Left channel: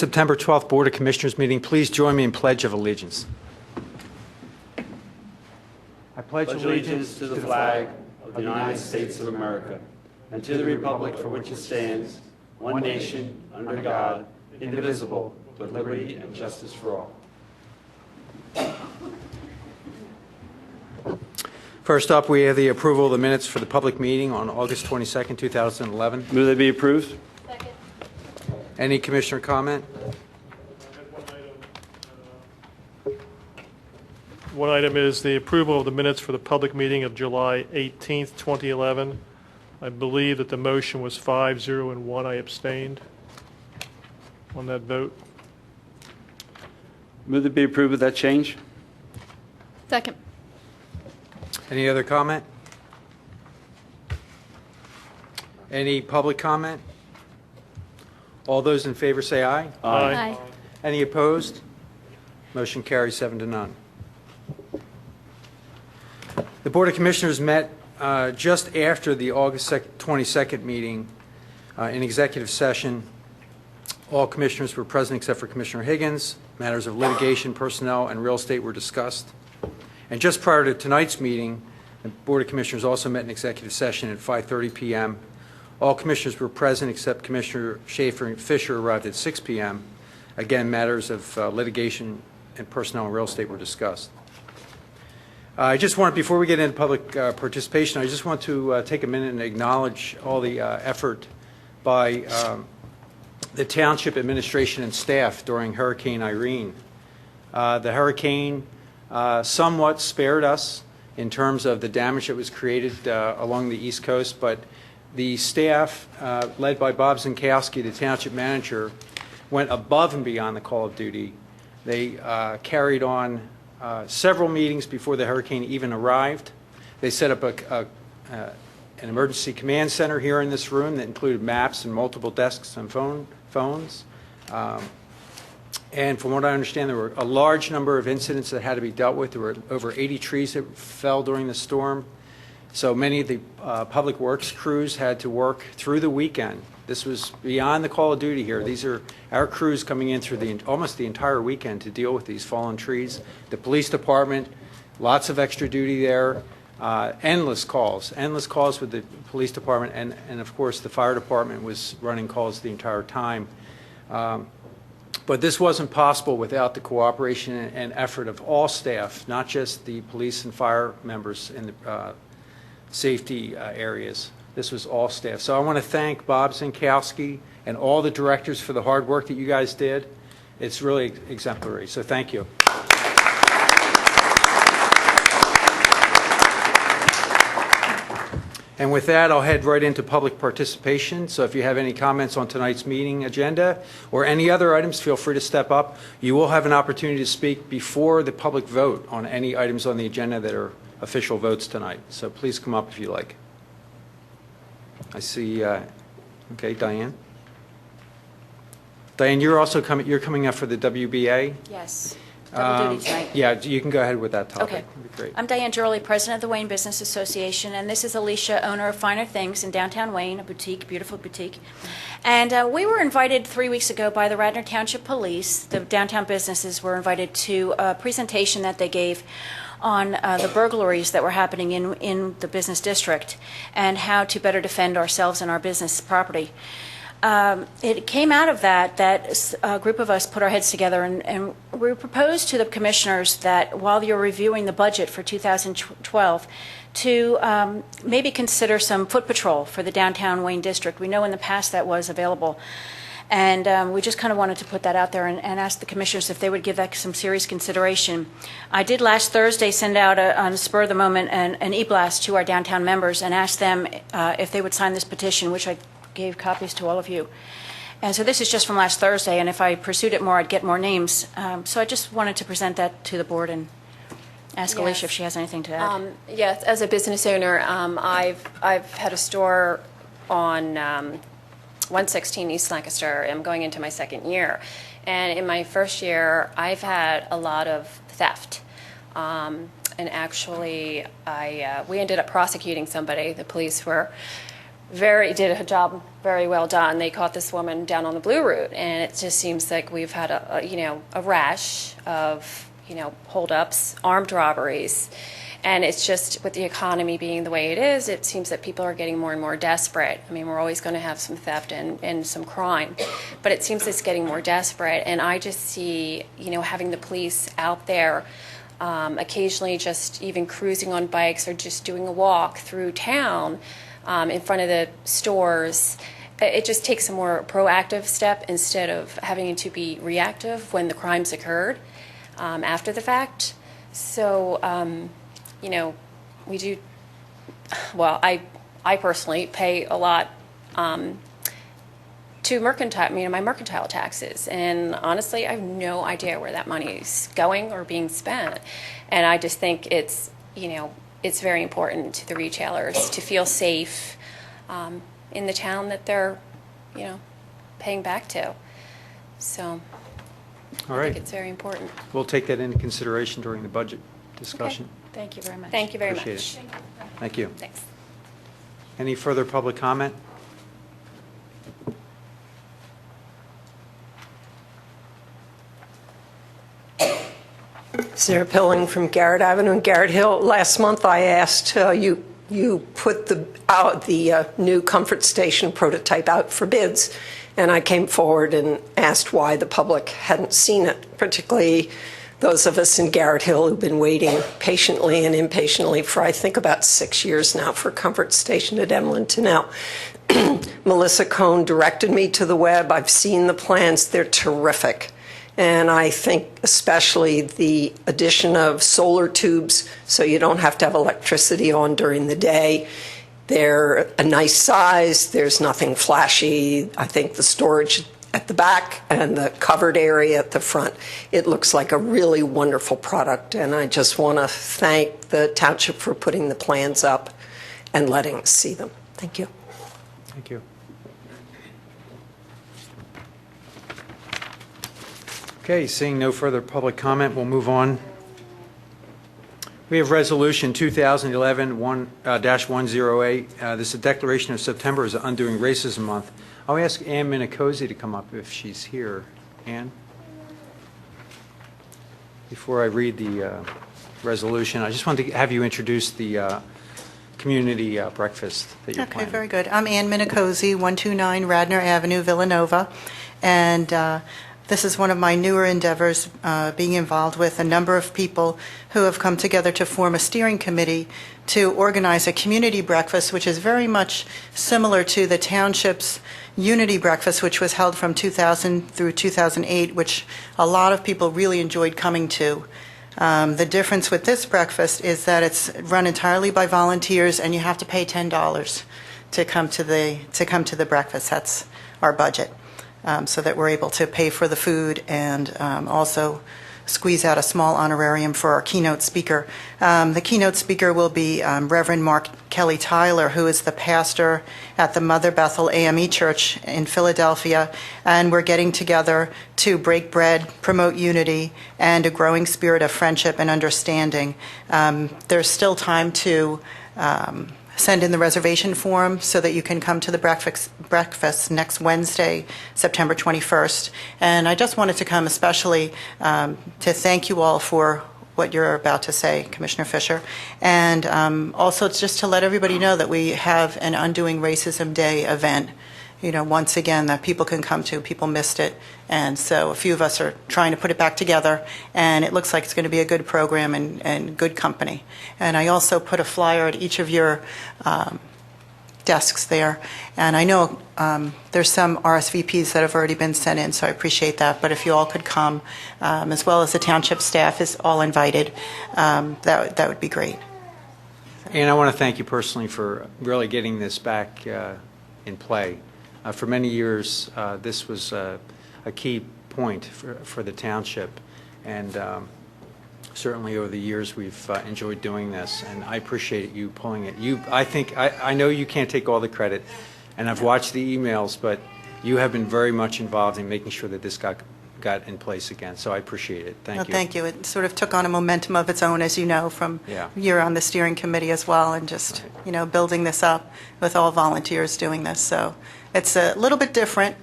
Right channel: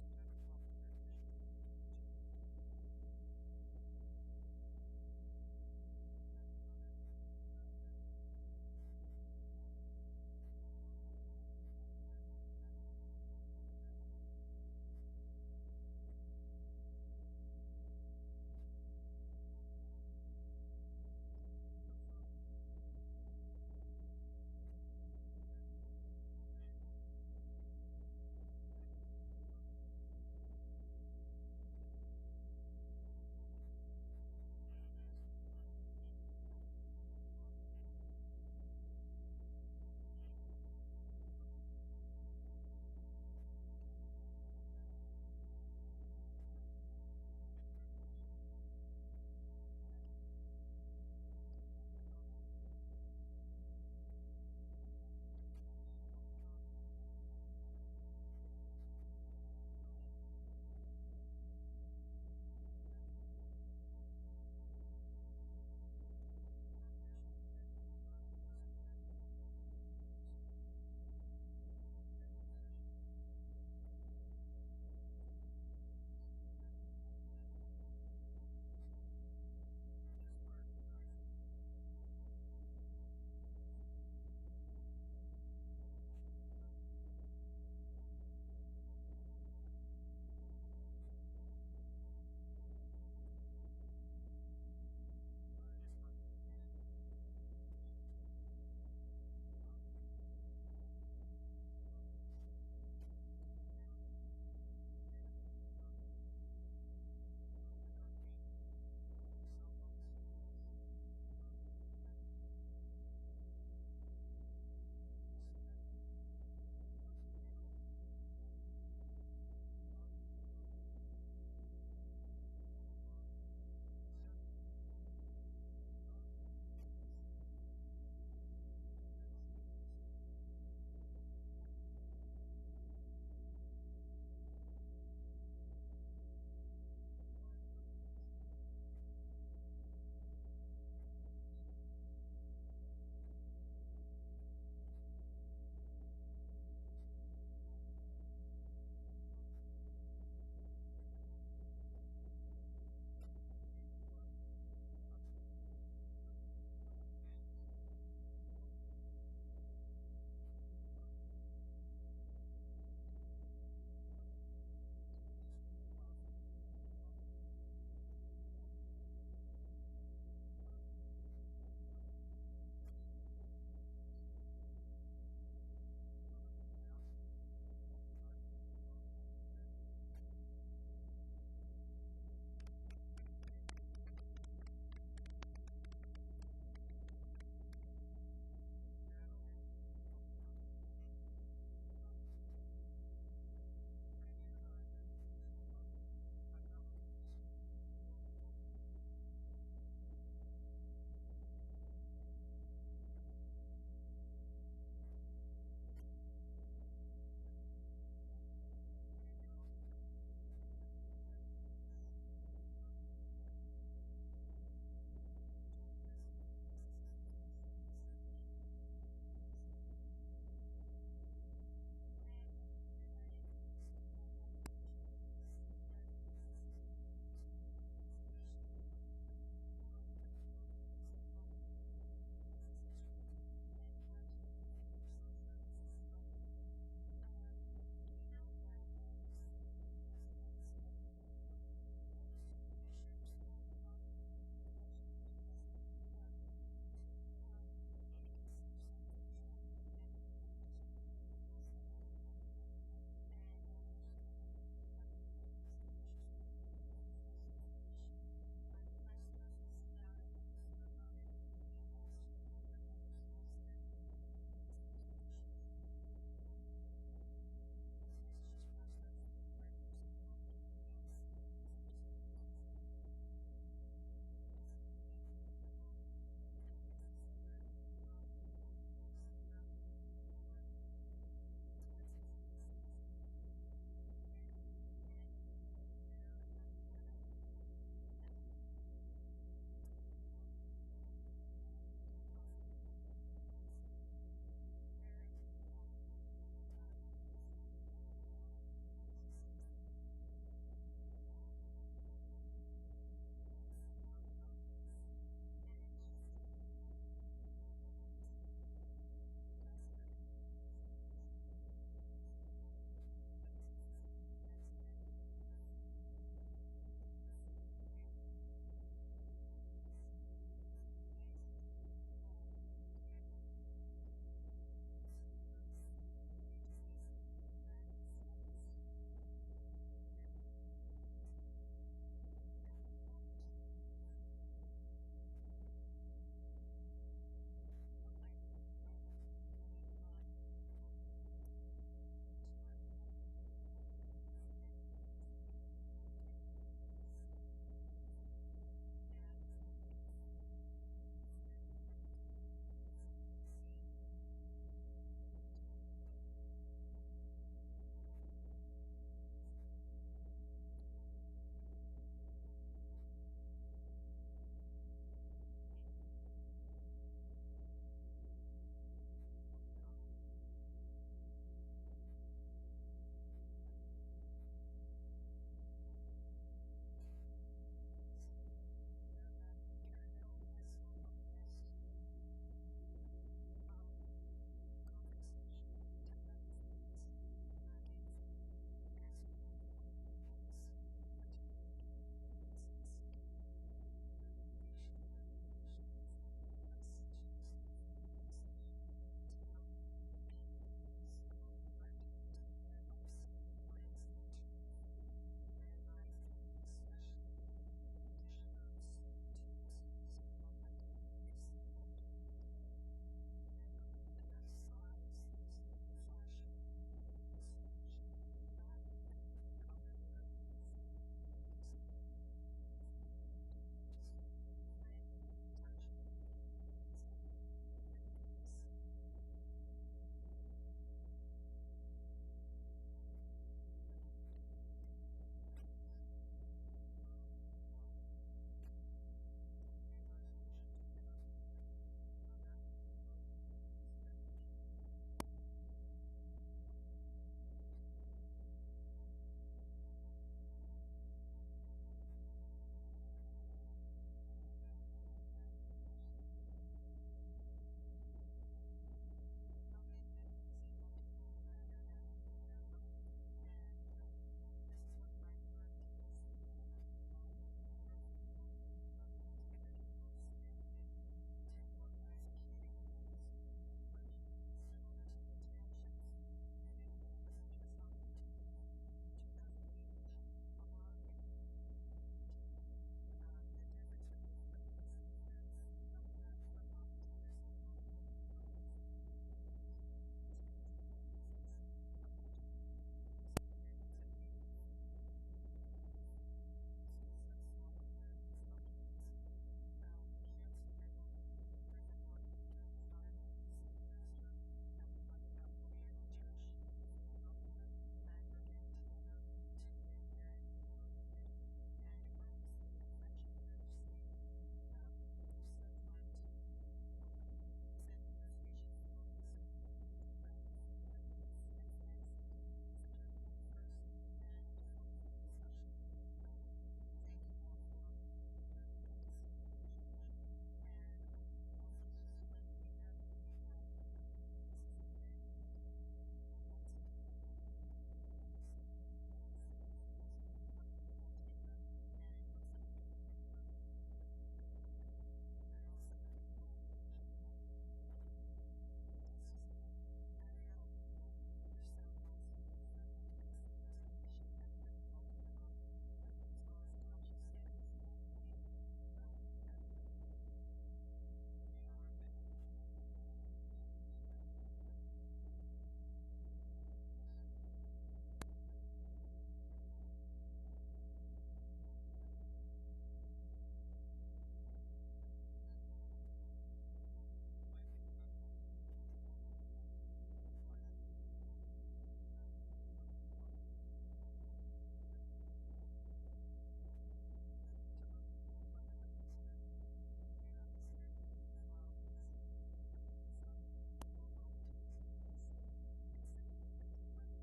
September 12th Board of Commissioners meeting. Please join me in Pledge of Allegiance. I pledge allegiance to the flag of the United States of America and to the republic for which it stands, one nation, under God, indivisible, with liberty and justice for all. First up, we have the approval of the minutes for the public meeting on August 22nd, 2011. Move they be approved. Second. Any commissioner comment? One item is the approval of the minutes for the public meeting of July 18th, 2011. I believe that the motion was 5-0 and 1 I abstained on that vote. Move they be approved with that change. Second. Any other comment? Any public comment? All those in favor say aye. Aye. Any opposed? Motion carries 7-0. The Board of Commissioners met just after the August 22nd meeting in executive session. All commissioners were present except for Commissioner Higgins. Matters of litigation, personnel, and real estate were discussed. And just prior to tonight's meeting, the Board of Commissioners also met in executive session at 5:30 p.m. All commissioners were present except Commissioner Schaefer and Fisher arrived at 6 p.m. Again, matters of litigation and personnel and real estate were discussed. I just want, before we get into public participation, I just want to take a minute and acknowledge all the effort by the Township administration and staff during Hurricane Irene. The hurricane somewhat spared us in terms of the damage that was created along the East Coast, but the staff, led by Bob Zinkowski, the Township manager, went above and beyond the call of duty. They carried on several meetings before the hurricane even arrived. They set up an emergency command center here in this room that included maps and multiple desks and phones. And from what I understand, there were a large number of incidents that had to be dealt with. There were over 80 trees that fell during the storm. So many of the public works crews had to work through the weekend. This was beyond the call of duty here. These are our crews coming in through almost the entire weekend to deal with these fallen trees. The police department, lots of extra duty there, endless calls with the police department, and of course the fire department was running calls the entire time. But this wasn't possible without the cooperation and effort of all staff, not just the police and fire members in the safety areas. This was all staff. So I want to thank Bob Zinkowski and all the directors for the hard work that you guys did. It's really exemplary, so thank you. And with that, I'll head right into public participation. So if you have any comments on tonight's meeting agenda or any other items, feel free to step up. You will have an opportunity to speak before the public vote on any items on the agenda that are official votes tonight. So please come up if you like. I see, okay, Diane. Diane, you're also coming up for the WBA? Yes. Double duty tonight. Yeah, you can go ahead with that topic. Okay. That'd be great. I'm Diane Jurley, president of the Wayne Business Association, and this is Alicia, owner of Finer Things in downtown Wayne, a boutique, beautiful boutique. And we were invited 3 weeks ago by the Radnor Township Police. The downtown businesses were invited to a presentation that they gave on the burglaries that were happening in the business district and how to better defend ourselves and our business property. It came out of that a group of us put our heads together and we proposed to the commissioners that while you're reviewing the budget for 2012 to maybe consider some foot patrol for the downtown Wayne district. We know in the past that was available. And we just kind of wanted to put that out there and ask the commissioners if they would give that some serious consideration. I did last Thursday send out on the spur of the moment an e-blast to our downtown members and asked them if they would sign this petition, which I gave copies to all of you. And so this is just from last Thursday, and if I pursued it more, I'd get more names. So I just wanted to present that to the board and ask Alicia if she has anything to add. Yes, as a business owner, I've had a store on 116 East Lancaster. I'm going into my second year. And in my first year, I've had a lot of theft. And actually, we ended up prosecuting somebody. The police were did a job very well done. They caught this woman down on the Blue Route, and it just seems like we've had a rash of, holdups, armed robberies. And it's just, with the economy being the way it is, it seems that people are getting more and more desperate. I mean, we're always going to have some theft and some crime, but it seems it's getting more desperate. And I just see, having the police out there, occasionally just even cruising on bikes or just doing a walk through town in front of the stores. It just takes a more proactive step instead of having to be reactive when the crimes occurred after the fact. So, we do, well, I personally pay a lot to my mercantile taxes. And honestly, I have no idea where that money is going or being spent. And I just think it's very important to the retailers to feel safe in the town that they're, paying back to. So All I right. think it's very important. We'll take that into consideration during the budget discussion. Thank you very much. Thank you very Appreciate much. it. Thank you. Thanks. Any further public comment? Sarah Pilling from Garrett Avenue and Garrett Hill. Last month I asked you put the new comfort station prototype out for bids, and I came forward and asked why the public hadn't seen it, particularly those of us in Garrett Hill who've been waiting patiently and impatiently for, I think, about 6 years now for comfort station at Emlyn to now. Melissa Cohn directed me to the web. I've seen the plans. They're terrific. And I think especially the addition of solar tubes so you don't have to have electricity on during the day. They're a nice size. There's nothing flashy. I think the storage at the back and the covered area at the front, it looks like a really wonderful product. And I just want to thank the township for putting the plans up and letting us see them. Thank you. Thank you. Okay, seeing no further public comment, we'll move on. We have Resolution 2011-108. This is a declaration of September as Undoing Racism Month. I'll ask Ann Minicozy to come up if she's here. Ann? Before I read the resolution, I just wanted to have you introduce the community breakfast that you're planning. Okay, very good. I'm Ann Minicozy, 129 Radnor Avenue, Villanova, and this is one of my newer endeavors, being involved with a number of people who have come together to form a steering committee to organize a community breakfast, which is very much similar to the township's Unity Breakfast, which was held from 2000 through 2008, which a lot of people really enjoyed coming to. The difference with this breakfast is that it's run entirely by volunteers, and you have to pay $10 to come to the breakfast. That's our budget, so that we're able to pay for the food and also squeeze out a small honorarium for our keynote speaker. The keynote speaker will be Reverend Mark Kelly Tyler, who is the pastor at the Mother Bethel AME Church in Philadelphia, and we're getting together to break bread, promote unity, and a growing spirit of friendship and understanding. There's still time to send in the reservation form so that you can come to the breakfast next Wednesday, September 21st. And I just wanted to come especially to thank you all for what you're about to say, Commissioner Fisher, and also just to let everybody know that we have an Undoing Racism Day event, once again, that people can come to. People missed it, and so a few of us are trying to put it back together, and it looks like it's going to be a good program and good company. And I also put a flyer at each of your desks there, and I know there's some RSVPs that have already been sent in, so I appreciate that, but if you all could come, as well as the township staff is all invited, that would be great. And I want to thank you personally for really getting this back in play. For many years, this was a key point for the township, and certainly over the years we've enjoyed doing this, and I appreciate you pulling it. I know you can't take all the credit, and I've watched the emails, but you have been very much involved in making sure that this got got in place again, so I appreciate it. Thank No, you. thank you. It sort of took on a momentum of its own, as you know, from Yeah. you're on the steering committee as well, and just, building this up with all volunteers doing this. So it's a little bit different.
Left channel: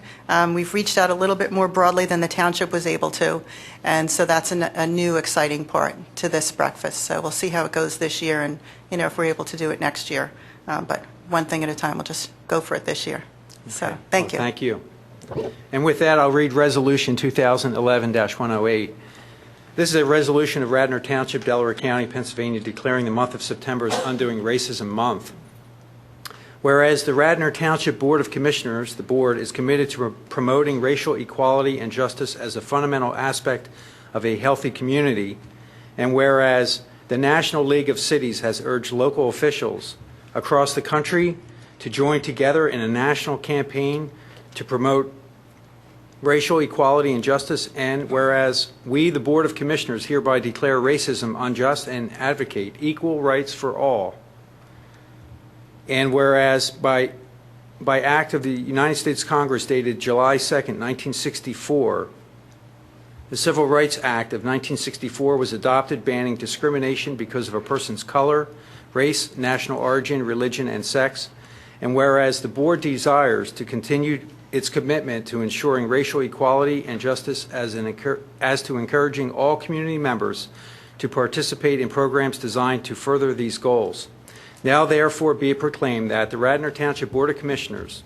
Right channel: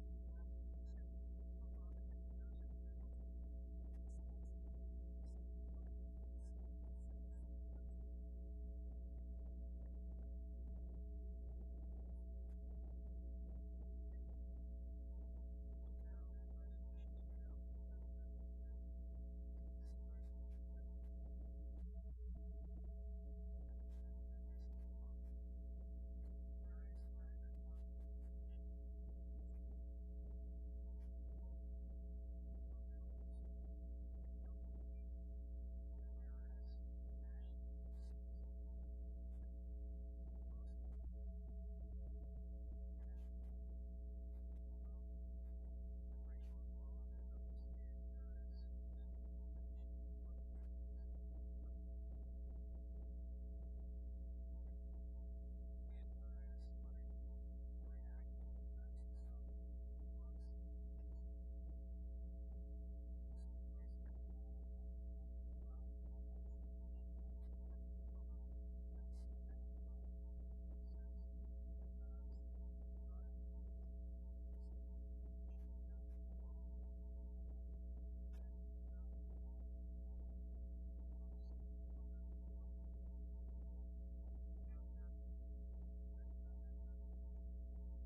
We've reached out a little bit more broadly than the township was able to, and so that's a new, exciting part to this breakfast. So we'll see how it goes this year, and, if we're able to do it next year. But one thing at a time, we'll just go for it this year. So, thank you. Thank you. And with that, I'll read Resolution 2011-108. This is a resolution of Radnor Township, Delaware County, Pennsylvania, declaring the month of September as Undoing Racism Month. Whereas the Radnor Township Board of Commissioners, the board, is committed to promoting racial equality and justice as a fundamental aspect of a healthy community, and whereas the National League of Cities has urged local officials across the country to join together in a national campaign to promote racial equality and justice, and whereas we, the Board of Commissioners, hereby declare racism unjust and advocate equal rights for all, and whereas by act of the United States Congress dated July 2nd, 1964, the Civil Rights Act of 1964 was adopted, banning discrimination because of a person's color, race, national origin, religion, and sex, and whereas the board desires to continue its commitment to ensuring racial equality and justice as to encouraging all community members to participate in programs designed to further these goals. Now therefore be it proclaimed that the Radnor Township Board of Commissioners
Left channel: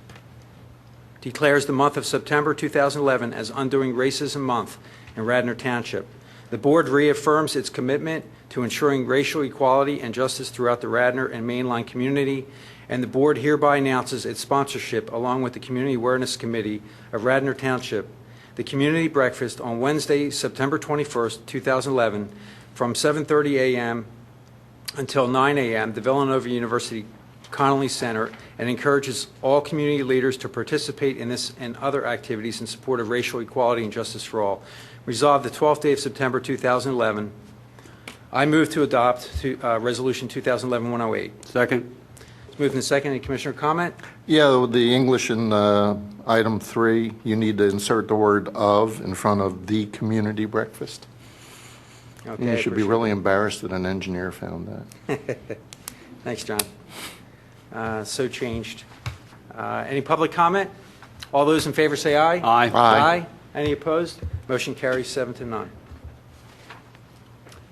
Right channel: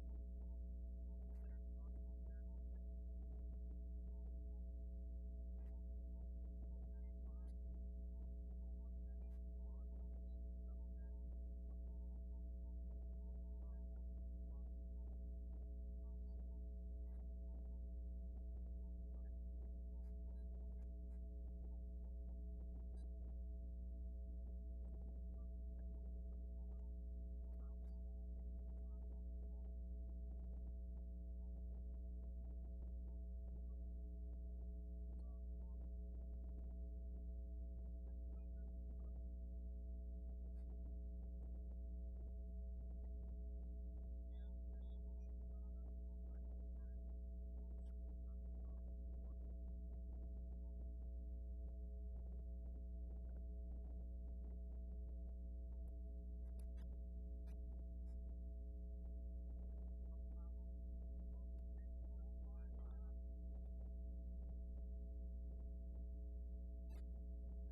declares the month of September 2011 as Undoing Racism Month in Radnor Township. The board reaffirms its commitment to ensuring racial equality and justice throughout the Radnor and mainline community, and the board hereby announces its sponsorship, along with the Community Awareness Committee of Radnor Township, the community breakfast on Wednesday, September 21st, 2011, from 7:30 a.m. until 9 a.m., the Villanova University Connolly Center, and encourages all community leaders to participate in this and other activities in support of racial equality and justice for all. Resolved the 12th day of September 2011. I move to adopt Resolution 2011-108. Second. It's moved and seconded. Commissioner comment? Yeah, the English in item 3, you need to insert the word "of" in front of the community breakfast. Okay. You I should be appreciate really embarrassed that an engineer found that. it. Thanks, John. So changed. Any public comment? All those in favor say aye. Aye. Aye. Any opposed? Motion carries 7-0.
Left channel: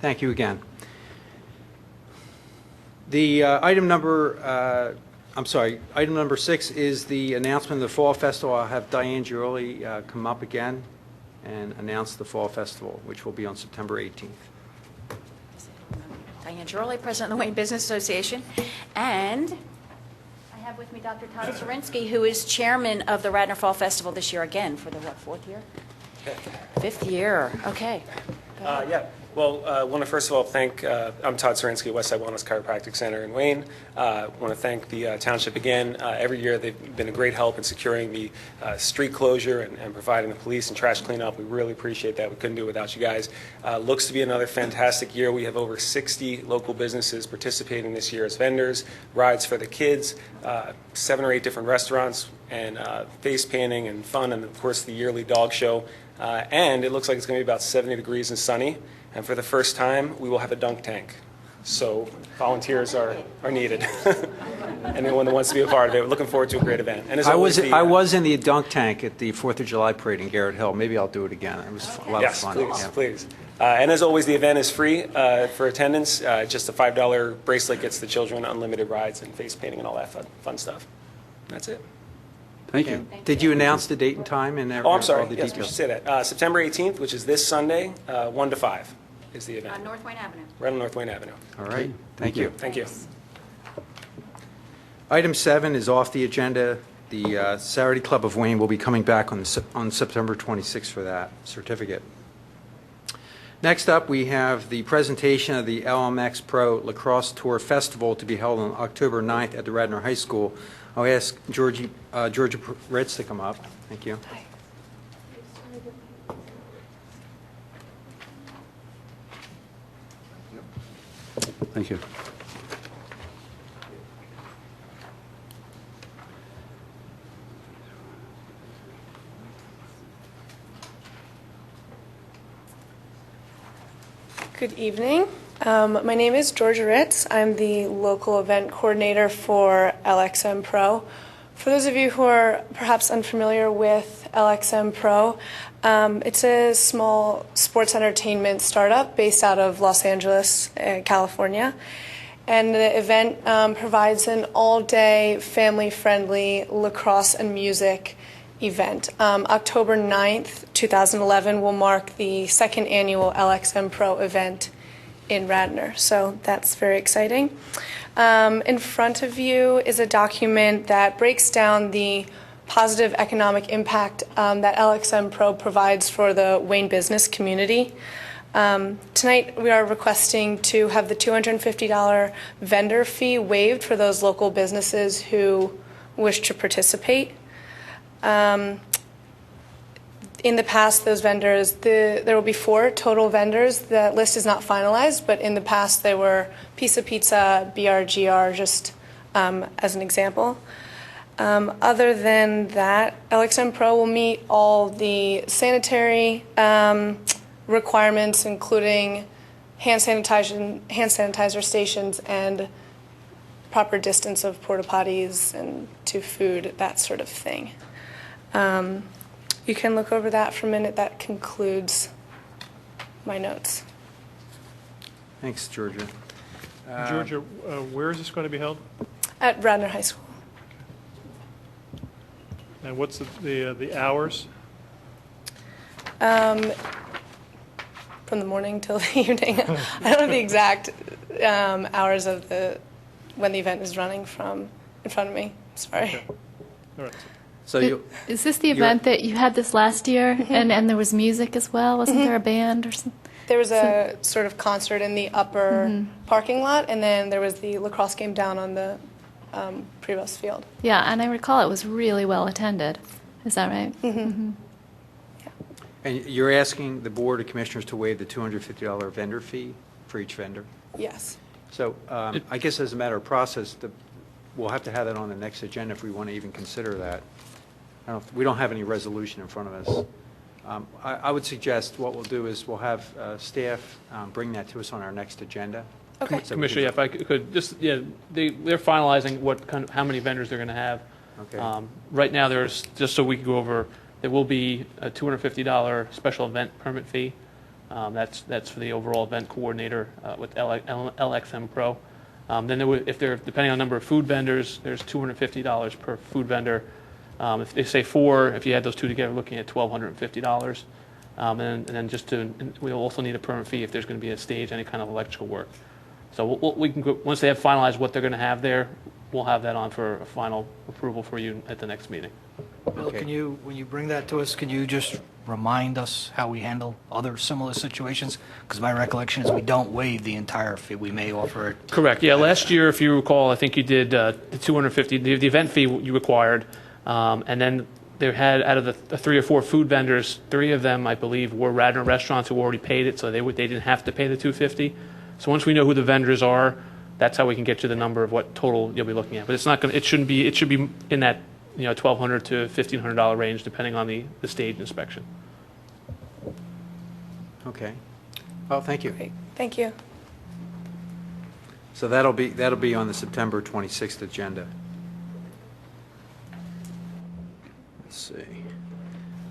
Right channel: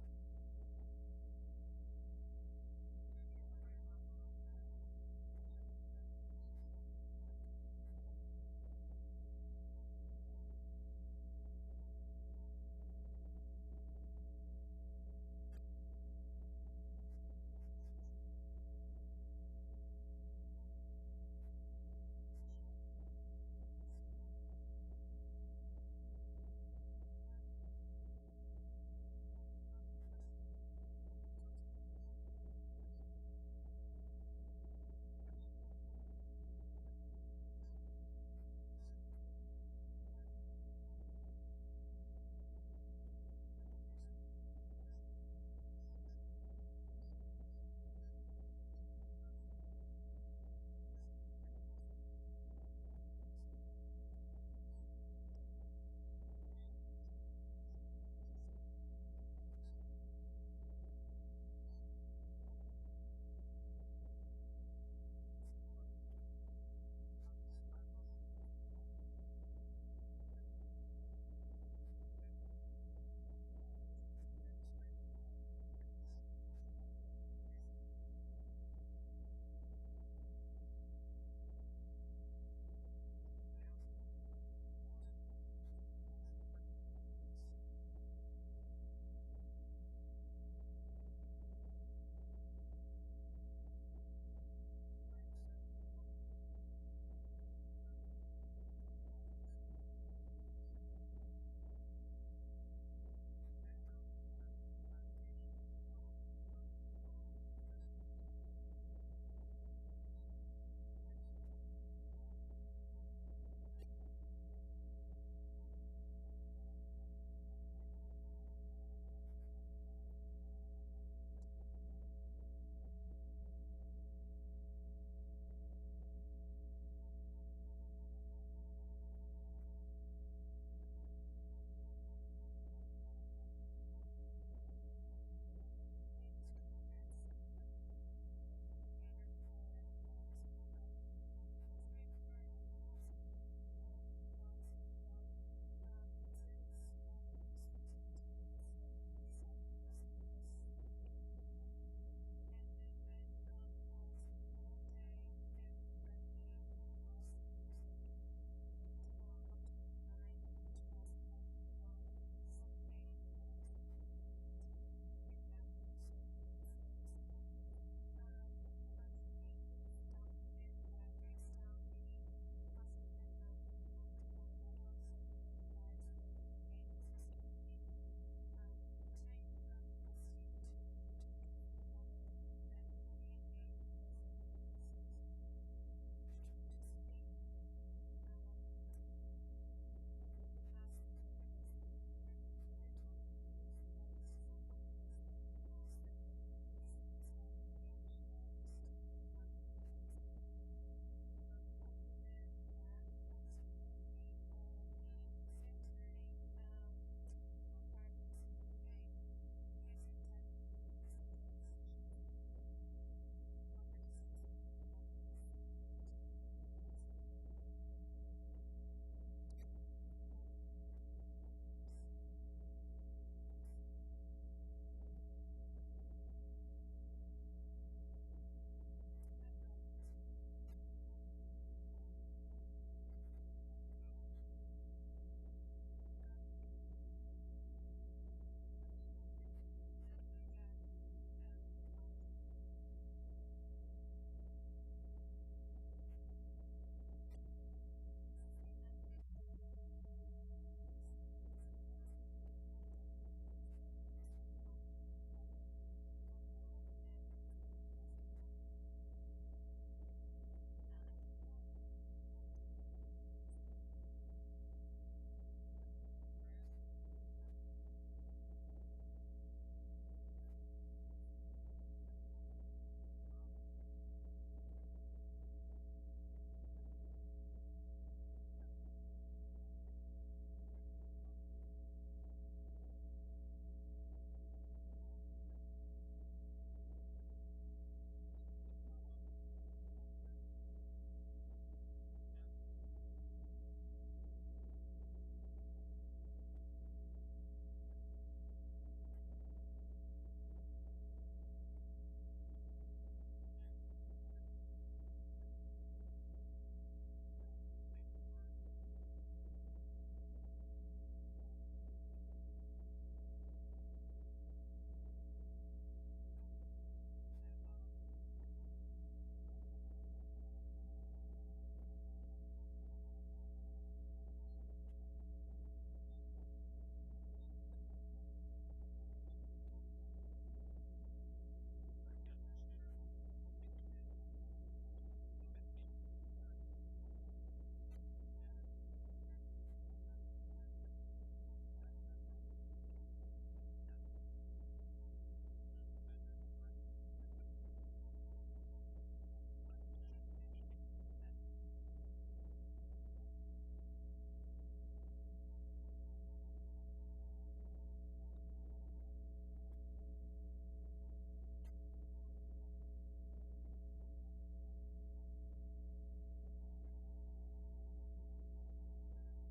Thank you again. The item number 6 is the announcement of the Fall Festival. I'll have Diane Giorli come up again and announce the Fall Festival, which will be on September 18th. Diane Giorli, President of the Wayne Business Association, and I have with me Dr. Todd Zorinsky, who is chairman of the Radnor Fall Festival this year again for the, fourth year? Fifth year, okay. Yeah. Well, I want to first of all thank, I'm Todd Zorinsky, Westside Wellness Chiropractic Center in Wayne. I want to thank the township again. Every year they've been a great help in securing the street closure and providing the police and trash cleanup. We really appreciate that. We couldn't do it without you guys. Looks to be another fantastic year. We have over 60 local businesses participating this year as vendors, rides for the kids, 7 or 8 different restaurants, and face painting and fun, and of course the yearly dog show. And it looks like it's going to be about 70 degrees and sunny. And for the first time, we will have a dunk tank. So volunteers are needed. Anyone that wants to be a part of it. We're looking forward to a great event. And as I always, was in the dunk tank at the 4th of July parade in Garrett Hill. Maybe I'll do it again. It was a lot of yes, fun. please, Yeah. please. And as always, the event is free for attendance. Just a $5 bracelet gets the children unlimited rides and face painting and all that fun stuff. That's it. Thank you. Did you announce the date and time and Oh, I'm sorry. all the Yes, we details? should say that. September 18th, which is this Sunday, 1 to 5 is the event. On North Wayne Avenue. Right on North Wayne Avenue. All right. Thank you. Thank you. Item 7 is off the agenda. The Saturday Club of Wayne will be coming back on September 26th for that certificate. Next up, we have the presentation of the LMX Pro Lacrosse Tour Festival to be held on October 9th at the Radnor High School. I'll ask Georgia Ritz to come up. Thank you. Thank you. Good evening. My name is Georgia Ritz. I'm the local event coordinator for LXM Pro. For those of you who are perhaps unfamiliar with LXM Pro, it's a small sports entertainment startup based out of Los Angeles, California. And the event provides an all-day, family-friendly lacrosse and music event. October 9th, 2011 will mark the second annual LXM Pro event in Radnor, so that's very exciting. In front of you is a document that breaks down the positive economic impact that LXM Pro provides for the Wayne business community. Tonight we are requesting to have the $250 vendor fee waived for those local businesses who wish to participate. In the past, those vendors, there will be 4 total vendors. The list is not finalized, but in the past they were Pizza Pizza, BRGR, just as an example. Other than that, LXM Pro will meet all the sanitary requirements, including hand sanitizer stations and proper distance of porta potties and to food, that sort of thing. You can look over that for a minute. That concludes my notes. Thanks, Georgia. Georgia, where is this going to be held? At Radnor High School. And what's the hours? From the morning till the evening. I don't know the exact hours of when the event is running from in front of me. Sorry. Okay. All right. So Is this the event that you had this last year, and there was music as well? Wasn't there a band or something? There was a sort of concert in the upper parking lot, and then there was the lacrosse game down on the Prevost field. Yeah, and I recall it was really well attended. Is that right? Mm-hmm. and you're asking the Board of Commissioners to waive the $250 vendor fee for each vendor? Yes. So I guess as a matter of process, we'll have to have that on the next agenda if we want to even consider that. We don't have any resolution in front of us. I would suggest what we'll do is we'll have staff bring that to us on our next agenda. Okay. So we Commissioner, if I could just, they're finalizing how many vendors they're going to have. Okay. Right now, there's, just so we can go over, there will be a $250 special event permit fee. That's for the overall event coordinator with LXM Pro. Then depending on the number of food vendors, there's $250 per food vendor. If they say 4, if you add those 2 together, looking at $1,250. And then we'll also need a permit fee if there's going to be a stage, any kind of electrical work. So we can go, once they have finalized what they're going to have there, we'll have that on for a final approval for you at the next meeting. Bill, Okay. when you bring that to us, can you just remind us how we handle other similar situations? Because my recollection is we don't waive the entire fee. We may offer it. Correct. Yeah, last year, if you recall, I think you did the $250, the event fee you required. And then they had, out of the 3 or 4 food vendors, 3 of them, I believe, were Radnor restaurants who already paid it, so they didn't have to pay the $250. So once we know who the vendors are, that's how we can get you the number of what total you'll be looking at. But it's not going. It should be in that $1,200 to $1,500 range, depending on the stage inspection. Okay. Well, thank you. Great. Thank you. So that'll be on the September 26th agenda. Let's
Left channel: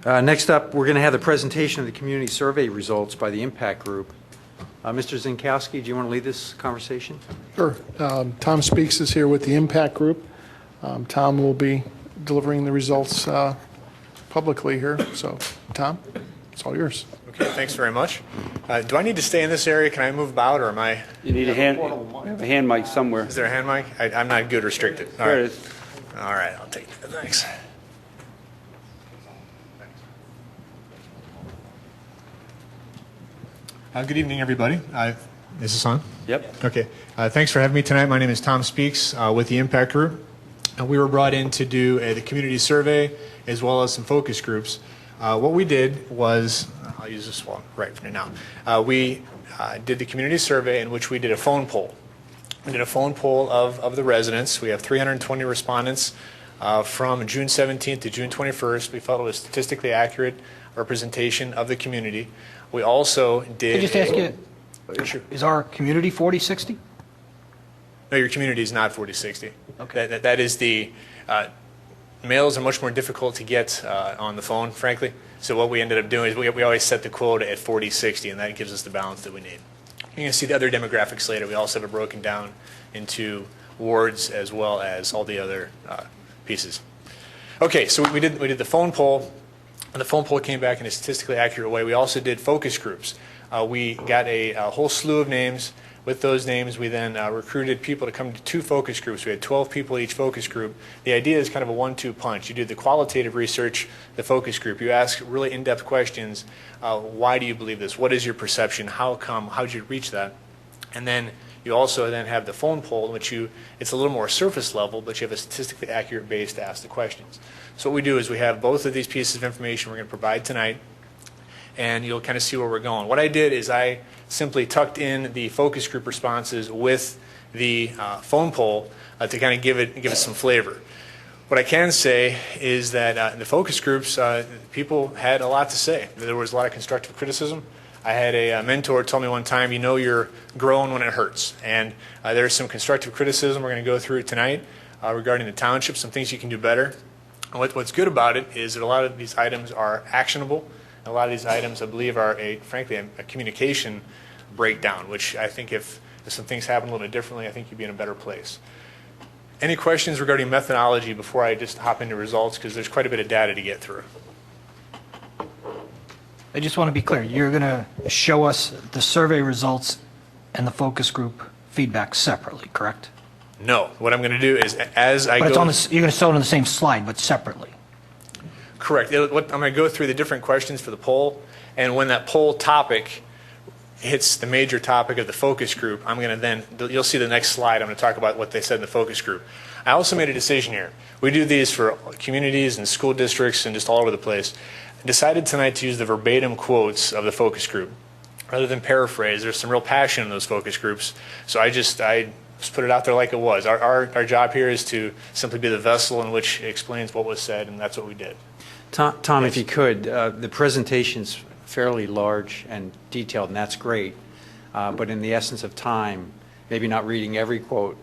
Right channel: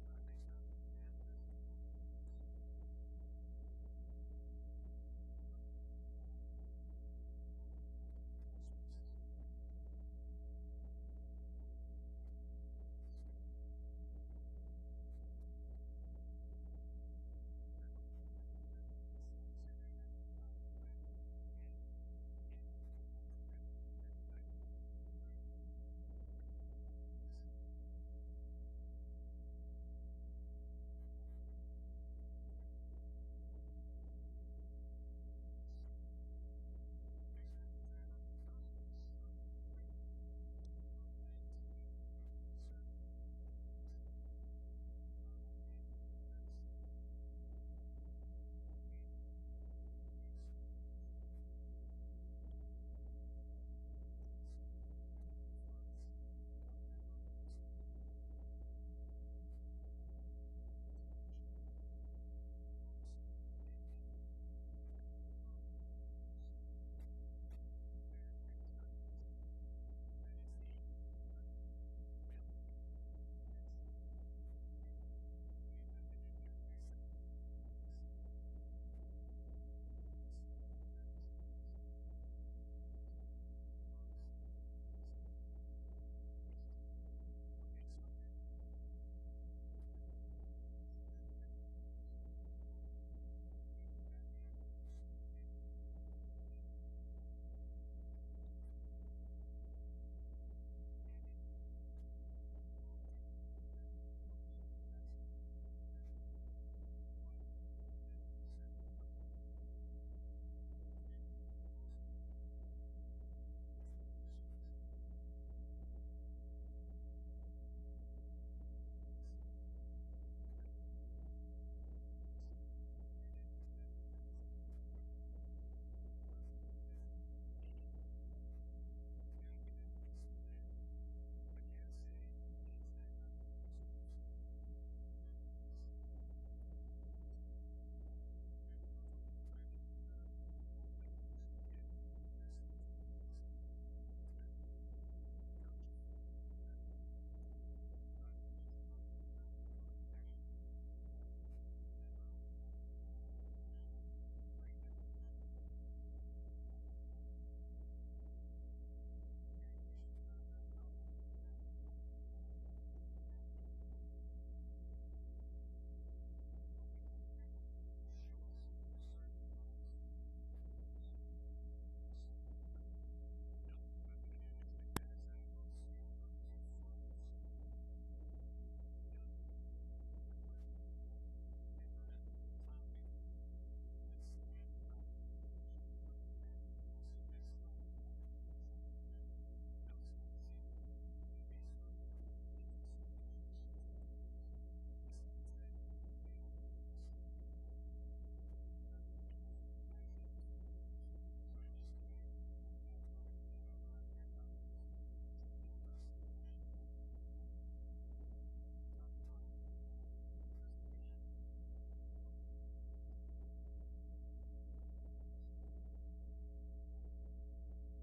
see. Next up, we're going to have the presentation of the community survey results by the Impact Group. Mr. Zinkowski, do you want to lead this conversation? Sure. Tom Speaks is here with the Impact Group. Tom will be delivering the results publicly here. So, Tom, it's all yours. Okay, thanks very much. Do I need to stay in this area? Can I move about, or am I? You need a hand mic somewhere. Is there a hand mic? I'm not good restricted. All There right. it is. All right, I'll take that. Thanks. Good evening, everybody. Is this on? Yep. Okay. Thanks for having me tonight. My name is Tom Speaks with the Impact Group. We were brought in to do the community survey as well as some focus groups. What we did was, I'll use this one right now. We did the community survey in which we did a phone poll. We did a phone poll of the residents. We have 320 respondents from June 17th to June 21st. We felt it was statistically accurate representation of the community. We also did. Can I just ask you, Is our community 40/60? No, your community is not 40/60. Okay. That is the, males are much more difficult to get on the phone, frankly. So what we ended up doing is we always set the quota at 40/60, and that gives us the balance that we need. You're going to see the other demographics later. We also have it broken down into wards as well as all the other pieces. Okay, so we did the phone poll, and the phone poll came back in a statistically accurate way. We also did focus groups. We got a whole slew of names. With those names, we then recruited people to come to 2 focus groups. We had 12 people each focus group. The idea is kind of a 1-2 punch. You do the qualitative research, the focus group. You ask really in-depth questions. Why do you believe this? What is your perception? How come? How did you reach that? And then you also then have the phone poll, in which it's a little more surface level, but you have a statistically accurate base to ask the questions. So what we do is we have both of these pieces of information we're going to provide tonight, and you'll kind of see where we're going. What I did is I simply tucked in the focus group responses with the phone poll to kind of give it some flavor. What I can say is that in the focus groups, people had a lot to say. There was a lot of constructive criticism. I had a mentor tell me one time, you know you're growing when it hurts. And there's some constructive criticism we're going to go through tonight regarding the township, some things you can do better. And what's good about it is that a lot of these items are actionable. A lot of these items, I believe, are, frankly, a communication breakdown, which I think if some things happen a little bit differently, I think you'd be in a better place. Any questions regarding methodology before I just hop into results, because there's quite a bit of data to get through. I just want to be clear. You're going to show us the survey results and the focus group feedback separately, correct? No. What I'm going to do is, as I But go... you're going to show it on the same slide, but separately. Correct. I'm going to go through the different questions for the poll, and when that poll topic hits the major topic of the focus group, I'm going to then, you'll see the next slide, I'm going to talk about what they said in the focus group. I also made a decision here. We do these for communities and school districts and just all over the place. I decided tonight to use the verbatim quotes of the focus group rather than paraphrase. There's some real passion in those focus groups, so I just put it out there like it was. Our job here is to simply be the vessel in which it explains what was said, and that's what we did. Tom, if you could, the presentation's fairly large and detailed, and that's great. But in the essence of time, maybe not reading every quote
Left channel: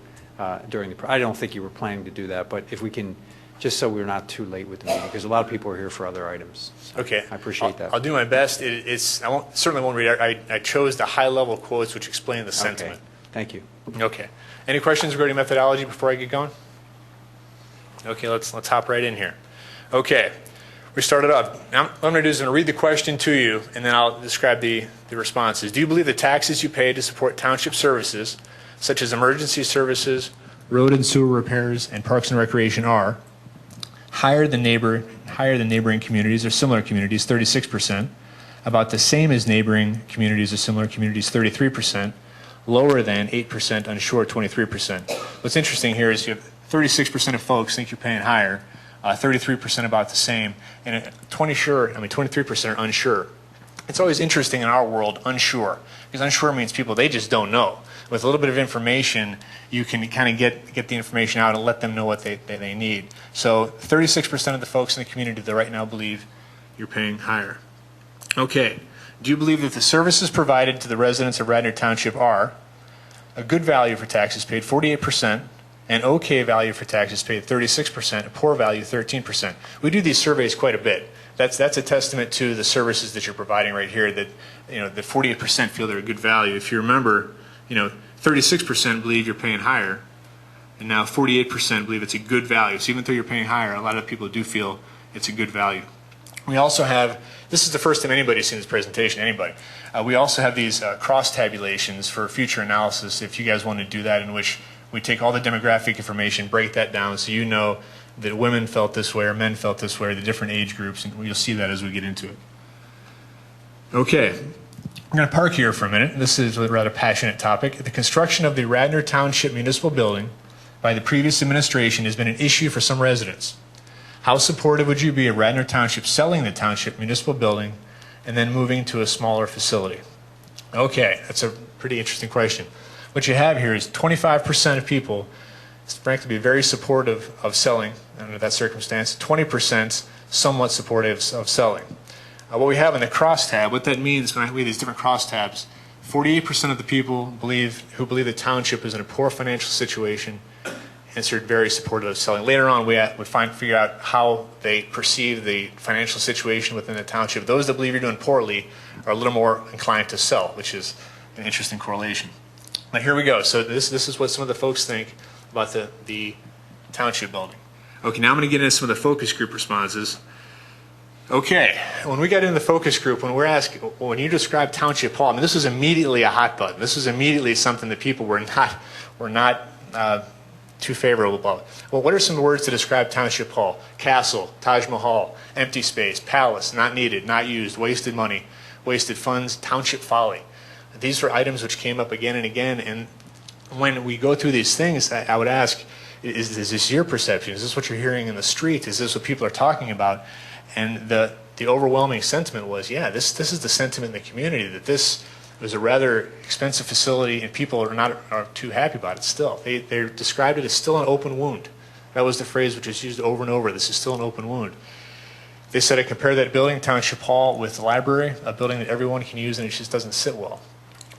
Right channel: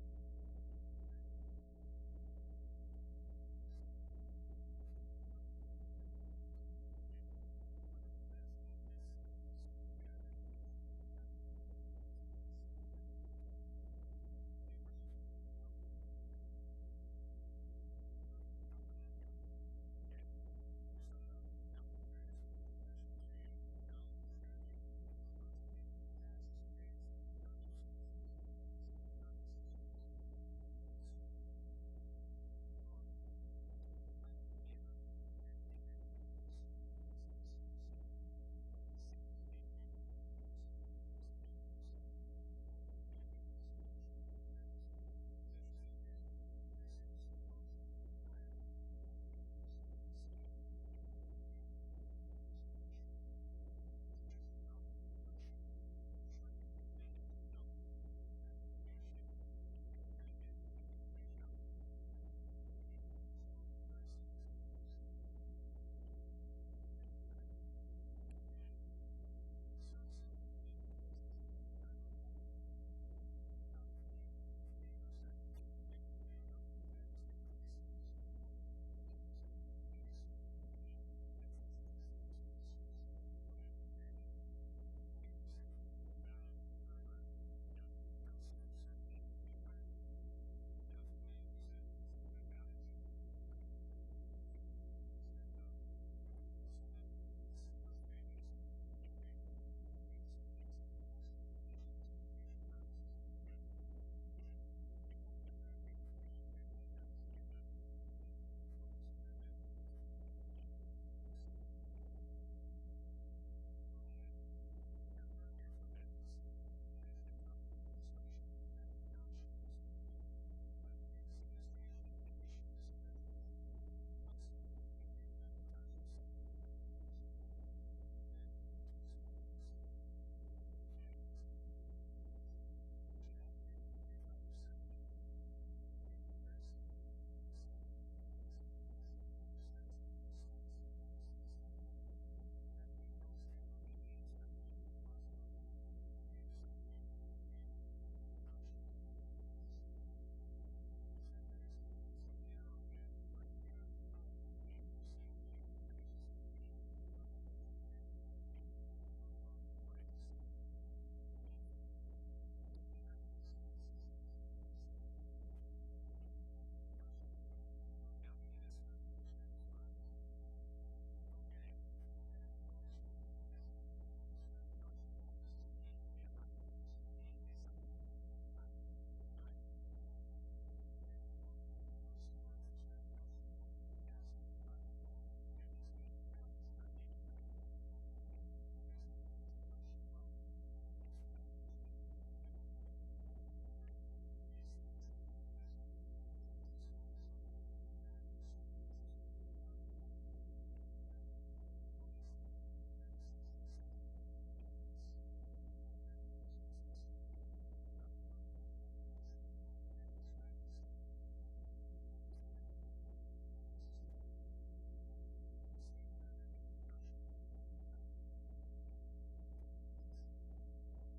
during the, I don't think you were planning to do that, but if we can, just so we're not too late with the meeting, because a lot of people are here for other items. So okay. I appreciate that. I'll do my best. Certainly won't read it. I chose the high-level quotes which explain the sentiment. Okay. Thank you. Okay. Any questions regarding methodology before I get going? Okay, let's hop right in here. Okay. We started off. Now, what I'm going to do is I'm going to read the question to you, and then I'll describe the responses. Do you believe the taxes you pay to support township services, such as emergency services, road and sewer repairs, and parks and recreation are higher than neighboring communities or similar communities, 36%, about the same as neighboring communities or similar communities, 33%, lower than 8% unsure, 23%. What's interesting here is you have 36% of folks think you're paying higher, 33% about the same, and 23% are unsure. It's always interesting in our world, unsure, because unsure means people, they just don't know. With a little bit of information, you can kind of get the information out and let them know what they need. So 36% of the folks in the community that right now believe you're paying higher. Okay. Do you believe that the services provided to the residents of Radnor Township are a good value for taxes paid, 48%, an okay value for taxes paid, 36%, a poor value, 13%. We do these surveys quite a bit. That's a testament to the services that you're providing right here, that the 48% feel they're a good value. If you remember, 36% believe you're paying higher, and now 48% believe it's a good value. So even though you're paying higher, a lot of people do feel it's a good value. We also have, this is the first time anybody's seen this presentation, anybody. We also have these cross tabulations for future analysis, if you guys want to do that, in which we take all the demographic information, break that down so you know that women felt this way or men felt this way, or the different age groups, and you'll see that as we get into it. Okay, I'm going to park here for a minute. This is a rather passionate topic. The construction of the Radnor Township Municipal Building by the previous administration has been an issue for some residents. How supportive would you be of Radnor Township selling the Township Municipal Building and then moving to a smaller facility? Okay, that's a pretty interesting question. What you have here is 25% of people, frankly, be very supportive of selling under that circumstance, 20% somewhat supportive of selling. What we have in the crosstab, what that means when we have these different crosstabs, 48% of the people who believe the township is in a poor financial situation answered very supportive of selling. Later on, we figure out how they perceive the financial situation within the township. Those that believe you're doing poorly are a little more inclined to sell, which is an interesting correlation. Now here we go. So this is what some of the folks think about the township building. Okay, now I'm going to get into some of the focus group responses. Okay, when we got into the focus group, when you describe Township Hall, I mean, this was immediately a hot button. This was immediately something that people were not too favorable about. Well, what are some words to describe Township Hall? Castle, Taj Mahal, empty space, palace, not needed, not used, wasted money, wasted funds, township folly. These were items which came up again and again, and when we go through these things, I would ask, is this your perception? Is this what you're hearing in the street? Is this what people are talking about? And the overwhelming sentiment was, yeah, this is the sentiment in the community, that this was a rather expensive facility and people are too happy about it still. They described it as still an open wound. That was the phrase which was used over and over, this is still an open wound. They said I compare that building, Township Hall, with the library, a building that everyone can use and it just doesn't sit well.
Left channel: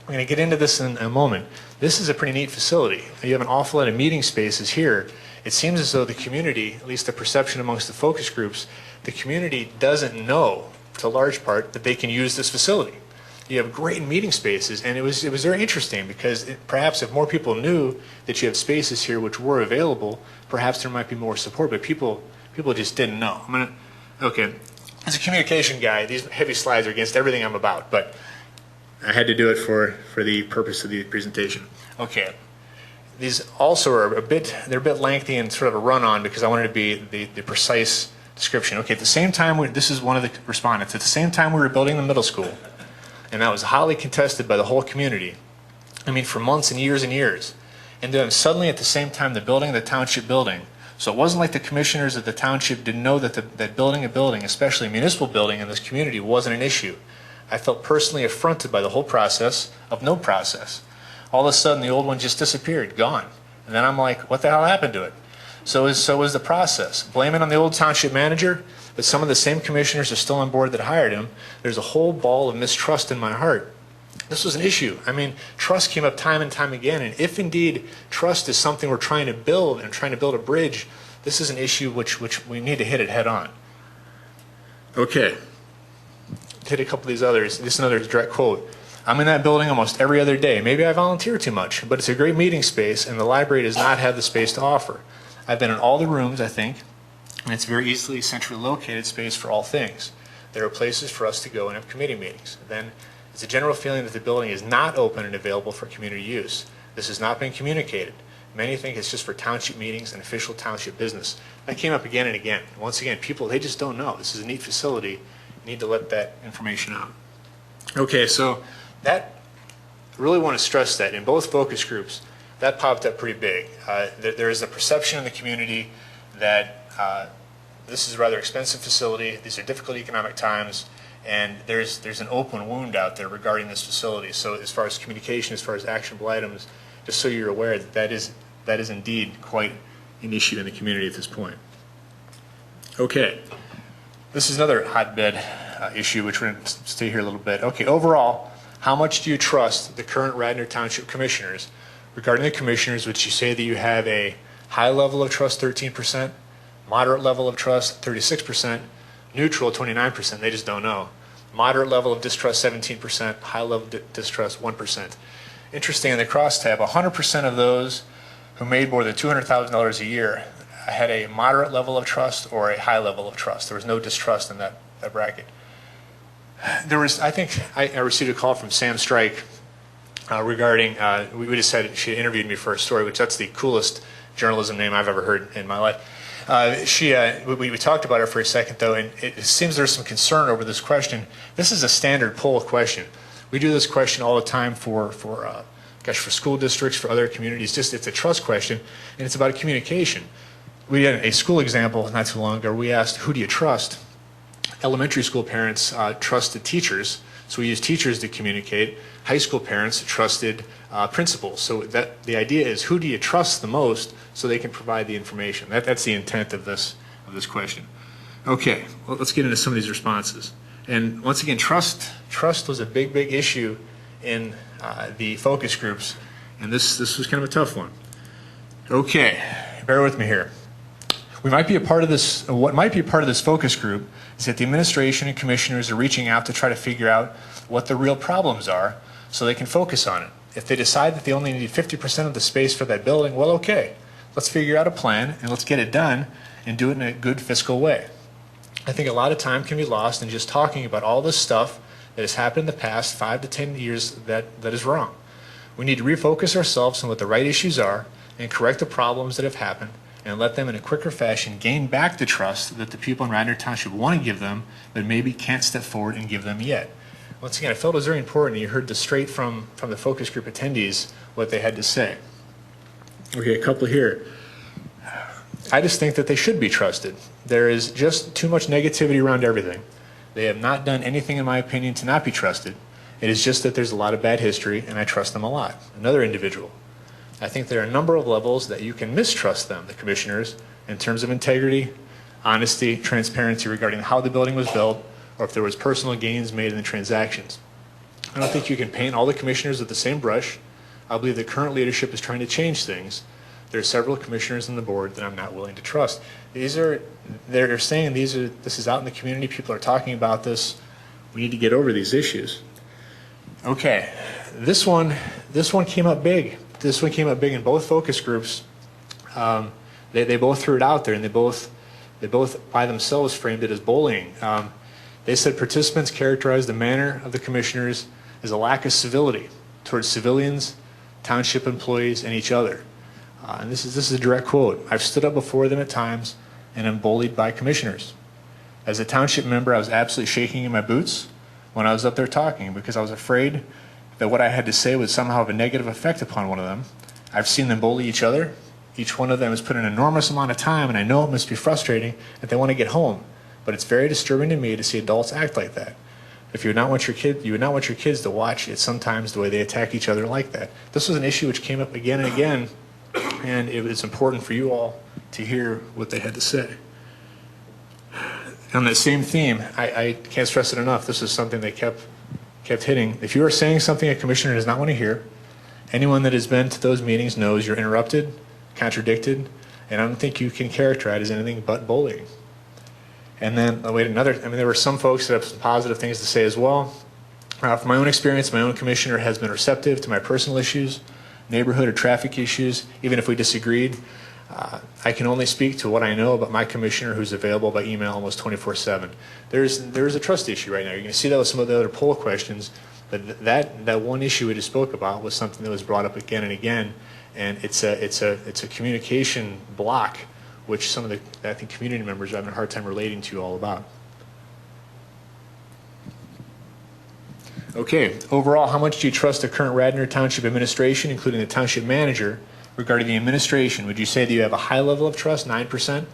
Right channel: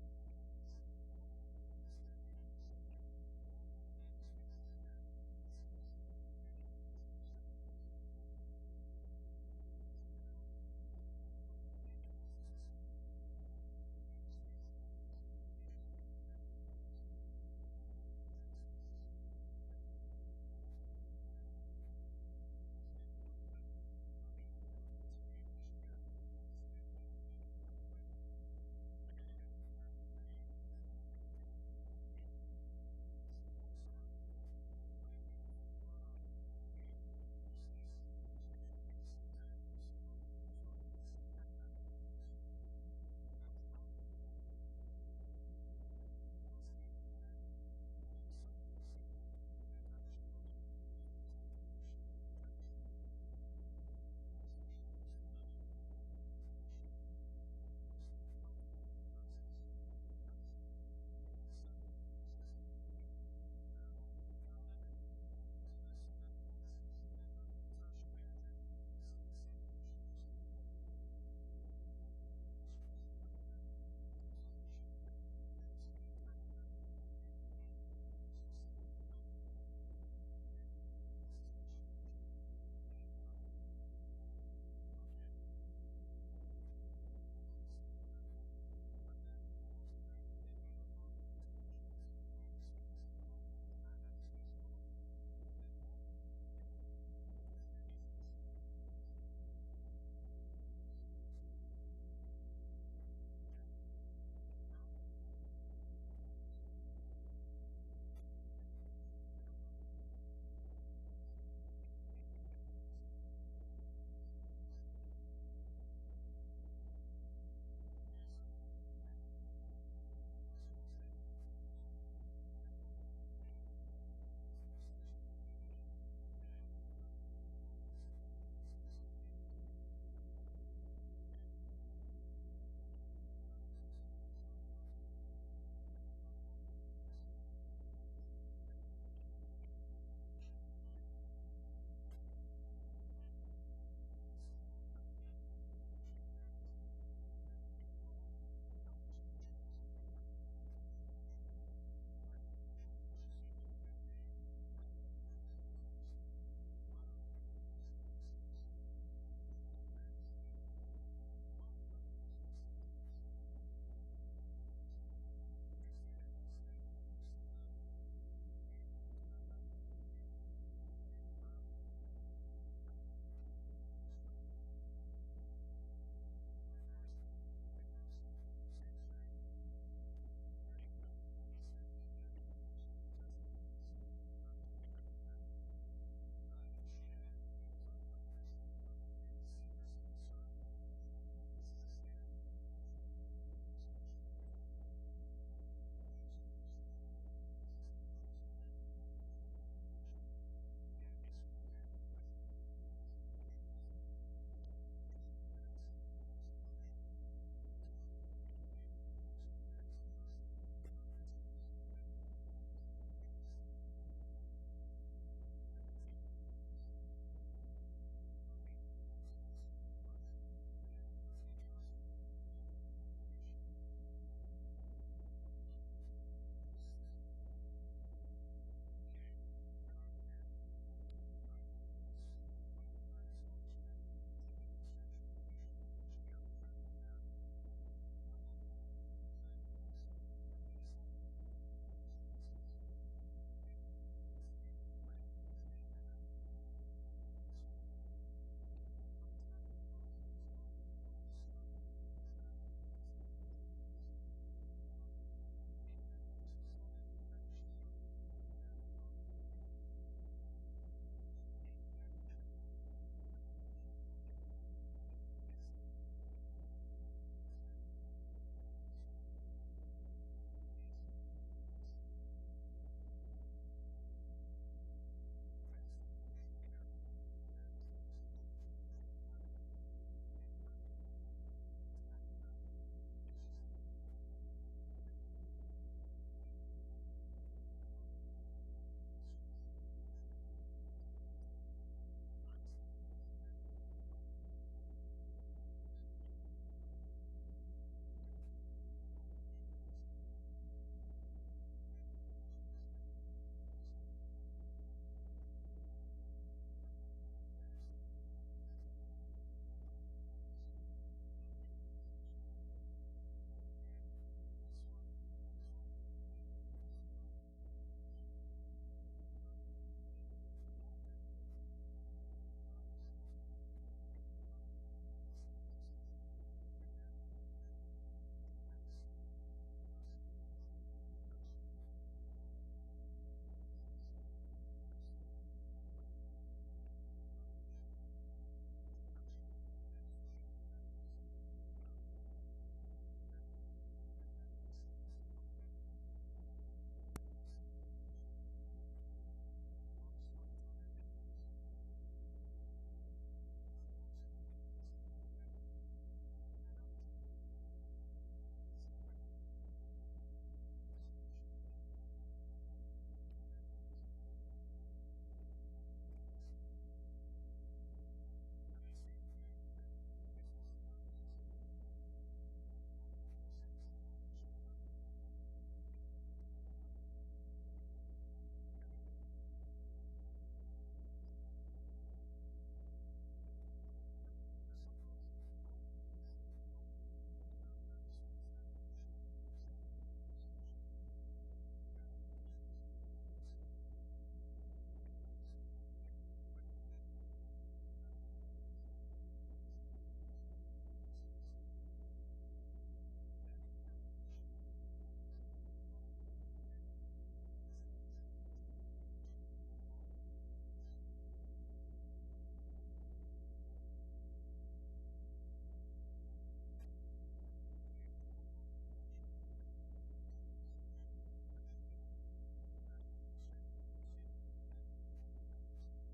We're going to get into this in a moment. This is a pretty neat facility. You have an awful lot of meeting spaces here. It seems as though the community, at least the perception amongst the focus groups, the community doesn't know, to a large part, that they can use this facility. You have great meeting spaces, and it was very interesting because perhaps if more people knew that you have spaces here which were available, perhaps there might be more support, but people just didn't know. Okay, as a communication guy, these heavy slides are against everything I'm about, but I had to do it for the purpose of the presentation. Okay, these also are a bit lengthy and sort of a run-on because I wanted to be the precise description. Okay, at the same time, this is one of the respondents. At the same time we were building the middle school, and that was hotly contested by the whole community. I mean, for months and years and years. And then suddenly at the same time, the building of the township building. So it wasn't like the commissioners of the township didn't know that building a building, especially a municipal building in this community, wasn't an issue. I felt personally affronted by the whole process of no process. All of a sudden, the old one just disappeared, gone. And then I'm like, what the hell happened to it? So was the process. Blame it on the old township manager, but some of the same commissioners are still on board that hired him. There's a whole ball of mistrust in my heart. This was an issue. I mean, trust came up time and time again, and if indeed trust is something we're trying to build and trying to build a bridge, this is an issue which we need to hit it head on. Okay. Hit a couple of these others. This is another direct quote. I'm in that building almost every other day. Maybe I volunteer too much, but it's a great meeting space, and the library does not have the space to offer. I've been in all the rooms, I think, and it's a very easily centrally located space for all things. There are places for us to go and have committee meetings. Then, it's a general feeling that the building is not open and available for community use. This has not been communicated. Many think it's just for township meetings and official township business. That came up again and again. Once again, people, they just don't know. This is a neat facility. You need to let that information out. Okay, so that, I really want to stress that in both focus groups, that popped up pretty big. There is a perception in the community that this is a rather expensive facility, these are difficult economic times, and there's an open wound out there regarding this facility. So as far as communication, as far as actionable items, just so you're aware that that is indeed quite an issue in the community at this point. Okay, this is another hotbed issue, which we're going to stay here a little bit. Okay, overall, how much do you trust the current Radnor Township commissioners? Regarding the commissioners, which you say that you have a high level of trust, 13%, moderate level of trust, 36%, neutral, 29%, they just don't know. Moderate level of distrust, 17%, high level of distrust, 1%. Interesting, in the crosstab, 100% of those who made more than $200,000 a year had a moderate level of trust or a high level of trust. There was no distrust in that bracket. There was, I think, I received a call from Sam Strike regarding, we just had, she interviewed me for a story, which that's the coolest journalism name I've ever heard in my life. We talked about it for a second, though, and it seems there's some concern over this question. This is a standard poll question. We do this question all the time for school districts, for other communities. It's a trust question, and it's about communication. We had a school example not too long ago. We asked, who do you trust? Elementary school parents trusted teachers, so we used teachers to communicate. High school parents trusted principals. So the idea is, who do you trust the most so they can provide the information? That's the intent of this question. Okay, well, let's get into some of these responses. And once again, trust was a big issue in the focus groups, and this was kind of a tough one. Okay, bear with me here. We might be a part of this. What might be a part of this focus group is that the administration and commissioners are reaching out to try to figure out what the real problems are, so they can focus on it. If they decide that they only need 50% of the space for that building, well, okay, let's figure out a plan and let's get it done and do it in a good fiscal way. I think a lot of time can be lost in just talking about all this stuff that has happened in the past 5 to 10 years that is wrong. We need to refocus ourselves on what the right issues are and correct the problems that have happened and let them in a quicker fashion gain back the trust that the people in Radnor Township want to give them, but maybe can't step forward and give them yet. Once again, I felt it was very important. You heard straight from the focus group attendees what they had to say. Okay, a couple here. I just think that they should be trusted. There is just too much negativity around everything. They have not done anything, in my opinion, to not be trusted. It is just that there's a lot of bad history, and I trust them a lot. Another individual. I think there are a number of levels that you can mistrust them, the commissioners, in terms of integrity, honesty, transparency regarding how the building was built, or if there was personal gains made in the transactions. I don't think you can paint all the commissioners with the same brush. I believe the current leadership is trying to change things. There are several commissioners on the board that I'm not willing to trust. They're saying this is out in the community, people are talking about this. We need to get over these issues. Okay, this one came up big. This one came up big in both focus groups. They both threw it out there, and they both by themselves framed it as bullying. They said participants characterized the manner of the commissioners as a lack of civility towards civilians, township employees, and each other. And this is a direct quote. I've stood up before them at times and am bullied by commissioners. As a township member, I was absolutely shaking in my boots when I was up there talking because I was afraid that what I had to say would somehow have a negative effect upon one of them. I've seen them bully each other. Each one of them has put an enormous amount of time, and I know it must be frustrating that they want to get home. But it's very disturbing to me to see adults act like that. If you would not want your kids to watch it sometimes the way they attack each other like that. This was an issue which came up again and again, and it was important for you all to hear what they had to say. On that same theme, I can't stress it enough. This is something they kept hitting. If you are saying something a commissioner does not want to hear, anyone that has been to those meetings knows you're interrupted, contradicted, and I don't think you can characterize it as anything but bullying. And then, there were some folks that have some positive things to say as well. From my own experience, my own commissioner has been receptive to my personal issues, neighborhood or traffic issues, even if we disagreed. I can only speak to what I know about my commissioner, who's available by email almost 24/7. There's a trust issue right now. You're going to see that with some of the other poll questions, but that one issue we just spoke about was something that was brought up again and again, and it's a communication block, which some of the, I think, community members are having a hard time relating to you all about. Okay, overall, how much do you trust the current Radnor Township administration, including the township manager, regarding the administration? Would you say that you have a high level of trust, 9%,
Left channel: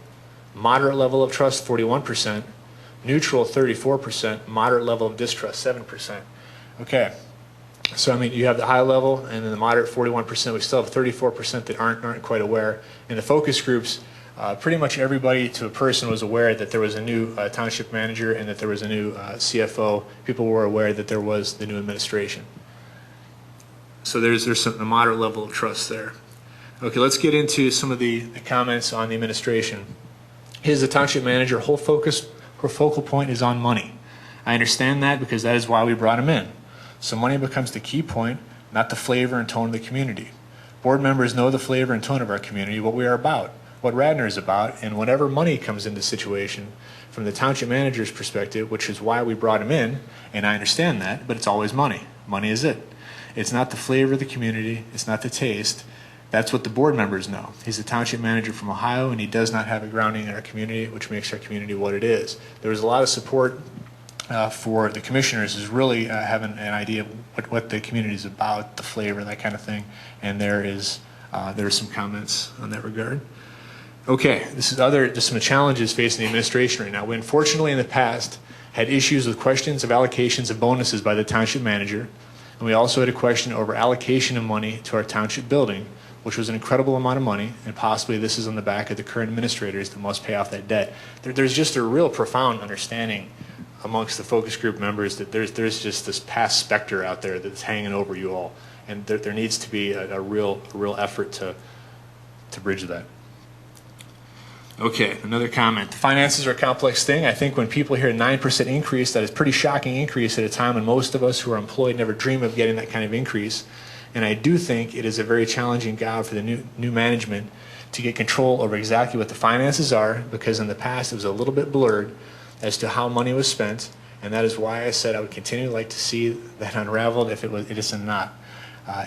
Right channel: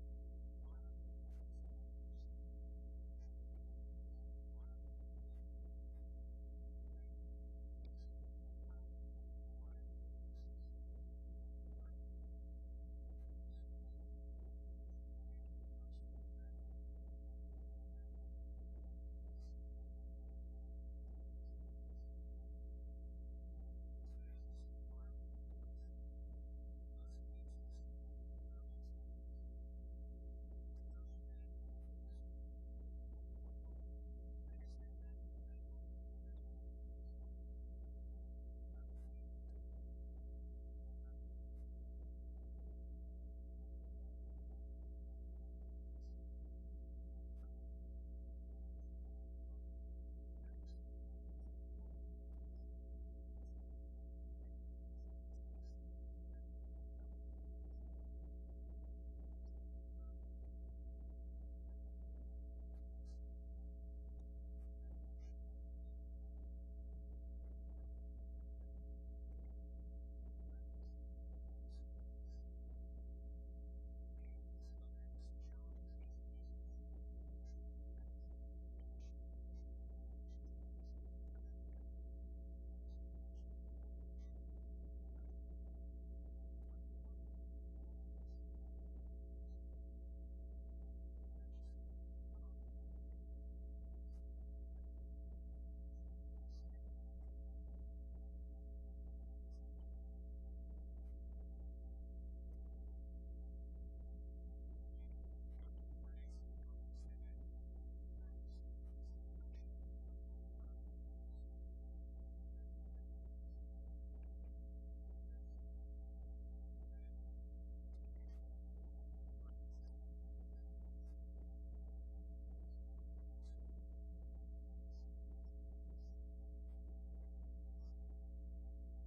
moderate level of trust, 41%, neutral, 34%, moderate level of distrust, 7%? Okay, so I mean, you have the high level and then the moderate, 41%. We still have 34% that aren't quite aware. In the focus groups, pretty much everybody to a person was aware that there was a new township manager and that there was a new CFO. People were aware that there was the new administration. So there's a moderate level of trust there. Okay, let's get into some of the comments on the administration. His the township manager, her focal point is on money. I understand that because that is why we brought him in. So money becomes the key point, not the flavor and tone of the community. Board members know the flavor and tone of our community, what we are about, what Radnor is about, and whenever money comes into the situation, from the township manager's perspective, which is why we brought him in, and I understand that, but it's always money. Money is it. It's not the flavor of the community. It's not the taste. That's what the board members know. He's a township manager from Ohio, and he does not have a grounding in our community, which makes our community what it is. There was a lot of support for the commissioners is really having an idea of what the community is about, the flavor, that kind of thing, and there are some comments on that regard. Okay, this is just some challenges facing the administration right now. We unfortunately in the past had issues with questions of allocations of bonuses by the township manager, and we also had a question over allocation of money to our township building, which was an incredible amount of money, and possibly this is on the back of the current administrators that must pay off that debt. There's just a real profound understanding amongst the focus group members that there's just this past specter out there that's hanging over you all, and there needs to be a real effort to bridge that. Okay, another comment. The finances are a complex thing. I think when people hear a 9% increase, that is a pretty shocking increase at a time when most of us who are employed never dream of getting that kind of increase. And I do think it is a very challenging job for the new management to get control over exactly what the finances are, because in the past it was a little bit blurred as to how money was spent, and that is why I said I would continue to like to see that unraveled if it is not.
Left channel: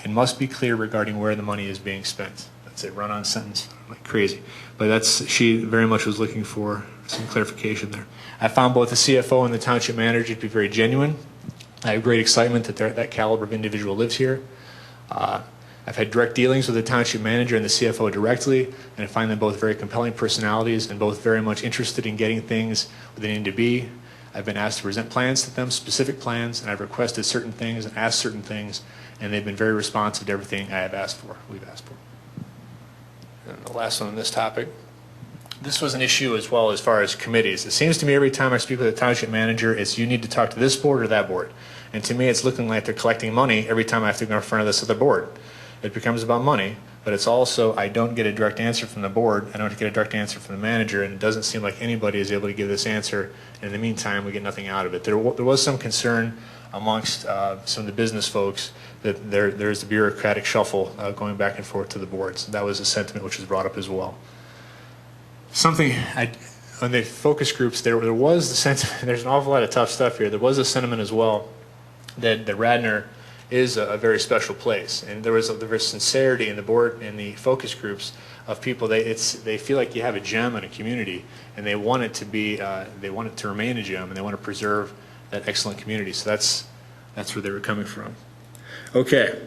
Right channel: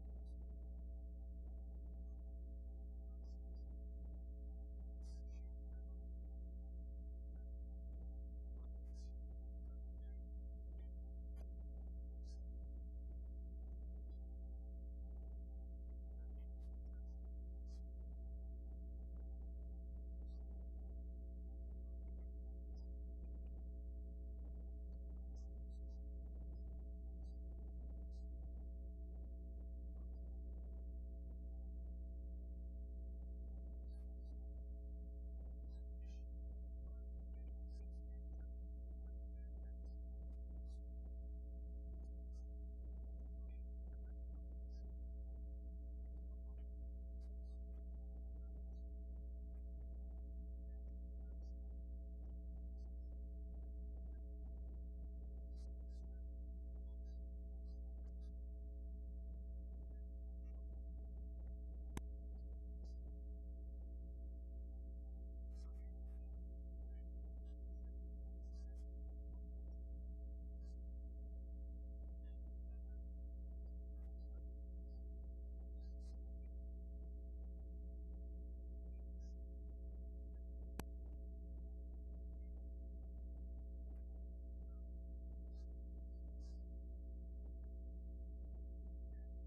It must be clear regarding where the money is being spent. That's a run-on sentence, like crazy. But she very much was looking for some clarification there. I found both the CFO and the township manager to be very genuine. I have great excitement that that caliber of individual lives here. I've had direct dealings with the township manager and the CFO directly, and I find them both very compelling personalities and both very much interested in getting things where they need to be. I've been asked to present plans to them, specific plans, and I've requested certain things and asked certain things, and they've been very responsive to everything I have asked for, we've asked for. And the last one on this topic. This was an issue as well as far as committees. It seems to me every time I speak with a township manager, it's you need to talk to this board or that board. And to me, it's looking like they're collecting money every time I have to go in front of this other board. It becomes about money, but it's also I don't get a direct answer from the board, I don't get a direct answer from the manager, and it doesn't seem like anybody is able to give this answer. In the meantime, we get nothing out of it. There was some concern amongst some of the business folks that there's the bureaucratic shuffle going back and forth to the boards. That was a sentiment which was brought up as well. Something on the focus groups, there was the sentiment, there's an awful lot of tough stuff here. There was a sentiment as well that Radnor is a very special place, and there was sincerity in the board and the focus groups of people. They feel like you have a gem in a community, and they want it to be they want it to remain a gem, and they want to preserve that excellent community. So that's where they were coming from. Okay,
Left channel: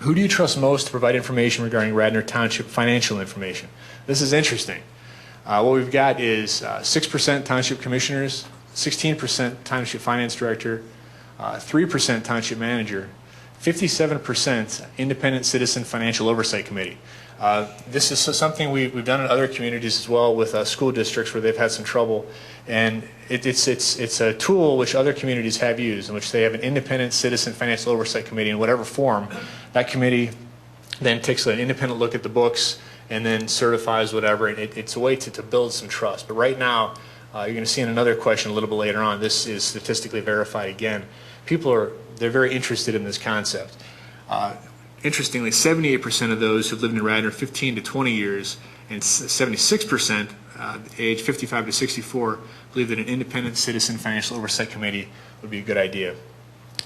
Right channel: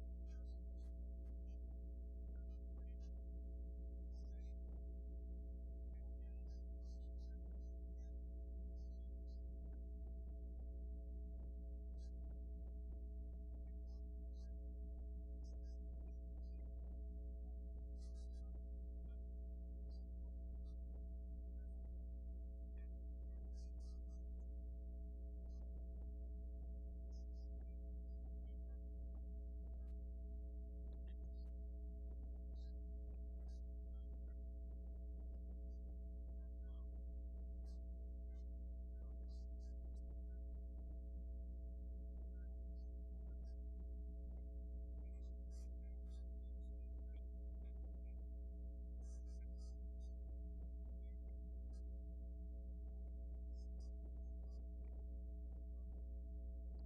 who do you trust most to provide information regarding Radnor Township financial information? This is interesting. What we've got is 6% township commissioners, 16% township finance director, 3% township manager, 57% independent citizen financial oversight committee. This is something we've done in other communities as well with school districts where they've had some trouble, and it's a tool which other communities have used, in which they have an independent citizen financial oversight committee in whatever form. That committee then takes an independent look at the books and then certifies whatever. It's a way to build some trust. But right now, you're going to see in another question a little bit later on, this is statistically verified again. They're very interested in this concept. Interestingly, 78% of those who've lived in Radnor 15 to 20 years and 76% age 55 to 64 believe that an independent citizen financial oversight committee would be a good idea.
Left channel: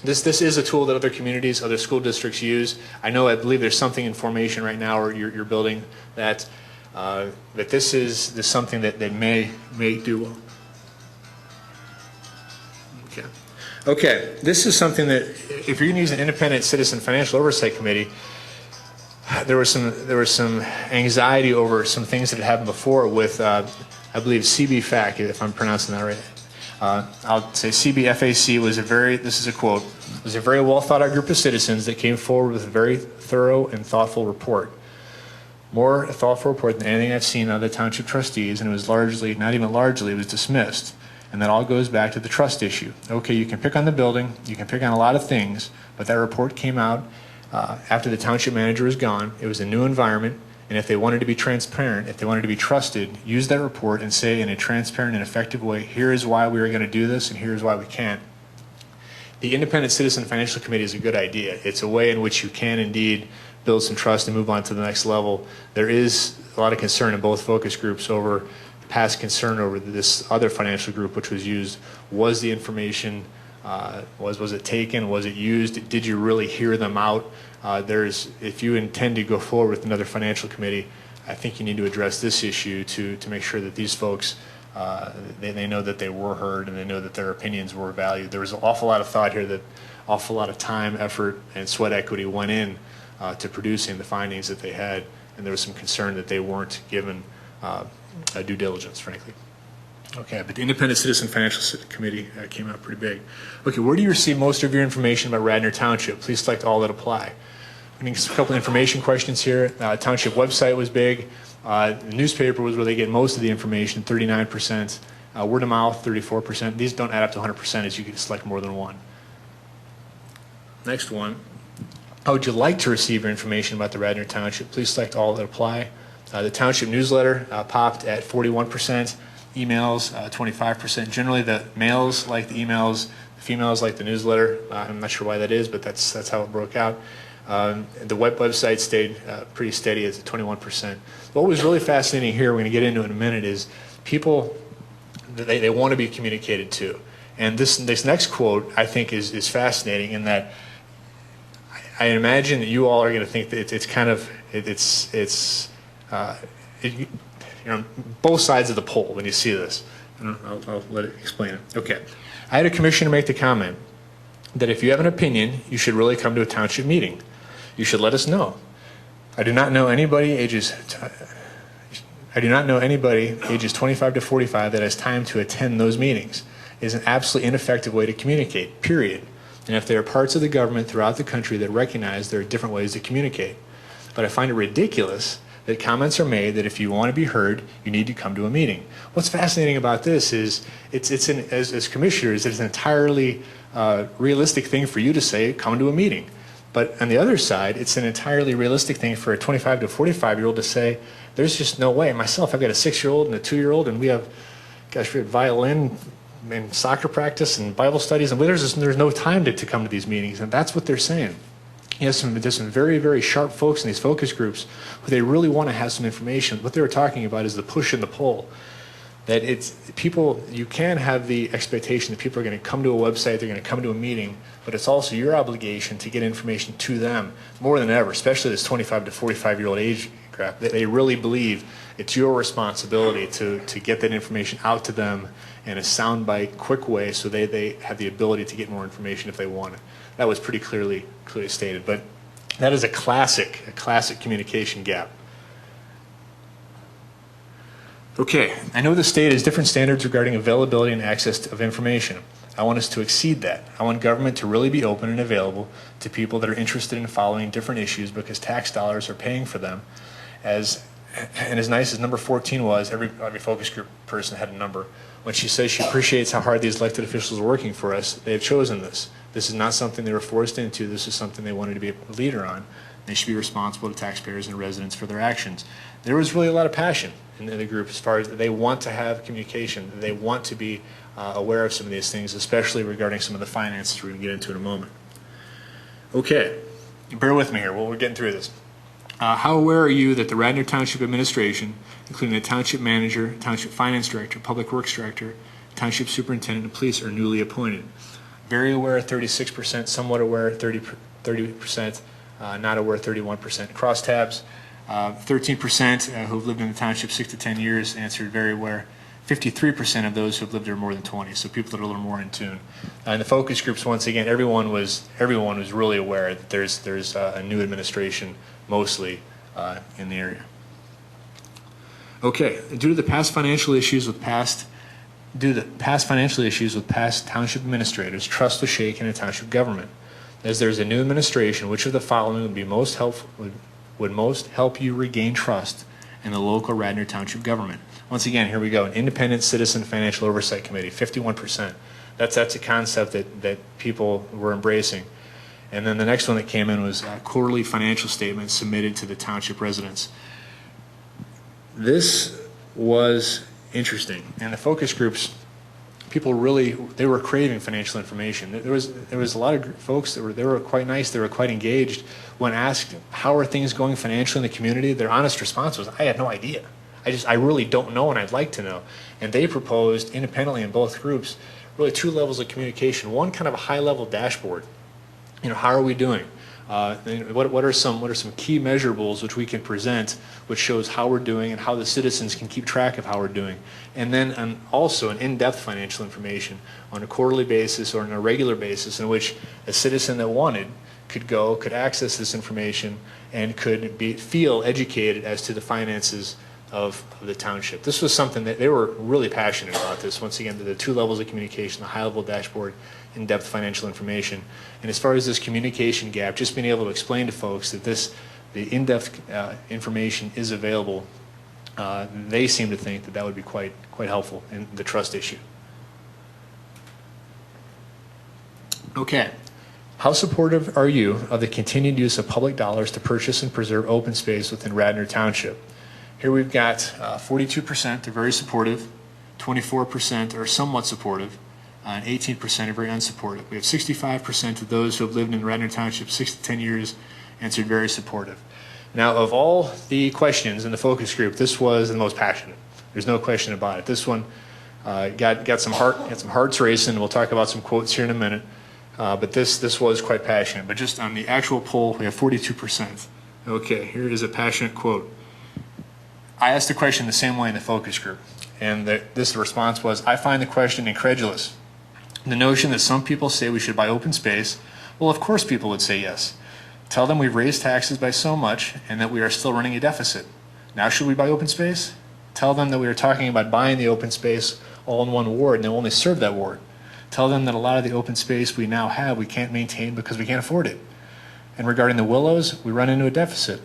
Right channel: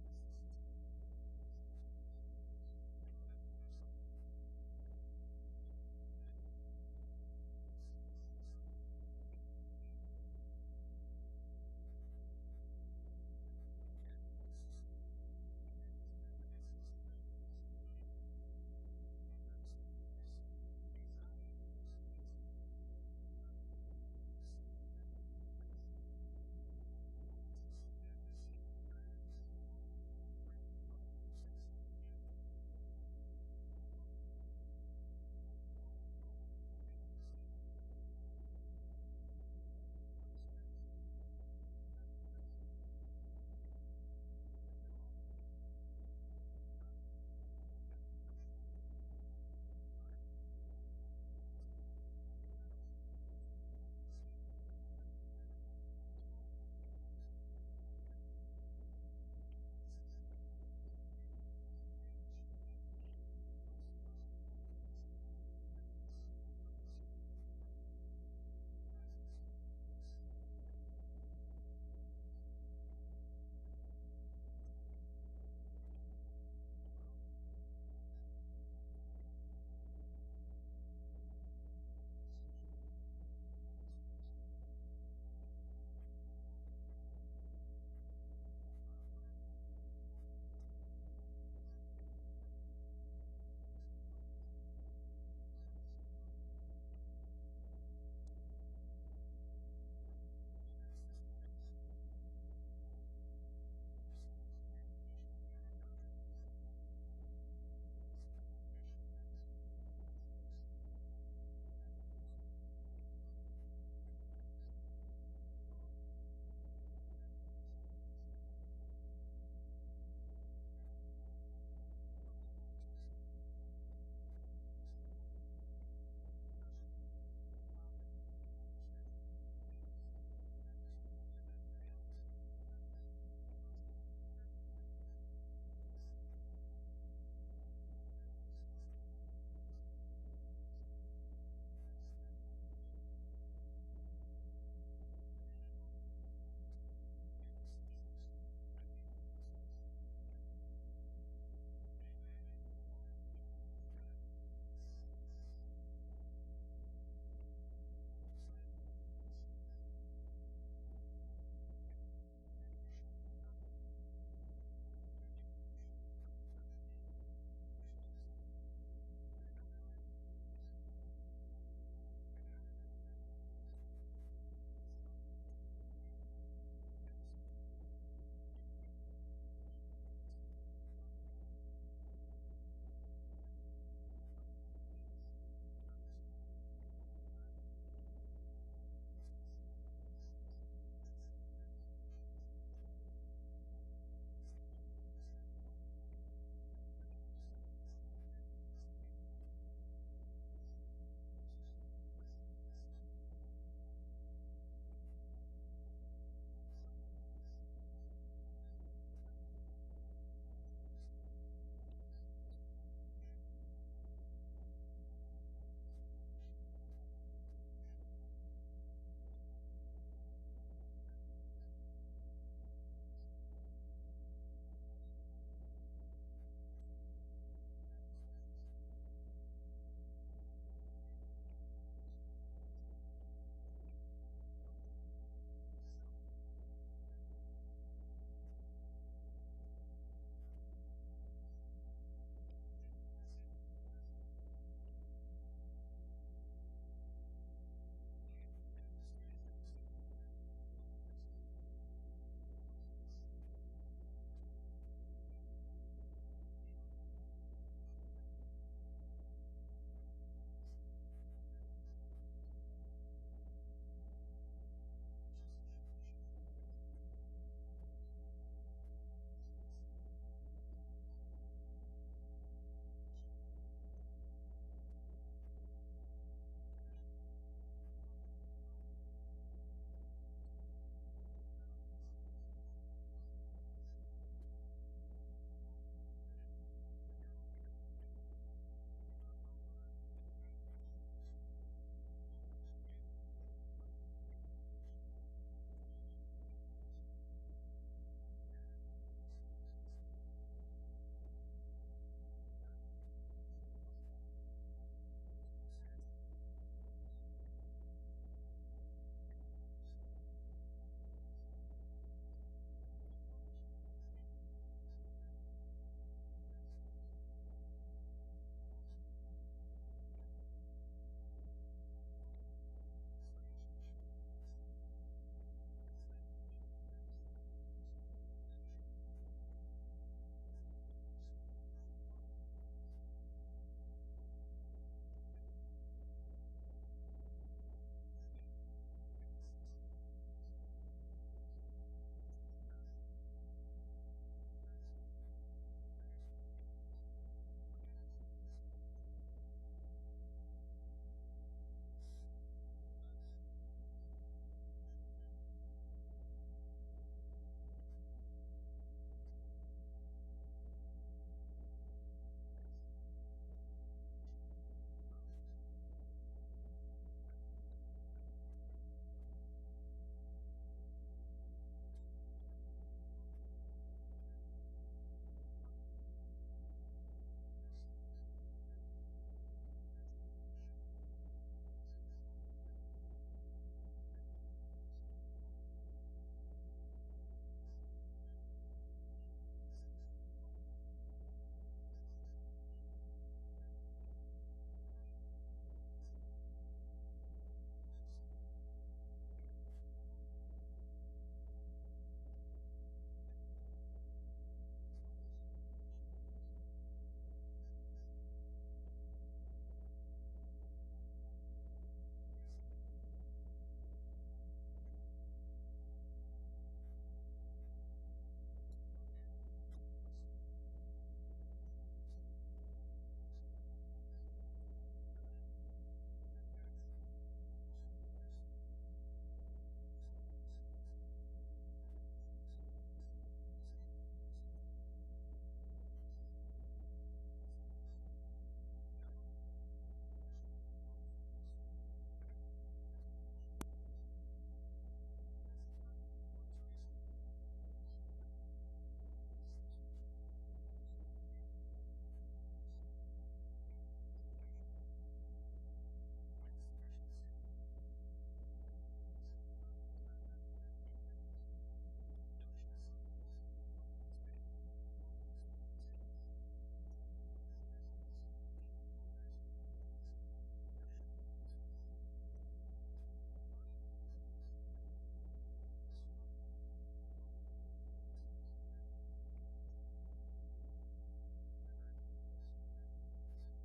This is a tool that other communities, other school districts use. I believe there's something in formation right now, or you're building that this is something that may do well. Okay, this is something that if you're going to use an independent citizen financial oversight committee, there was some anxiety over some things that had happened before with I believe CBFAC, if I'm pronouncing that right. I'll say CBFAC was this is a quote, was a very well thought out group of citizens that came forward with a very thorough and thoughtful report. More a thoughtful report than anything I've seen out of the township trustees, and it was largely, not even largely, it was dismissed. And that all goes back to the trust issue. Okay, you can pick on the building, you can pick on a lot of things, but that report came out after the township manager was gone. It was a new environment, and if they wanted to be transparent, if they wanted to be trusted, use that report and say in a transparent and effective way, here is why we are going to do this, and here is why we can't. The Independent Citizen Financial Committee is a good idea. It's a way in which you can indeed build some trust and move on to the next level. There is a lot of concern in both focus groups over past concern over this other financial group which was used. Was the information, was it taken? Was it used? Did you really hear them out? If you intend to go forward with another financial committee, I think you need to address this issue to make sure that these folks, they know that they were heard and they know that their opinions were valued. There was an awful lot of thought here, that awful lot of time, effort, and sweat equity went in to producing the findings that they had, and there was some concern that they weren't given due diligence, frankly. Okay, but the Independent Citizen Financial Committee came out pretty big. Okay, where do you receive most of your information about Radnor Township? Please select all that apply. I think a couple information questions here. Township website was big. The newspaper was where they get most of the information, 39%. Word of mouth, 34%. These don't add up to 100% as you can select more than one. Next one. How would you like to receive your information about the Radnor Township? Please select all that apply. The Township newsletter popped at 41%, emails 25%. Generally, the males like the emails, the females like the newsletter. I'm not sure why that is, but that's how it broke out. The website stayed pretty steady at 21%. What was really fascinating here, we're going to get into in a minute, is people, they want to be communicated to. And this next quote, I think, is fascinating in that I imagine that you all are going to think that it's kind of, you know, both sides of the pole when you see this. And I'll let it explain it. Okay. I had a commissioner make the comment that if you have an opinion, you should really come to a township meeting. You should let us know. I do not know anybody ages 25 to 45 that has time to attend those meetings. It is an absolutely ineffective way to communicate, period. And if there are parts of the government throughout the country that recognize there are different ways to communicate. But I find it ridiculous that comments are made that if you want to be heard, you need to come to a meeting. What's fascinating about this is, as commissioners, it's an entirely realistic thing for you to say, come to a meeting. But on the other side, it's an entirely realistic thing for a 25 to 45-year-old to say, there's just no way. Myself, I've got a 6-year-old and a 2-year-old, and we have violin and soccer practice and Bible studies, and there's no time to come to these meetings. And that's what they're saying. There's some very, very sharp folks in these focus groups who they really want to have some information. What they were talking about is the push and the pull. That it's people, you can have the expectation that people are going to come to a website, they're going to come to a meeting, but it's also your obligation to get information to them more than ever, especially this 25 to 45-year-old age group. They really believe it's your responsibility to get that information out to them in a soundbite, quick way, so they have the ability to get more information if they want it. That was pretty clearly stated, but that is a classic communication gap. Okay, I know the state has different standards regarding availability and access of information. I want us to exceed that. I want government to really be open and available to people that are interested in following different issues because tax dollars are paying for them. And as nice as number 14 was, every focus group person had a number. When she says she appreciates how hard these elected officials are working for us, they have chosen this. This is not something they were forced into. This is something they wanted to be a leader on. They should be responsible to taxpayers and residents for their actions. There was really a lot of passion in the group as far as they want to have communication. They want to be aware of some of these things, especially regarding some of the finances we're going to get into in a moment. Okay, bear with me here. We're getting through this. How aware are you that the Radnor Township Administration, including the Township Manager, Township Finance Director, Public Works Director, Township Superintendent, and Police are newly appointed? Very aware, 36%, somewhat aware, 30%, not aware, 31%. Crosstabs, 13% who've lived in the township 6 to 10 years answered very aware. 53% of those who've lived there more than 20, so people that are a little more in tune. In the focus groups, once again, everyone was really aware that there's a new administration mostly in the area. Okay, due to the past financial issues with past township administrators, trust was shaken in township government. As there's a new administration, which of the following would be most helpful, would most help you regain trust in the local Radnor Township government? Once again, here we go. An independent citizen financial oversight committee, 51%. That's a concept that people were embracing. And then the next one that came in was quarterly financial statements submitted to the township residents. This was interesting. And the focus groups, people really, they were craving financial information. There was a lot of folks that were quite nice, they were quite engaged. When asked, how are things going financially in the community, their honest response was, I have no idea. I really don't know, and I'd like to know. And they proposed independently in both groups really 2 levels of communication. One, kind of a high-level dashboard. You know, how are we doing? What are some key measurables which we can present, which shows how we're doing and how the citizens can keep track of how we're doing? And then also an in-depth financial information on a quarterly basis or on a regular basis, in which a citizen that wanted could access this information and could feel educated as to the finances of the township. This was something that they were really passionate about. This, once again, the 2 levels of communication, the high-level dashboard, in-depth financial information. And as far as this communication gap, just being able to explain to folks that the in-depth information is available they seem to think that that would be quite helpful in the trust issue. Okay. How supportive are you of the continued use of public dollars to purchase and preserve open space within Radnor Township? Here we've got 42% are very supportive, 24% are somewhat supportive, and 18% are very unsupportive. We have 65% of those who have lived in Radnor Township 6 to 10 years answered very supportive. Now, of all the questions in the focus group, this was the most passionate. There's no question about it. This one got some hearts racing. We'll talk about some quotes here in a minute. But this was quite passionate. But just on the actual poll, we have 42%. Okay, here is a passionate quote. I asked the question the same way in the focus group, and this response was, I find the question incredulous. The notion that some people say we should buy open space, well, of course people would say yes. Tell them we've raised taxes by so much and that we are still running a deficit. Now should we buy open space? Tell them that we are talking about buying the open space all in one ward and they'll only serve that ward. Tell them that a lot of the open space we now have we can't maintain because we can't afford it. And regarding the Willows, we run into a deficit.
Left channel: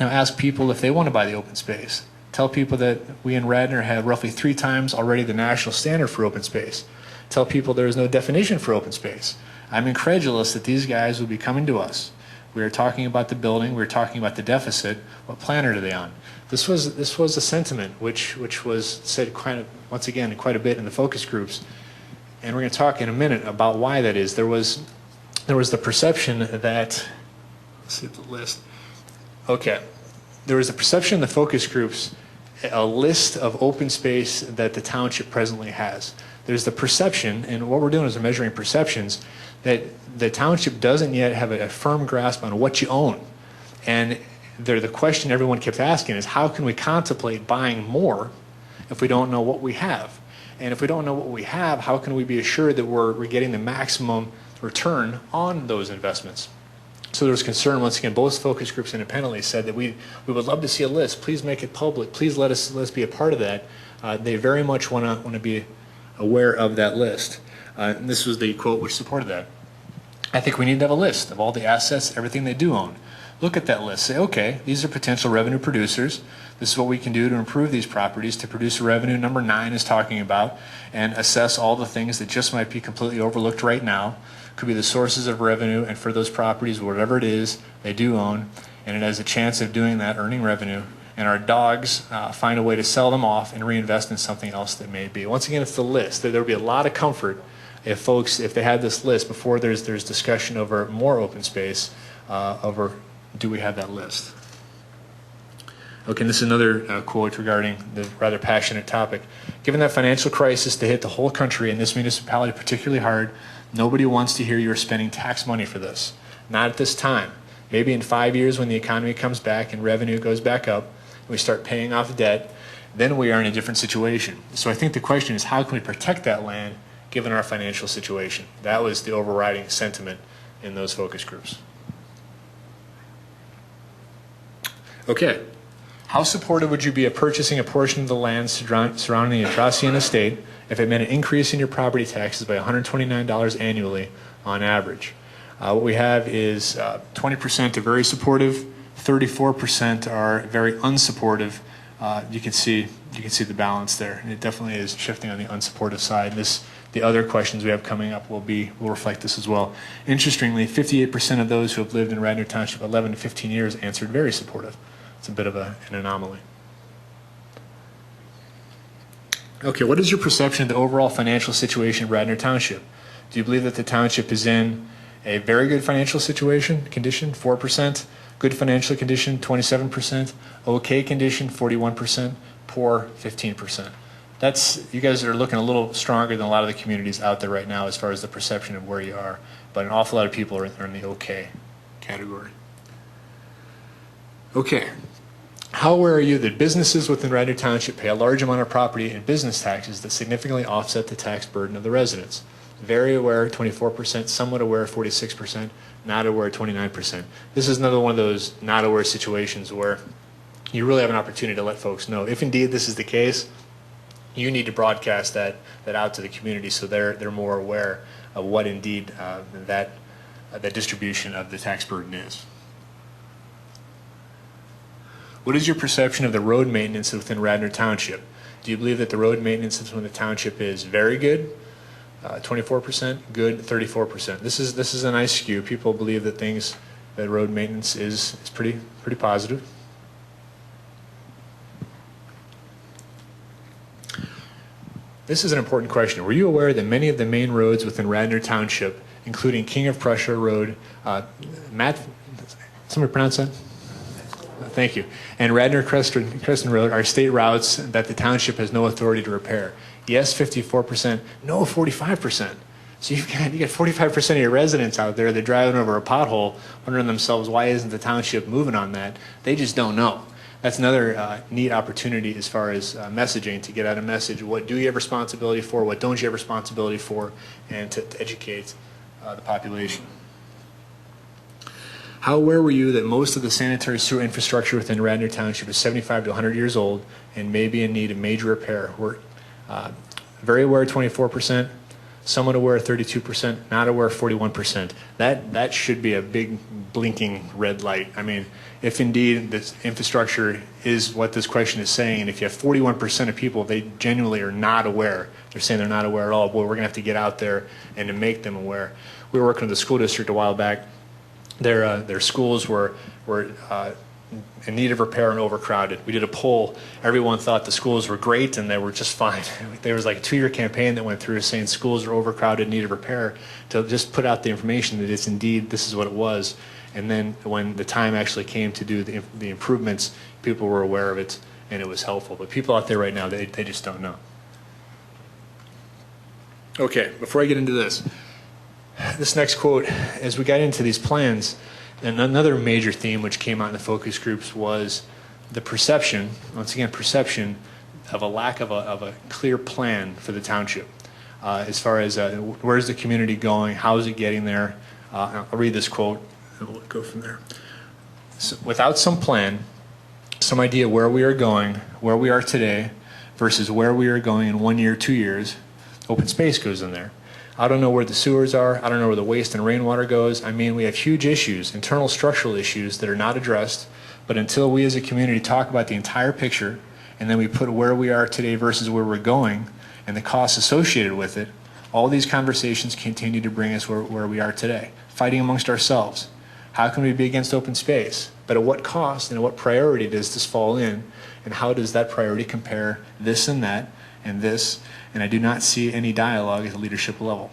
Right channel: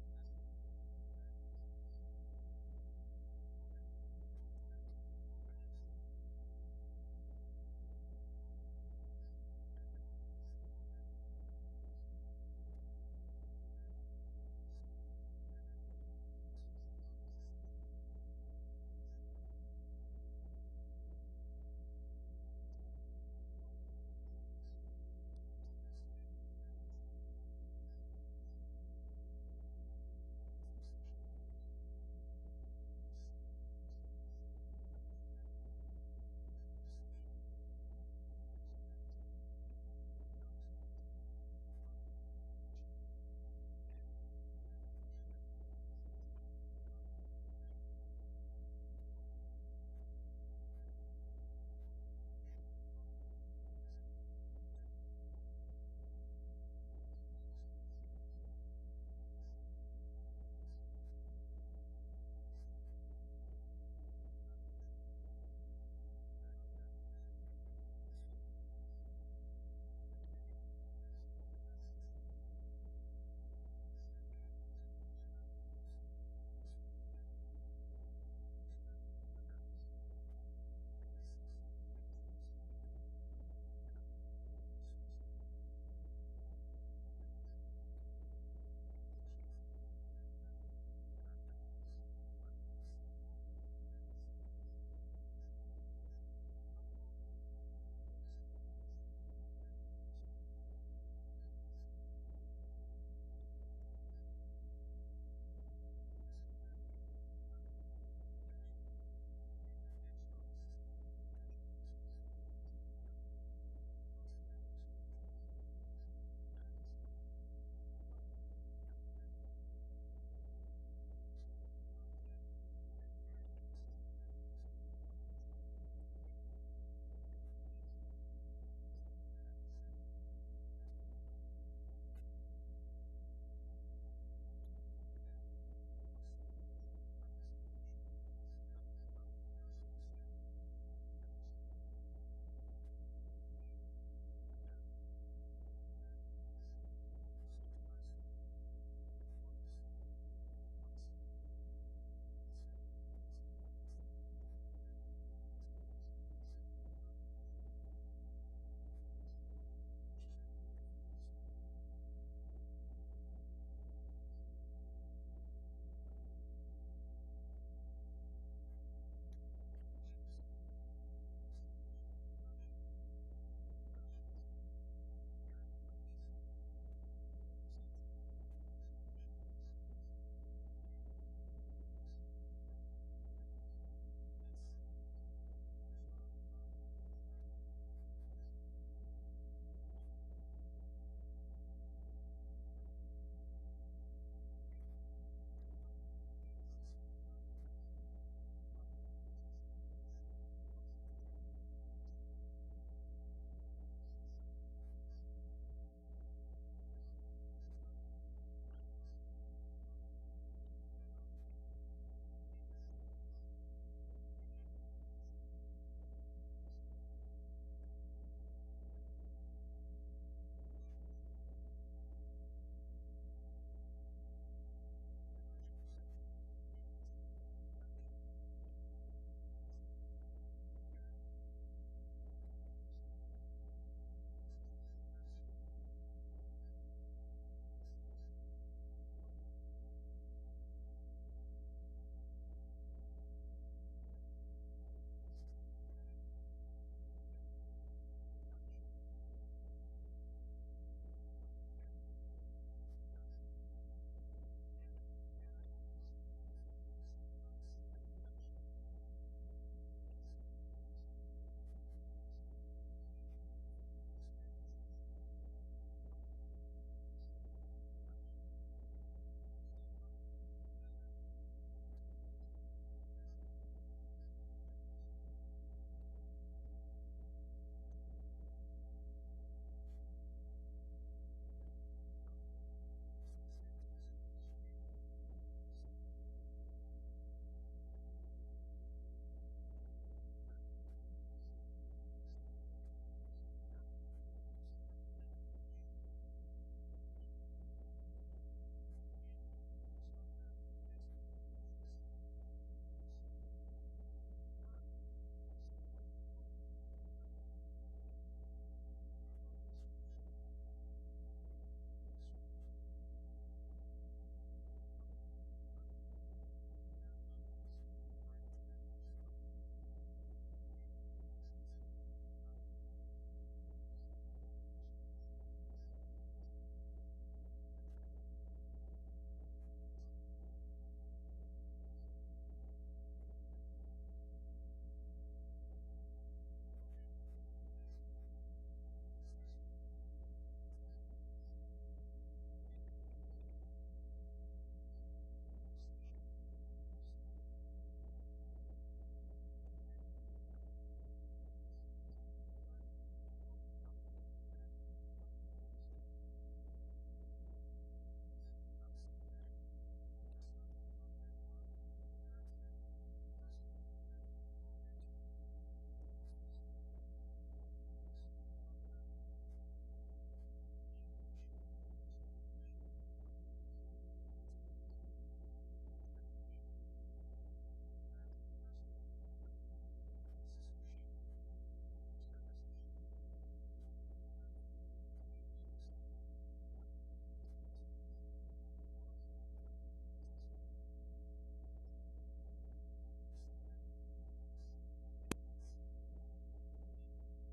Now ask people if they want to buy the open space. Tell people that we in Radnor have roughly 3 times already the national standard for open space. Tell people there is no definition for open space. I'm incredulous that these guys will be coming to us. We are talking about the building, we are talking about the deficit. What planet are they on? This was a sentiment which was said once again quite a bit in the focus groups. And we're going to talk in a minute about why that is. There was the perception that, let's see the list. Okay. There was the perception in the focus groups, a list of open space that the township presently has. There's the perception, and what we're doing is we're measuring perceptions, that the township doesn't yet have a firm grasp on what you own. And the question everyone kept asking is, how can we contemplate buying more if we don't know what we have? And if we don't know what we have, how can we be assured that we're getting the maximum return on those investments? So there was concern, once again, both focus groups independently said that we would love to see a list. Please make it public. Please let us be a part of that. They very much want to be aware of that list. And this was the quote which supported that. I think we need to have a list of all the assets, everything they do own. Look at that list. Say, okay, these are potential revenue producers. This is what we can do to improve these properties to produce a revenue number 9 is talking about, and assess all the things that just might be completely overlooked right now. Could be the sources of revenue, and for those properties, whatever it is they do own, and it has a chance of doing that, earning revenue, and our dogs find a way to sell them off and reinvest in something else that may be. Once again, it's the list. There would be a lot of comfort if they had this list before there's discussion over more open space, over do we have that list. Okay, and this is another quote regarding the rather passionate topic. Given that financial crisis to hit the whole country and this municipality particularly hard, nobody wants to hear you're spending tax money for this. Not at this time. Maybe in 5 years when the economy comes back and revenue goes back up, and we start paying off debt, then we are in a different situation. So I think the question is, how can we protect that land given our financial situation? That was the overriding sentiment in those focus groups. Okay. How supportive would you be of purchasing a portion of the land surrounding the Atrocian estate if it meant an increase in your property taxes by $129 annually on average? What we have is 20% are very supportive, 34% are very unsupportive. You can see the balance there, and it definitely is shifting on the unsupportive side. The other questions we have coming up will reflect this as well. Interestingly, 58% of those who have lived in Radnor Township 11 to 15 years answered very supportive. It's a bit of an anomaly. Okay, what is your perception of the overall financial situation of Radnor Township? Do you believe that the township is in a very good financial condition, 4%, good financial condition, 27%, okay condition, 41%, poor, 15%? You guys are looking a little stronger than a lot of the communities out there right now as far as the perception of where you are, but an awful lot of people are in the okay category. Okay. How aware are you that businesses within Radnor Township pay a large amount of property and business taxes that significantly offset the tax burden of the residents? Very aware, 24%, somewhat aware, 46%, not aware, 29%. This is another one of those not aware situations where you really have an opportunity to let folks know. If indeed this is the case, you need to broadcast that out to the community so they're more aware of what indeed that distribution of the tax burden is. What is your perception of the road maintenance within Radnor Township? Do you believe that the road maintenance within the township is very good, 24%, good, 34%? This is a nice skew. People believe that that road maintenance is pretty positive. This is an important question. Were you aware that many of the main roads within Radnor Township, including King of Prussia Road, somebody pronounce that? Thank you. And Radnor Crescent Road are state routes that the township has no authority to repair? Yes, 54%. No, 45%. So you get 45% of your residents out there, they're driving over a pothole, wondering themselves, why isn't the township moving on that? They just don't know. That's another neat opportunity as far as messaging, to get out a message. What do you have responsibility for? What don't you have responsibility for? And to educate the population. How aware were you that most of the sanitary sewer infrastructure within Radnor Township is 75 to 100 years old and may be in need of major repair? We're very aware, 24%, somewhat aware, 32%, not aware, 41%. That should be a big blinking red light. I mean, if indeed this infrastructure is what this question is saying, and if you have 41% of people, they genuinely are not aware, they're saying they're not aware at all, boy, we're going to have to get out there and to make them aware. We were working with the school district a while back. Their schools were in need of repair and overcrowded. We did a poll. Everyone thought the schools were great and they were just fine. There was like a 2-year campaign that went through saying schools are overcrowded, need of repair, to just put out the information that it's indeed, this is what it was. And then when the time actually came to do the improvements, people were aware of it and it was helpful. But people out there right now, they just don't know. Okay, before I get into this next quote, as we got into these plans, and another major theme which came out in the focus groups was the perception, once again, perception of a lack of a clear plan for the township. As far as where's the community going, how is it getting there? I'll read this quote and we'll go from there. So, without some plan, some idea where we are going, where we are today, versus where we are going in 1 year, 2 years, open space goes in there. I don't know where the sewers are. I don't know where the waste and rainwater goes. I mean, we have huge issues, internal structural issues that are not addressed. But until we as a community talk about the entire picture, and then we put where we are today versus where we're going and the costs associated with it, all these conversations continue to bring us where we are today, fighting amongst ourselves. How can we be against open space? But at what cost and at what priority does this fall in? And how does that priority compare this and that and this? And I do not see any dialogue at the leadership level.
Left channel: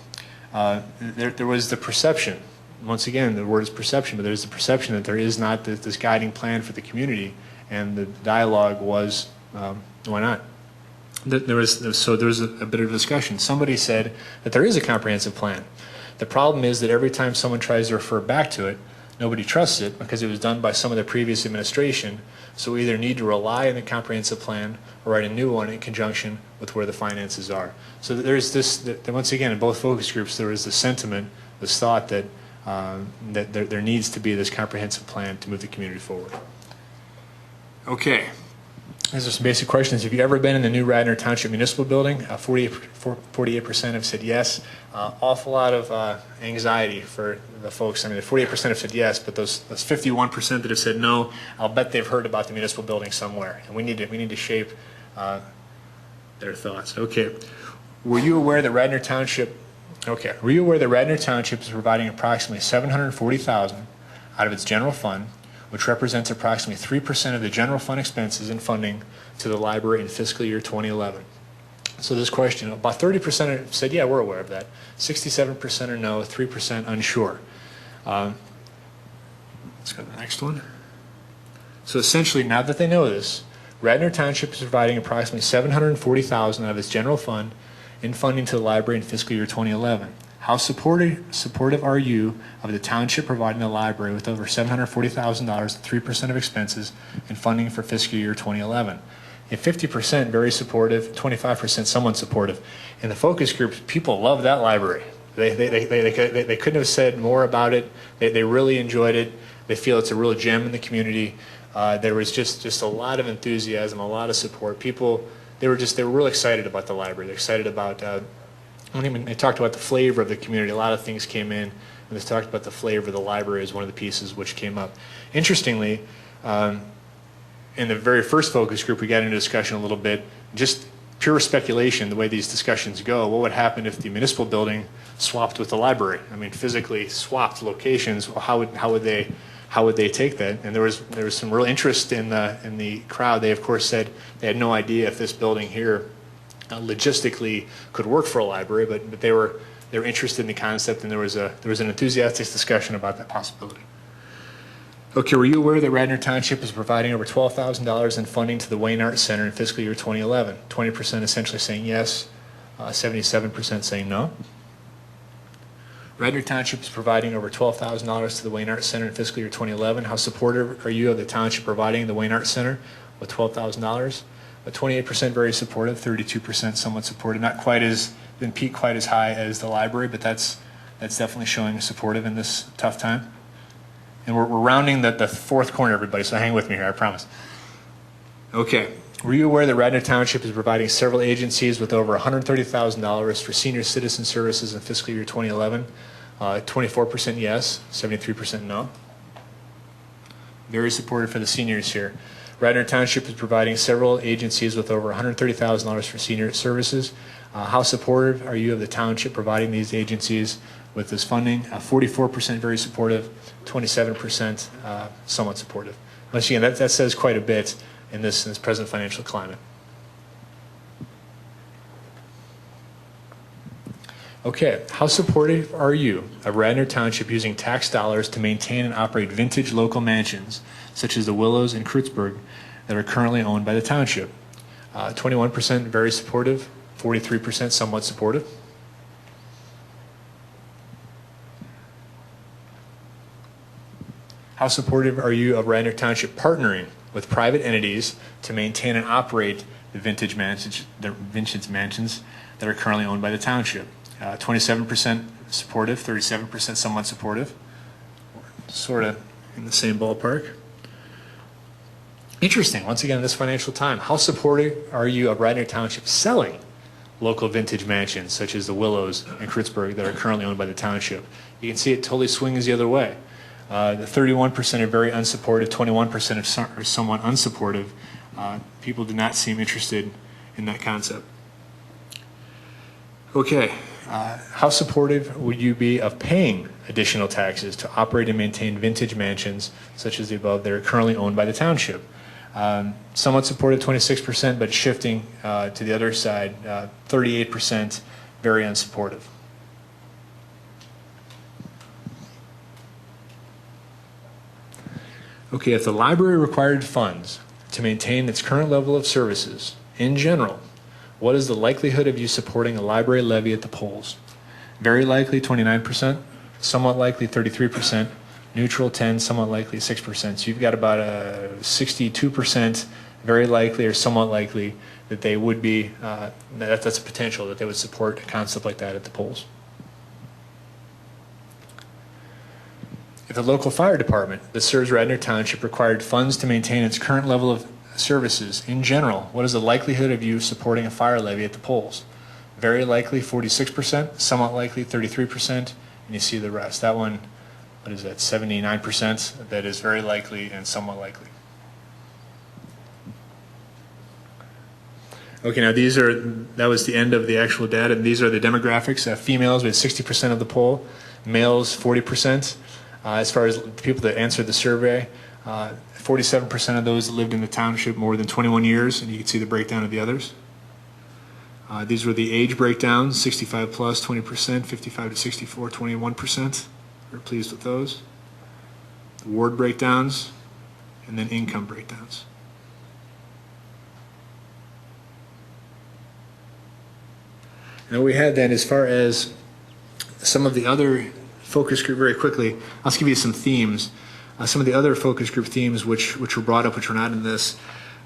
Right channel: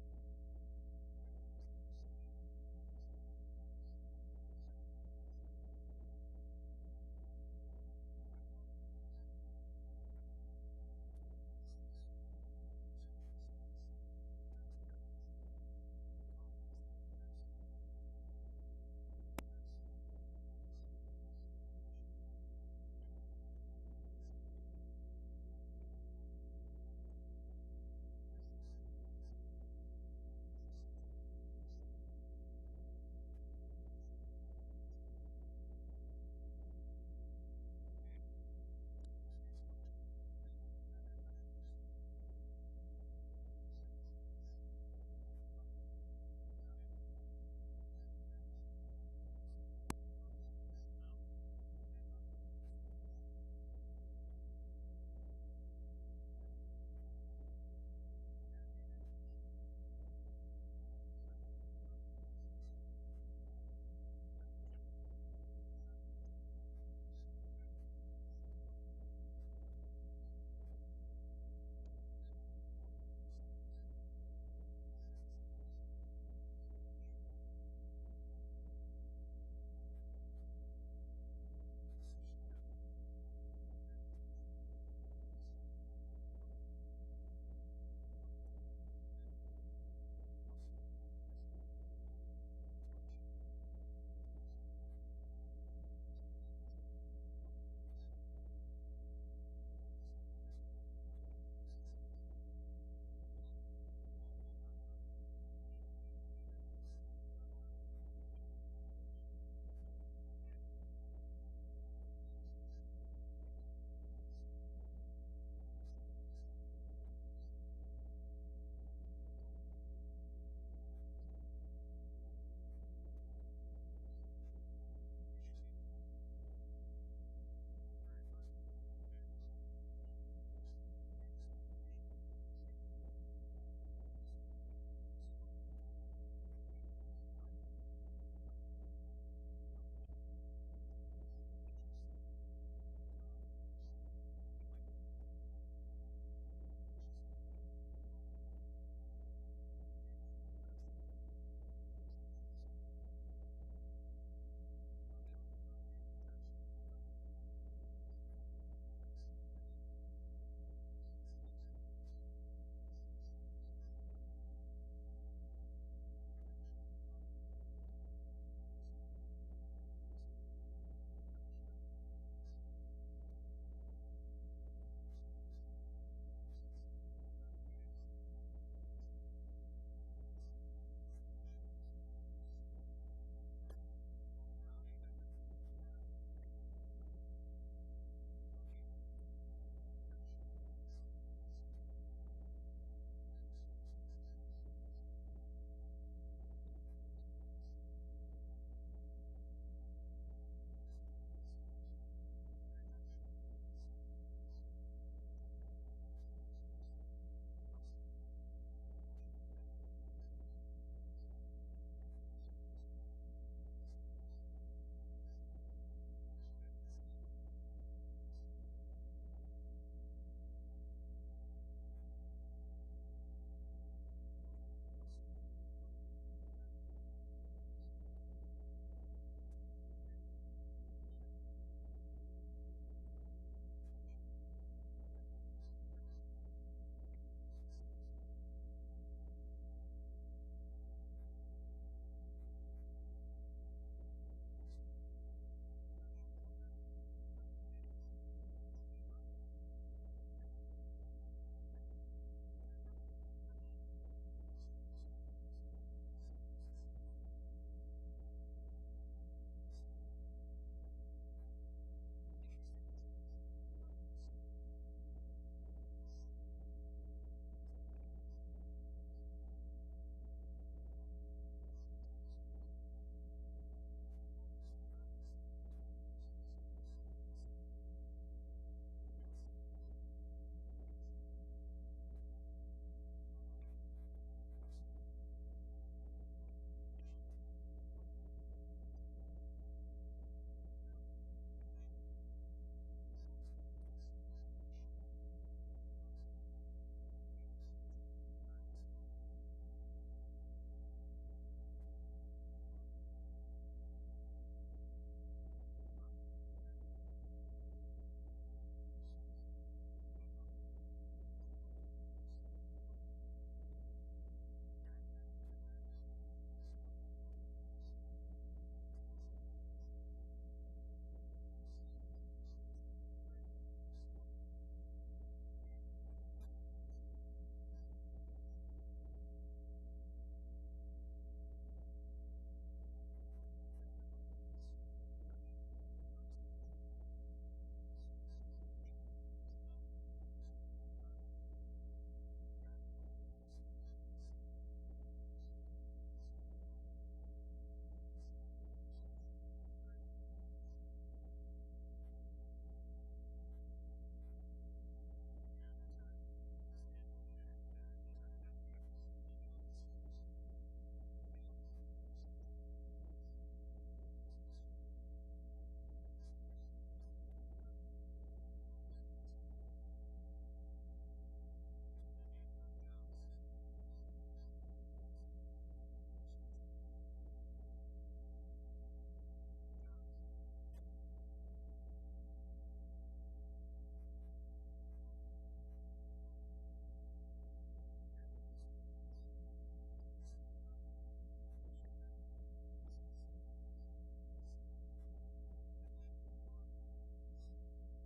There was the perception, once again, the word is perception, but there's the perception that there is not this guiding plan for the community, and the dialogue was, why not? There was a bit of discussion. Somebody said that there is a comprehensive plan. The problem is that every time someone tries to refer back to it, nobody trusts it because it was done by some of the previous administration. So we either need to rely on the comprehensive plan or write a new one in conjunction with where the finances are. So there's this, once again, in both focus groups, there is this sentiment, this thought that, there needs to be this comprehensive plan to move the community forward. Okay. These are some basic questions. Have you ever been in the new Radnor Township Municipal Building? 48% have said yes. Awful lot of anxiety for the folks. I mean, the 48% have said yes, but those 51% that have said no, I'll bet they've heard about the municipal building somewhere, and we need to shape their thoughts. Okay. Were you aware that Radnor Township? Okay. Were you aware that Radnor Township is providing approximately $740,000 out of its general fund, which represents approximately 3% of the general fund expenses and funding to the library in fiscal year 2011. So this question, about 30% said, yeah, we're aware of that. 67% are no, 3% unsure. Let's go to the next one. So essentially, now that they know this, Radnor Township is providing approximately $740,000 out of its general fund in funding to the library in fiscal year 2011. How supportive are you of the township providing the library with over $740,000, 3% of expenses, and funding for fiscal year 2011? And 50% very supportive, 25% somewhat supportive. In the focus groups, people love that library. They couldn't have said more about it. They really enjoyed it. They feel it's a real gem in the community. There was just a lot of enthusiasm, a lot of support. People, they were real excited about the library. They're excited about. When they talked about the flavor of the community, a lot of things came in, and they talked about the flavor of the library as one of the pieces which came up. Interestingly, in the very first focus group, we got into discussion a little bit, just pure speculation, the way these discussions go. What would happen if the municipal building swapped with the library? I mean, physically swapped locations. How would they take that? And there was some real interest in the crowd. They of course said they had no idea if this building here logistically could work for a library, but they were interested in the concept, and there was an enthusiastic discussion about that possibility. Okay, were you aware that Radnor Township is providing over $12,000 in funding to the Wayne Arts Center in fiscal year 2011? 20% essentially saying yes, 77% saying no. Radnor Township is providing over $12,000 to the Wayne Arts Center in fiscal year 2011. How supportive are you of the township providing the Wayne Arts Center with $12,000? 28% very supportive, 32% somewhat supportive. Not quite as high as the library, but that's definitely showing supportive in this tough time. And we're rounding the fourth corner, everybody, so hang with me here, I promise. Okay. Were you aware that Radnor Township is providing several agencies with over $130,000 for senior citizen services in fiscal year 2011? 24% yes, 73% no. Very supportive for the seniors here. Radnor Township is providing several agencies with over $130,000 for senior services. How supportive are you of the township providing these agencies with this funding? 44% very supportive, 27% somewhat supportive. Once again, that says quite a bit in this present financial climate. Okay, how supportive are you of Radnor Township using tax dollars to maintain and operate vintage local mansions, such as the Willows and Kreuzberg, that are currently owned by the township? 21% very supportive, 43% somewhat supportive. How supportive are you of Radnor Township partnering with private entities to maintain and operate the vintage mansions that are currently owned by the township? 27% supportive, 37% somewhat supportive. Sort of in the same ballpark. Interesting, once again, in this financial time, how supportive are you of Radnor Township selling local vintage mansions, such as the Willows and Kreuzberg, that are currently owned by the township? You can see it totally swings the other way. The 31% are very unsupportive, 21% are somewhat unsupportive. People do not seem interested in that concept. Okay, how supportive would you be of paying additional taxes to operate and maintain vintage mansions, such as the above, that are currently owned by the township? Somewhat supportive, 26%, but shifting to the other side, 38% very unsupportive. Okay, if the library required funds to maintain its current level of services, in general, what is the likelihood of you supporting a library levy at the polls? Very likely, 29%, somewhat likely, 33%, neutral, 10%, somewhat likely, 6%. So you've got about a 62% very likely or somewhat likely that they would be, that's a potential that they would support a concept like that at the polls. If the local fire department that serves Radnor Township required funds to maintain its current level of services, in general, what is the likelihood of you supporting a fire levy at the polls? Very likely, 46%, somewhat likely, 33%, and you see the rest. That one, what is that, 79%? That is very likely and somewhat likely. Okay, now that was the end of the actual data. These are the demographics. Females, we had 60% of the poll. Males, 40%. As far as the people that answered the survey, 47% of those lived in the township more than 21 years, and you can see the breakdown of the others. These were the age breakdowns: 65 plus, 20%, 55 to 64, 21%. We're pleased with those. The ward breakdowns, and then income breakdowns. And what we had then, as far as some of the other focus group, very quickly, I'll just give you some themes. Some of the other focus group themes which were brought up, which were not in this.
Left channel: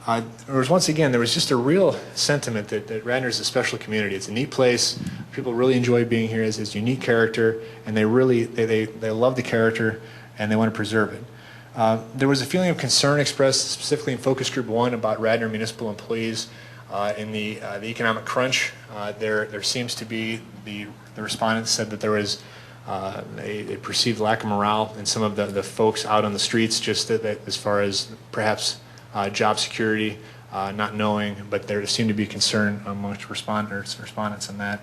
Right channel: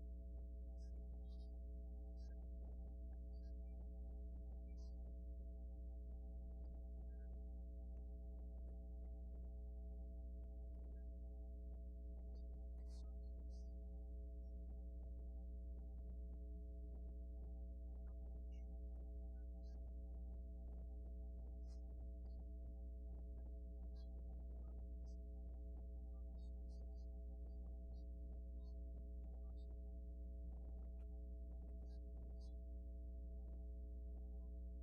There was just a real sentiment that Radnor is a special community. It's a neat place. People really enjoy being here. It's unique character, and they love the character, and they want to preserve it. There was a feeling of concern expressed specifically in focus group 1 about Radnor municipal employees in the economic crunch. There seems to be, the respondents said that there was a perceived lack of morale in some of the folks out on the streets, just that as far as perhaps job security, not knowing, but there seemed to be concern amongst respondents on that.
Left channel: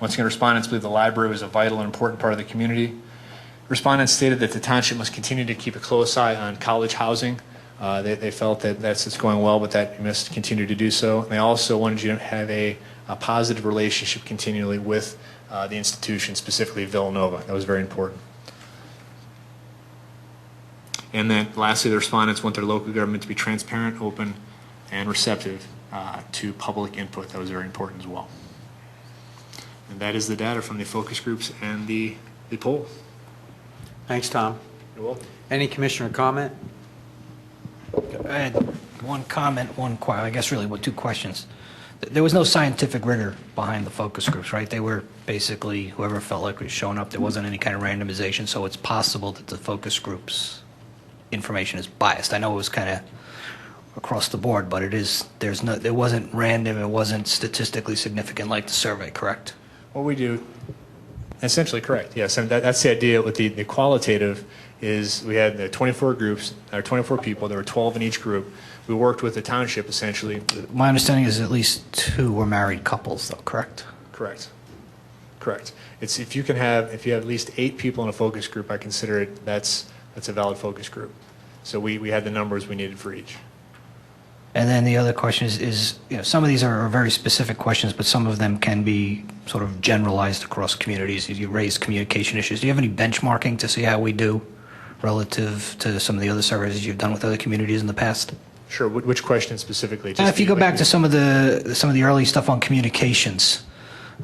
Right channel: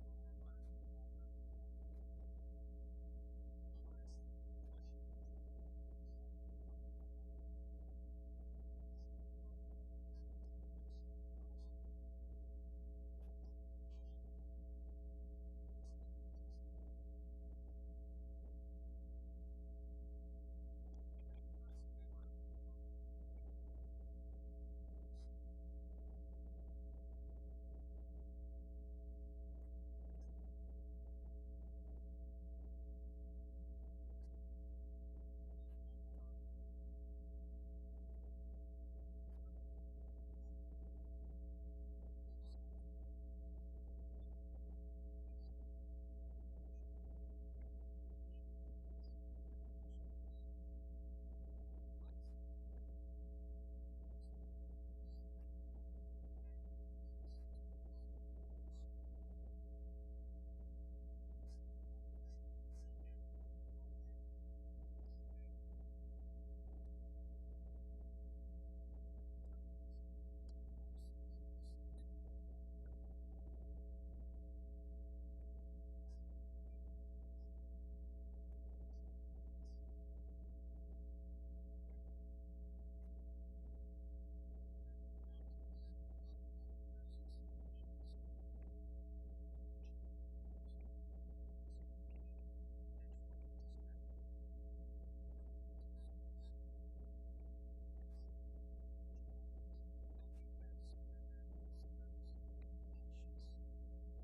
Once again, respondents believe the library was a vital and important part of the community. Respondents stated that the township must continue to keep a close eye on college housing. They felt that it's going well, but that you must continue to do so. And they also wanted you to have a positive relationship continually with the institution, specifically Villanova. That was very important. And then lastly, the respondents want their local government to be transparent, open, and receptive to public input. That was very important as well. And that is the data from the focus groups and the poll. Thanks, Tom. You're welcome. Any commissioner comment? I had one comment, I guess really two questions. There was no scientific rigor behind the focus groups, right? They were basically whoever felt like was showing up. There wasn't any kind of randomization, so it's possible that the focus groups information is biased. I know it was kind of across the board, but it wasn't random, it wasn't statistically significant like the survey, correct? What we do, essentially correct, yes. And that's the idea with the qualitative is we had the 24 groups, or 24 people, there were 12 in each group. We worked with the township essentially. My understanding is at least 2 were married couples though, correct? Correct. It's if you have at least 8 people in a focus group, I consider that's a valid focus group. So we had the numbers we needed for each. And then the other question is some of these are very specific questions, but some of them can be sort of generalized across communities. You raise communication issues. Do you have any benchmarking to see how we do relative to some of the other surveys you've done with other communities in the past? Sure. Which question specifically? If you go back to some of the early stuff on communications,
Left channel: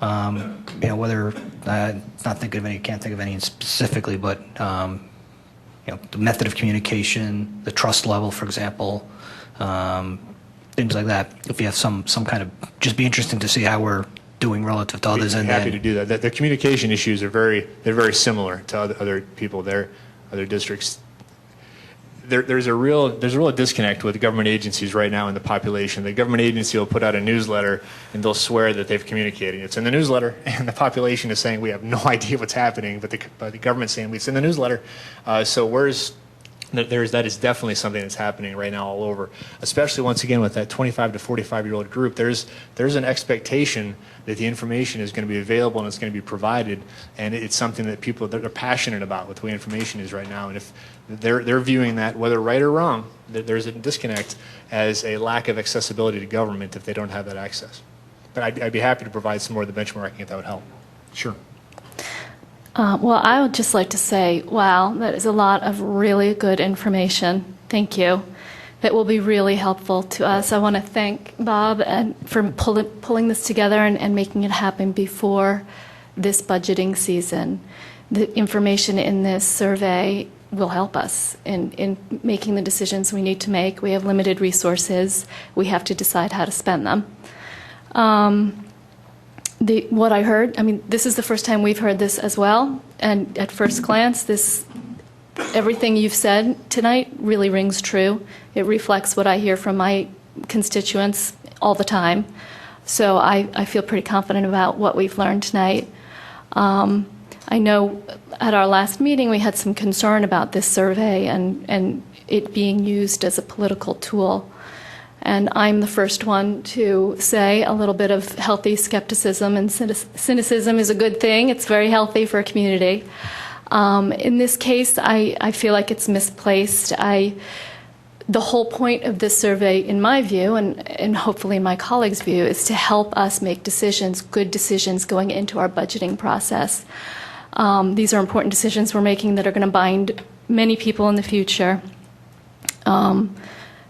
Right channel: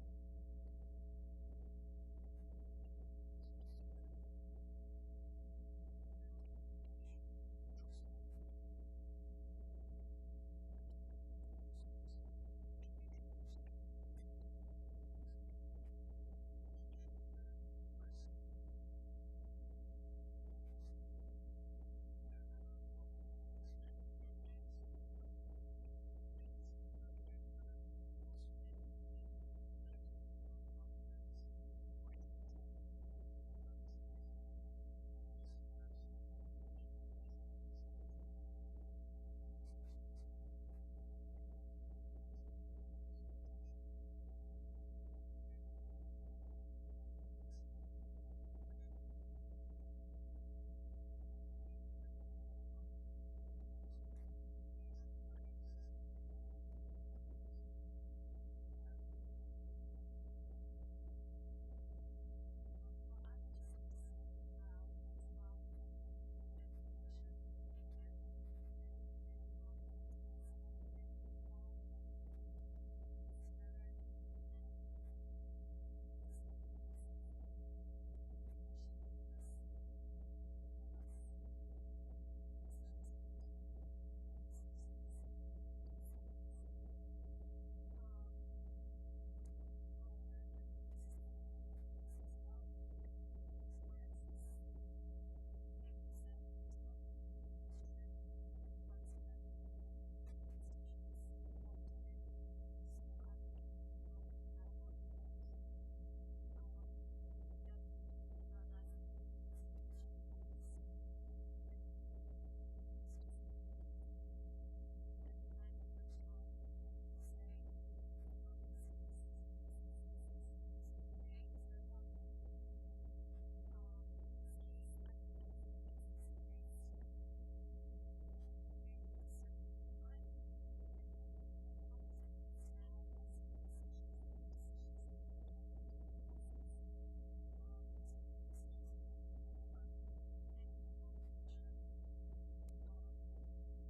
whether can't think of any specifically, but the method of communication, the trust level, for example. Things like that. If you have some kind of, just be interesting to see how we're doing relative to others. I'm happy to do that. The communication issues are very similar to other people there, other districts. There's a real disconnect with government agencies right now in the population. The government agency will put out a newsletter and they'll swear that they've communicated. It's in the newsletter, and the population is saying we have no idea what's happening, but the government's saying it's in the newsletter. That is definitely something that's happening right now all over, especially once again with that 25 to 45-year-old group. There's an expectation that the information is going to be available and it's going to be provided, and it's something that people that are passionate about with the way information is right now. And if they're viewing that, whether right or wrong, that there's a disconnect as a lack of accessibility to government if they don't have that access. But I'd be happy to provide some more of the benchmarking if that would help. Sure. Well, I would just like to say, wow, that is a lot of really good information. Thank you. That will be really helpful to us. I want to thank Bob for pulling this together and making it happen before this budgeting season. The information in this survey will help us in making the decisions we need to make. We have limited resources. We have to decide how to spend them. What I heard, this is the first time we've heard this as well, and at first glance, everything you've said tonight really rings true. It reflects what I hear from my constituents all the time. So I feel pretty confident about what we've learned tonight. I know at our last meeting we had some concern about this survey and it being used as a political tool. And I'm the first one to say a little bit of healthy skepticism and cynicism is a good thing. It's very healthy for a community. In this case, I feel like it's misplaced. The whole point of this survey, in my view, and hopefully my colleagues' view, is to help us make decisions, good decisions going into our budgeting process. These are important decisions we're making that are going to bind many people in the future.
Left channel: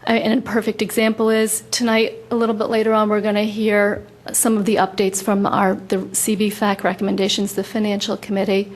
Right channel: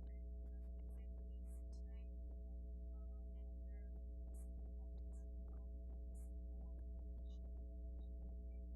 And a perfect example is tonight, a little bit later on, we're going to hear some of the updates from the CBFAC recommendations, the Financial Committee.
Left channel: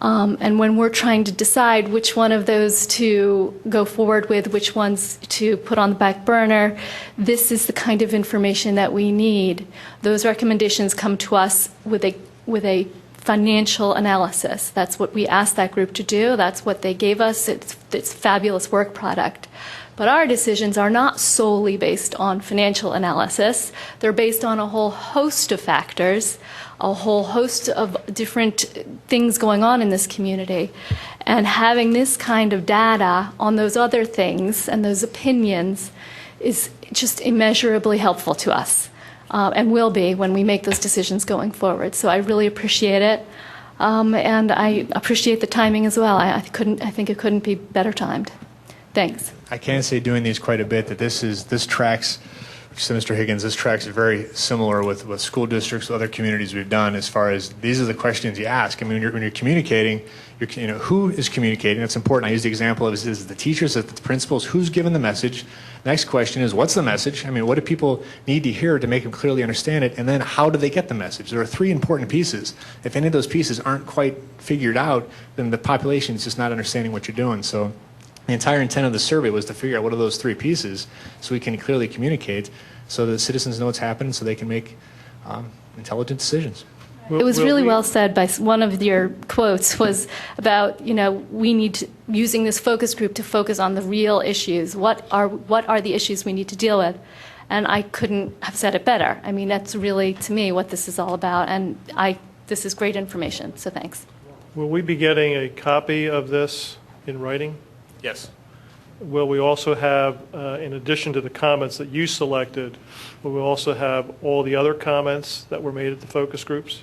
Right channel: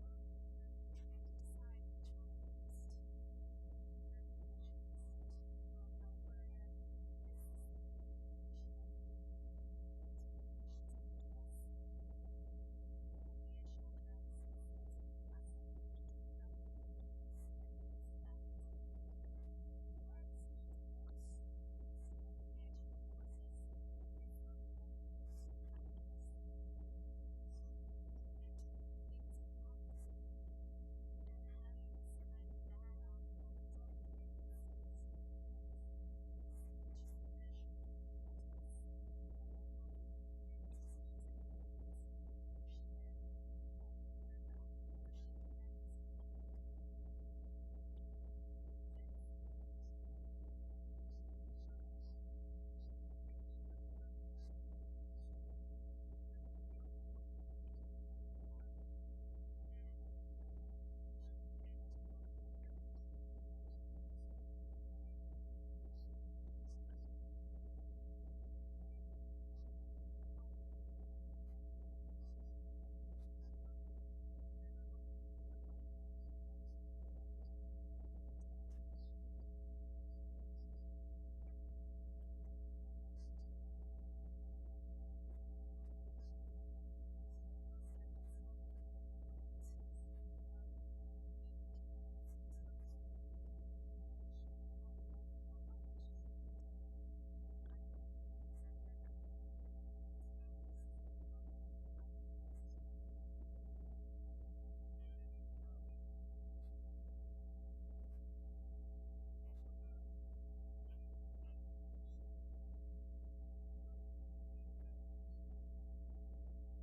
And when we're trying to decide which one of those to go forward with, which ones to put on the back burner, this is the kind of information that we need. Those recommendations come to us with a financial analysis. That's what we asked that group to do. That's what they gave us. It's a fabulous work product. But our decisions are not solely based on financial analysis. They're based on a whole host of factors, a whole host of different things going on in this community. And having this kind of data on those other things and those opinions is just immeasurably helpful to us, and will be when we make those decisions going forward. So I really appreciate it, and I appreciate the timing as well. I think it couldn't be better timed. Thanks. I can say doing these quite a bit that this tracks, so Mr. Higgins, this tracks very similar with school districts, other communities we've done as far as these are the questions you ask. I mean, when you're communicating, who is communicating? That's important. I use the example of is it the teachers, is it the principals? Who's given the message? Next question is, what's the message? I mean, what do people need to hear to make them clearly understand it? And then how do they get the message? There are three important pieces. If any of those pieces aren't quite figured out, then the population is just not understanding what you're doing. So the entire intent of the survey was to figure out what are those three pieces so we can clearly communicate so that citizens know what's happening so they can make intelligent decisions. It was really well said by one of your quotes was about, we need to, using this focus group to focus on the real issues. What are the issues we need to deal with? And I couldn't have said it better. I mean, that's really, to me, what this is all about. And this is great information, so thanks. Will we be getting a copy of this in writing? Yes. Will we also have, in addition to the comments that you selected, will we also have all the other comments that were made at the focus groups?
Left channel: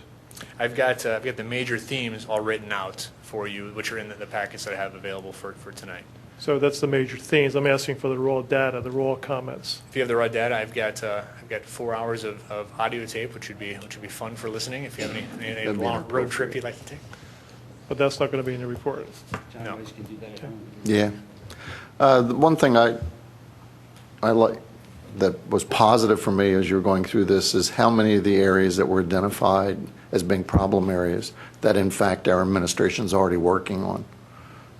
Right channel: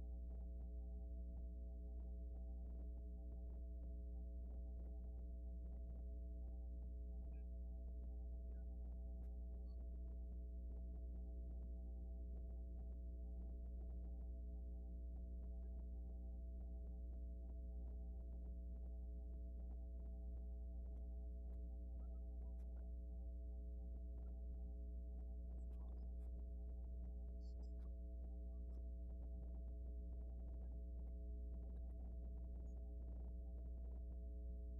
I've got the major themes all written out for you, which are in the packets that I have available for tonight. So that's the major themes. I'm asking for the raw data, the raw comments. If you have the raw data, I've got 4 hours of audio tape, which would be fun for listening. If you have any long road trip you'd like to take. But that's not going to be in the report. No. Yeah. The one thing I like that was positive for me as you were going through this is how many of the areas that were identified as being problem areas that in fact our administration is already working on.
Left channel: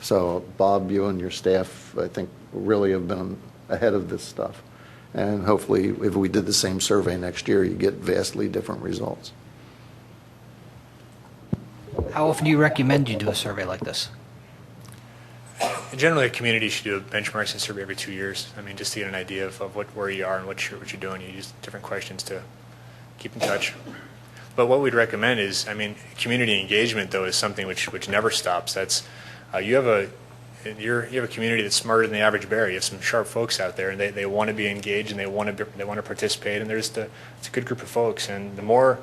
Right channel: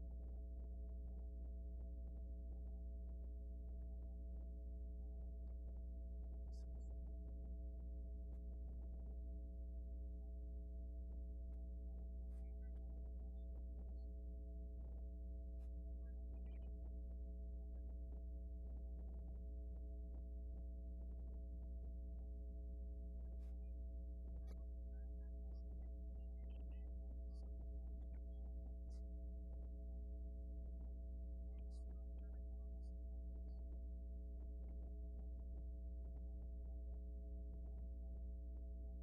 So Bob, you and your staff, I think, really have been ahead of this stuff. And hopefully if we did the same survey next year, you get vastly different results. How often do you recommend you do a survey like this? Generally, a community should do a benchmarking survey every 2 years. I mean, just to get an idea of where you are and what you're doing. You use different questions to keep in touch. But what we'd recommend is, I mean, community engagement though is something which never stops. That's you have a community that's smarter than the average bear. You have some sharp folks out there, and they want to be engaged and they want to participate. And it's a good group of folks. And the more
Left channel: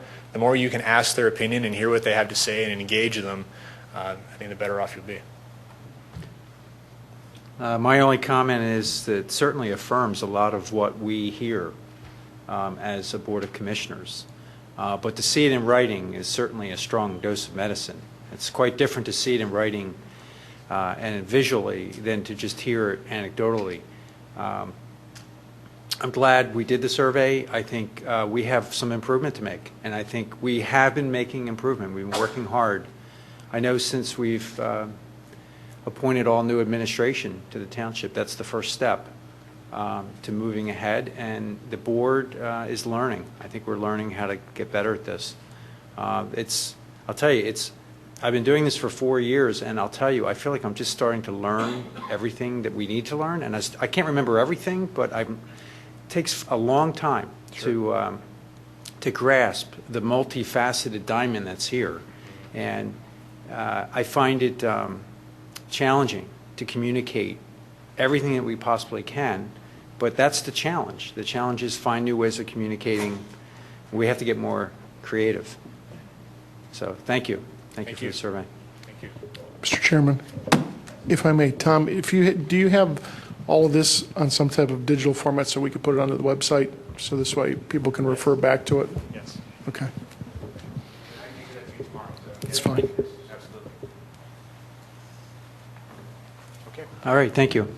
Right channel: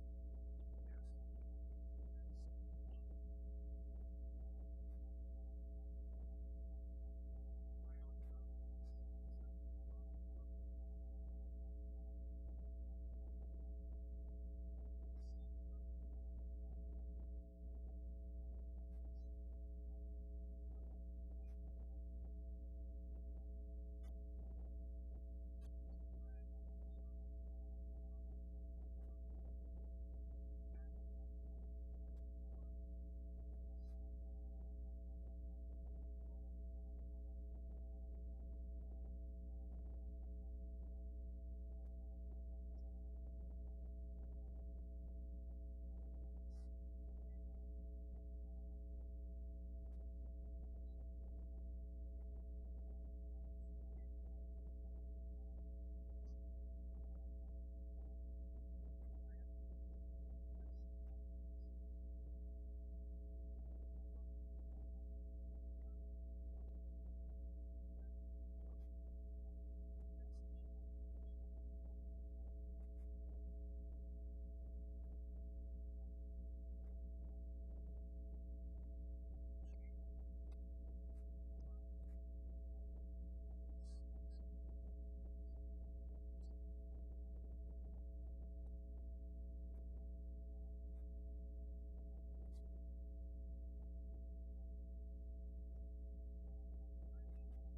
you can ask their opinion and hear what they have to say and engage them, I think the better off you'll be. My only comment is that it certainly affirms a lot of what we hear as a Board of Commissioners. But to see it in writing is certainly a strong dose of medicine. It's quite different to see it in writing and visually than to just hear it anecdotally. I'm glad we did the survey. I think we have some improvement to make, and I think we have been making improvement. We've been working hard. I know since we've appointed all new administration to the township, that's the first step to moving ahead, and the board is learning. I think we're learning how to get better at this. I'll tell you, I've been doing this for 4 years, and I'll tell you, I feel like I'm just starting to learn everything that we need to learn, and I can't remember everything, but it takes a long time to grasp the multifaceted diamond that's here, and I find it challenging to communicate everything that we possibly can, but that's the challenge. The challenge is find new ways of communicating. We have to get more creative. So thank you. Thank you for the survey. Thank you. Mr. Chairman, if I may, Tom, do you have all of this on some type of digital format so we could put it onto the website so this way people can refer back to it? Yes. Okay. It's fine. All right, thank you.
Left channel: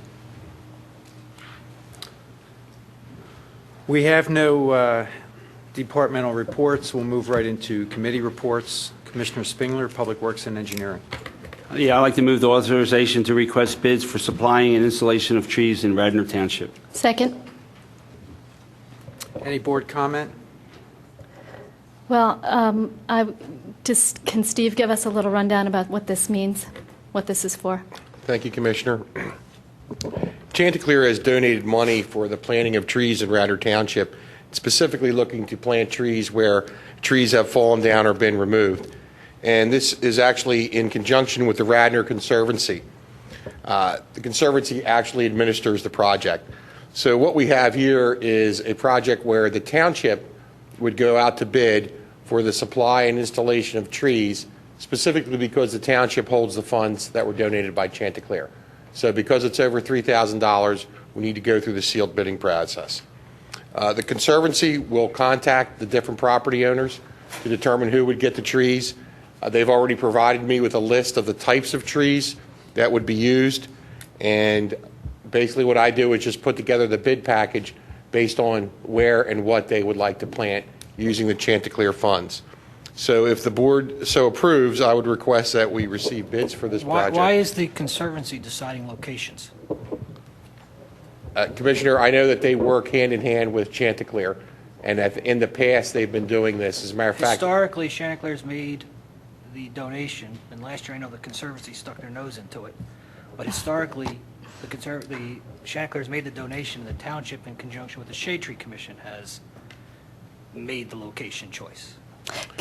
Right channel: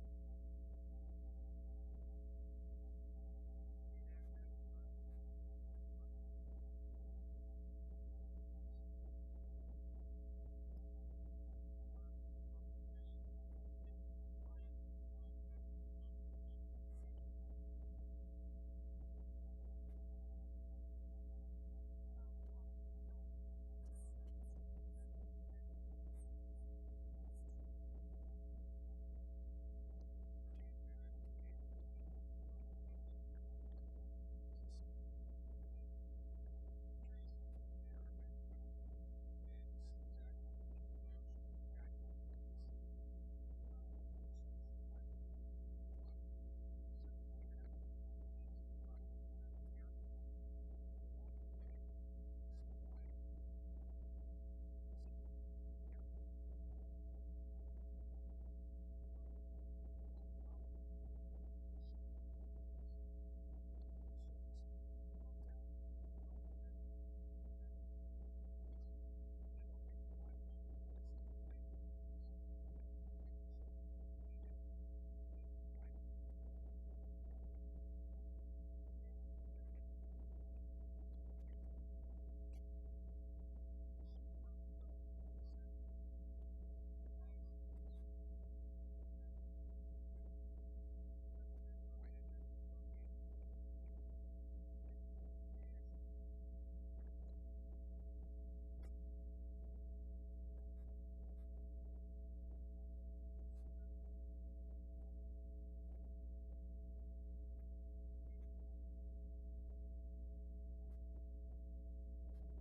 We have no departmental reports. We'll move right into committee reports. Commissioner Spingler, Public Works and Engineering. Yeah, I'd like to move the authorization to request bids for supplying and installation of trees in Radnor Township. Second. Any board comment? Well, can Steve give us a little rundown about what this means, what this is for? Thank you, Commissioner. Chanticleer has donated money for the planting of trees in Radnor Township, specifically looking to plant trees where trees have fallen down or been removed. And this is actually in conjunction with the Radnor Conservancy. The Conservancy actually administers the project. So what we have here is a project where the township would go out to bid for the supply and installation of trees, specifically because the township holds the funds that were donated by Chanticleer. So because it's over $3,000, we need to go through the sealed bidding process. The Conservancy will contact the different property owners to determine who would get the trees. They've already provided me with a list of the types of trees that would be used, and basically what I do is just put together the bid package based on where and what they would like to plant using the Chanticleer funds. So if the board so approves, I would request that we receive bids for this project. Why is the Conservancy deciding locations? Commissioner, I know that they work hand in hand with Chanticleer, and in the past they've been doing this. As a matter of fact, Historically, Chanticleer's made the donation, and last year I know the Conservancy stuck their nose into it. But historically, the Chanticleer's made the donation, and the township, in conjunction with the Shade Tree Commission, has made the location choice.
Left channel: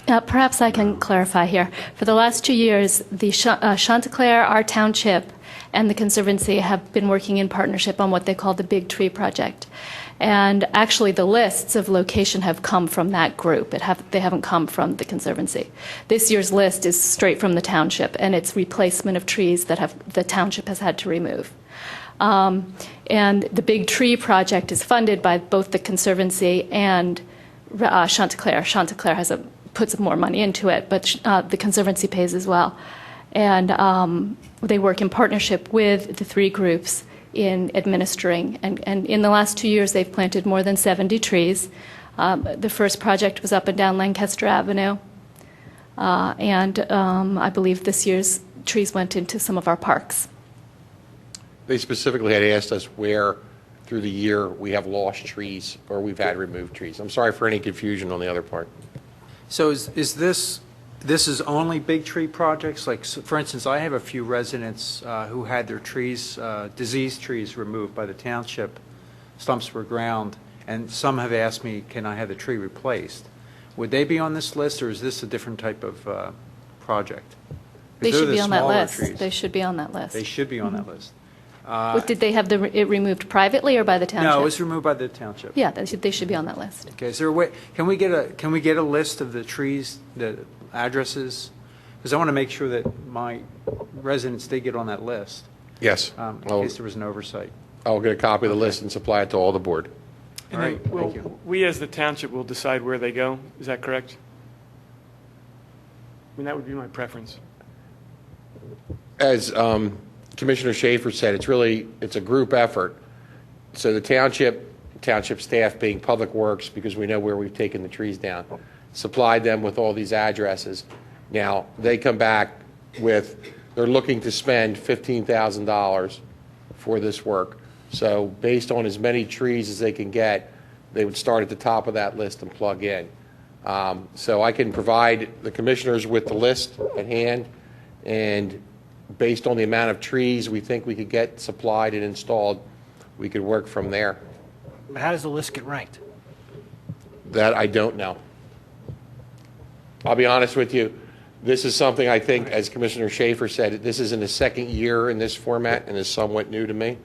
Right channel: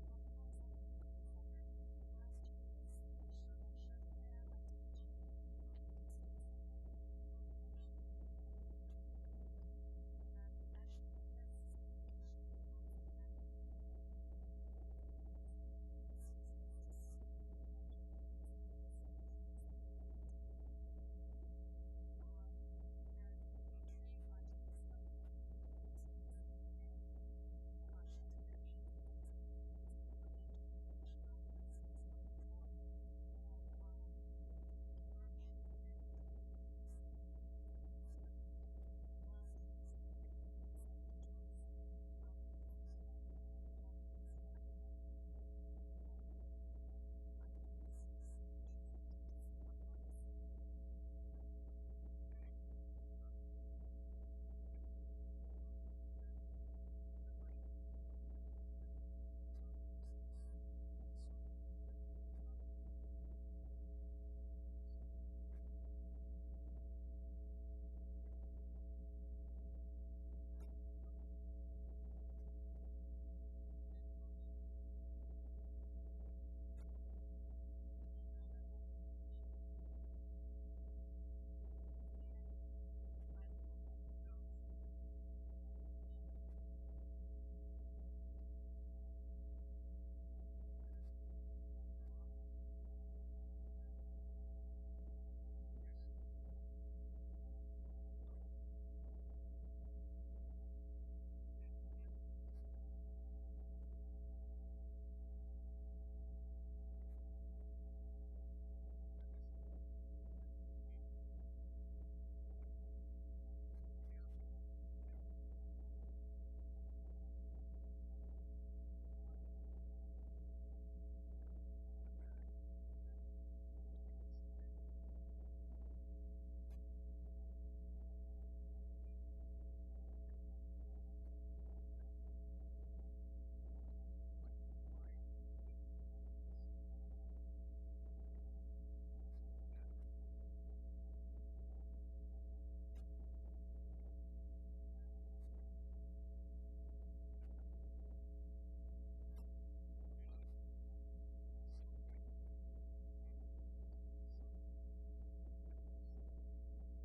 Perhaps I can clarify here. For the last 2 years, the Chanticleer, our township, and the Conservancy have been working in partnership on what they call the Big Tree Project. And actually, the lists of location have come from that group. They haven't come from the Conservancy. This year's list is straight from the township, and it's replacement of trees that the township has had to remove. And the Big Tree Project is funded by both the Conservancy and Chanticleer. Chanticleer puts more money into it, but the Conservancy pays as well. And they work in partnership with the three groups in administering. And in the last 2 years, they've planted more than 70 trees. The first project was up and down Lancaster Avenue. And I believe this year's trees went into some of our parks. they specifically had asked us where through the year we have lost trees or we've had removed trees. I'm sorry for any confusion on the other part. So is this is only big tree projects? Like, for instance, I have a few residents who had their trees, diseased trees removed by the township, stumps were ground, and some have asked me, can I have the tree replaced? Would they be on this list, or is this a different type of project? They They're should the be on that smaller list. trees. They should be on that list. They should be on that list. Did they have it removed privately or by the township? No, it was removed by the township. Yeah, they should be on that list. Okay, is there a way, can we get a list of the trees, the addresses? Because I want to make sure that my residents, they get on that list, Yes. in case there was an oversight. I'll get a copy of the list and supply it to all the board. All right, thank you. We as the township will decide where they go, is that correct? I mean, that would be my preference. As Commissioner Schaefer said, it's a group effort. So the township staff being Public Works, because we know where we've taken the trees down, supplied them with all these addresses. Now, they come back they're looking to spend $15,000 for this work. So based on as many trees as they can get, they would start at the top of that list and plug in. So I can provide the commissioners with the list at hand, and based on the amount of trees we think we could get supplied and installed, we could work from there. How does the list get ranked? That I don't know. I'll be honest with you. This is something I think, as Commissioner Schaefer said, this is in the second year in this format and is somewhat new to me.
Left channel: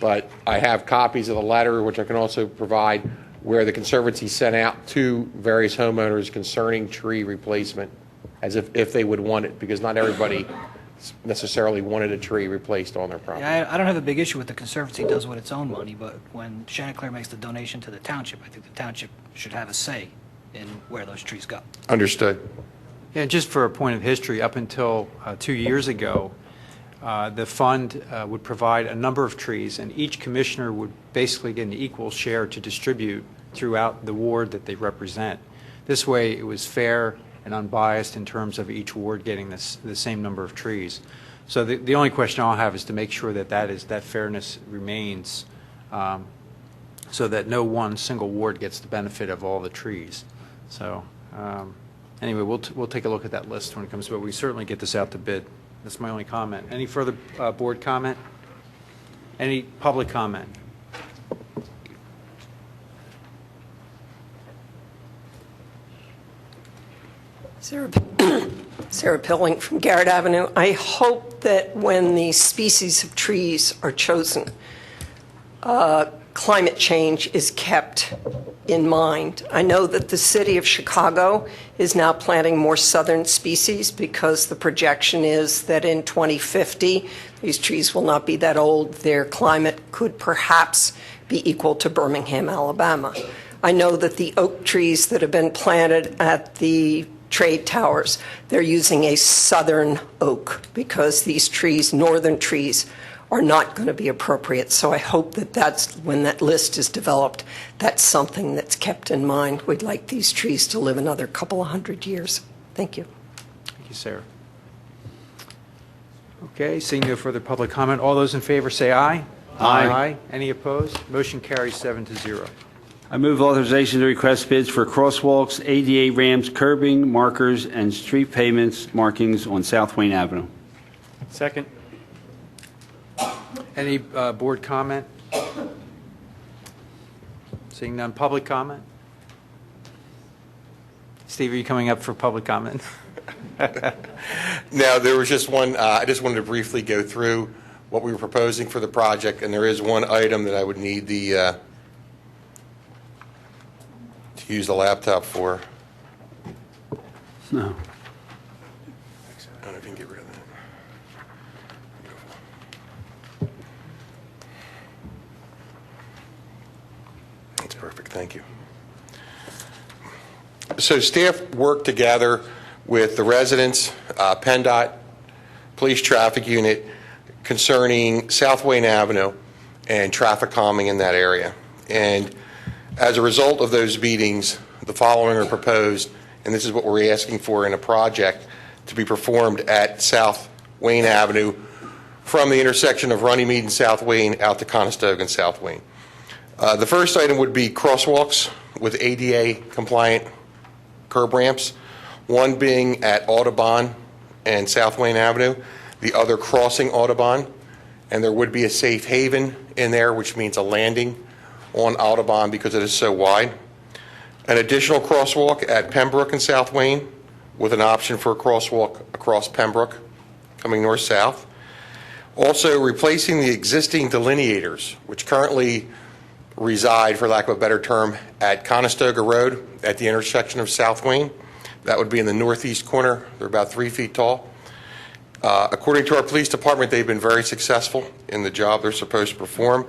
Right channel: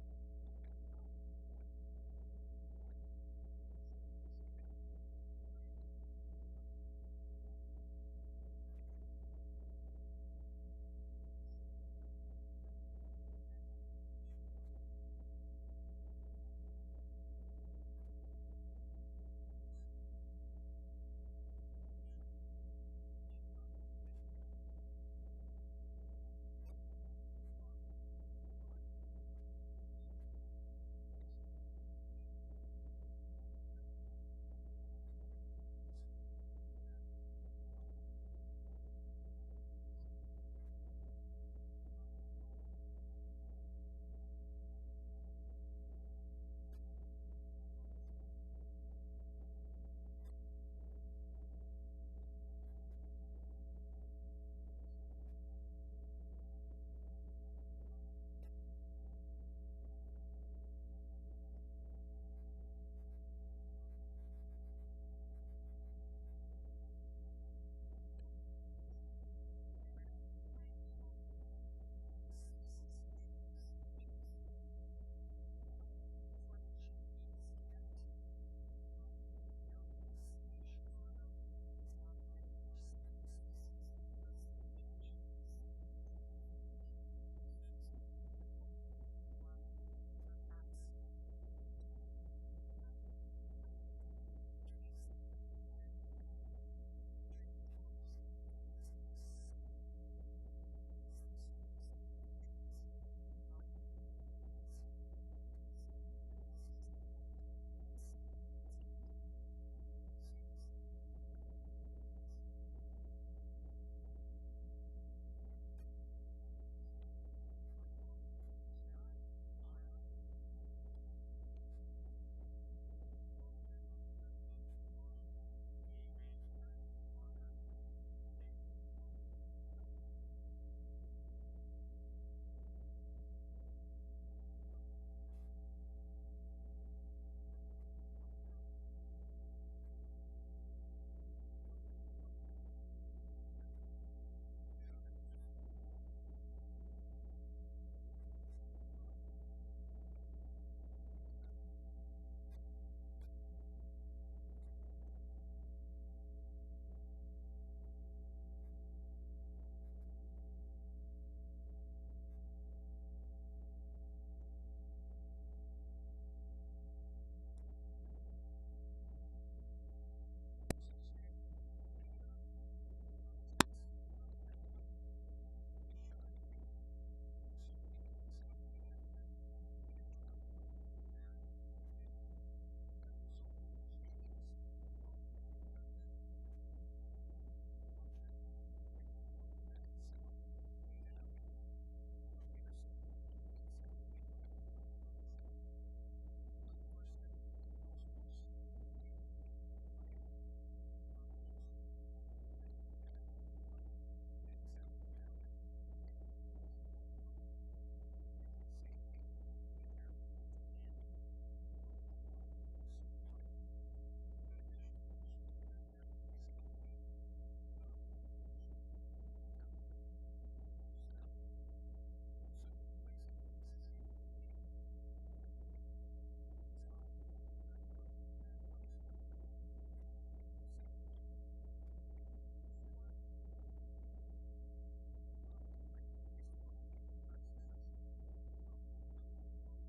But I have copies of the letter, which I can also provide, where the Conservancy sent out to various homeowners concerning tree replacement, as if they would want it, because not everybody necessarily wanted a tree replaced on their property. Yeah, I don't have a big issue with the Conservancy does with its own money, but when Chanticleer makes the donation to the township, I think the township should have a say in where those trees go. Understood. Yeah, just for a point of history, up until 2 years ago, the fund would provide a number of trees, and each commissioner would basically get an equal share to distribute throughout the ward that they represent. This way, it was fair and unbiased in terms of each ward getting the same number of trees. So the only question I'll have is to make sure that fairness remains, so that no one single ward gets the benefit of all the trees. So anyway, we'll take a look at that list when it comes to it. We certainly get this out to bid. That's my only comment. Any further board comment? Any public comment? Sarah Pilling from Garrett Avenue. I hope that when the species of trees are chosen, climate change is kept in mind. I know that the city of Chicago is now planting more southern species because the projection is that in 2050, these trees will not be that old. Their climate could perhaps be equal to Birmingham, Alabama. I know that the oak trees that have been planted at the trade towers, they're using a southern oak because these trees, northern trees, are not going to be appropriate. So I hope that that's, when that list is developed, that's something that's kept in mind. We'd like these trees to live another couple of hundred years. Thank you. Thank you, Sarah. Okay, seeing no further public comment, all those in favor say aye. Aye. Any opposed? Motion carries 7-0. I move authorization to request bids for crosswalks, ADA ramps, curbing, markers, and street pavements markings on South Wayne Avenue. Second. Any board comment? Seeing none, public comment? Steve, are you coming up for public comment? Now, there was just one, I just wanted to briefly go through what we were proposing for the project, and there is one item that I would need the, to use the laptop for. No. I don't know if you can get rid of that. That's perfect, thank you. So staff worked together with the residents, PennDOT, Police Traffic Unit, concerning South Wayne Avenue and traffic calming in that area. And as a result of those meetings, the following are proposed, and this is what we're asking for in a project to be performed at South Wayne Avenue from the intersection of Runnymede and South Wayne out to Conestoga and South Wayne. The first item would be crosswalks with ADA compliant curb ramps, one being at Audubon and South Wayne Avenue, the other crossing Audubon, and there would be a safe haven in there, which means a landing on Audubon because it is so wide. An additional crosswalk at Pembroke and South Wayne with an option for a crosswalk across Pembroke coming north-south. Also replacing the existing delineators, which currently reside, for lack of a better term, at Conestoga Road at the intersection of South Wayne. That would be in the northeast corner. They're about 3 feet tall. According to our police department, they've been very successful in the job they're supposed to perform.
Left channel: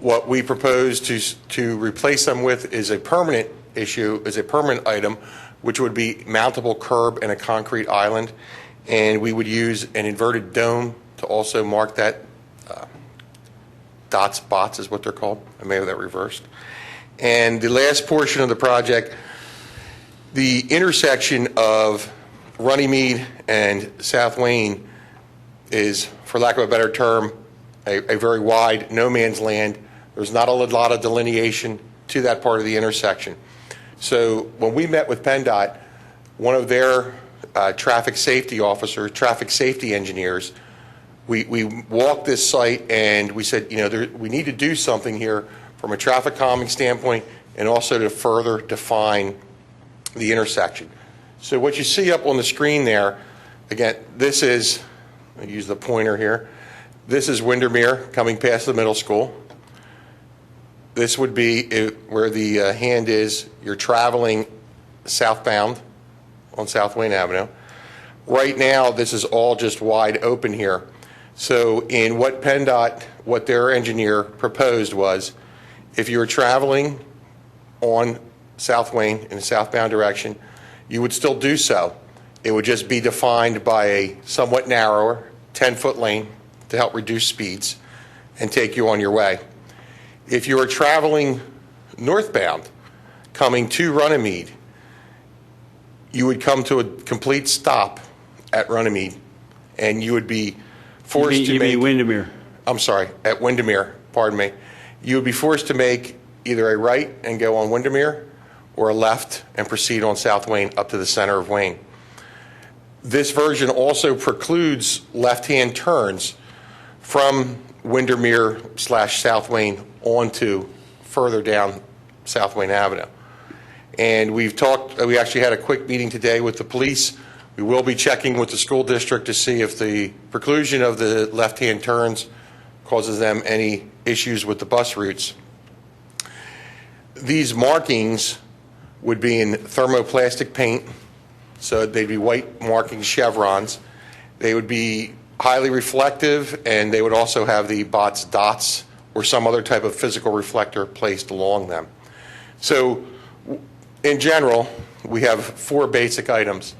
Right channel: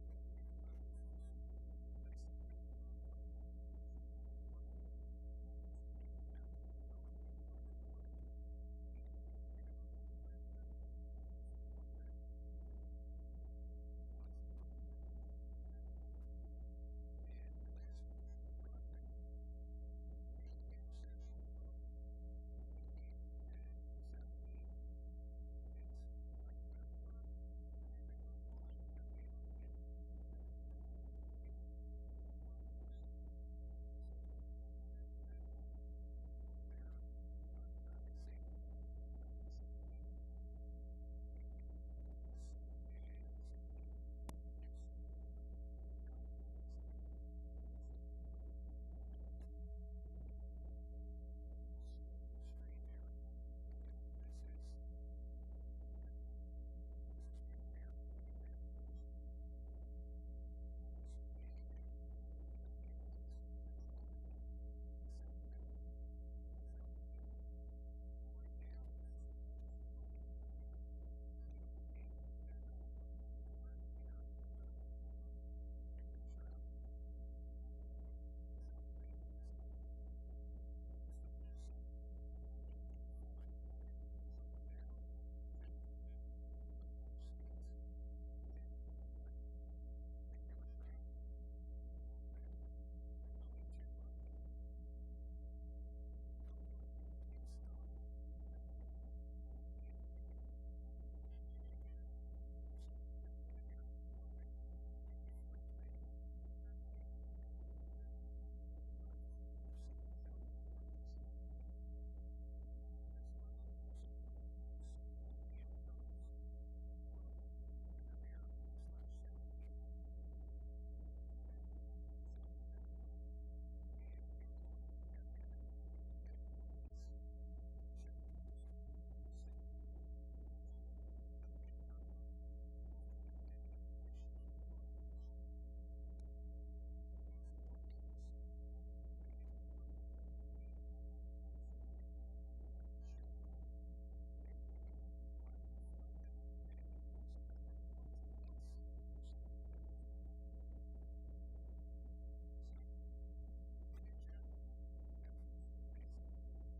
What we propose to replace them with is a permanent issue, is a permanent item, which would be mountable curb and a concrete island. And we would use an inverted dome to also mark that. Dot spots is what they're called. I may have that reversed. And the last portion of the project, the intersection of Runnymede and South Wayne is, for lack of a better term, a very wide no man's land. There's not a lot of delineation to that part of the intersection. So when we met with PennDOT, one of their traffic safety officers, traffic safety engineers, we walked this site and we said, you know, we need to do something here from a traffic calming standpoint and also to further define the intersection. So what you see up on the screen there, again, this is, I'll use the pointer here, this is Windermere coming past the middle school. This would be where the hand is, you're traveling southbound on South Wayne Avenue. Right now, this is all just wide open here. So in what PennDOT, what their engineer proposed was, if you were traveling on South Wayne in a southbound direction, you would still do so. It would just be defined by a somewhat narrower 10-foot lane to help reduce speeds and take you on your way. If you were traveling northbound, coming to Runnymede, you would come to a complete stop at Runnymede, and you would be forced to make... You mean Windermere? I'm sorry, at Windermere, pardon me. You would be forced to make either a right and go on Windermere or a left and proceed on South Wayne up to the center of Wayne. This version also precludes left-hand turns from Windermere / South Wayne onto further down South Wayne Avenue. And we actually had a quick meeting today with the police. We will be checking with the school district to see if the preclusion of the left-hand turns causes them any issues with the bus routes. These markings would be in thermoplastic paint, so they'd be white marking chevrons. They would be highly reflective, and they would also have the BOTS dots or some other type of physical reflector placed along them. So in general, we have 4 basic items.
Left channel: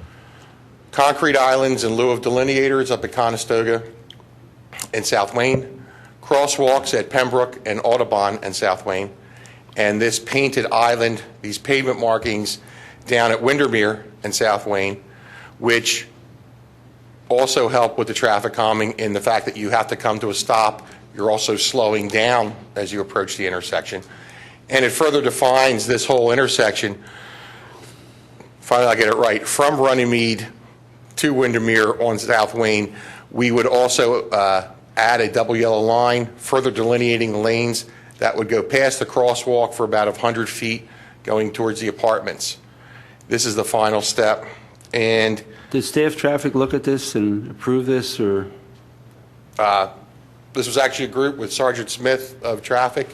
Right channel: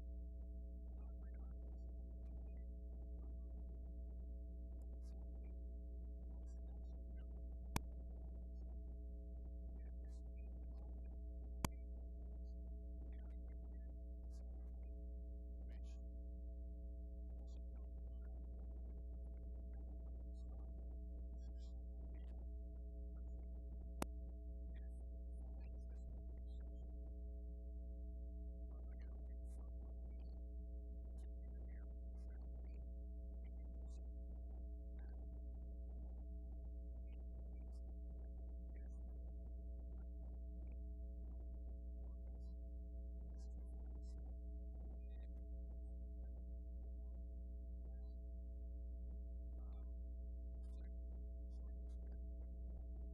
Concrete islands in lieu of delineators up at Conestoga and South Wayne, crosswalks at Pembroke and Audubon and South Wayne, and this painted island, these pavement markings down at Windermere and South Wayne, which also help with the traffic calming in the fact that you have to come to a stop. You're also slowing down as you approach the intersection. And it further defines this whole intersection. Finally, I get it right. From Runnymede to Windermere on South Wayne, we would also add a double yellow line, further delineating the lanes that would go past the crosswalk for about 100 feet going towards the apartments. This is the final step. And did staff traffic look at this and approve this, or? This was actually a group with Sergeant Smith of traffic,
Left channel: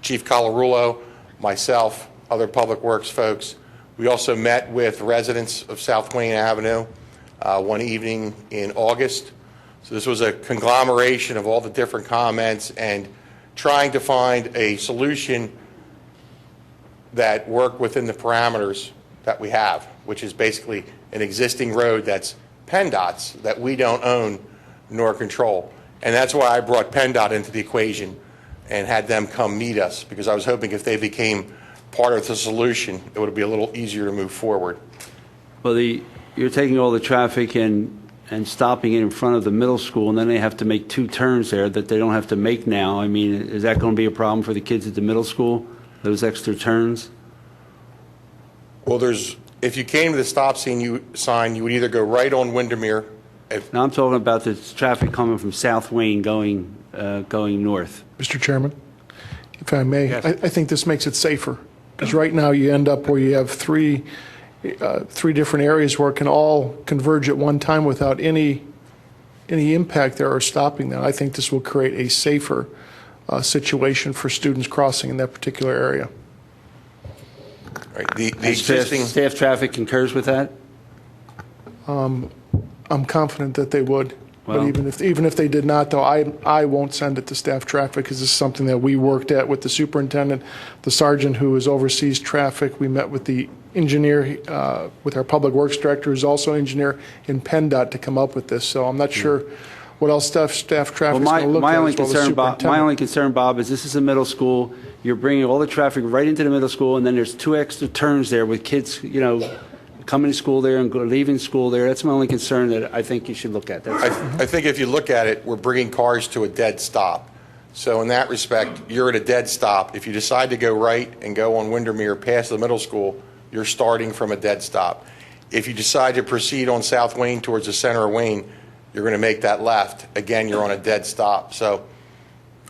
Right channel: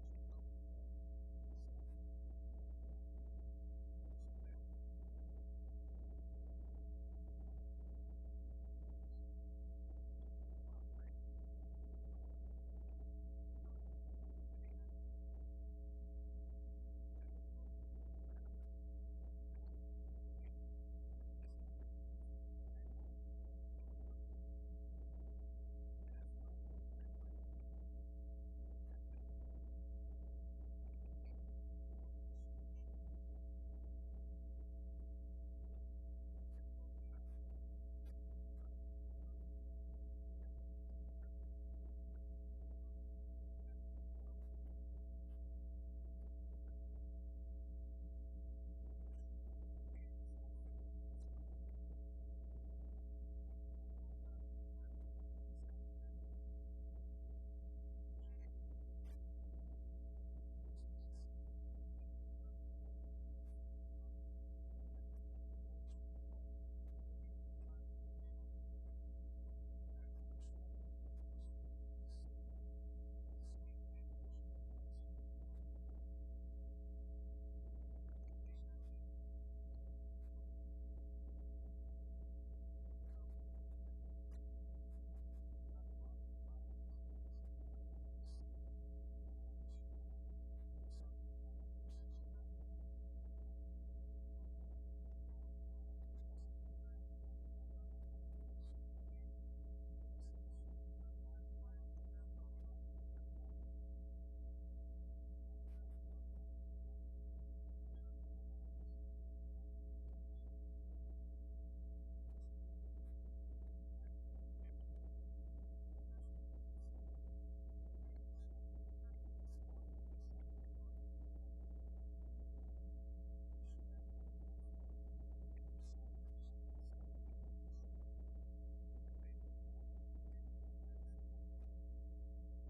Chief Colarulo, myself, other public works folks. We also met with residents of South Wayne Avenue one evening in August. So this was a conglomeration of all the different comments and trying to find a solution that worked within the parameters that we have, which is basically an existing road that's PennDOT's that we don't own nor control. And that's why I brought PennDOT into the equation and had them come meet us, because I was hoping if they became part of the solution, it would be a little easier to move forward. Well, you're taking all the traffic and stopping it in front of the middle school, and then they have to make 2 turns there that they don't have to make now. I mean, is that going to be a problem for the kids at the middle school, those extra turns? Well, if you came to the stop sign, you would either go right on Windermere. Now I'm talking about the traffic coming from South Wayne going north. Mr. Chairman, if I may, Yes. I think this makes it safer, because right now you end up where you have three different areas where it can all converge at one time without any impact there or stopping that. I think this will create a safer situation for students crossing in that particular area. Right. The And existing staff traffic concurs with that? I'm confident that they would. Well- But even if they did not, though, I won't send it to staff traffic, because this is something that we worked at with the superintendent, the sergeant who oversees traffic. We met with the engineer, with our public works director, who's also engineer in PennDOT, to come up with this. So I'm not sure what else staff traffic is going to look my at, only as well as concern, Bob, superintendent. my only concern, Bob, is this is a middle school. You're bringing all the traffic right into the middle school, and then there's 2 extra turns there with kids, coming to school there and leaving school there. That's my only concern that I think you should look at. That's I think if you look at it, we're bringing cars to a dead stop. So in that respect, you're at a dead stop. If you decide to go right and go on Windermere past the middle school, you're starting from a dead stop. If you decide to proceed on South Wayne towards the center of Wayne, you're going to make that left. Again, you're on a dead stop. So,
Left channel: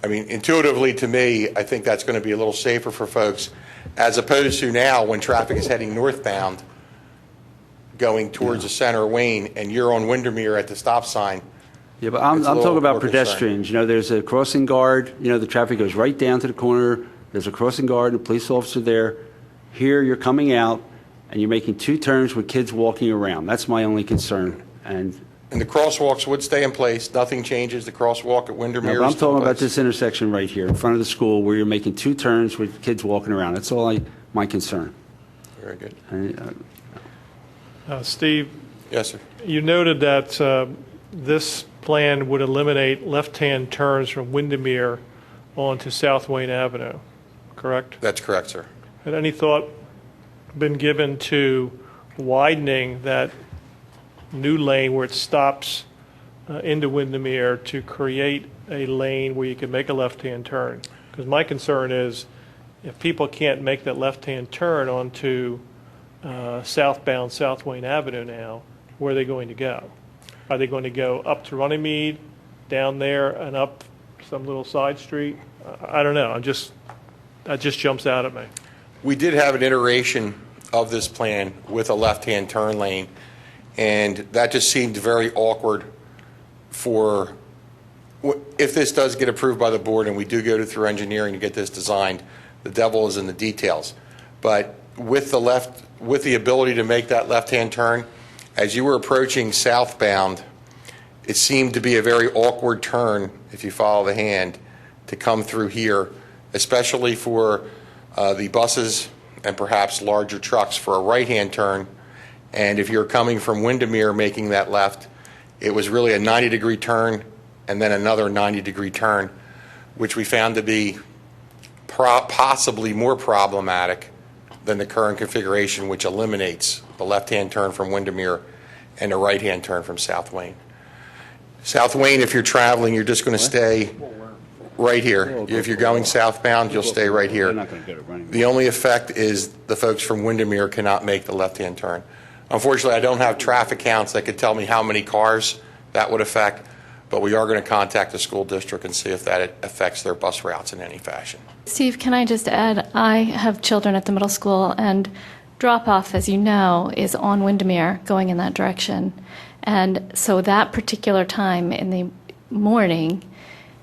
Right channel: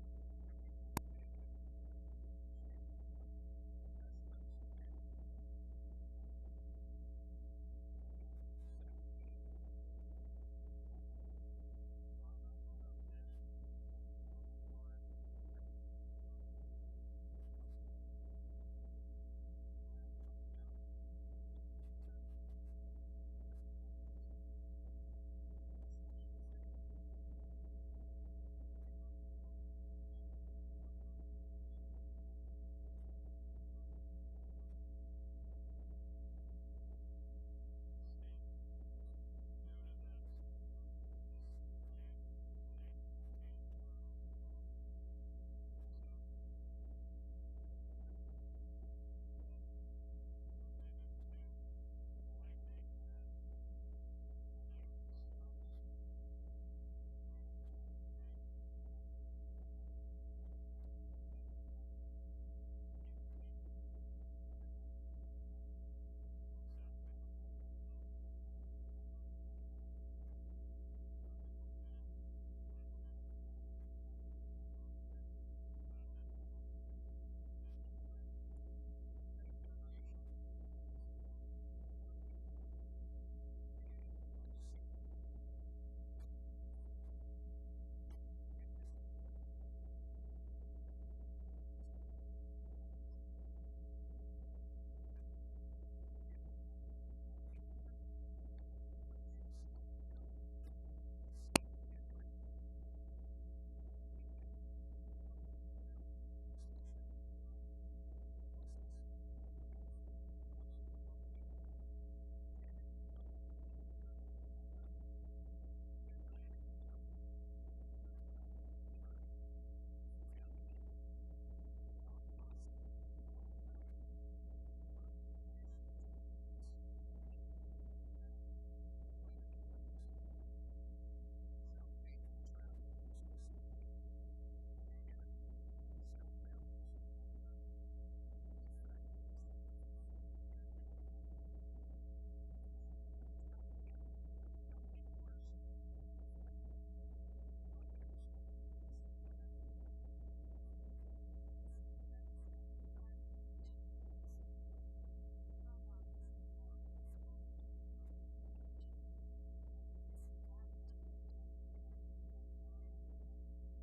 I mean, intuitively to me, I think that's going to be a little safer for folks, as opposed to now when traffic is heading northbound, going towards the center of Wayne, and you're on Windermere at the stop sign. Yeah, but I'm It's a little talking about more concerning. pedestrians. There's a crossing guard. The traffic goes right down to the corner. There's a crossing guard and a police officer there. Here, you're coming out, and you're making 2 turns with kids walking around. That's my only concern. And the crosswalks would stay in place. Nothing changes. The crosswalk at Windermere but I'm is still in talking about place. this intersection right here in front of the school where you're making 2 turns with kids walking around. That's all my concern. Very good. And, Steve, Yes, sir. you noted that this plan would eliminate left-hand turns from Windermere onto South Wayne Avenue, correct? That's correct, sir. Had any thought been given to widening that new lane where it stops into Windermere to create a lane where you can make a left-hand turn? Because my concern is if people can't make that left-hand turn onto southbound South Wayne Avenue now, where are they going to go? Are they going to go up to Runnymede, down there, and up some little side street? I don't know. That just jumps out at me. We did have an iteration of this plan with a left-hand turn lane, and that just seemed very awkward for, if this does get approved by the board and we do go through engineering to get this designed, the devil is in the details. But with the ability to make that left-hand turn, as you were approaching southbound, it seemed to be a very awkward turn, if you follow the hand, to come through here, especially for the buses and perhaps larger trucks for a right-hand turn. And if you're coming from Windermere making that left, it was really a 90-degree turn and then another 90-degree turn, which we found to be possibly more problematic than the current configuration, which eliminates the left-hand turn from Windermere and a right-hand turn from South Wayne. South Wayne, if you're traveling, you're just going to stay right here. If you're going southbound, you'll stay right here. The only effect is the folks from Windermere cannot make the left-hand turn. Unfortunately, I don't have traffic counts that could tell me how many cars that would affect, but we are going to contact the school district and see if that affects their bus routes in any fashion. Steve, can I just add, I have children at the middle school, and drop-off, as you know, is on Windermere going in that direction. And so that particular time in the morning,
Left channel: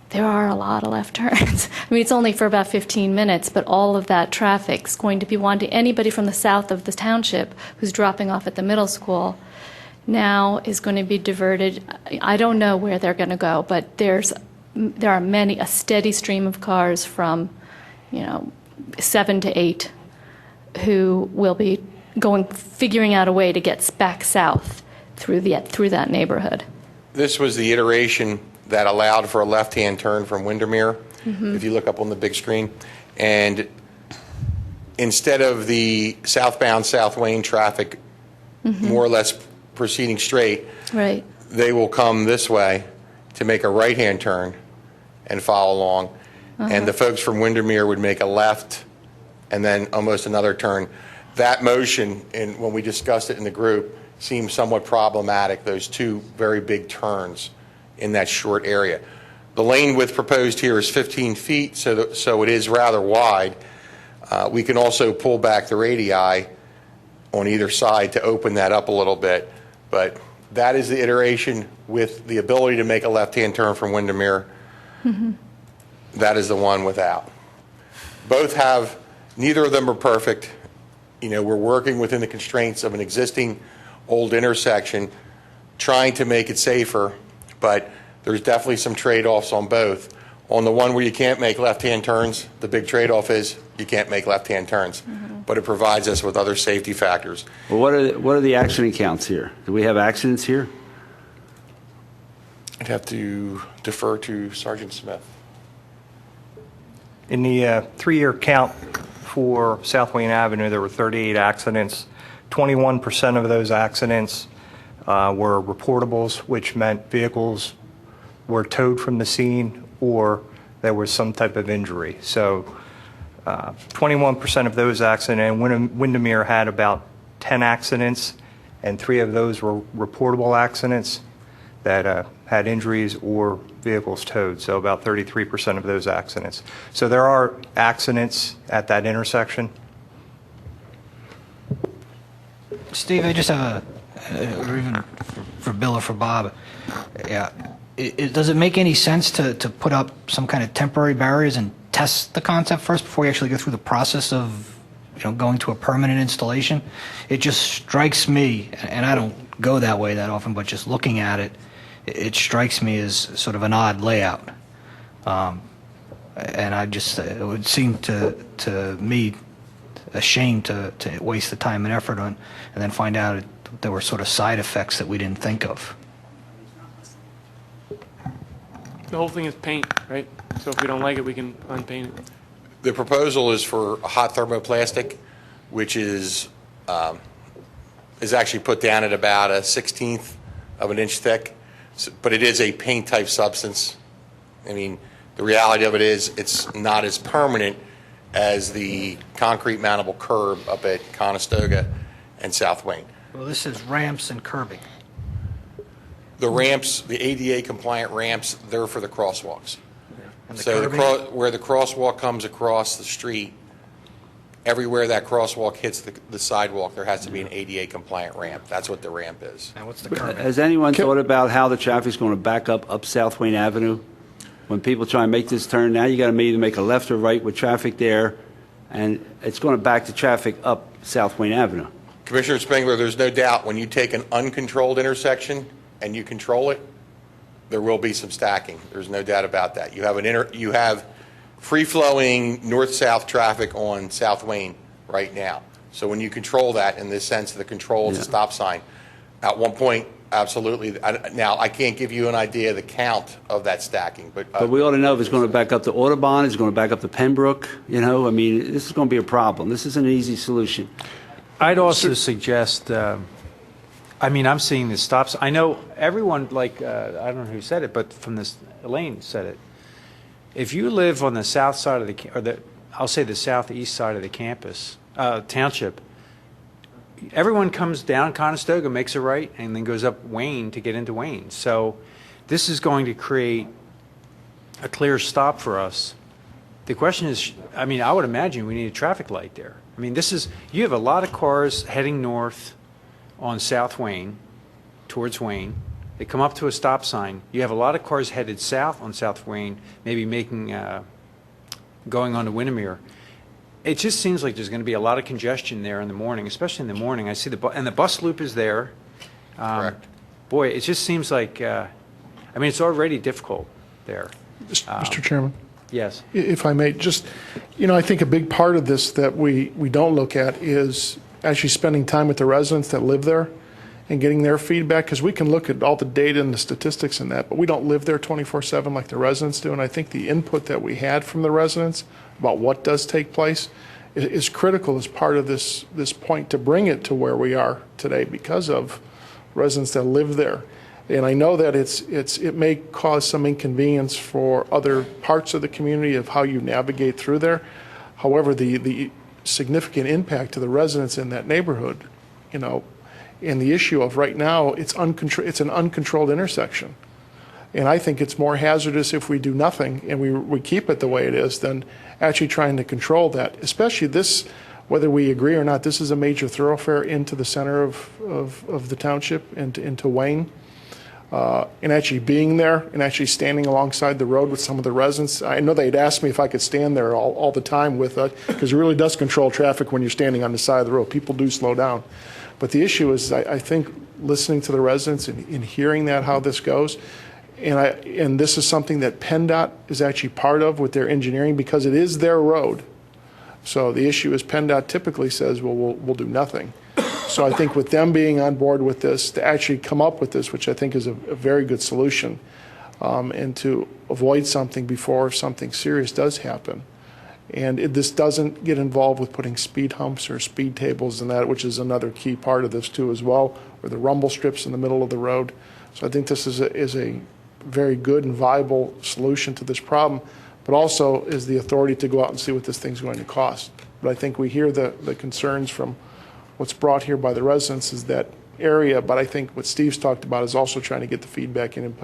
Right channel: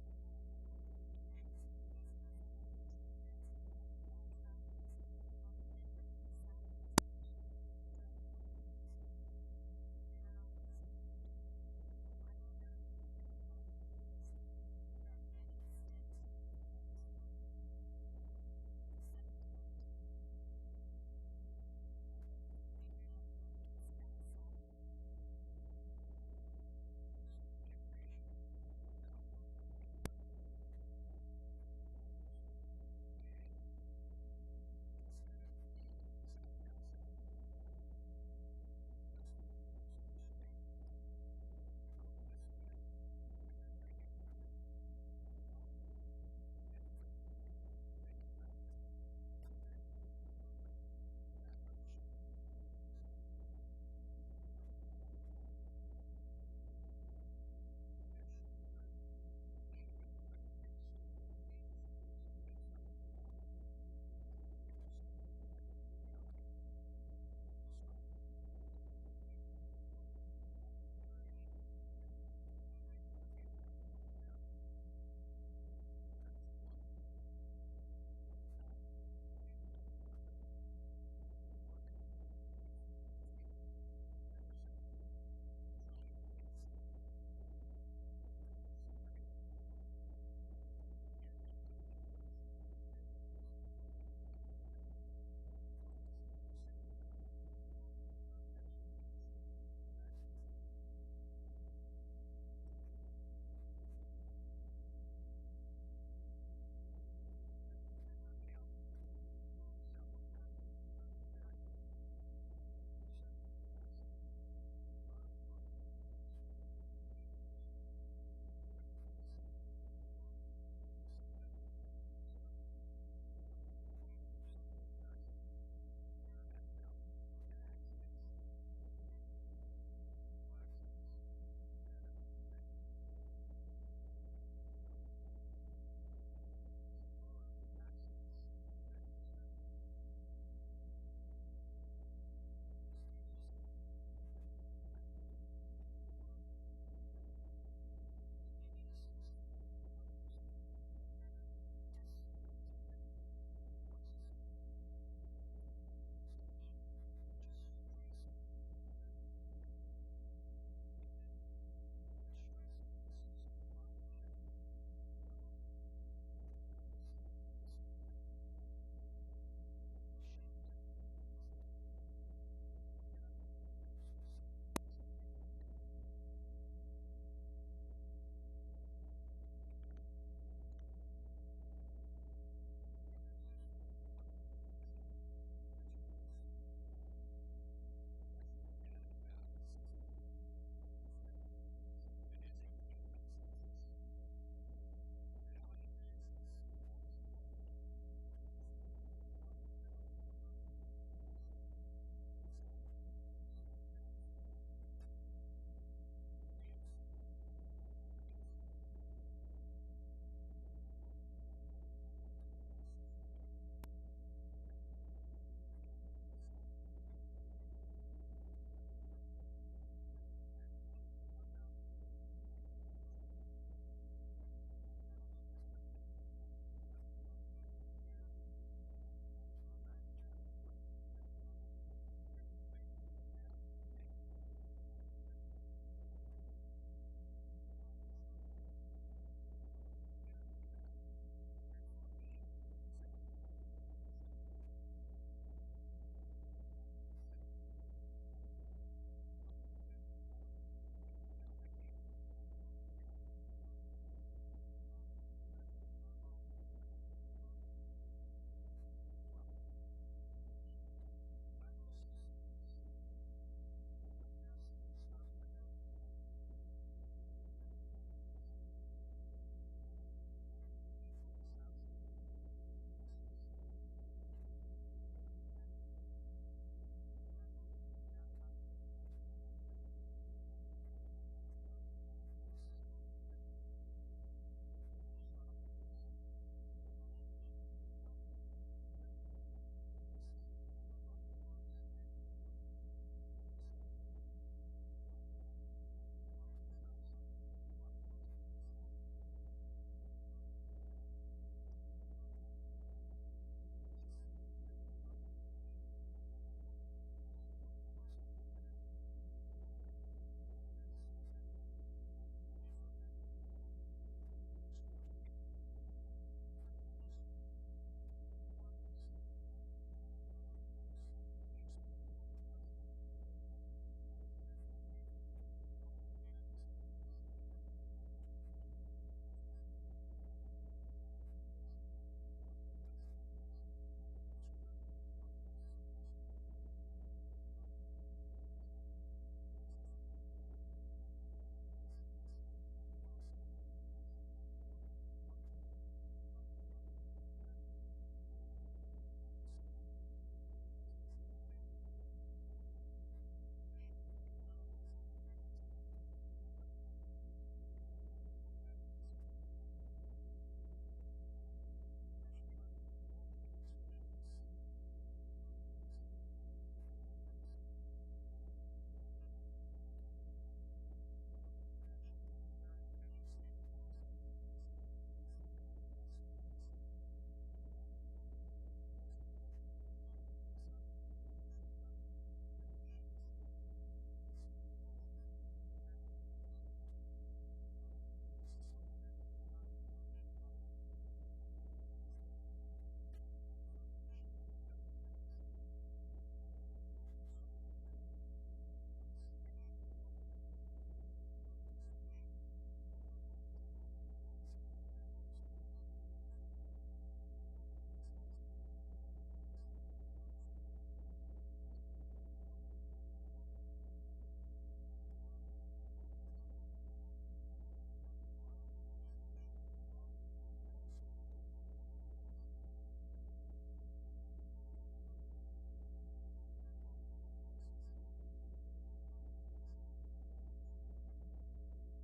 there are a lot of left turns. I mean, it's only for about 15 minutes, but all of that traffic is going to be wanting. Anybody from the south of the township who's dropping off at the middle school now is going to be diverted. I don't know where they're going to go, but there are a steady stream of cars from, 7 to 8 who will be figuring out a way to get back south through that neighborhood. This was the iteration that allowed for a left-hand turn from Windermere, if you look up on the big screen. And instead of the southbound South Wayne traffic more or less proceeding straight, right, they will come this way to make a right-hand turn and follow along. And the folks from Windermere would make a left and then almost another turn. That motion, and when we discussed it in the group, seemed somewhat problematic, those two very big turns in that short area. The lane width proposed here is 15 feet, so it is rather wide. We can also pull back the radii on either side to open that up a little bit, but that is the iteration with the ability to make a left-hand turn from Windermere. That is the one without. Neither of them are perfect. We're working within the constraints of an existing old intersection, trying to make it safer, but there's definitely some trade-offs on both. On the one where you can't make left-hand turns, the big trade-off is you can't make left-hand turns, but it provides us with other safety factors. Well, what are the accident counts here? Do we have accidents here? I'd have to defer to Sergeant Smith. In the three-year count for South Wayne Avenue, there were 38 accidents. 21% of those accidents were reportables, which meant vehicles were towed from the scene or there was some type of injury. So 21% of those accidents, Windermere had about 10 accidents, and 3 of those were reportable accidents that had injuries or vehicles towed, so about 33% of those accidents. So there are accidents at that intersection. Steve, I just have or even for Bill or for Bob, does it make any sense to put up some kind of temporary barriers and test the concept first before you actually go through the process of going to a permanent installation? It just strikes me, and I don't go that way that often, but just looking at it, it strikes me as sort of an odd layout. And it would seem to me a shame to waste the time and effort on, and then find out there were sort of side effects that we didn't think of. The whole thing is paint, right? So if we don't like it, we can unpaint it. The proposal is for a hot thermoplastic, which is actually put down at about a 1/16 of an inch thick, but it is a paint-type substance. I mean, the reality of it is it's not as permanent as the concrete mountable curb up at Conestoga and South Wayne. Well, this is ramps and curbing. The ramps, the ADA compliant ramps, they're for the crosswalks. So where the crosswalk comes across the street, everywhere that crosswalk hits the sidewalk, there has to be an ADA compliant ramp. That's what the ramp is. And what's the current? Has anyone thought about how the traffic's going to back up South Wayne Avenue? When people try and make this turn, now you got to either make a left or right with traffic there, and it's going to back the traffic up South Wayne Avenue. Commissioner Spengler, there's no doubt when you take an uncontrolled intersection and you control it, there will be some stacking. There's no doubt about that. You have free-flowing north-south traffic on South Wayne right now. So when you control that in the sense of the control of the stop sign, at one point, absolutely. Now, I can't give you an idea of the count of that stacking, But we ought to know if it's going to back up to Audubon, it's going to back up to Pembroke, you know? I mean, this is going to be a problem. This isn't an easy solution. I'd also suggest, I mean, I'm seeing the stops. I know everyone, like, I don't know who said it, but from this, Elaine said it. If you live on the south side of I'll say the southeast side of the campus, township, everyone comes down Conestoga, makes a right, and then goes up Wayne to get into Wayne. So this is going to create a clear stop for us. The question is, I mean, I would imagine we need a traffic light there. I mean, you have a lot of cars heading north on South Wayne, towards Wayne. They come up to a stop sign. You have a lot of cars headed south on South Wayne, maybe going on to Windermere. It just seems like there's going to be a lot of congestion there in the morning, especially in the morning. I see and the bus loop is there. Correct. Boy, it just seems like, I mean, it's already difficult there. Mr. Chairman, Yes. if I may, just, I think a big part of this that we don't look at is actually spending time with the residents that live there and getting their feedback, because we can look at all the data and the statistics and that, but we don't live there 24/7 like the residents do. And I think the input that we had from the residents about what does take place is critical as part of this point to bring it to where we are today because of residents that live there. And I know that it may cause some inconvenience for other parts of the community of how you navigate through there. However, the significant impact to the residents in that neighborhood, and the issue of right now, it's an uncontrolled intersection. And I think it's more hazardous if we do nothing and we keep it the way it is than actually trying to control that. Especially this, whether we agree or not, this is a major thoroughfare into the center of the township, into Wayne. And actually being there and actually standing alongside the road with some of the residents. I know they'd asked me if I could stand there all the time with it, because it really does control traffic when you're standing on the side of the road. People do slow down. But the issue is, I think, listening to the residents and hearing how this goes, and this is something that PennDOT is actually part of with their engineering because it is their road. So the issue is PennDOT typically says, well, we'll do nothing. So I think with them being on board with this, to actually come up with this, which I think is a very good solution, and to avoid something before something serious does happen. And this doesn't get involved with putting speed humps or speed tables and that, which is another key part of this too as well, or the rumble strips in the middle of the road. So I think this is a very good and viable solution to this problem, but also is the authority to go out and see what this thing's going to cost. But I think we hear the concerns from what's brought here by the residents is that area, but I think what Steve's talked about is also trying to get the feedback and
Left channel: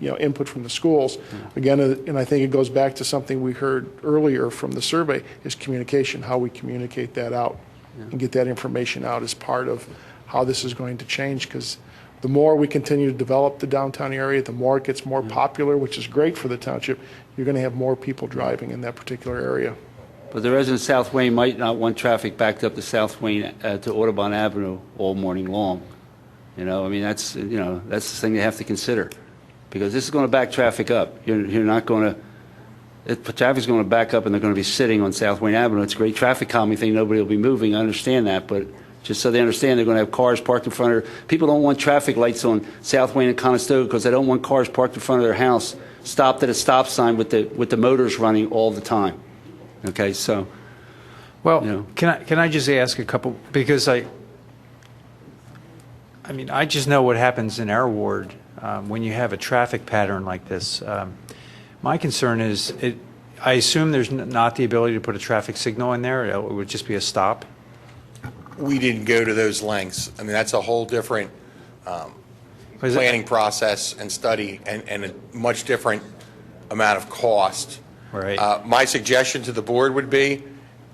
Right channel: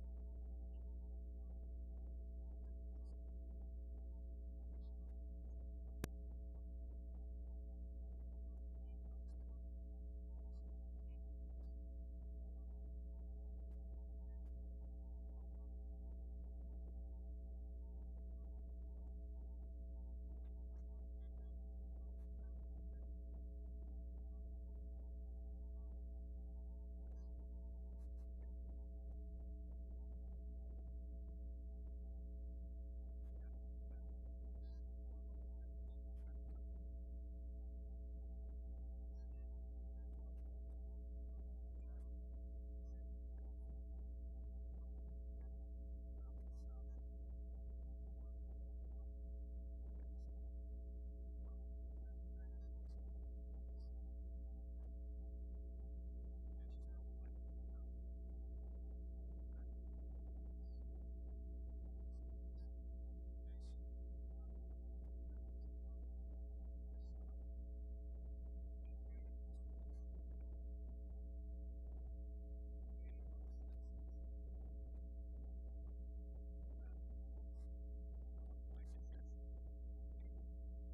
input from the schools. Again, and I think it goes back to something we heard earlier from the survey, is communication, how we communicate that out and get that information out as part of how this is going to change, because the more we continue to develop the downtown area, the more it gets more popular, which is great for the township. You're going to have more people driving in that particular area. But the residents of South Wayne might not want traffic backed up to South Wayne, to Audubon Avenue all morning long. I mean, that's the thing they have to consider, because this is going to back traffic up. You're not going to, traffic's going to back up and they're going to be sitting on South Wayne Avenue. It's a great traffic calming thing. Nobody will be moving. I understand that, but just so they understand, they're going to have cars parked in front of people don't want traffic lights on South Wayne and Conestoga because they don't want cars parked in front of their house stopped at a stop sign with the motors running all the time. Okay, so, well, can I just ask a couple, because I mean, I just know what happens in our ward when you have a traffic pattern like this. My concern is, I assume there's not the ability to put a traffic signal in there. It would just be a stop. We didn't go to those lengths. I mean, that's a whole different planning process and study and a much different amount of cost. Right. My suggestion to the board would be,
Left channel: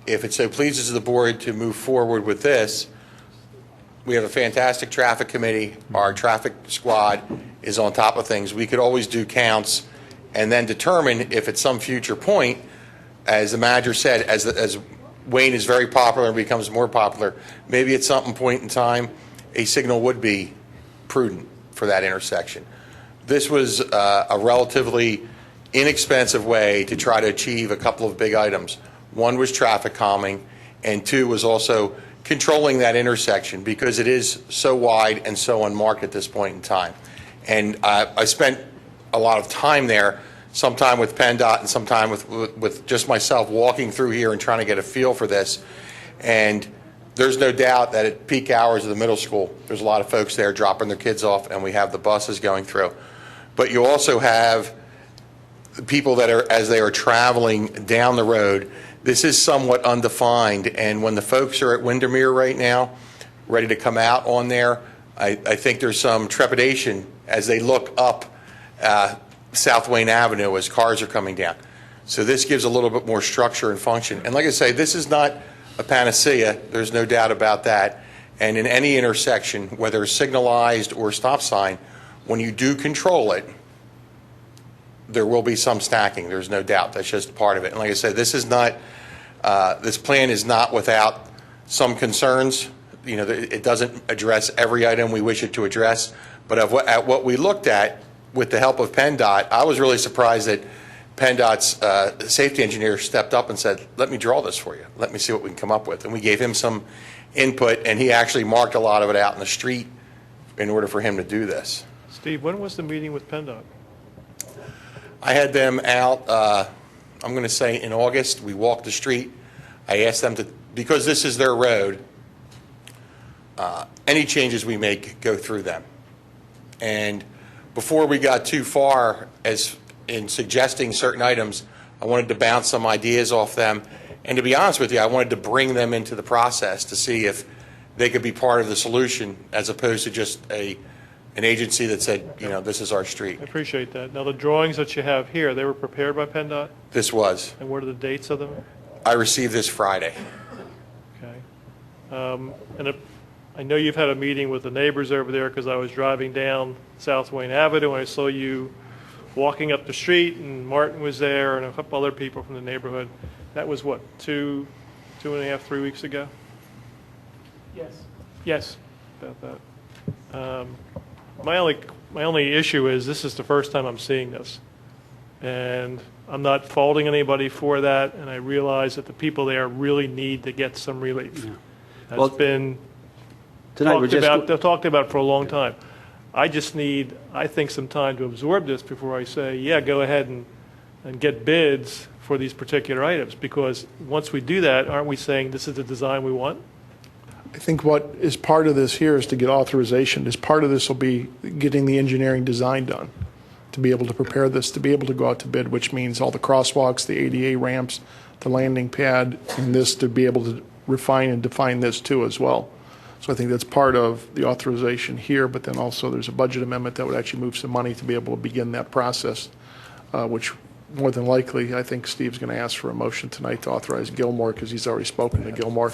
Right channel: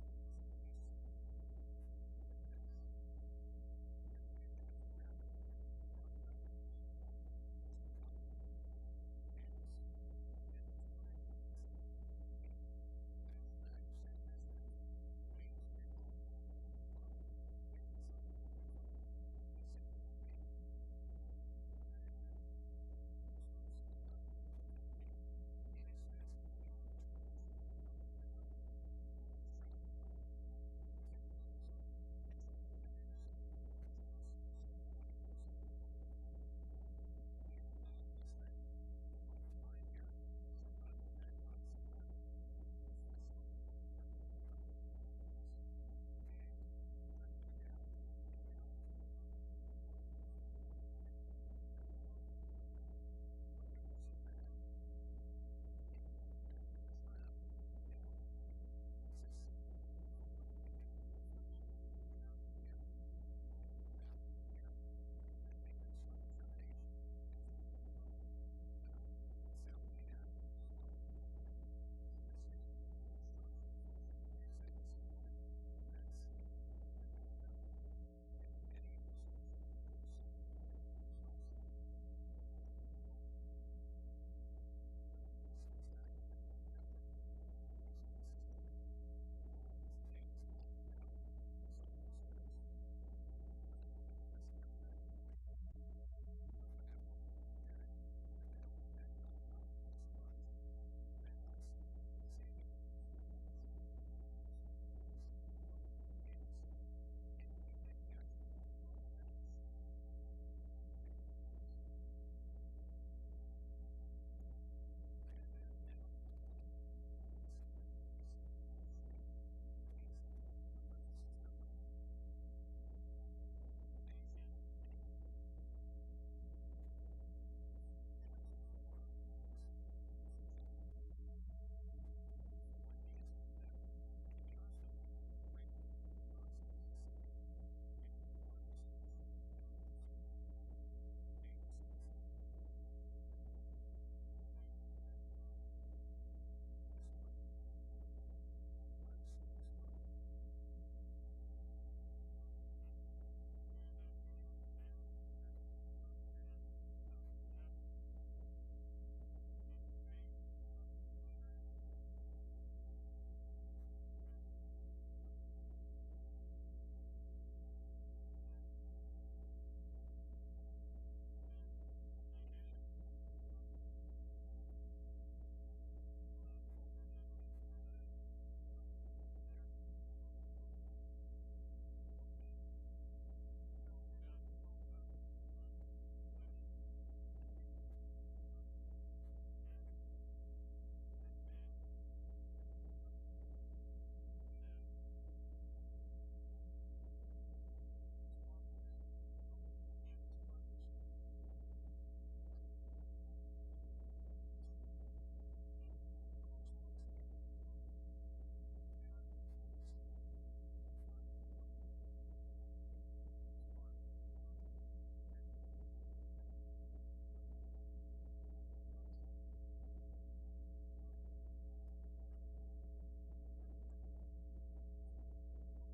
if it so pleases the board to move forward with this, we have a fantastic traffic committee. Our traffic squad is on top of things. We could always do counts and then determine if at some future point, as the manager said, as Wayne is very popular and becomes more popular, maybe at some point in time, a signal would be prudent for that intersection. This was a relatively inexpensive way to try to achieve a couple of big items. One was traffic calming, and two was also controlling that intersection because it is so wide and so unmarked at this point in time. And I spent a lot of time there, some time with PennDOT and some time with just myself walking through here and trying to get a feel for this. And there's no doubt that at peak hours of the middle school, there's a lot of folks there dropping their kids off, and we have the buses going through. But you also have people that are, as they are traveling down the road, this is somewhat undefined, and when the folks are at Windermere right now, ready to come out on there, I think there's some trepidation as they look up South Wayne Avenue as cars are coming down. So this gives a little bit more structure and function. And like I say, this is not a panacea. There's no doubt about that. And in any intersection, whether signalized or stop sign, when you do control it, there will be some stacking. There's no doubt. That's just part of it. And like I said, this is not, this plan is not without some concerns. You know, it doesn't address every item we wish it to address. But at what we looked at with the help of PennDOT, I was really surprised that PennDOT's safety engineer stepped up and said, let me draw this for you. Let me see what we can come up with. And we gave him some input, and he actually marked a lot of it out in the street in order for him to do this. Steve, when was the meeting with PennDOT? I had them out, I'm going to say in August. We walked the street. I asked them to, because this is their road, any changes we make go through them. And before we got too far as in suggesting certain items, I wanted to bounce some ideas off them. And to be honest with you, I wanted to bring them into the process to see if they could be part of the solution as opposed to just an agency that said, you know, this is our street. I appreciate that. Now, the drawings that you have here, they were prepared by PennDOT? This was. And what are the dates of them? I received this Friday. Okay. I know you've had a meeting with the neighbors over there because I was driving down South Wayne Avenue and I saw you walking up the street, and Martin was there and a couple other people from the neighborhood. That was what, 2.5, 3 weeks ago? Yes. Yes, about that. My only issue is this is the first time I'm seeing this. And I'm not faulting anybody for that, and I realize that the people there really need to get some relief. Yeah. That's Well, been tonight we're talked about for a long time. I just need, I think, some time to absorb this before I say, yeah, go ahead and get bids for these particular items, because once we do that, aren't we saying this is the design we want? I think what is part of this here is to get authorization. As part of this will be getting the engineering design done, to be able to prepare this, to be able to go out to bid, which means all the crosswalks, the ADA ramps, the landing pad, and this to be able to refine and define this too as well. So I think that's part of the authorization here, but then also there's a budget amendment that would actually move some money to be able to begin that process, which more than likely, I think Steve's going to ask for a motion tonight to authorize Gilmore, because he's already spoken to Gilmore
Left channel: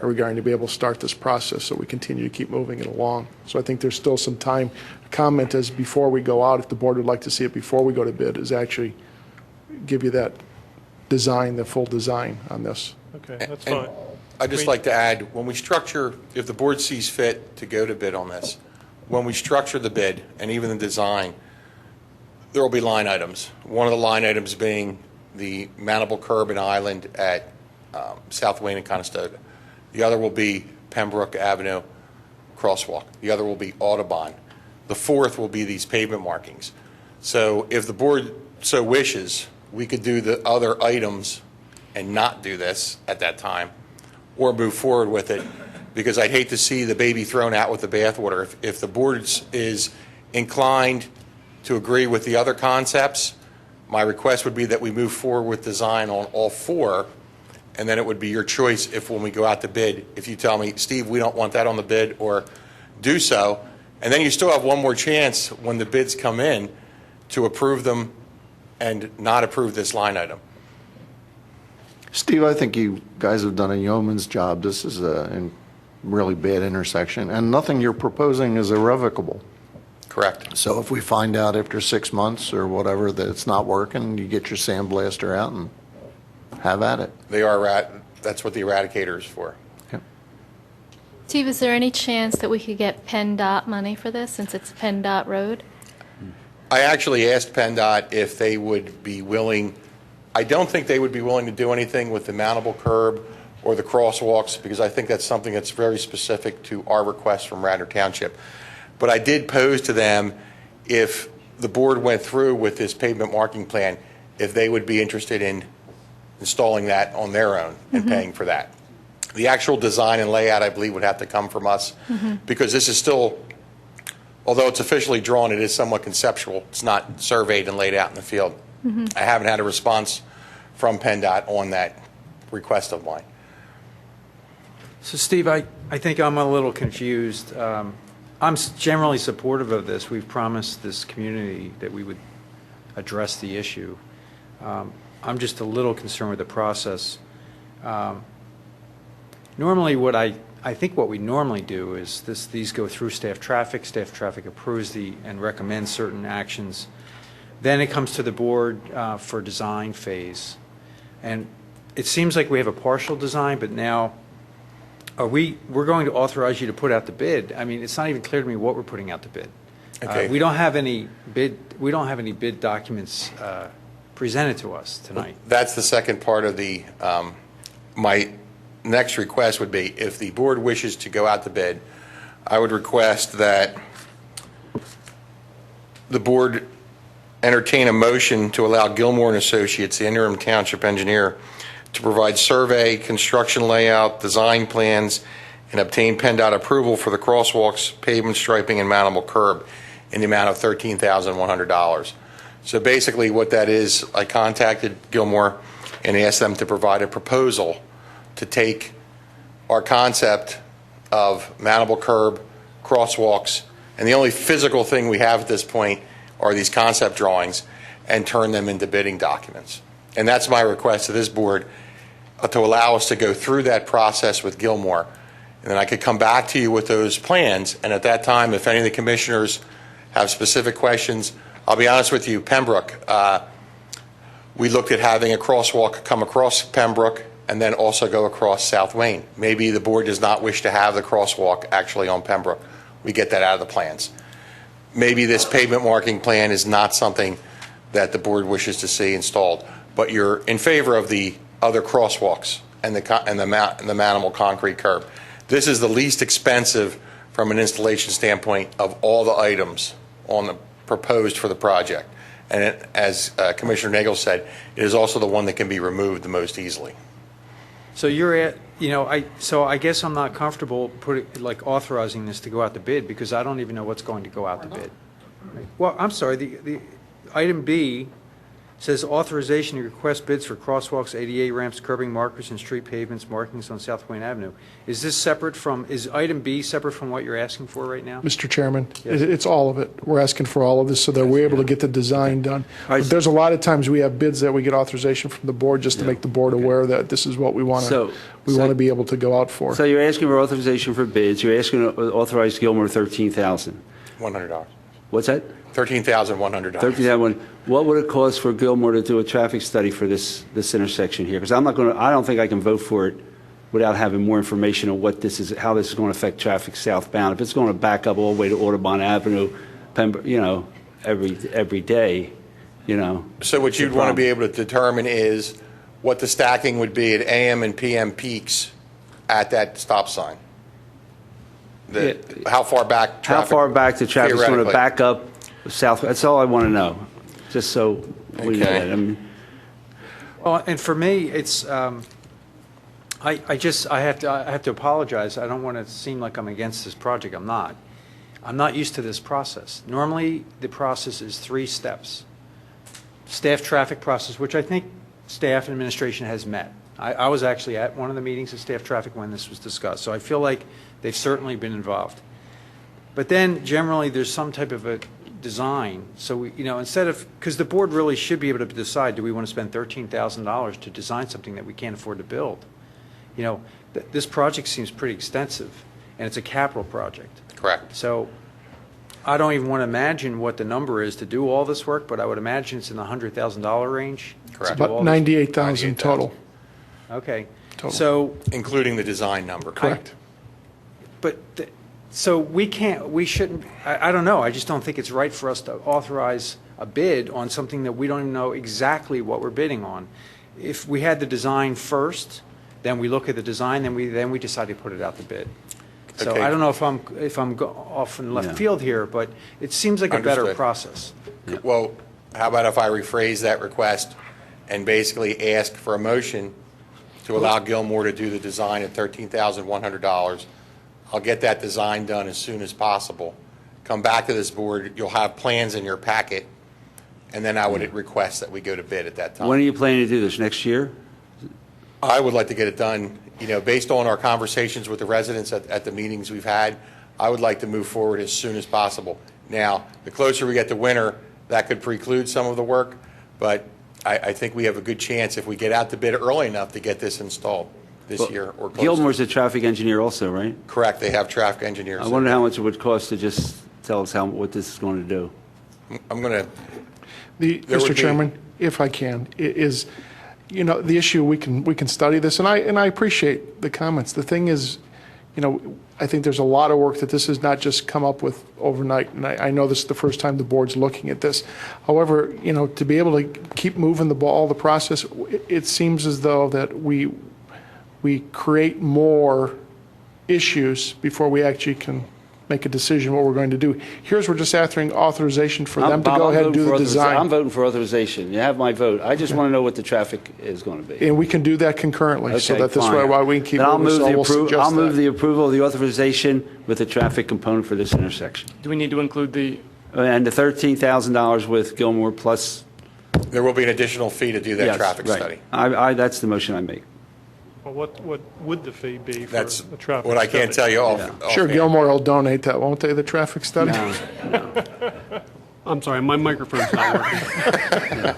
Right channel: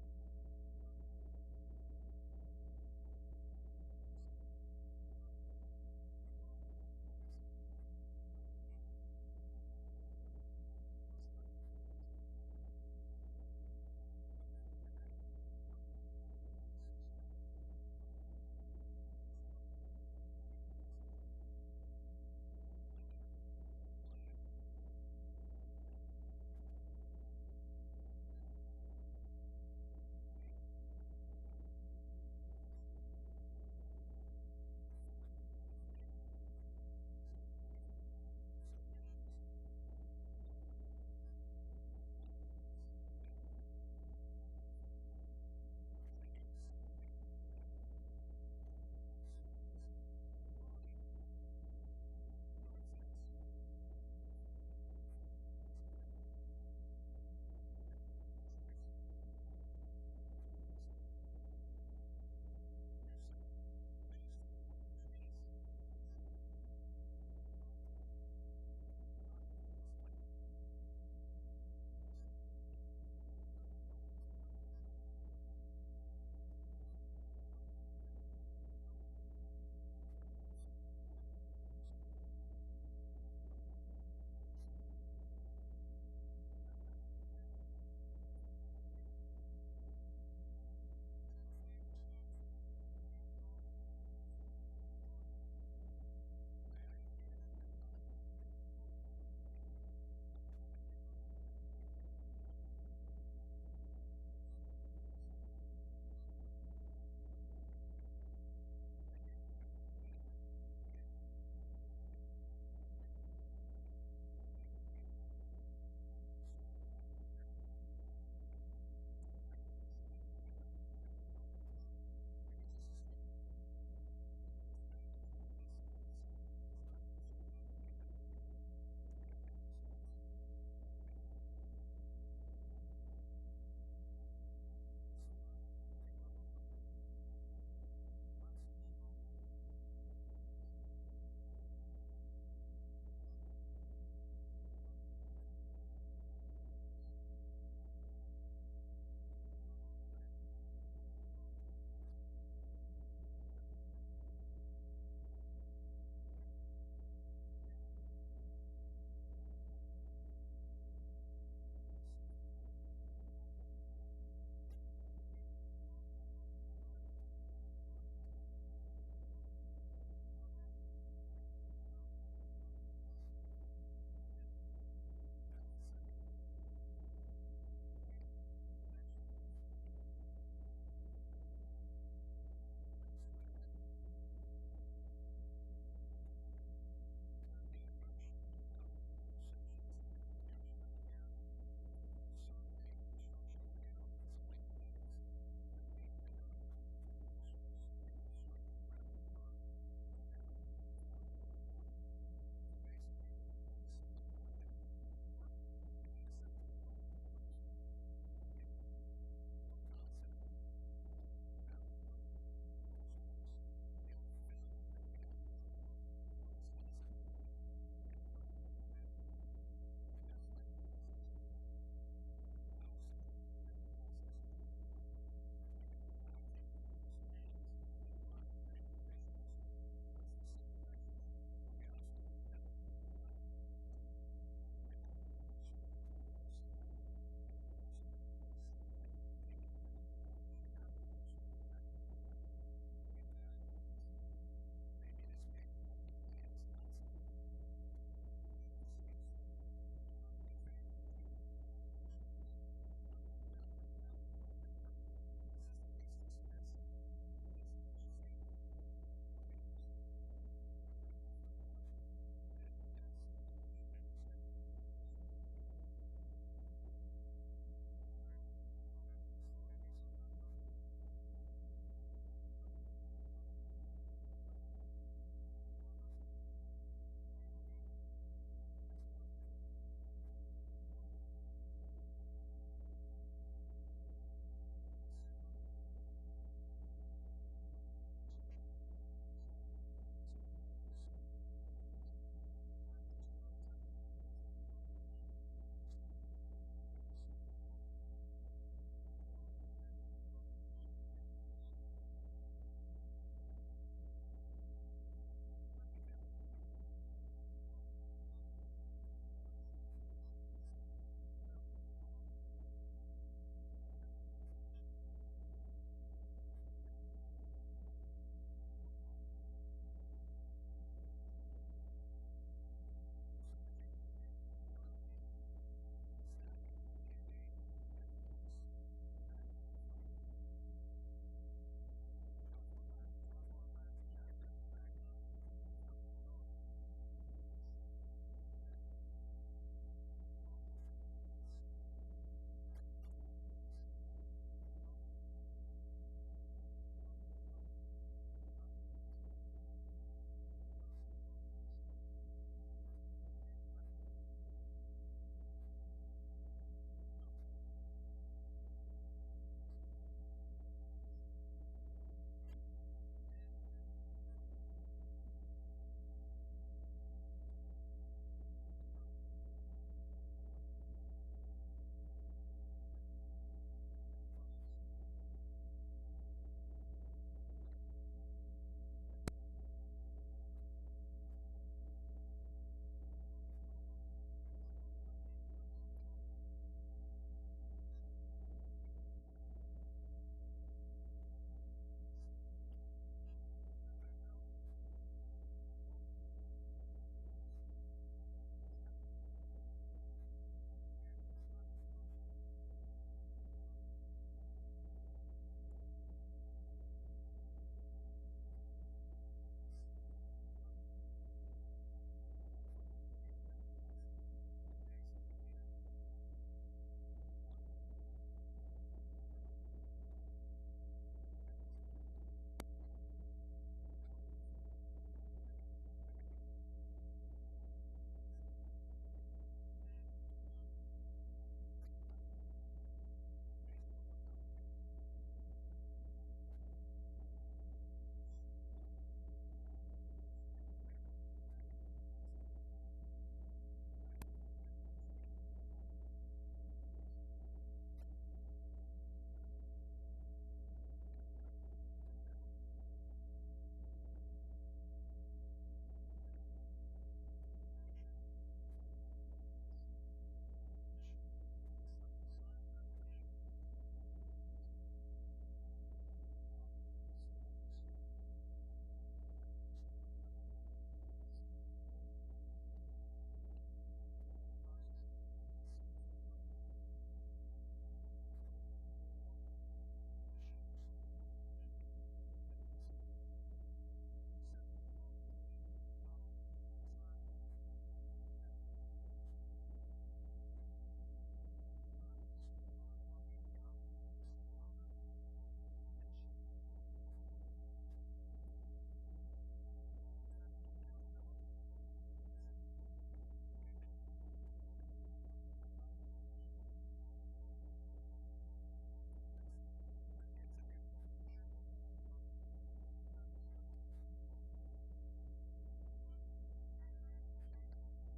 regarding to be able to start this process, so we continue to keep moving it along. So I think there's still some time. Comment is before we go out, if the board would like to see it before we go to bid, is actually give you that design, the full design on this. Okay, that's fine. I'd just like to add, when we structure, if the board sees fit to go to bid on this, when we structure the bid and even the design, there will be line items. One of the line items being the mountable curb and island at South Wayne and Conestoga. The other will be Pembroke Avenue crosswalk. The other will be Audubon. The fourth will be these pavement markings. So if the board so wishes, we could do the other items and not do this at that time, or move forward with it, because I'd hate to see the baby thrown out with the bathwater. If the board is inclined to agree with the other concepts, my request would be that we move forward with design on all four, and then it would be your choice if when we go out to bid, if you tell me, Steve, we don't want that on the bid, or do so, And then you still have one more chance when the bids come in to approve them and not approve this line item. Steve, I think you guys have done a yeoman's job. This is a really bad intersection, and nothing you're proposing is irrevocable. Correct. So if we find out after 6 months or whatever that it's not working, you get your sandblaster out and have at it. That's what the eradicator is for. Steve, is there any chance that we could get PennDOT money for this, since it's a PennDOT road? I actually asked PennDOT if they would be willing. I don't think they would be willing to do anything with the mountable curb or the crosswalks, because I think that's something that's very specific to our request from Radnor Township. But I did pose to them, if the board went through with this pavement marking plan, if they would be interested in installing that on their own and paying for that. The actual design and layout, I believe, would have to come from us, because this is still, although it's officially drawn, it is somewhat conceptual. It's not surveyed and laid out in the field. I haven't had a response from PennDOT on that request of mine. So Steve, I think I'm a little confused. I'm generally supportive of this. We've promised this community that we would address the issue. I'm just a little concerned with the process. Normally, I think what we normally do is these go through staff traffic approves and recommends certain actions. Then it comes to the board for design phase. And it seems like we have a partial design, but now we're going to authorize you to put out the bid. I mean, it's not even clear to me what we're putting out the bid. Okay. We don't have any bid documents presented to us tonight. That's the second part of the, my next request would be, if the board wishes to go out to bid, I would request that the board entertain a motion to allow Gilmore and Associates, the interim township engineer, to provide survey, construction layout, design plans, and obtain PennDOT approval for the crosswalks, pavement striping, and mountable curb in the amount of $13,100. So basically what that is, I contacted Gilmore and asked them to provide a proposal to take our concept of mountable curb, crosswalks, and the only physical thing we have at this point are these concept drawings, and turn them into bidding documents. And that's my request to this board, to allow us to go through that process with Gilmore. And then I could come back to you with those plans, and at that time, if any of the commissioners have specific questions, I'll be honest with you, Pembroke, we looked at having a crosswalk come across Pembroke and then also go across South Wayne. Maybe the board does not wish to have the crosswalk actually on Pembroke. We get that out of the plans. Maybe this pavement marking plan is not something that the board wishes to see installed, but you're in favor of the other crosswalks and the mountable concrete curb. This is the least expensive from an installation standpoint of all the items on the proposed for the project. And as Commissioner Nagel said, it is also the one that can be removed the most easily. So you're at, I guess I'm not comfortable authorizing this to go out to bid, because I don't even know what's going to go out to bid. Well, I'm sorry, the item B says authorization to request bids for crosswalks, ADA ramps, curbing markers, and street pavements markings on South Wayne Avenue. Is item B separate from what you're asking for right now? Mr. Chairman, Yes. it's all of it. We're asking for all of this so that we're able to get the design done. But there's a lot of times we have bids that we get authorization from the board just to make the board aware that this is what we want to be able to go out for. So you're asking for authorization for bids. You're asking to authorize Gilmore $13,000. $100. What's that? $13,100. $13,000. What would it cost for Gilmore to do a traffic study for this intersection here? Because I don't think I can vote for it without having more information on what this is, how this is going to affect traffic southbound. If it's going to back up all the way to Audubon Avenue, every day, So what you'd want to be able to determine is what the stacking would be at AM and PM peaks at that stop sign. How far back traffic? How far back the traffic is going to theoretically. back up south? That's all I want to know, just so we know Okay. that. Well, and for me, it's, I have to apologize. I don't want to seem like I'm against this project. I'm not. I'm not used to this process. Normally, the process is 3 steps. Staff traffic process, which I think staff and administration has met. I was actually at one of the meetings of staff traffic when this was discussed, so I feel like they've certainly been involved. But then generally, there's some type of a design. So, instead of, because the board really should be able to decide, do we want to spend $13,000 to design something that we can't afford to build? This project seems pretty extensive, and it's a capital project. Correct. So I don't even want to imagine what the number is to do all this work, but I would imagine it's in the $100,000 range. Correct. to do all About this. $98,000 total. Okay. Total. So, Including the design number. Correct. so we shouldn't, I don't know, I just don't think it's right for us to authorize a bid on something that we don't even know exactly what we're bidding on. If we had the design first, then we look at the design, then we decide to put it out to bid. So Okay. I don't know if I'm off in left field here, but it seems like a better Understood. process. Well, how about if I rephrase that request and basically ask for a motion to allow Gilmore to do the design at $13,100? I'll get that design done as soon as possible. Come back to this board, you'll have plans in your packet, and then I would request that we go to bid at that time. When are you planning to do this, next year? I would like to get it done, based on our conversations with the residents at the meetings we've had, I would like to move forward as soon as possible. Now, the closer we get to winter, that could preclude some of the work, but I think we have a good chance if we get out to bid early enough to get this installed this year or close. Gilmore's a traffic engineer also, right? Correct, they have traffic engineers. I wonder how much it would cost to just tell us what this is going to do. I'm going to, Mr. Chairman, if I can, is, the issue, we can study this, and I appreciate the comments. The thing is, I think there's a lot of work that this has not just come up with overnight, and I know this is the first time the board's looking at this. However, to be able to keep moving the ball, the process, it seems as though that we create more issues before we actually can make a decision what we're going to do. Here's, we're just asking authorization for them to go ahead and do the design. I'm voting for authorization. You have my vote. I just want to know what the traffic is going to be. And we can do that concurrently, so Okay, that this fine. way, while we can keep Then moving, so we'll suggest I'll move that. the approval of the authorization with the traffic component for this intersection. Do we need to include the, And the $13,000 with Gilmore plus. there will be an additional fee to do that Yes, traffic right. study. That's the motion I make. Well, what would the fee be for That's the traffic what I can't tell study? you Sure, offhand. Gilmore will donate that, won't they, the traffic study? No. I'm sorry, my microphone's not working.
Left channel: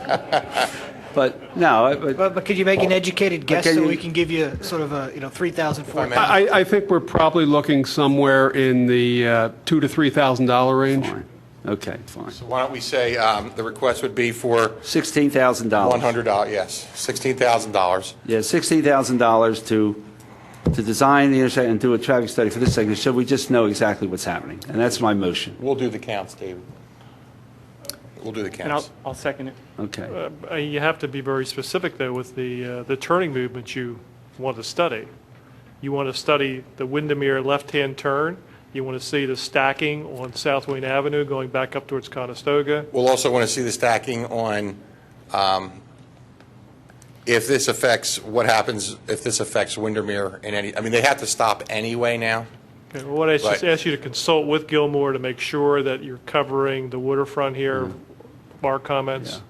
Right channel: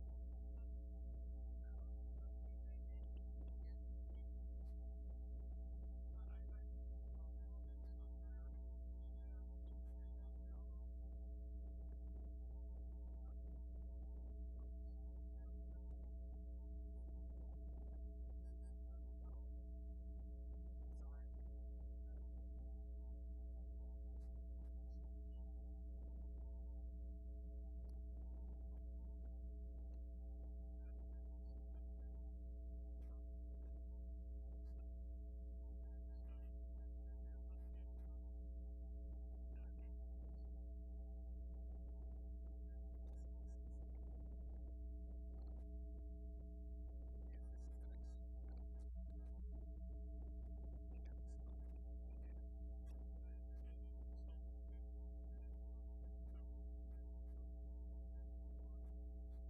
But, no, But could you make an educated guess can so you- we can give you sort of a, 3,000, 4,000? I think we're probably looking somewhere in the $2,000 to $3,000 range. fine. Okay, fine. So why don't we say the request would be for $16,000. $100, yes, $16,000. Yeah, $16,000 to design the intersection and do a traffic study for this segment, so we just know exactly what's happening. And that's my motion. We'll do the counts, David. We'll do the And counts. I'll second it. Okay. You have to be very specific, though, with the turning movement you want to study. You want to study the Windermere left-hand turn. You want to see the stacking on South Wayne Avenue going back up towards Conestoga. We'll also want to see the stacking on if this affects, what happens if this affects Windermere in any, they have to stop anyway now. Okay, well, what I just Right. ask you to consult with Gilmore to make sure that you're covering the waterfront here. Mark, comments?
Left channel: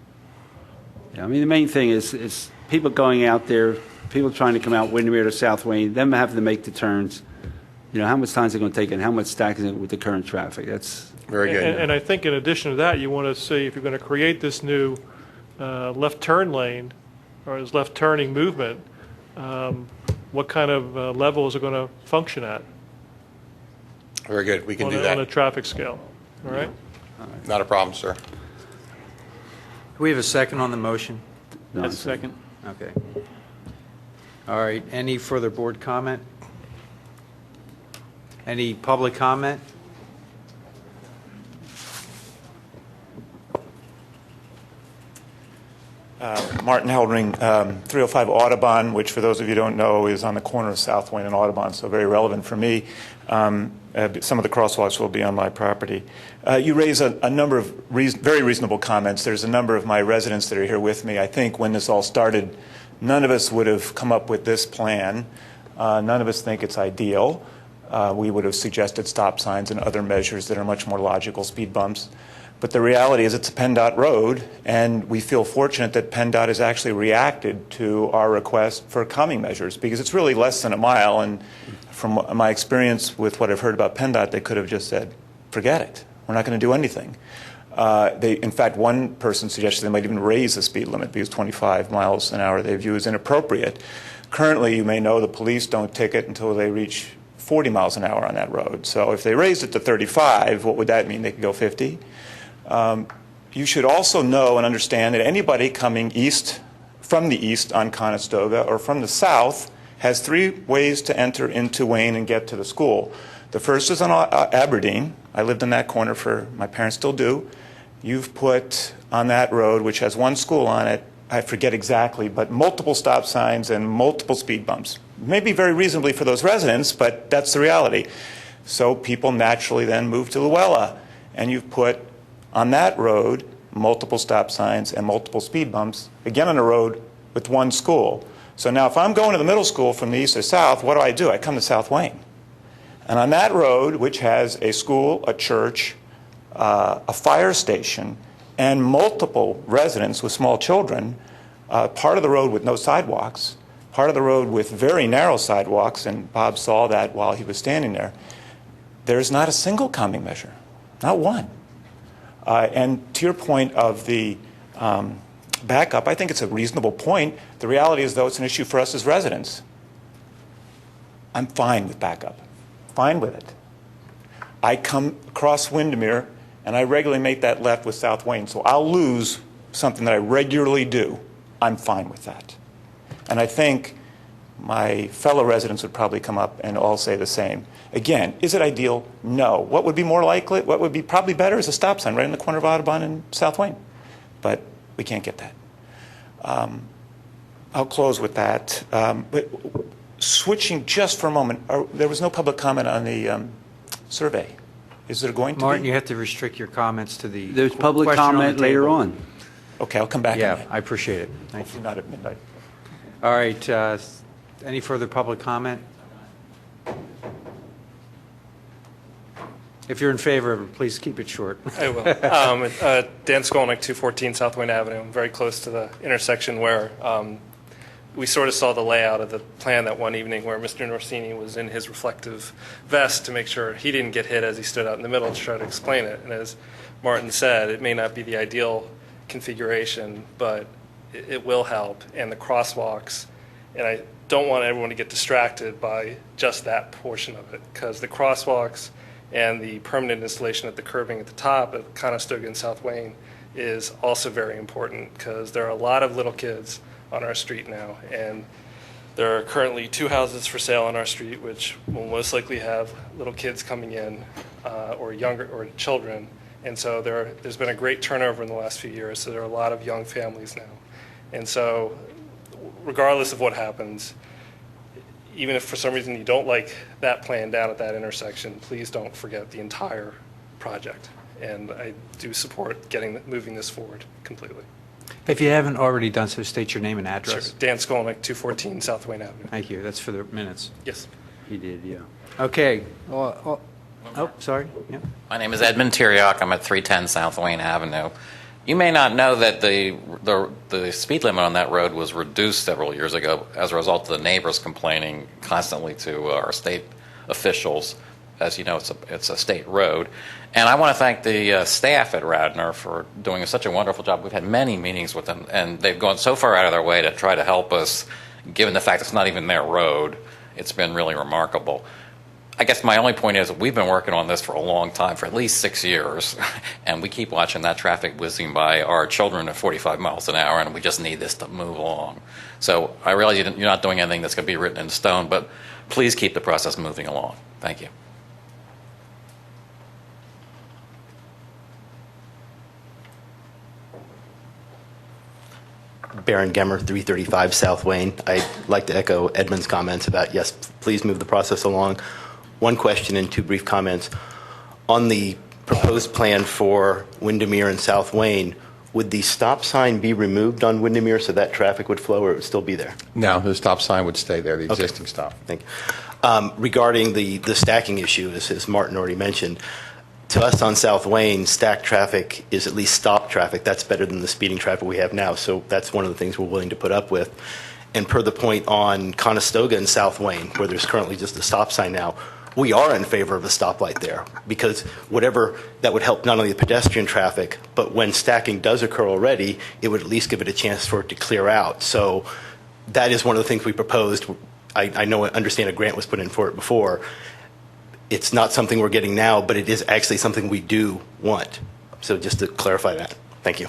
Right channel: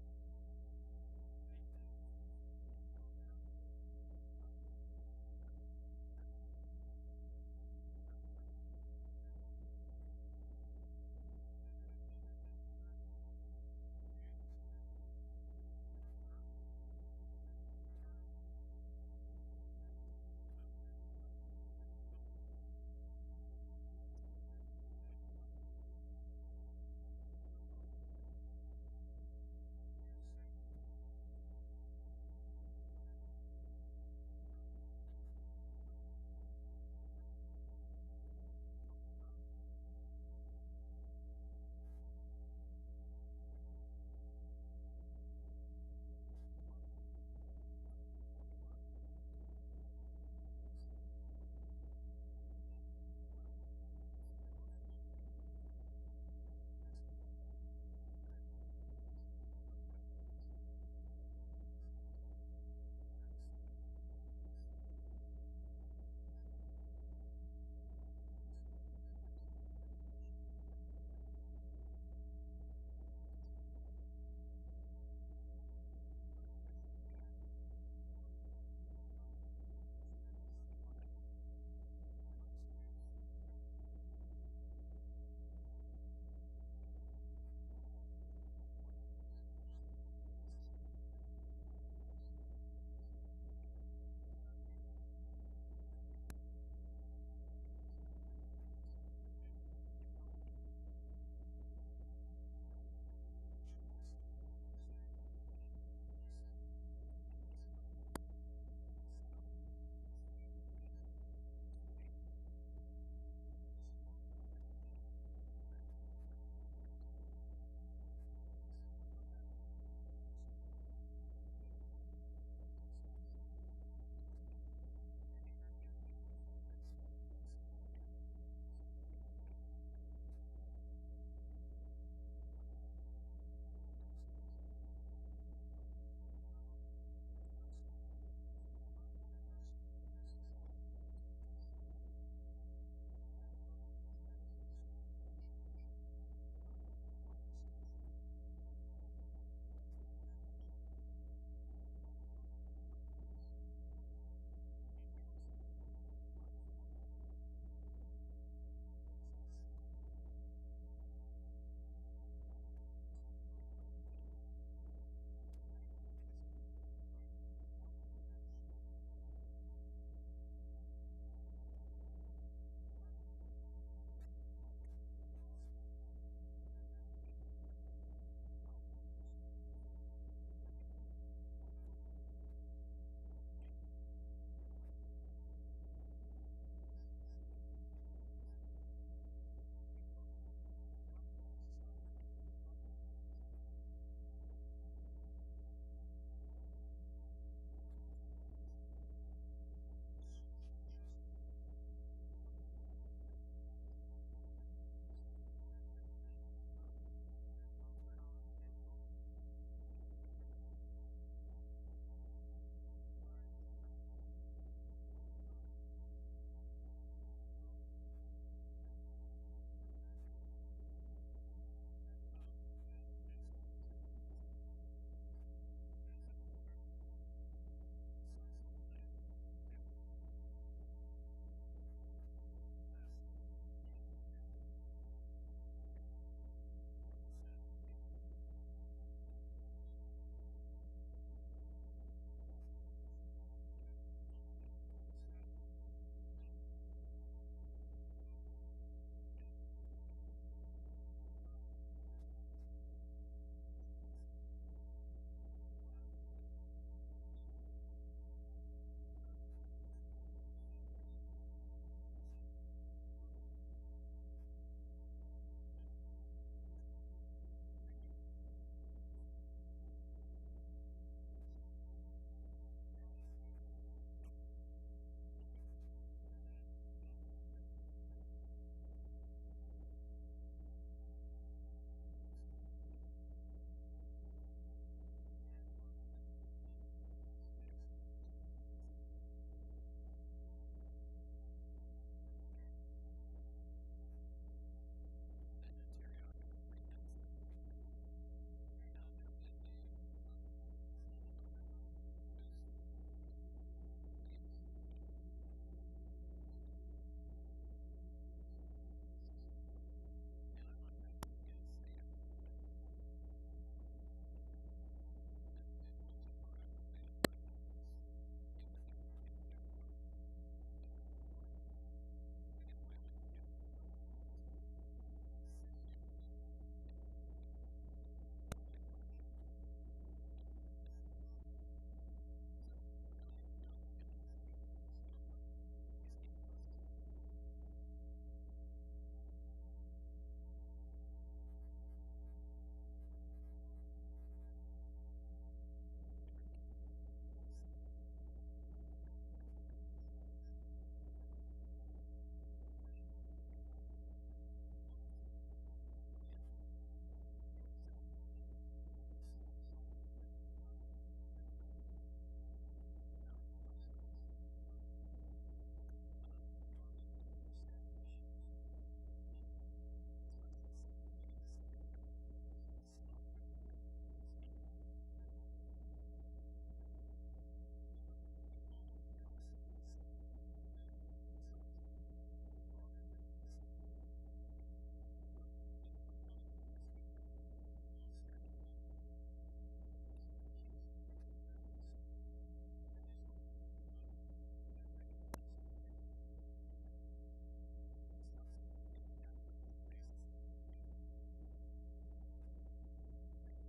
Yeah, the main thing is people going out there, people trying to come out Windermere to South Wayne, them having to make the turns. How much time is it going to take and how much stacking it with the current traffic? That's very good. And I think in addition to that, you want to see if you're going to create this new left turn lane or this left turning movement, what kind of level is it going to function at? Very good, we can do On a that. traffic scale, all right? Not a problem, sir. Do we have a second on the motion? That's second. Okay. All right, any further board comment? Any public comment? Martin Heldring, 305 Audubon, which for those of you who don't know is on the corner of South Wayne and Audubon, so very relevant for me. Some of the crosswalks will be on my property. You raise a number of very reasonable comments. There's a number of my residents that are here with me. I think when this all started, none of us would have come up with this plan. None of us think it's ideal. We would have suggested stop signs and other measures that are much more logical, speed bumps. But the reality is it's a PennDOT road, and we feel fortunate that PennDOT has actually reacted to our request for calming measures, because it's really less than a mile, and from my experience with what I've heard about PennDOT, they could have just said forget it. We're not going to do anything. In fact, one person suggested they might even raise the speed limit because 25 miles an hour they view as inappropriate. Currently, you may know the police don't ticket until they reach 40 miles an hour on that road. So if they raised it to 35, what would that mean? They could go 50? You should also know and understand that anybody coming from the east on Conestoga or from the south has 3 ways to enter into Wayne and get to the school. The first is on Aberdeen. I lived in that corner my parents still do. You've put on that road, which has 1 school on it, I forget exactly, but multiple stop signs and multiple speed bumps. Maybe very reasonably for those residents, but that's the reality. So people naturally then move to Luella, and you've put on that road multiple stop signs and multiple speed bumps, again on a road with 1 school. So now if I'm going to the middle school from the east or south, what do? I come to South Wayne. And on that road, which has a school, a church, a fire station, and multiple residents with small children, part of the road with no sidewalks, part of the road with very narrow sidewalks, and Bob saw that while he was standing there, there's not a single calming measure, not one. And to your point of the backup, I think it's a reasonable point. The reality is, though, it's an issue for us as residents. I'm fine with backup, fine with it. I come across Windermere, and I regularly make that left with South Wayne, so I'll lose something that I regularly do. I'm fine with that. And I think my fellow residents would probably come up and all say the same. Again, is it ideal? No. What would be more likely? What would be probably better is a stop sign right in the corner of Audubon and South Wayne. But we can't get that. I'll close with that. But switching just for a moment, there was no public comment on the survey. Is there going to be? Martin, you have to restrict your comments to the There's public question on the comment later table. on. Okay, I'll come back. Yeah, on that. I appreciate it. Thank you. Hopefully not at midnight. All right, any further public comment? If you're in favor of it, please keep it short. I will. Dan Skolnick, 214 South Wayne Avenue. I'm very close to the intersection where we sort of saw the layout of the plan that one evening where Mr. Norsini was in his reflective vest to make sure he didn't get hit as he stood out in the middle to try to explain it. And as Martin said, it may not be the ideal configuration, but it will help. And the crosswalks, and I don't want everyone to get distracted by just that portion of it, because the crosswalks and the permanent installation at the curbing at the top of Conestoga and South Wayne is also very important, because there are a lot of little kids on our street now, and there are currently 2 houses for sale on our street, which will most likely have little kids coming in, or younger, or children, and so there's been a great turnover in the last few years, so there are a lot of young families now. And so regardless of what happens, even if for some reason you don't like that plan down at that intersection, please don't forget the entire project. And I do support moving this forward completely. If you haven't already done so, state your name and Sure. address. Dan Skolnick, 214 South Wayne Avenue. Thank you. That's for the minutes. Yes. He did, yeah. Okay. Oh, sorry. Yeah. My name is Edmund Tiriak. I'm at 310 South Wayne Avenue. You may not know that the speed limit on that road was reduced several years ago as a result of the neighbors complaining constantly to our state officials. As you know, it's a state road. And I want to thank the staff at Radnor for doing such a wonderful job. We've had many meetings with them, and they've gone so far out of their way to try to help us, given the fact it's not even their road. It's been really remarkable. I guess my only point is we've been working on this for a long time, for at least 6 years, and we keep watching that traffic whizzing by our children at 45 miles an hour, and we just need this to move along. So I realize you're not doing anything that's going to be written in stone, but please keep the process moving along. Thank you. Baron Gemmer, 335 South Wayne. I'd like to echo Edmund's comments about, yes, please move the process along. One question and 2 brief comments. On the proposed plan for Windermere and South Wayne, would the stop sign be removed on Windermere so that traffic would flow, or it would still be there? No, the stop sign would stay there, the existing stop. Thank you. Regarding the stacking issue, as Martin already mentioned, to us on South Wayne, stacked traffic is at least stop traffic. That's better than the speeding traffic we have now, so that's one of the things we're willing to put up with. And per the point on Conestoga and South Wayne, where there's currently just a stop sign now, we are in favor of a stoplight there, because whatever, that would help not only the pedestrian traffic, but when stacking does occur already, it would at least give it a chance for it to clear out. So that is one of the things we proposed. I understand a grant was put in for it before. It's not something we're getting now, but it is actually something we do want. So just to clarify that. Thank you.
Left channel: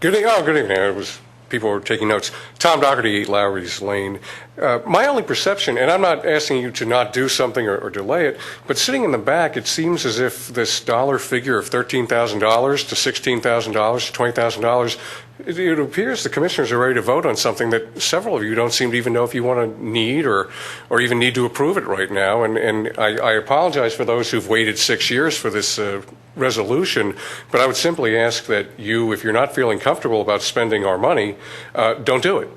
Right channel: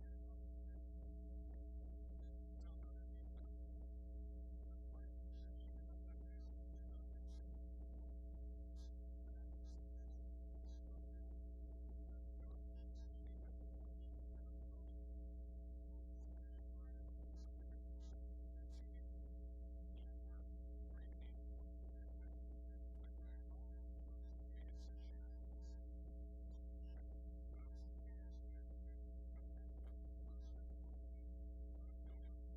Good evening. People were taking notes. Tom Doherty, 8 Lowry's Lane. My only perception, and I'm not asking you to not do something or delay it, but sitting in the back, it seems as if this dollar figure of $13,000 to $16,000 to $20,000, it appears the commissioners are ready to vote on something that several of you don't seem to even know if you want to need or even need to approve it right now. And I apologize for those who've waited 6 years for this resolution, but I would simply ask that you, if you're not feeling comfortable about spending our money, don't do it.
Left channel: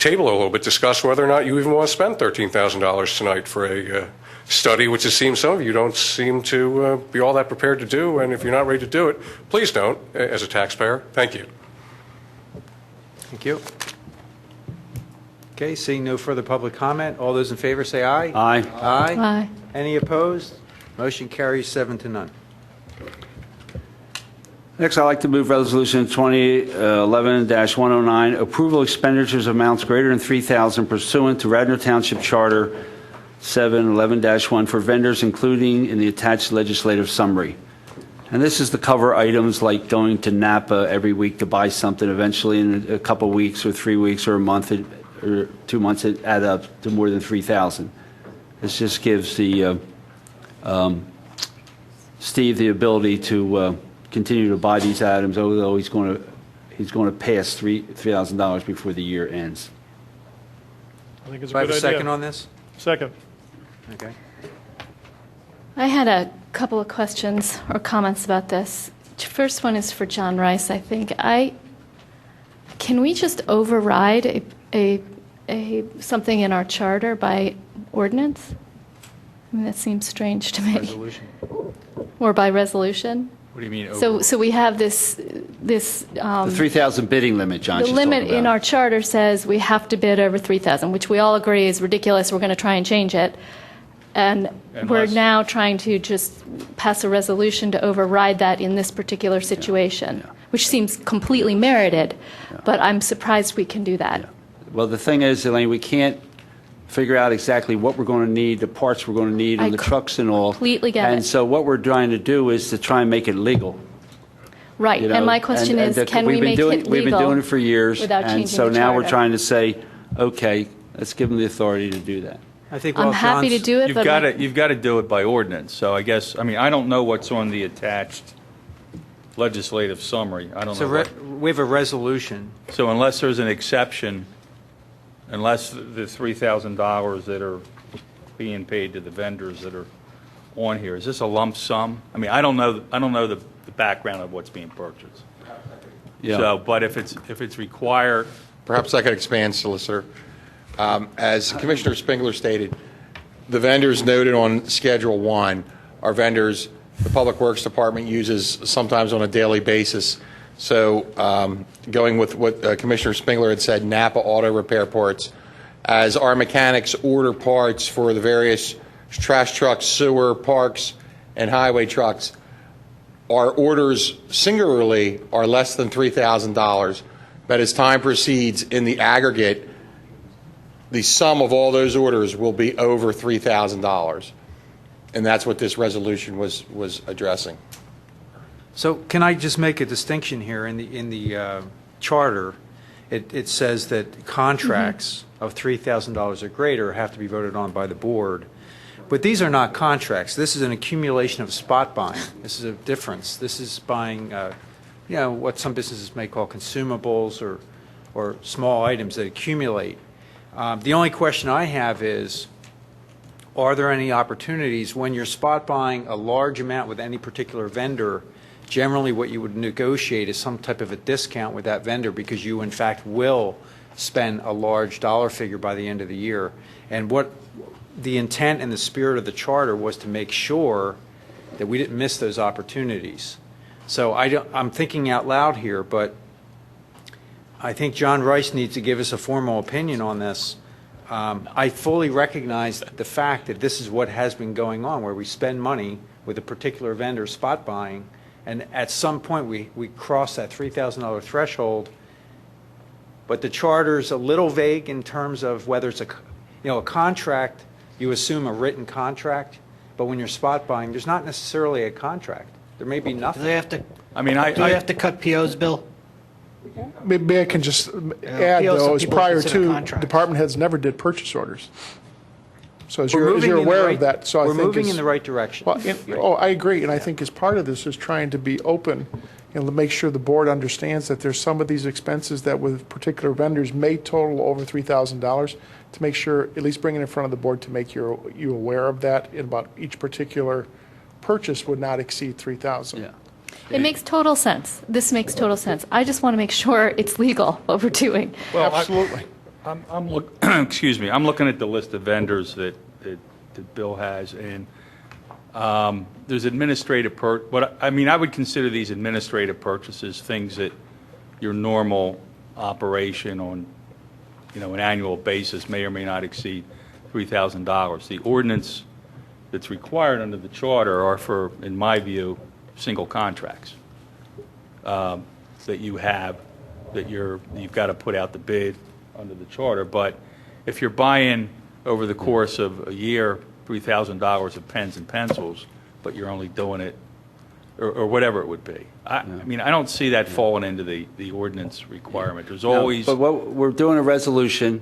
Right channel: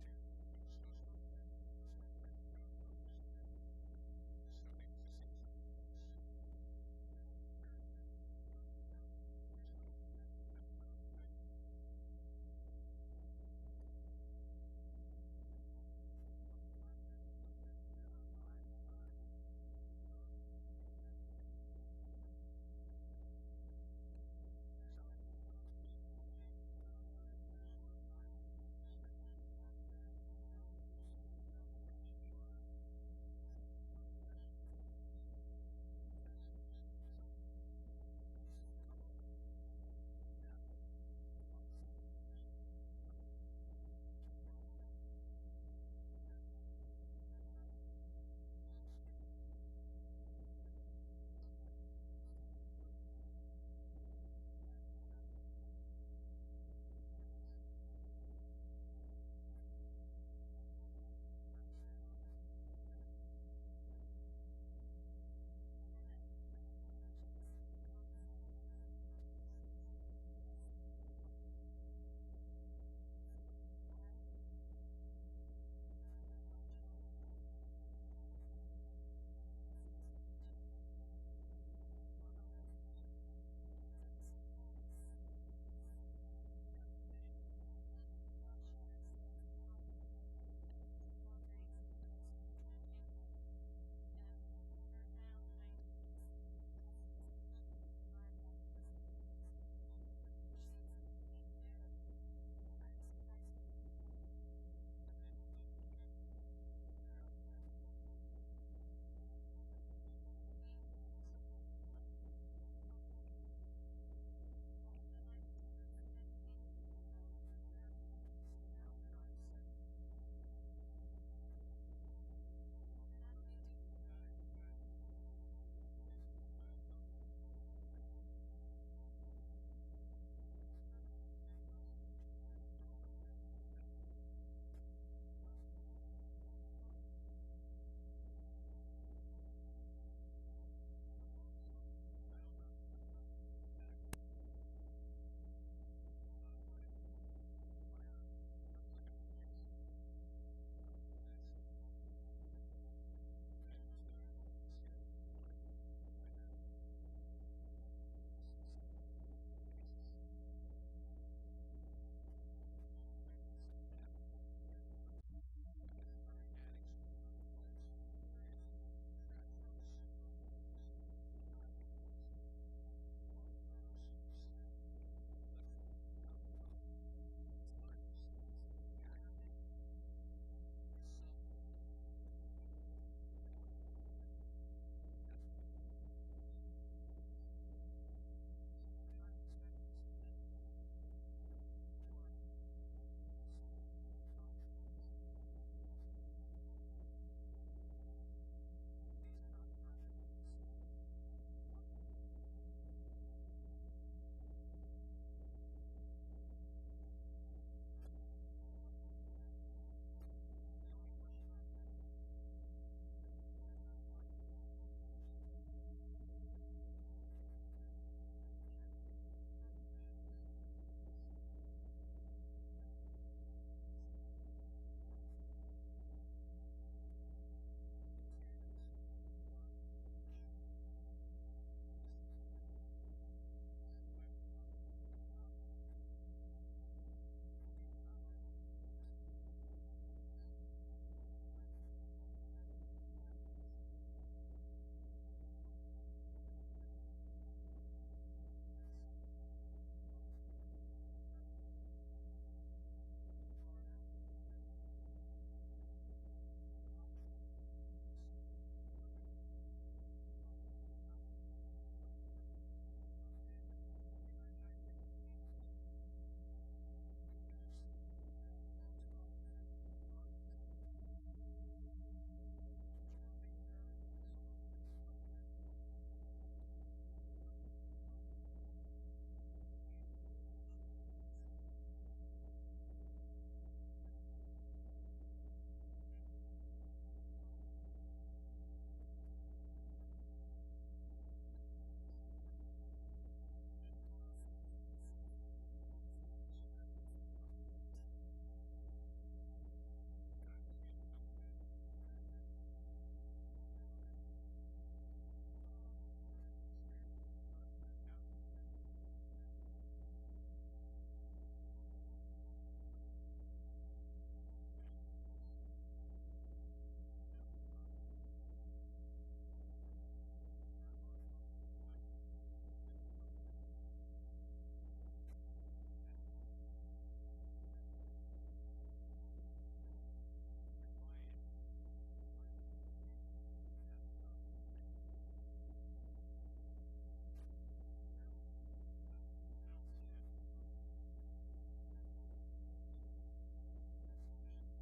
Table it a little bit, discuss whether or not you even want to spend $13,000 tonight for a study, which it seems some of you don't seem to be all that prepared to do, and if you're not ready to do it, please don't, as a taxpayer. Thank you. Thank you. Okay, seeing no further public comment, all those in favor say aye. Aye. Aye. Aye. Any opposed? Motion carries 7-0. Next, I'd like to move Resolution 2011-109, approval expenditures amounts greater than $3,000 pursuant to Radnor Township Charter 711-1 for vendors, including in the attached legislative summary. And this is to cover items like going to Napa every week to buy something. Eventually, in a couple weeks or 3 weeks or a month or 2 months, it add up to more than $3,000. This just gives the Steve the ability to continue to buy these items, although he's going to pass $3,000 before the year ends. I think it's a Do I good have a idea. second on this? Second. Okay. I had a couple of questions or comments about this. First one is for John Rice, I think. Can we just override something in our charter by ordinance? I mean, that seems strange to me. Resolution. Or by resolution? What do you mean? So we have this The 3,000 bidding limit, John. the she's limit talking in about. our charter says we have to bid over 3,000, which we all agree is ridiculous. We're going to try and change it. And we're now trying to just pass a resolution to override that in this particular situation, which seems completely merited, but I'm surprised we can do that. Well, the thing is, Elaine, we can't figure out exactly what we're going to need, the parts we're going to need, and the trucks and all. Completely get And it. so what we're trying to do is to try and make it legal. Right, You know, and my question is, can we make it legal? We've been doing it for years, without changing and so the now we're charter? trying to say, okay, let's give them the authority to do that. I think I'm happy to do it, You've but got to do it by ordinance. So I guess, I mean, I don't know what's on the attached legislative summary. I don't know. We have a resolution. So unless there's an exception, unless the $3,000 that are being paid to the vendors that are on here, is this a lump sum? I mean, I don't know the background of what's being purchased. Yeah. So, but if it's required. Perhaps I could expand, Solicitor. As Commissioner Spengler stated, the vendors noted on Schedule 1 are vendors the Public Works Department uses sometimes on a daily basis. So going with what Commissioner Spengler had said, Napa Auto Repair Parts, as our mechanics order parts for the various trash trucks, sewer, parks, and highway trucks, our orders singularly are less than $3,000. But as time proceeds in the aggregate, the sum of all those orders will be over $3,000. And that's what this resolution was addressing. So can I just make a distinction here? In the charter, it says that contracts of $3,000 or greater have to be voted on by the board. But these are not contracts. This is an accumulation of spot buying. This is a difference. This is buying, what some businesses may call consumables or small items that accumulate. The only question I have is, are there any opportunities when you're spot buying a large amount with any particular vendor? Generally, what you would negotiate is some type of a discount with that vendor because you, in fact, will spend a large dollar figure by the end of the year. And what the intent and the spirit of the charter was to make sure that we didn't miss those opportunities. So I'm thinking out loud here, but I think John Rice needs to give us a formal opinion on this. I fully recognize the fact that this is what has been going on, where we spend money with a particular vendor spot buying, and at some point we cross that $3,000 threshold. But the charter's a little vague in terms of whether it's a contract. You assume a written contract, but when you're spot buying, there's not necessarily a contract. There may be nothing. Do they have to? I mean, Do they have to cut POs, Bill? Maybe I can just add, POs, though, some as people prior consider to, contracts. department heads never did purchase orders. So as We're you're moving in the aware right- of that, so I we're think moving as- in the right direction. Well, oh, I agree, and I think as part of this is trying to be open and to make sure the board understands that there's some of these expenses that with particular vendors may total over $3,000, to make sure, at least bring it in front of the board to make you aware of that, and about each particular purchase would not exceed $3,000. It makes total sense. This makes total sense. I just want to make sure it's legal, what we're doing. Well, Absolutely. Excuse me, I'm looking at the list of vendors that Bill has, and there's administrative I would consider these administrative purchases things that your normal operation on, an annual basis may or may not exceed $3,000. The ordinance that's required under the charter are for, in my view, single contracts that you have, that you've got to put out the bid under the charter. But if you're buying over the course of a year $3,000 of pens and pencils, but you're only doing it, or whatever it would be, I mean, I don't see that falling into the ordinance requirement. There's always. But we're doing a resolution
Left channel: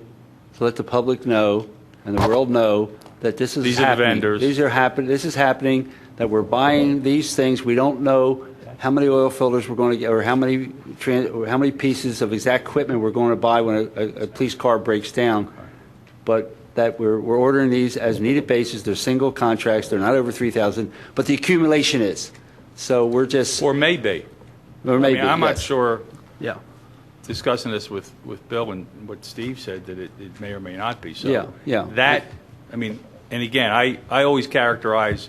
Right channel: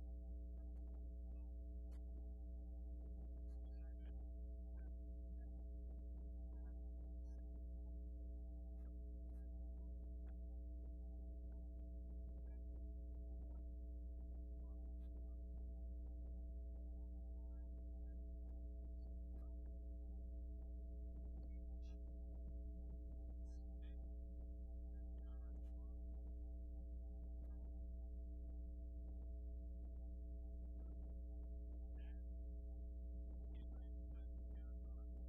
to let the public know and the world know that this is These are the happening. vendors. These are happening. This is happening. That we're buying these things. We don't know how many oil filters we're going to get, or how many pieces of exact equipment we're going to buy when a police car breaks down. But that we're ordering these as needed basis. They're single contracts. They're not over 3,000. But the accumulation is. So we're just. Or maybe. Or maybe. I'm not yes. sure. Yeah. Discussing this with Bill and what Steve said, that it may or may not be. So Yeah. That, I mean, and again, I always characterize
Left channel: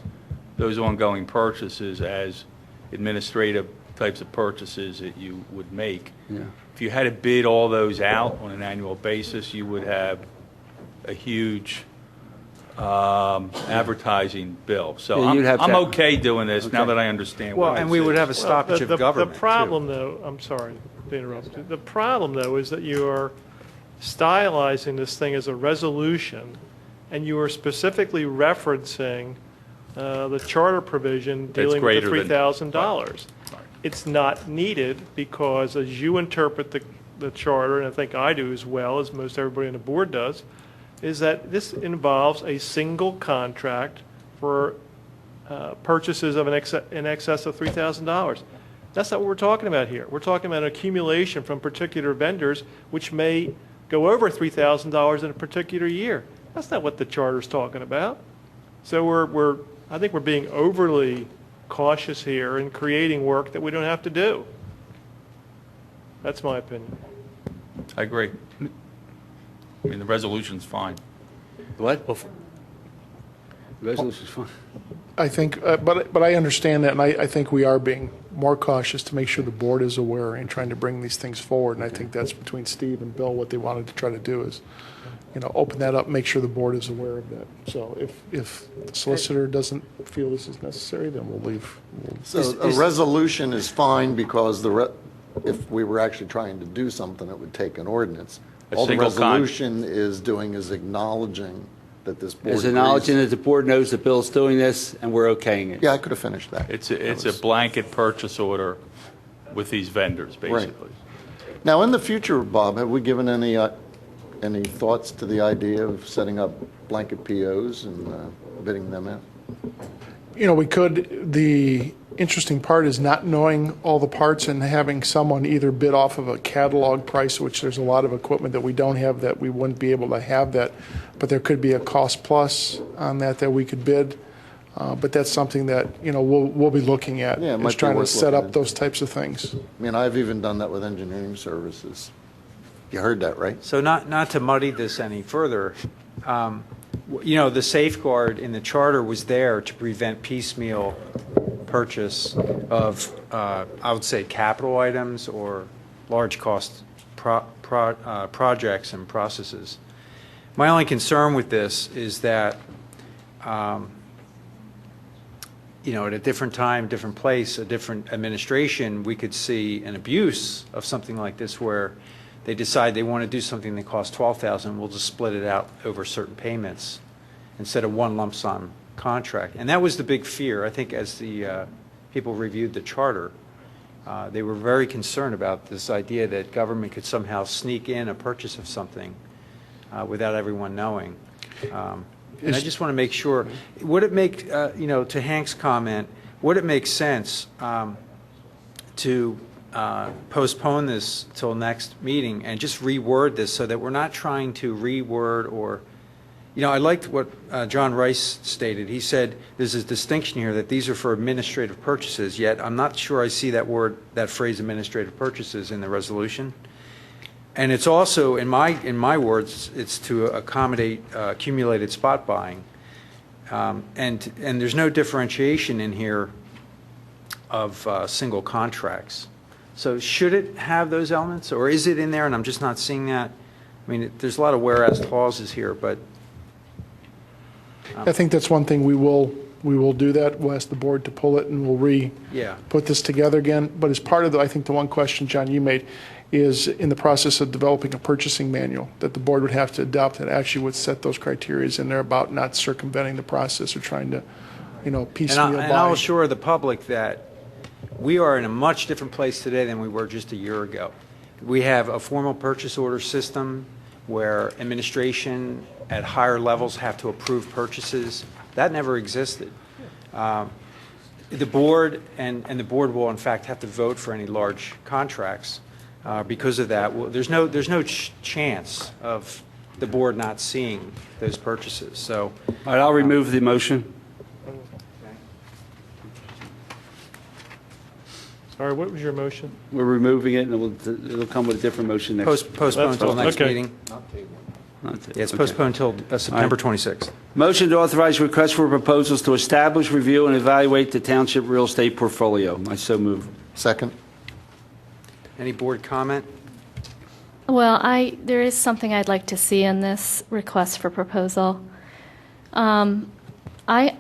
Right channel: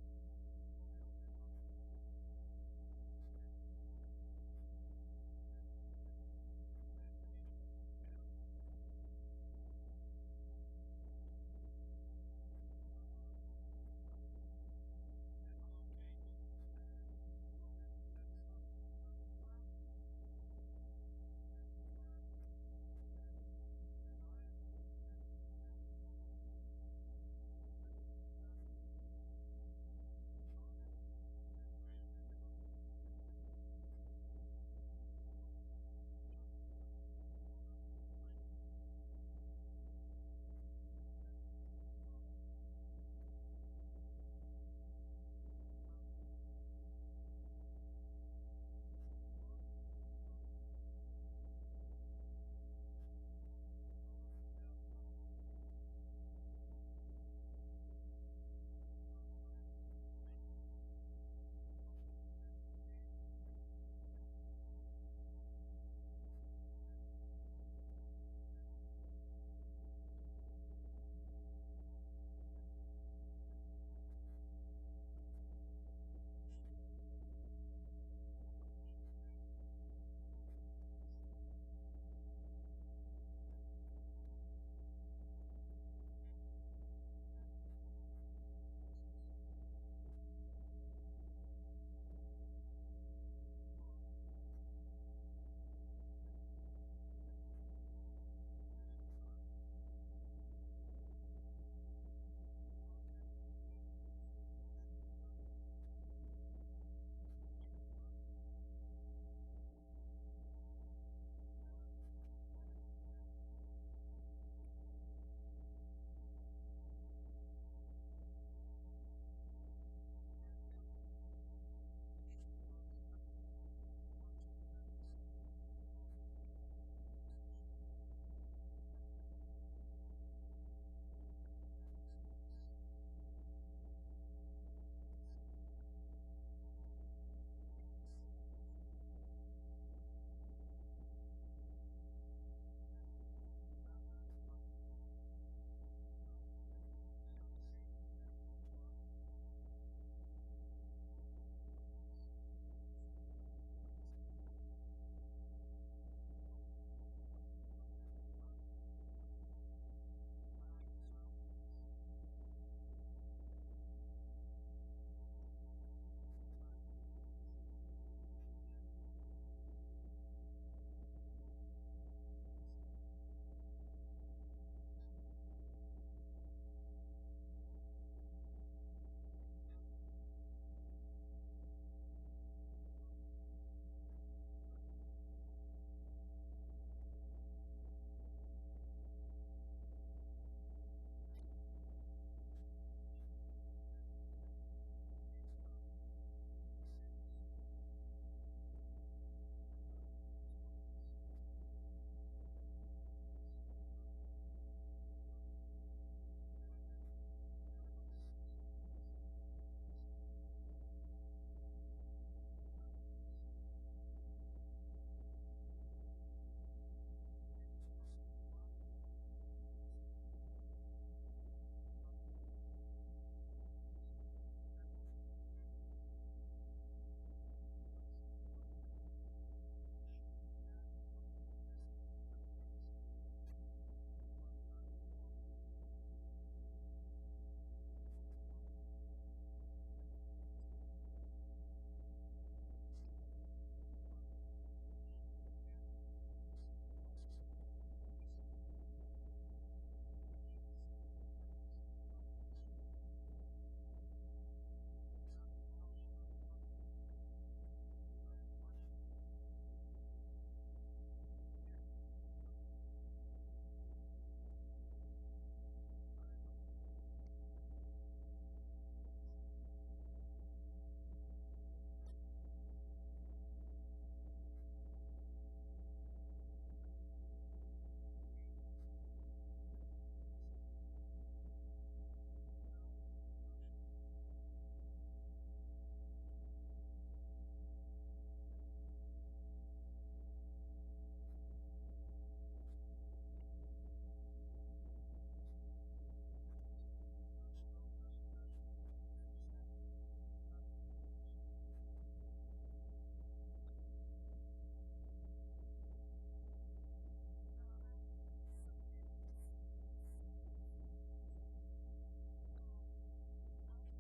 those ongoing purchases as administrative types of purchases that you would make. Yeah. If you had to bid all those out on an annual basis, you would have a huge advertising bill. So Yeah, you'd have to I'm have- okay doing this now that I understand Well, what and it we is. would have a stoppage of government, The problem, though, I'm sorry to interrupt you. The problem, though, is that you are stylizing this thing as a resolution, and you are specifically referencing the charter provision dealing with the greater than- $3,000. It's not needed because, as you interpret the charter, and I think I do as well, as most everybody on the board does, is that this involves a single contract for purchases of in excess of $3,000. That's not what we're talking about here. We're talking about an accumulation from particular vendors, which may go over $3,000 in a particular year. That's not what the charter's talking about. So I think we're being overly cautious here in creating work that we don't have to do. That's my opinion. I agree. I mean, the resolution's fine. What? The resolution's fine. I think, but I understand that, and I think we are being more cautious to make sure the board is aware and trying to bring these things forward. And I think that's between Steve and Bill, what they wanted to try to do is, open that up, make sure the board is aware of that. So if the solicitor doesn't feel this is necessary, then we'll leave. So a resolution is fine because if we were actually trying to do something, it would take an ordinance. All the resolution is doing is acknowledging that this board Is acknowledging that the board knows that Bill's doing this and we're okaying it. Yeah, I could have finished that. It's a blanket purchase order with these vendors, basically. Now, in the future, Bob, have we given any thoughts to the idea of setting up blanket POs and bidding them in? We could. The interesting part is not knowing all the parts and having someone either bid off of a catalog price, which there's a lot of equipment that we don't have that we wouldn't be able to have that, but there could be a cost plus on that we could bid. But that's something that, we'll be looking at. Yeah, it is might be trying to worth set looking up those types of things. I mean, I've even done that with engineering services. You heard that, right? So not to muddy this any further, the safeguard in the charter was there to prevent piecemeal purchase of, I would say, capital items or large cost projects and processes. My only concern with this is that, at a different time, different place, a different administration, we could see an abuse of something like this where they decide they want to do something that costs $12,000, we'll just split it out over certain payments instead of one lump sum contract. And that was the big fear, I think, as the people reviewed the charter. They were very concerned about this idea that government could somehow sneak in a purchase of something without everyone knowing. And I just want to make sure, would it make, to Hank's comment, would it make sense to postpone this till next meeting and just reword this so that we're not trying to reword or, I liked what John Rice stated. He said there's a distinction here that these are for administrative purchases, yet I'm not sure I see that phrase administrative purchases in the resolution. And it's also, in my words, it's to accommodate accumulated spot buying. And there's no differentiation in here of single contracts. So should it have those elements, or is it in there and I'm just not seeing that? I mean, there's a lot of whereas clauses here, but. I think that's one thing we will do that. We'll ask the board to pull it and we'll put this together again. But as part of I think the one question, John, you made is in the process of developing a purchasing manual that the board would have to adopt that actually would set those criteria in there about not circumventing the process or trying to, piecemeal buy. And I'll assure the public that we are in a much different place today than we were just a year ago. We have a formal purchase order system where administration at higher levels have to approve purchases. That never existed. The board and the board will in fact have to vote for any large contracts because of that. There's no chance of the board not seeing those purchases. So, all right, I'll remove the motion. Sorry, what was your motion? We're removing it, and it'll come with a different motion next. Postpone until next okay. meeting. Yeah, it's postponed until September 26th. Motion to authorize requests for proposals to establish, review, and evaluate the township real estate portfolio. I so move. Second. Any board comment? Well, there is something I'd like to see in this request for proposal. I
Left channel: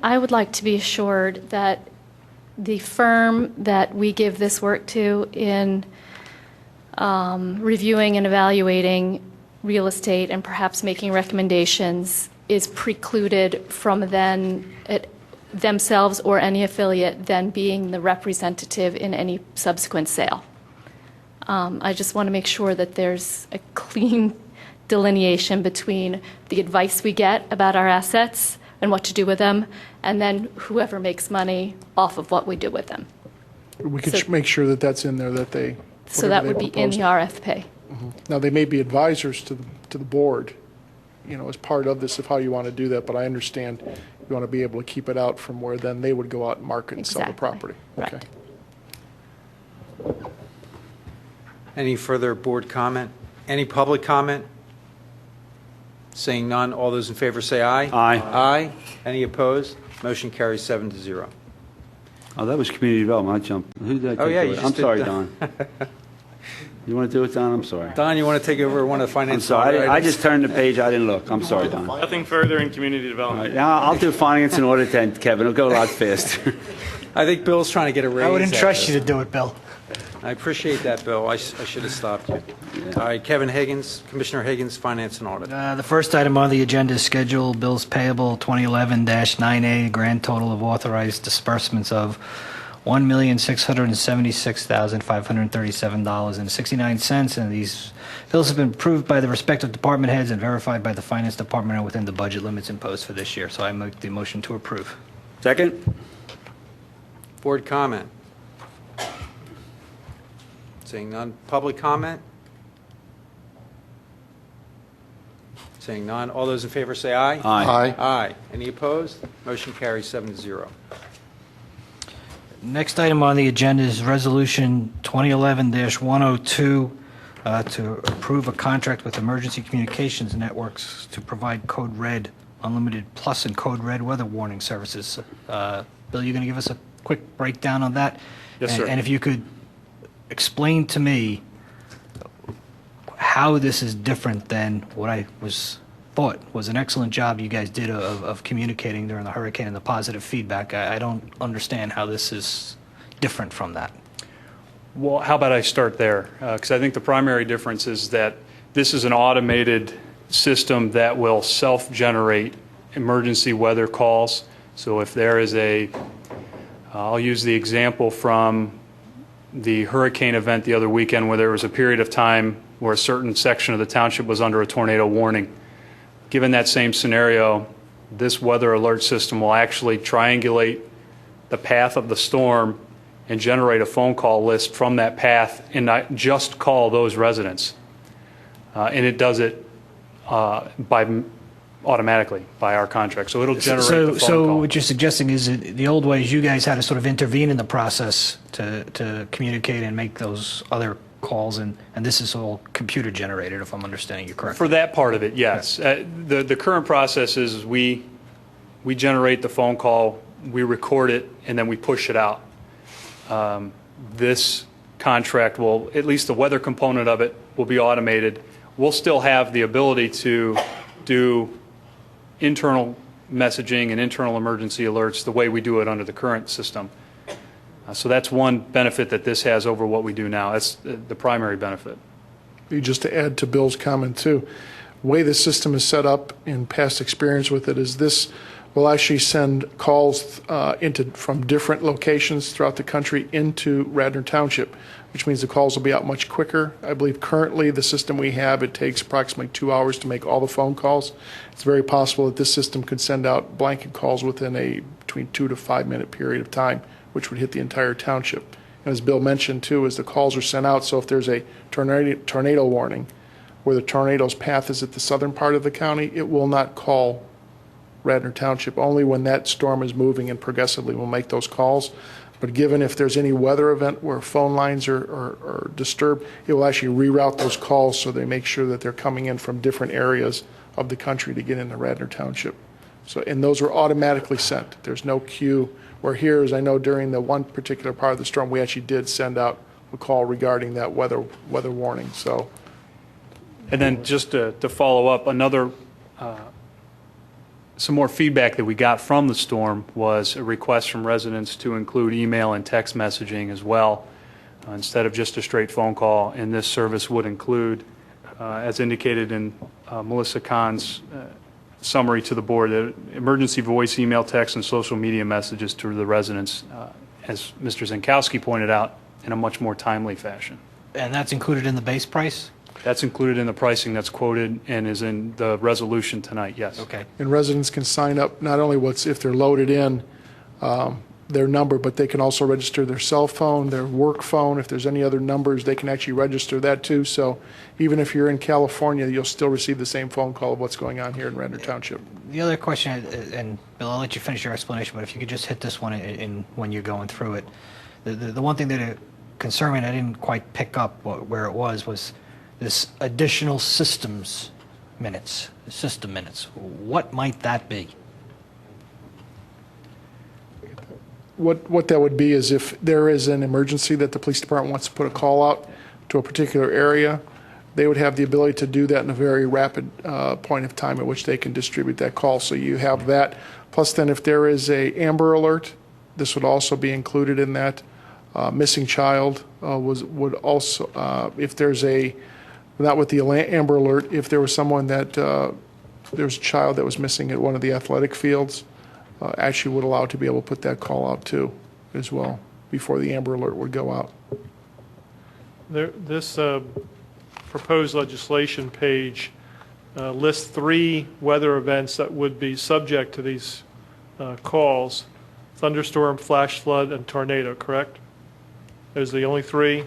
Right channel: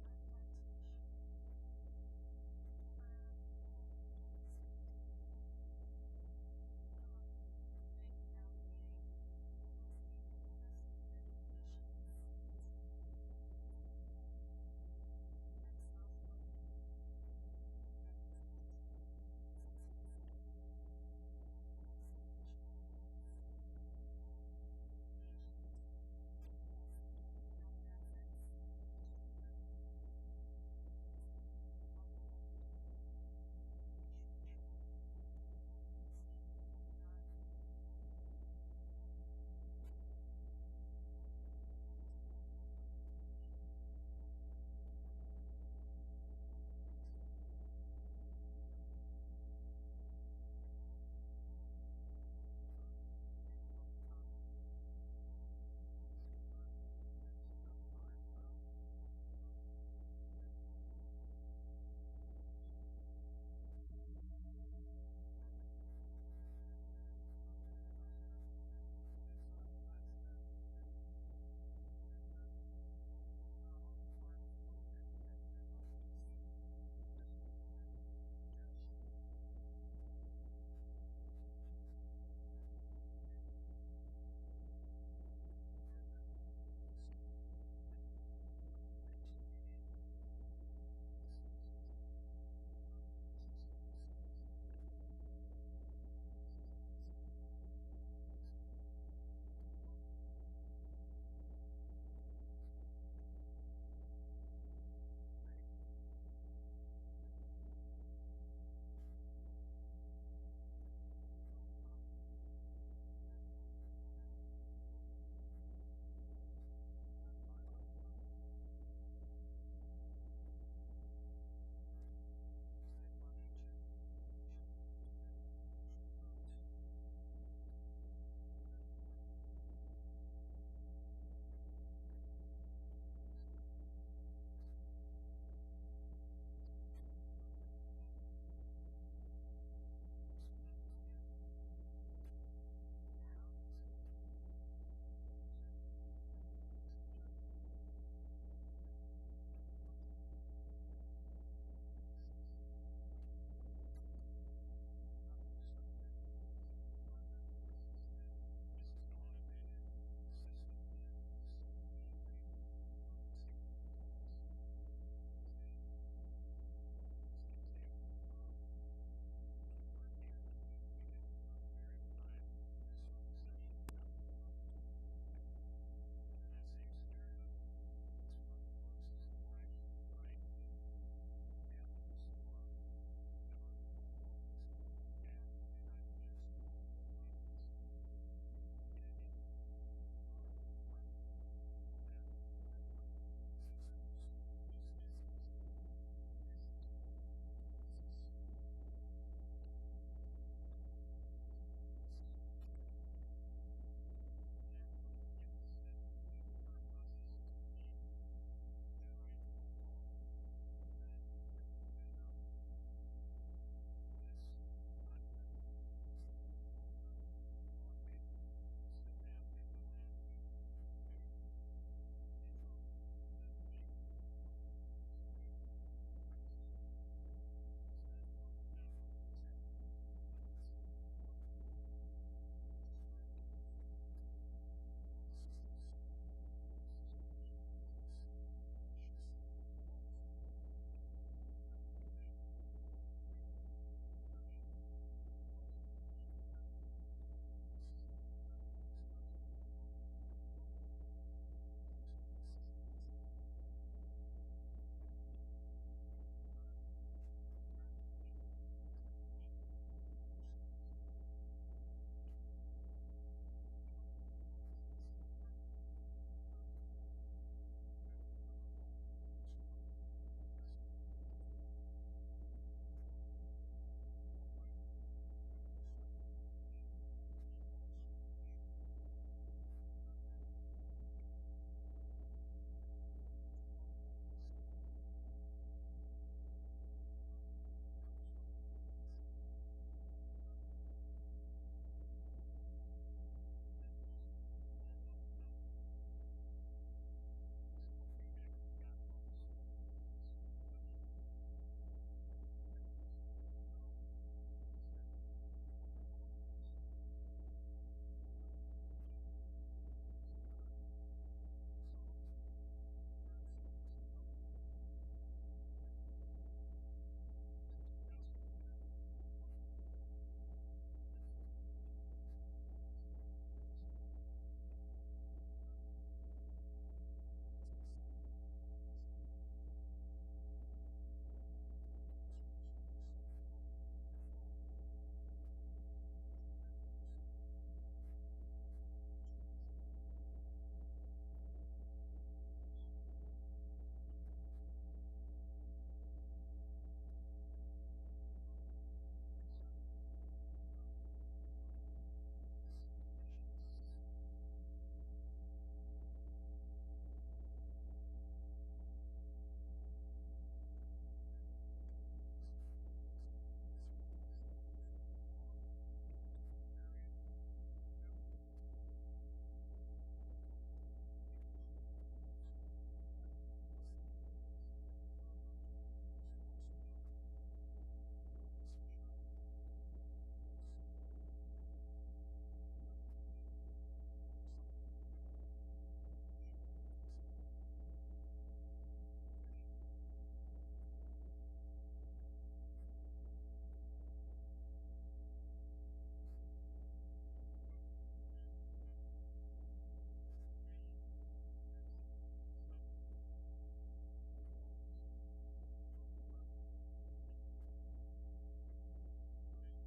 would like to be assured that the firm that we give this work to in reviewing and evaluating real estate and perhaps making recommendations is precluded from themselves or any affiliate then being the representative in any subsequent sale. I just want to make sure that there's a clean delineation between the advice we get about our assets and what to do with them, and then whoever makes money off of what we do with them. We could make sure that that's in there, that they. So that would be in the RFP. Now, they may be advisors to the board, as part of this of how you want to do that, but I understand you want to be able to keep it out from where then they would go out and market and sell the property. Right. Okay. Any further board comment? Any public comment? Seeing none, all those in favor say aye. Aye. Aye. Any opposed? Motion carries 7-0. Oh, that was community development. I jumped. Who did I take Oh, yeah, away? you just I'm did sorry, that. Don. You want to do it, Don? I'm sorry. Don, you want to take over one of the I'm finance? sorry. I items? just turned the page. I didn't look. I'm sorry, Don. All Nothing further in community development. right, now I'll do finance and audit then, Kevin. It'll go a lot faster. I think Bill's trying to get a raise. I wouldn't out trust of you to do it, Bill. I appreciate that, Bill. I should have stopped you. All right, Kevin Higgins, Commissioner Higgins, Finance and Audit. The first item on the agenda is schedule bills payable 2011-9A, grand total of authorized disbursements of $1,676,537.69, and these bills have been approved by the respective department heads and verified by the finance department and within the budget limits imposed for this year. So I make the motion to approve. Second? Board comment? Seeing none. Public comment? Seeing none. All those in favor say aye. Aye. Aye. Aye. Any opposed? Motion carries 7-0. Next item on the agenda is Resolution 2011-102 to approve a contract with Emergency Communications Networks to provide Code Red Unlimited Plus and Code Red weather warning services. Bill, you going to give us a quick breakdown on that? Yes, sir. And if you could explain to me how this is different than what I thought was an excellent job you guys did of communicating during the hurricane and the positive feedback. I don't understand how this is different from that. Well, how about I start there? Because I think the primary difference is that this is an automated system that will self-generate emergency weather calls. So if there is I'll use the example from the hurricane event the other weekend where there was a period of time where a certain section of the township was under a tornado warning. Given that same scenario, this weather alert system will actually triangulate the path of the storm and generate a phone call list from that path and not just call those residents. And it does it automatically by our contract. So it'll generate the phone So call. what you're suggesting is that the old ways you guys had to sort of intervene in the process to communicate and make those other calls, and this is all computer generated, if I'm understanding you correctly. For that part of it, yes. The current process is we generate the phone call, we record it, and then we push it out. This contract will, at least the weather component of it, will be automated. We'll still have the ability to do internal messaging and internal emergency alerts the way we do it under the current system. So that's one benefit that this has over what we do now. That's the primary benefit. Just to add to Bill's comment too, the way the system is set up in past experience with it is this will actually send calls from different locations throughout the country into Radnor Township, which means the calls will be out much quicker. I believe currently the system we have, it takes approximately 2 hours to make all the phone calls. It's very possible that this system could send out blanket calls within a between 2 to 5 minute period of time, which would hit the entire township. And as Bill mentioned too, as the calls are sent out, so if there's a tornado warning where the tornado's path is at the southern part of the county, it will not call Radnor Township. Only when that storm is moving and progressively will make those calls. But given if there's any weather event where phone lines are disturbed, it will actually reroute those calls so they make sure that they're coming in from different areas of the country to get into Radnor Township. So, and those are automatically sent. There's no queue. Where here, as I know, during the one particular part of the storm, we actually did send out a call regarding that weather warning. So, And then just to follow up, some more feedback that we got from the storm was a request from residents to include email and text messaging as well, instead of just a straight phone call. And this service would include, as indicated in Melissa Kahn's summary to the board, emergency voice, email, text, and social media messages to the residents, as Mr. Zankowski pointed out, in a much more timely fashion. And that's included in the base price? That's included in the pricing that's quoted and is in the resolution tonight, yes. Okay. and residents can sign up not only if they're loaded in their number, but they can also register their cell phone, their work phone. If there's any other numbers, they can actually register that too. So even if you're in California, you'll still receive the same phone call of what's going on here in Radnor Township. The other question, and Bill, I'll let you finish your explanation, but if you could just hit this one when you're going through it. The one thing that concerned me and I didn't quite pick up where it was this additional system minutes. What might that be? What that would be is if there is an emergency that the police department wants to put a call out to a particular area, they would have the ability to do that in a very rapid point of time at which they can distribute that call. So you have that. Plus then if there is a Amber Alert, this would also be included in that. Missing child would also, if there's not with the Amber Alert, if there was someone that, there's a child that was missing at one of the athletic fields, actually would allow to be able to put that call out too, as well, before the Amber Alert would go out. This proposed legislation page lists 3 weather events that would be subject to these calls: thunderstorm, flash flood, and tornado, correct? Those are the only 3?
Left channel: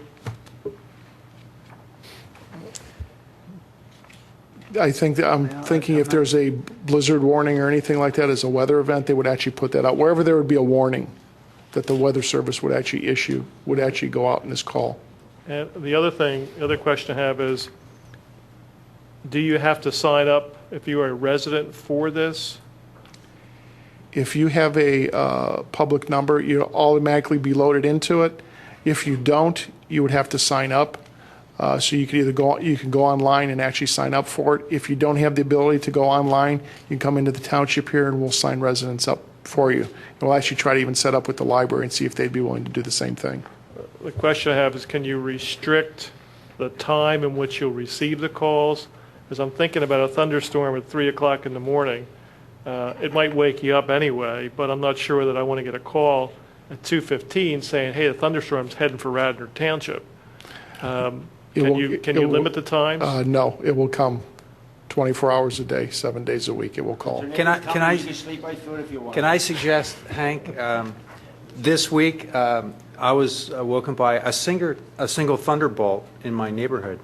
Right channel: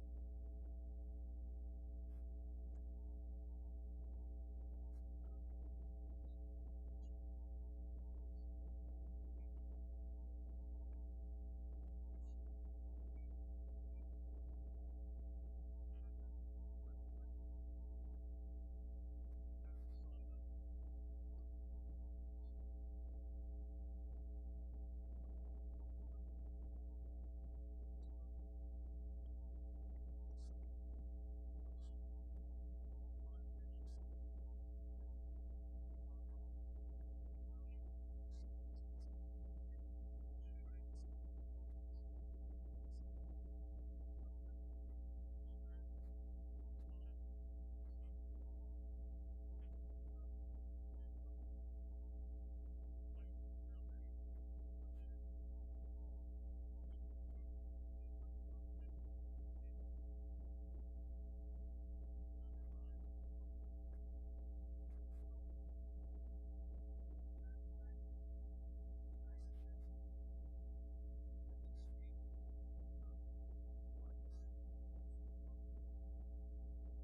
I think that I'm thinking if there's a blizzard warning or anything like that as a weather event, they would actually put that out. Wherever there would be a warning that the weather service would actually issue, would actually go out in this call. And the other question I have is, do you have to sign up if you are a resident for this? if you have a public number, you'll automatically be loaded into it. If you don't, you would have to sign up. So you can either go online and actually sign up for it. If you don't have the ability to go online, you can come into the township here and we'll sign residents up for you. And we'll actually try to even set up with the library and see if they'd be willing to do the same thing. The question I have is, can you restrict the time in which you'll receive the calls? Because I'm thinking about a thunderstorm at 3 o'clock in the morning. It might wake you up anyway, but I'm not sure that I want to get a call at 2:15 saying, hey, the thunderstorm's heading for Radnor Township. Can you limit the times? No, it will come 24 hours a day, 7 days a week. It will call. Can I suggest, Hank, this week I was woken by a single thunderbolt in my neighborhood.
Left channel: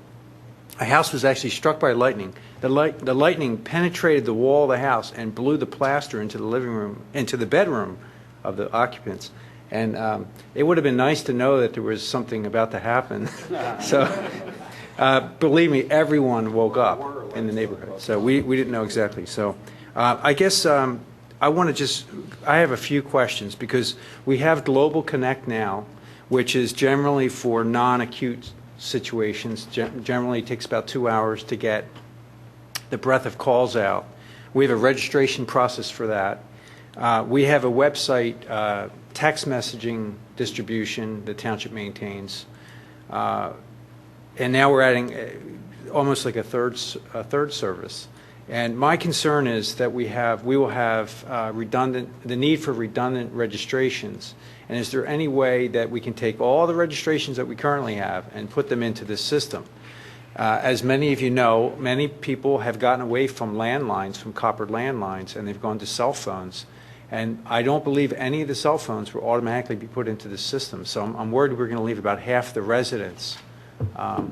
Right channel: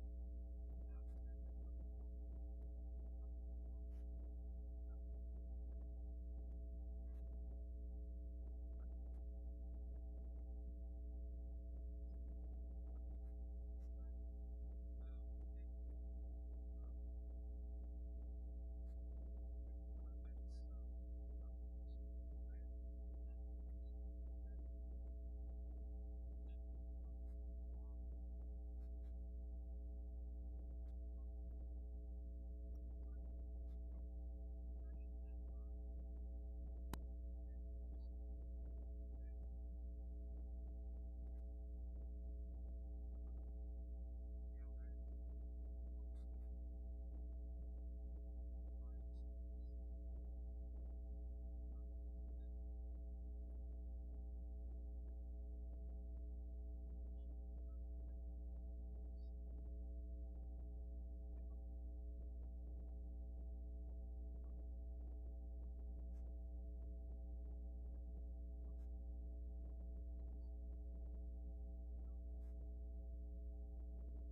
A house was actually struck by lightning. The lightning penetrated the wall of the house and blew the plaster into the living room, into the bedroom of the occupants. And it would have been nice to know that there was something about to happen. So believe me, everyone woke up in the neighborhood. So we didn't know exactly. So I guess I have a few questions because we have Global Connect now, which is generally for non-acute situations. Generally takes about 2 hours to get the breadth of calls out. We have a registration process for that. We have a website, text messaging distribution the township maintains. And now we're adding almost like a third service. And my concern is that we will have the need for redundant registrations. And is there any way that we can take all the registrations that we currently have and put them into this system? As many of you know, many people have gotten away from landlines, from copper landlines, and they've gone to cell phones. And I don't believe any of the cell phones will automatically be put into the system. So I'm worried we're going to leave about half the residents out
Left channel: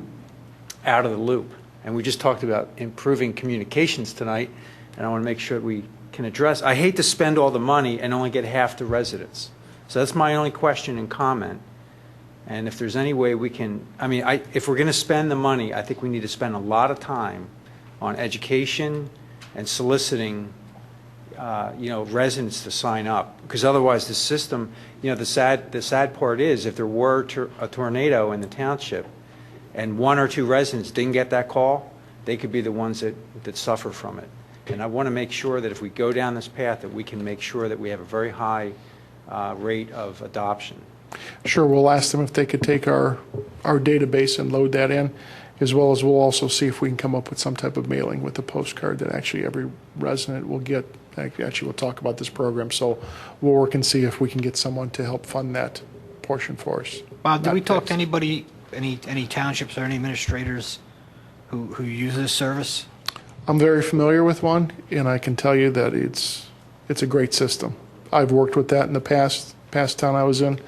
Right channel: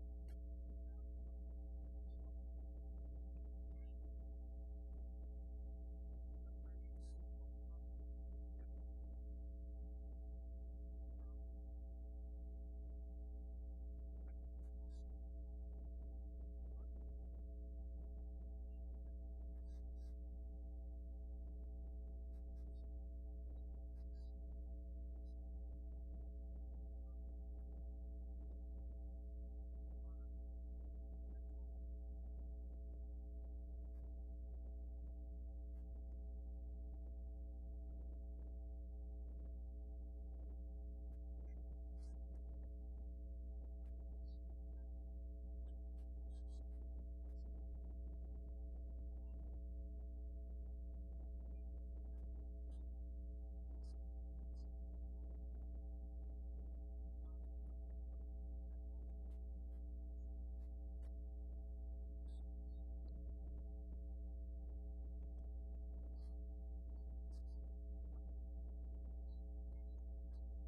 of the loop. And we just talked about improving communications tonight, and I want to make sure we can address. I hate to spend all the money and only get half the residents. So that's my only question and comment. And if there's any way we can, if we're going to spend the money, I think we need to spend a lot of time on education and soliciting residents to sign up, because otherwise the system, the sad part is if there were a tornado in the township and 1 or 2 residents didn't get that call, they could be the ones that suffer from it. And I want to make sure that if we go down this path that we can make sure that we have a very high rate of adoption. Sure, we'll ask them if they could take our database and load that in, as well as we'll also see if we can come up with some type of mailing with a postcard that actually every resident will get. Actually, we'll talk about this program, so we'll work and see if we can get someone to help fund that portion for us. Bob, did we talk to anybody, any townships or any administrators who use this service? I'm very familiar with one, and I can tell you that it's a great system. I've worked with that in the past town I was in.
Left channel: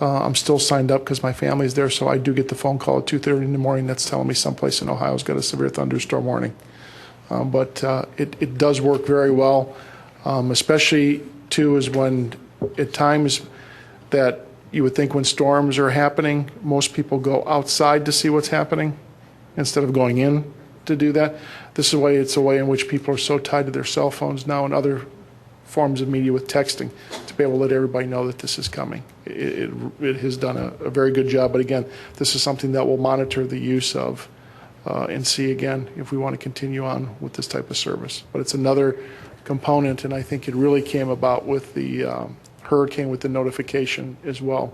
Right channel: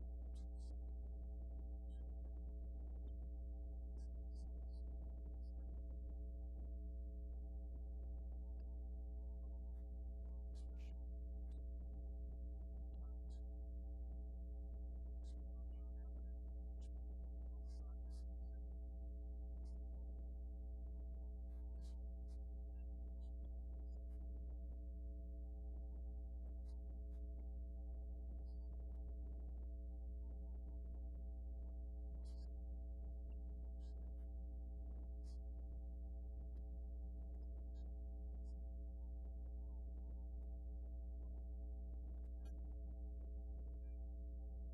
I'm still signed up because my family's there, so I do get the phone call at 2:30 in the morning that's telling me someplace in Ohio's got a severe thunderstorm warning. But it does work very well, especially, too, is when at times that you would think when storms are happening, most people go outside to see what's happening instead of going in to do that. It's a way in which people are so tied to their cell phones now and other forms of media with texting to be able to let everybody know that this is coming. It has done a very good job, but again, this is something that we'll monitor the use of and see again if we want to continue on with this type of service. But it's another component, and I think it really came about with the hurricane, with the notification as well,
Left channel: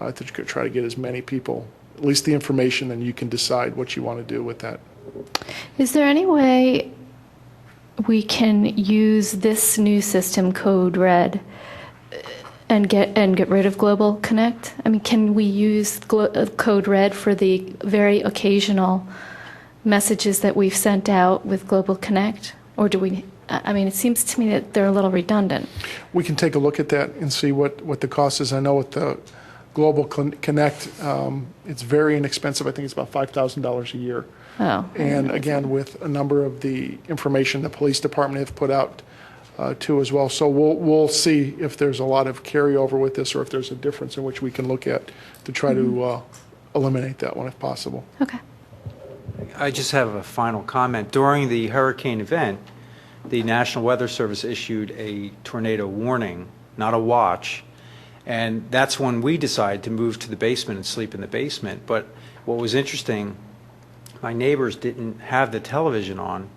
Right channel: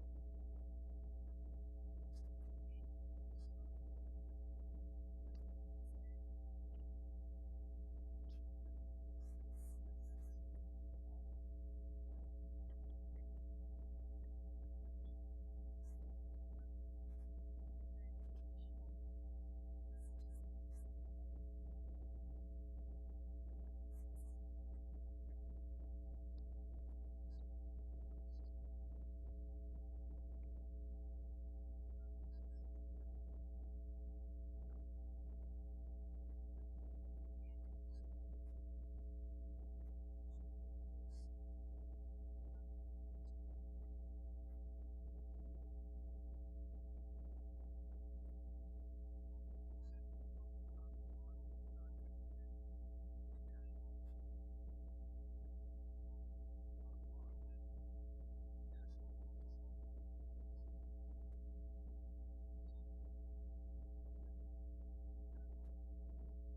to try to get as many people, at least the information, then you can decide what you want to do with that. Is there any way we can use this new system, Code Red, and get rid of Global Connect? Can we use Code Red for the very occasional messages that we've sent out with Global Connect? Or do we, it seems to me that they're a little redundant. We can take a look at that and see what the cost is. I know with the Global Connect, it's very inexpensive. I think it's about $5,000 a year. Oh. And again, with a number of the information the police department have put out too as well. So we'll see if there's a lot of carryover with this or if there's a difference in which we can look at to try to eliminate that one if possible. Okay. I just have a final comment. During the hurricane event, the National Weather Service issued a tornado warning, not a watch, and that's when we decided to move to the basement and sleep in the basement. But what was interesting, my neighbors didn't have the television on,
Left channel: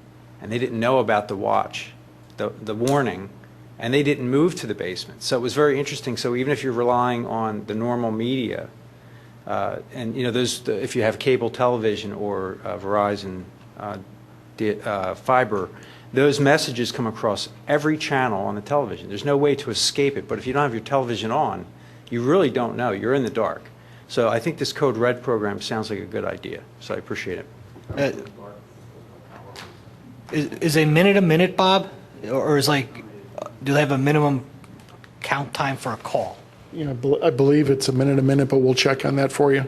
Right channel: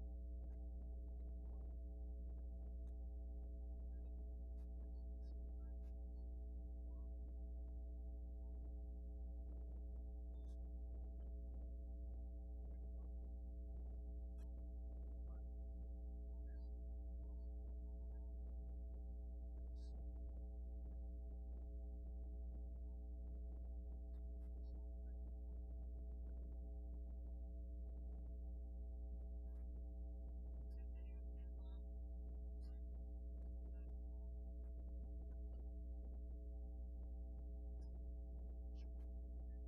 and they didn't know about the watch, the warning, and they didn't move to the basement. So it was very interesting. So even if you're relying on the normal media, and if you have cable television or Verizon fiber, those messages come across every channel on the television. There's no way to escape it. But if you don't have your television on, you really don't know. You're in the dark. So I think this Code Red program sounds like a good idea. So I appreciate it. Is a minute, Bob? Or is do they have a minimum count time for a call? I believe it's a minute, but we'll check on that for you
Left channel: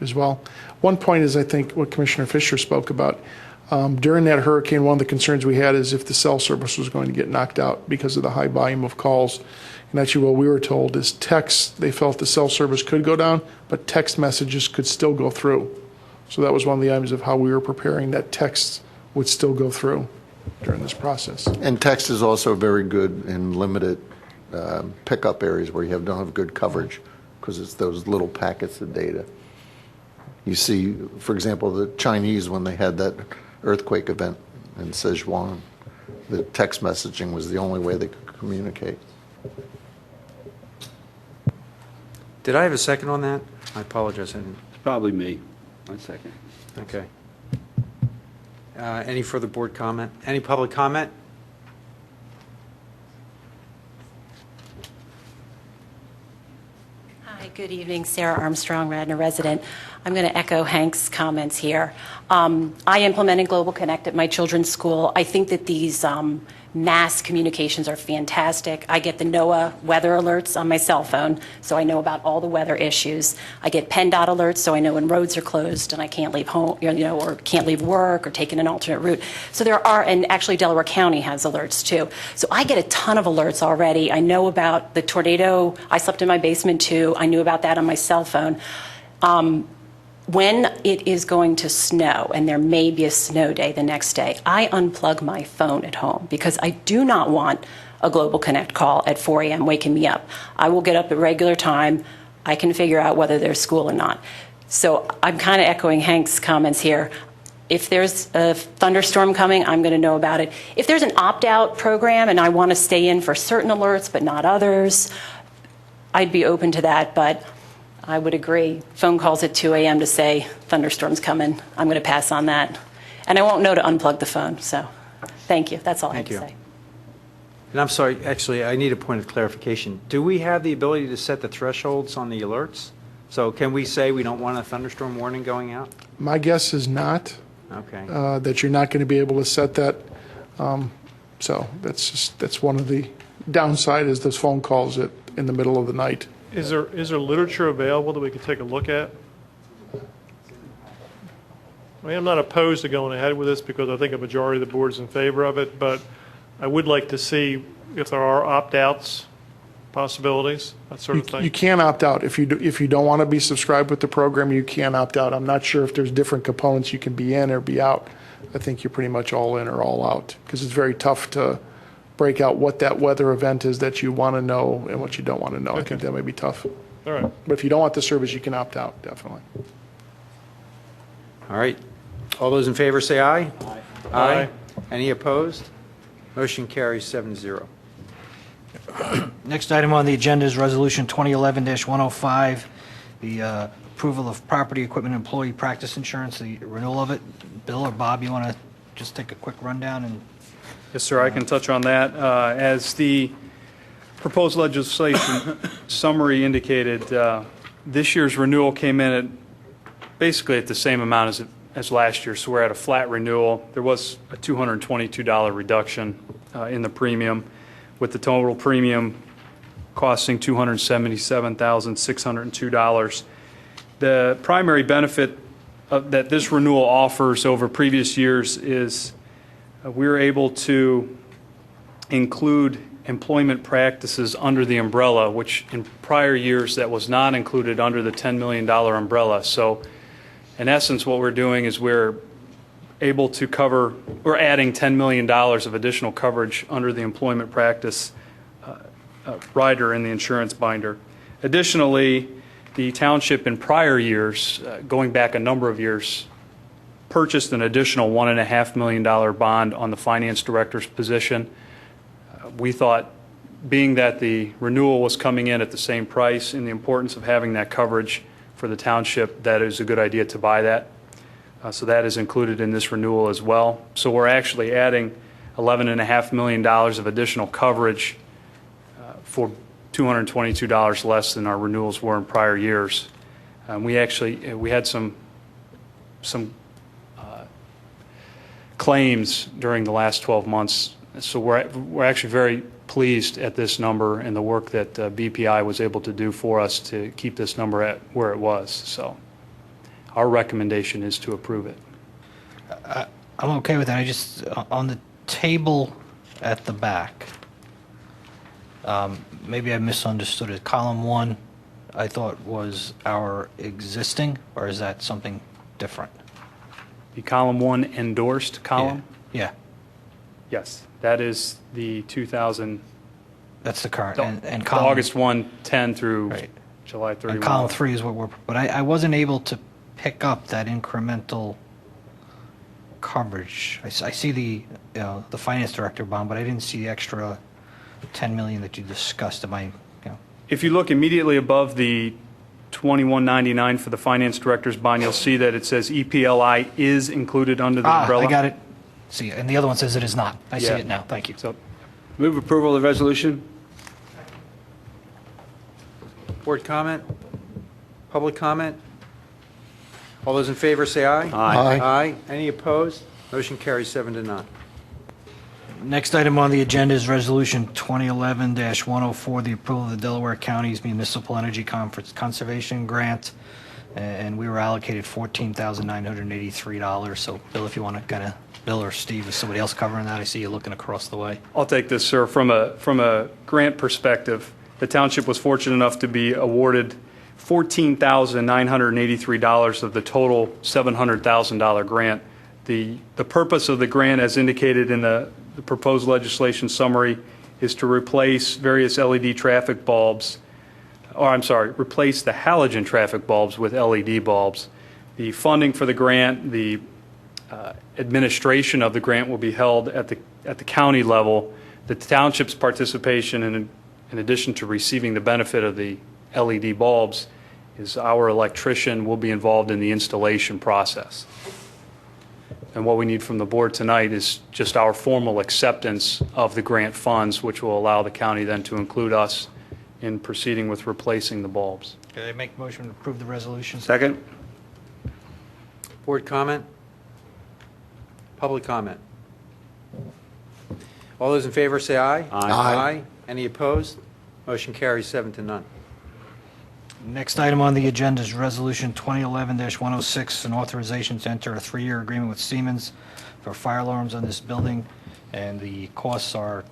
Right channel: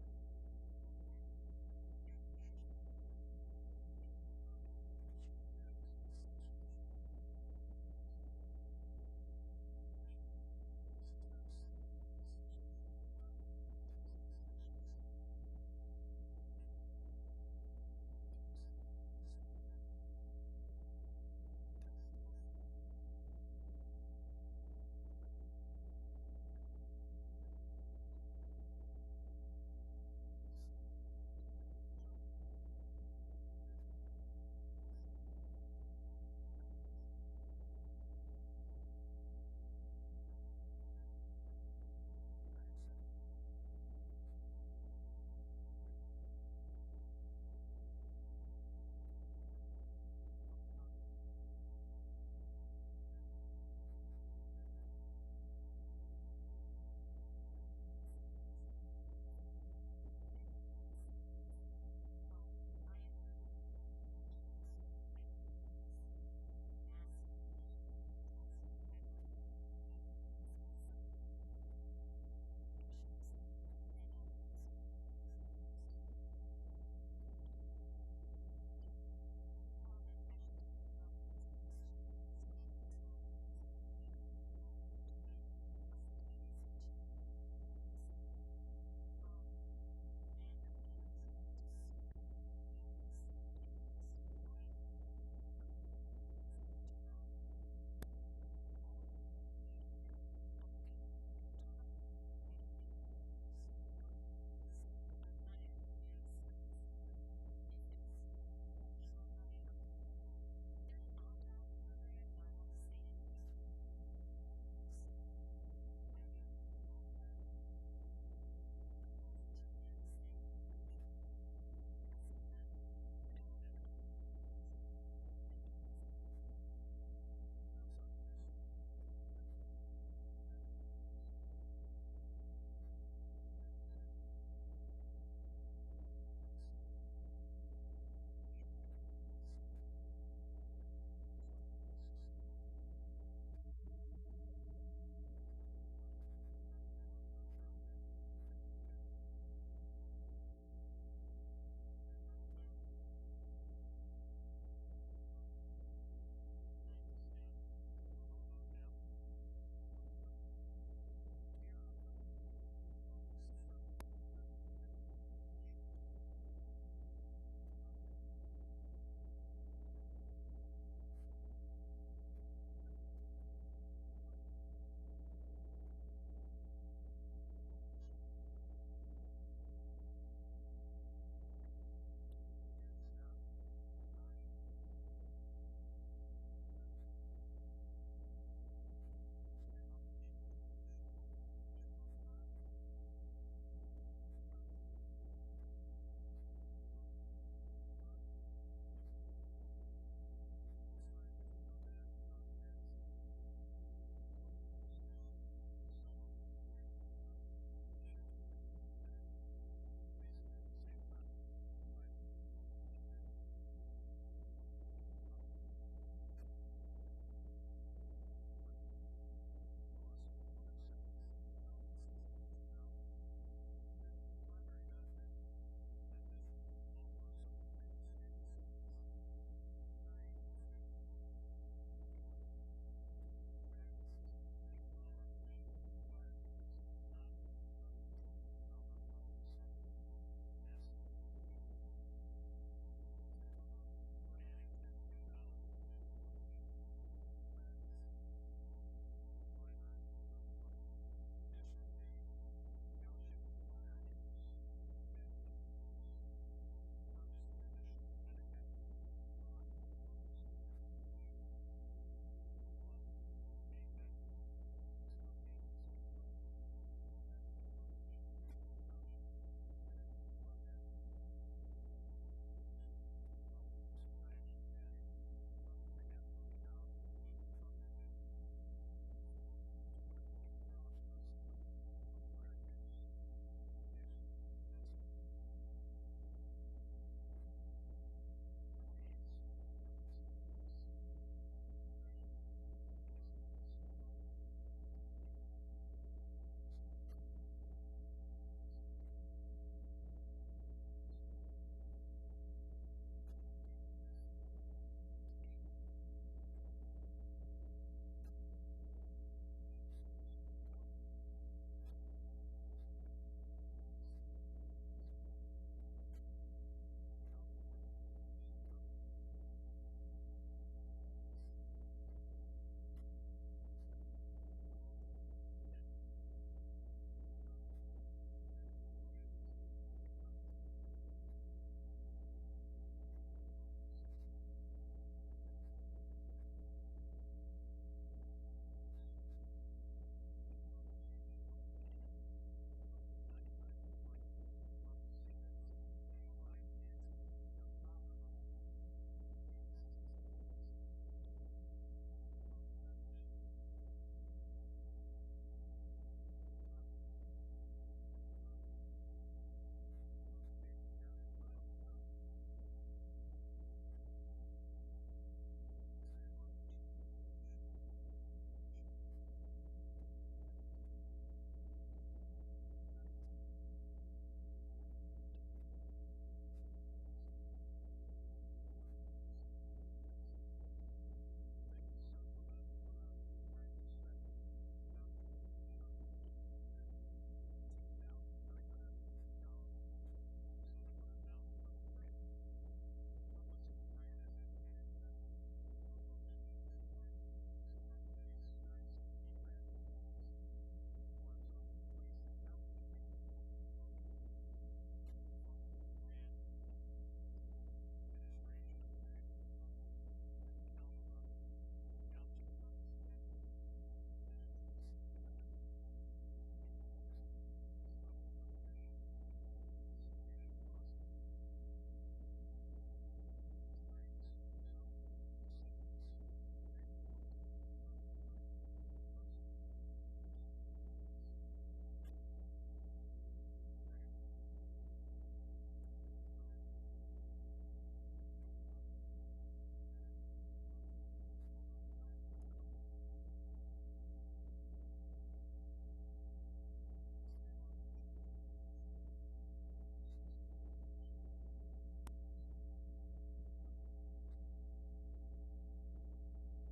as well. One point is, I think, what Commissioner Fisher spoke about. During that hurricane, one of the concerns we had is if the cell service was going to get knocked out because of the high volume of calls. And actually what we were told is they felt the cell service could go down, but text messages could still go through. So that was one of the items of how we were preparing, that texts would still go through during this process. And text is also very good in limited pickup areas where you don't have good coverage, because it's those little packets of data. You see, for example, the Chinese, when they had that earthquake event in Sichuan, the text messaging was the only way they could communicate. Did I have a second on that? I apologize. It's probably me. 1 second. Okay. Any further board comment? Any public comment? Hi, good evening. Sarah Armstrong, Radnor resident. I'm going to echo Hank's comments here. I implemented Global Connect at my children's school. I think that these mass communications are fantastic. I get the NOAA weather alerts on my cell phone, so I know about all the weather issues. I get PennDOT alerts, so I know when roads are closed and I can't leave home, or can't leave work or taking an alternate route. So there are, and actually Delaware County has alerts too. So I get a ton of alerts already. I know about the tornado. I slept in my basement too. I knew about that on my cell phone. When it is going to snow, and there may be a snow day the next day, I unplug my phone at home because I do not want a Global Connect call at 4 a.m. waking me up. I will get up at regular time. I can figure out whether there's school or not. So I'm kind of echoing Hank's comments here. If there's a thunderstorm coming, I'm going to know about it. If there's an opt-out program and I want to stay in for certain alerts but not others, I'd be open to that, but I would agree. Phone calls at 2 a.m. to say thunderstorm's coming, I'm going to pass on that. And I won't know to unplug the phone, so thank you. That's all I have to say. And I'm sorry, actually, I need a point of clarification. Do we have the ability to set the thresholds on the alerts? So can we say we don't want a thunderstorm warning going out? My guess is not. Okay. That you're not going to be able to set that. So that's one of the downside is those phone calls in the middle of the night. Is there literature available that we could take a look at? I mean, I'm not opposed to going ahead with this because I think a majority of the board is in favor of it, but I would like to see if there are opt-outs, possibilities, that sort of thing. You can opt out. If you don't want to be subscribed with the program, you can opt out. I'm not sure if there's different components you can be in or be out. I think you're pretty much all in or all out because it's very tough to break out what that weather event is that you want to know and what you don't want to know. Okay. I think that may be tough. All right. But if you don't want the service, you can opt out, definitely. All right. All those in favor say aye. Aye. Aye. Any opposed? Motion carries 7-0. Next item on the agenda is Resolution 2011-105, the approval of property equipment employee practice insurance, the renewal of it. Bill or Bob, you want to just take a quick rundown? And yes, sir, I can touch on that. As the proposed legislation summary indicated, this year's renewal came in at basically at the same amount as last year, so we're at a flat renewal. There was a $222 reduction in the premium, with the total premium costing $277,602. The primary benefit that this renewal offers over previous years is we're able to include employment practices under the umbrella, which in prior years that was not included under the $10 million umbrella. So in essence, what we're doing is we're able to cover, we're adding $10 million of additional coverage under the employment practice rider in the insurance binder. Additionally, the township in prior years, going back a number of years, purchased an additional $1.5 million bond on the finance director's position. We thought, being that the renewal was coming in at the same price and the importance of having that coverage for the township, that it was a good idea to buy that. So that is included in this renewal as well. So we're actually adding $11.5 million of additional coverage for $222 less than our renewals were in prior years. We had some claims during the last 12 months, so we're actually very pleased at this number and the work that BPI was able to do for us to keep this number at where it was. So our recommendation is to approve it. I'm okay with that. I just, on the table at the back, maybe I misunderstood it. Column 1, I thought was our existing, or is that something different? The column 1 endorsed column? Yeah. Yes, that is the 2000. That's the current. And the column, August 110 through July 31. and column 3 is what we're, but I wasn't able to pick up that incremental coverage. I see the finance director bond, but I didn't see the extra 10 million that you discussed. Am I, If you look immediately above the 2199 for the finance director's bond, you'll see that it says EPLI is included under the umbrella. I got it. See, and the other one says it is not. I see Yeah. it now. Thank you. So, Move approval of the resolution. Board comment? Public comment? All those in favor say aye. Aye. Aye. Any opposed? Motion carries 7-0. Next item on the agenda is Resolution 2011-104, the approval of the Delaware County's Municipal Energy Conservation Grant, and we were allocated $14,983. So, Bill, if you want to kind of, Bill or Steve, is somebody else covering that? I see you looking across the way. I'll take this, sir. From a grant perspective, the township was fortunate enough to be awarded $14,983 of the total $700,000 grant. The purpose of the grant, as indicated in the proposed legislation summary, is to replace various LED traffic bulbs, replace the halogen traffic bulbs with LED bulbs. The funding for the grant, the administration of the grant will be held at the county level. The township's participation, in addition to receiving the benefit of the LED bulbs, is our electrician will be involved in the installation process. And what we need from the board tonight is just our formal acceptance of the grant funds, which will allow the county then to include us in proceeding with replacing the bulbs. Can I make a motion to approve the resolution? Second. Board comment? Public comment? All those in favor say aye. Aye. Any opposed? Motion carries 7-0. Next item on the agenda is Resolution 2011-106, an authorization to enter a 3-year agreement with Siemens for fire alarms on this building, and the costs are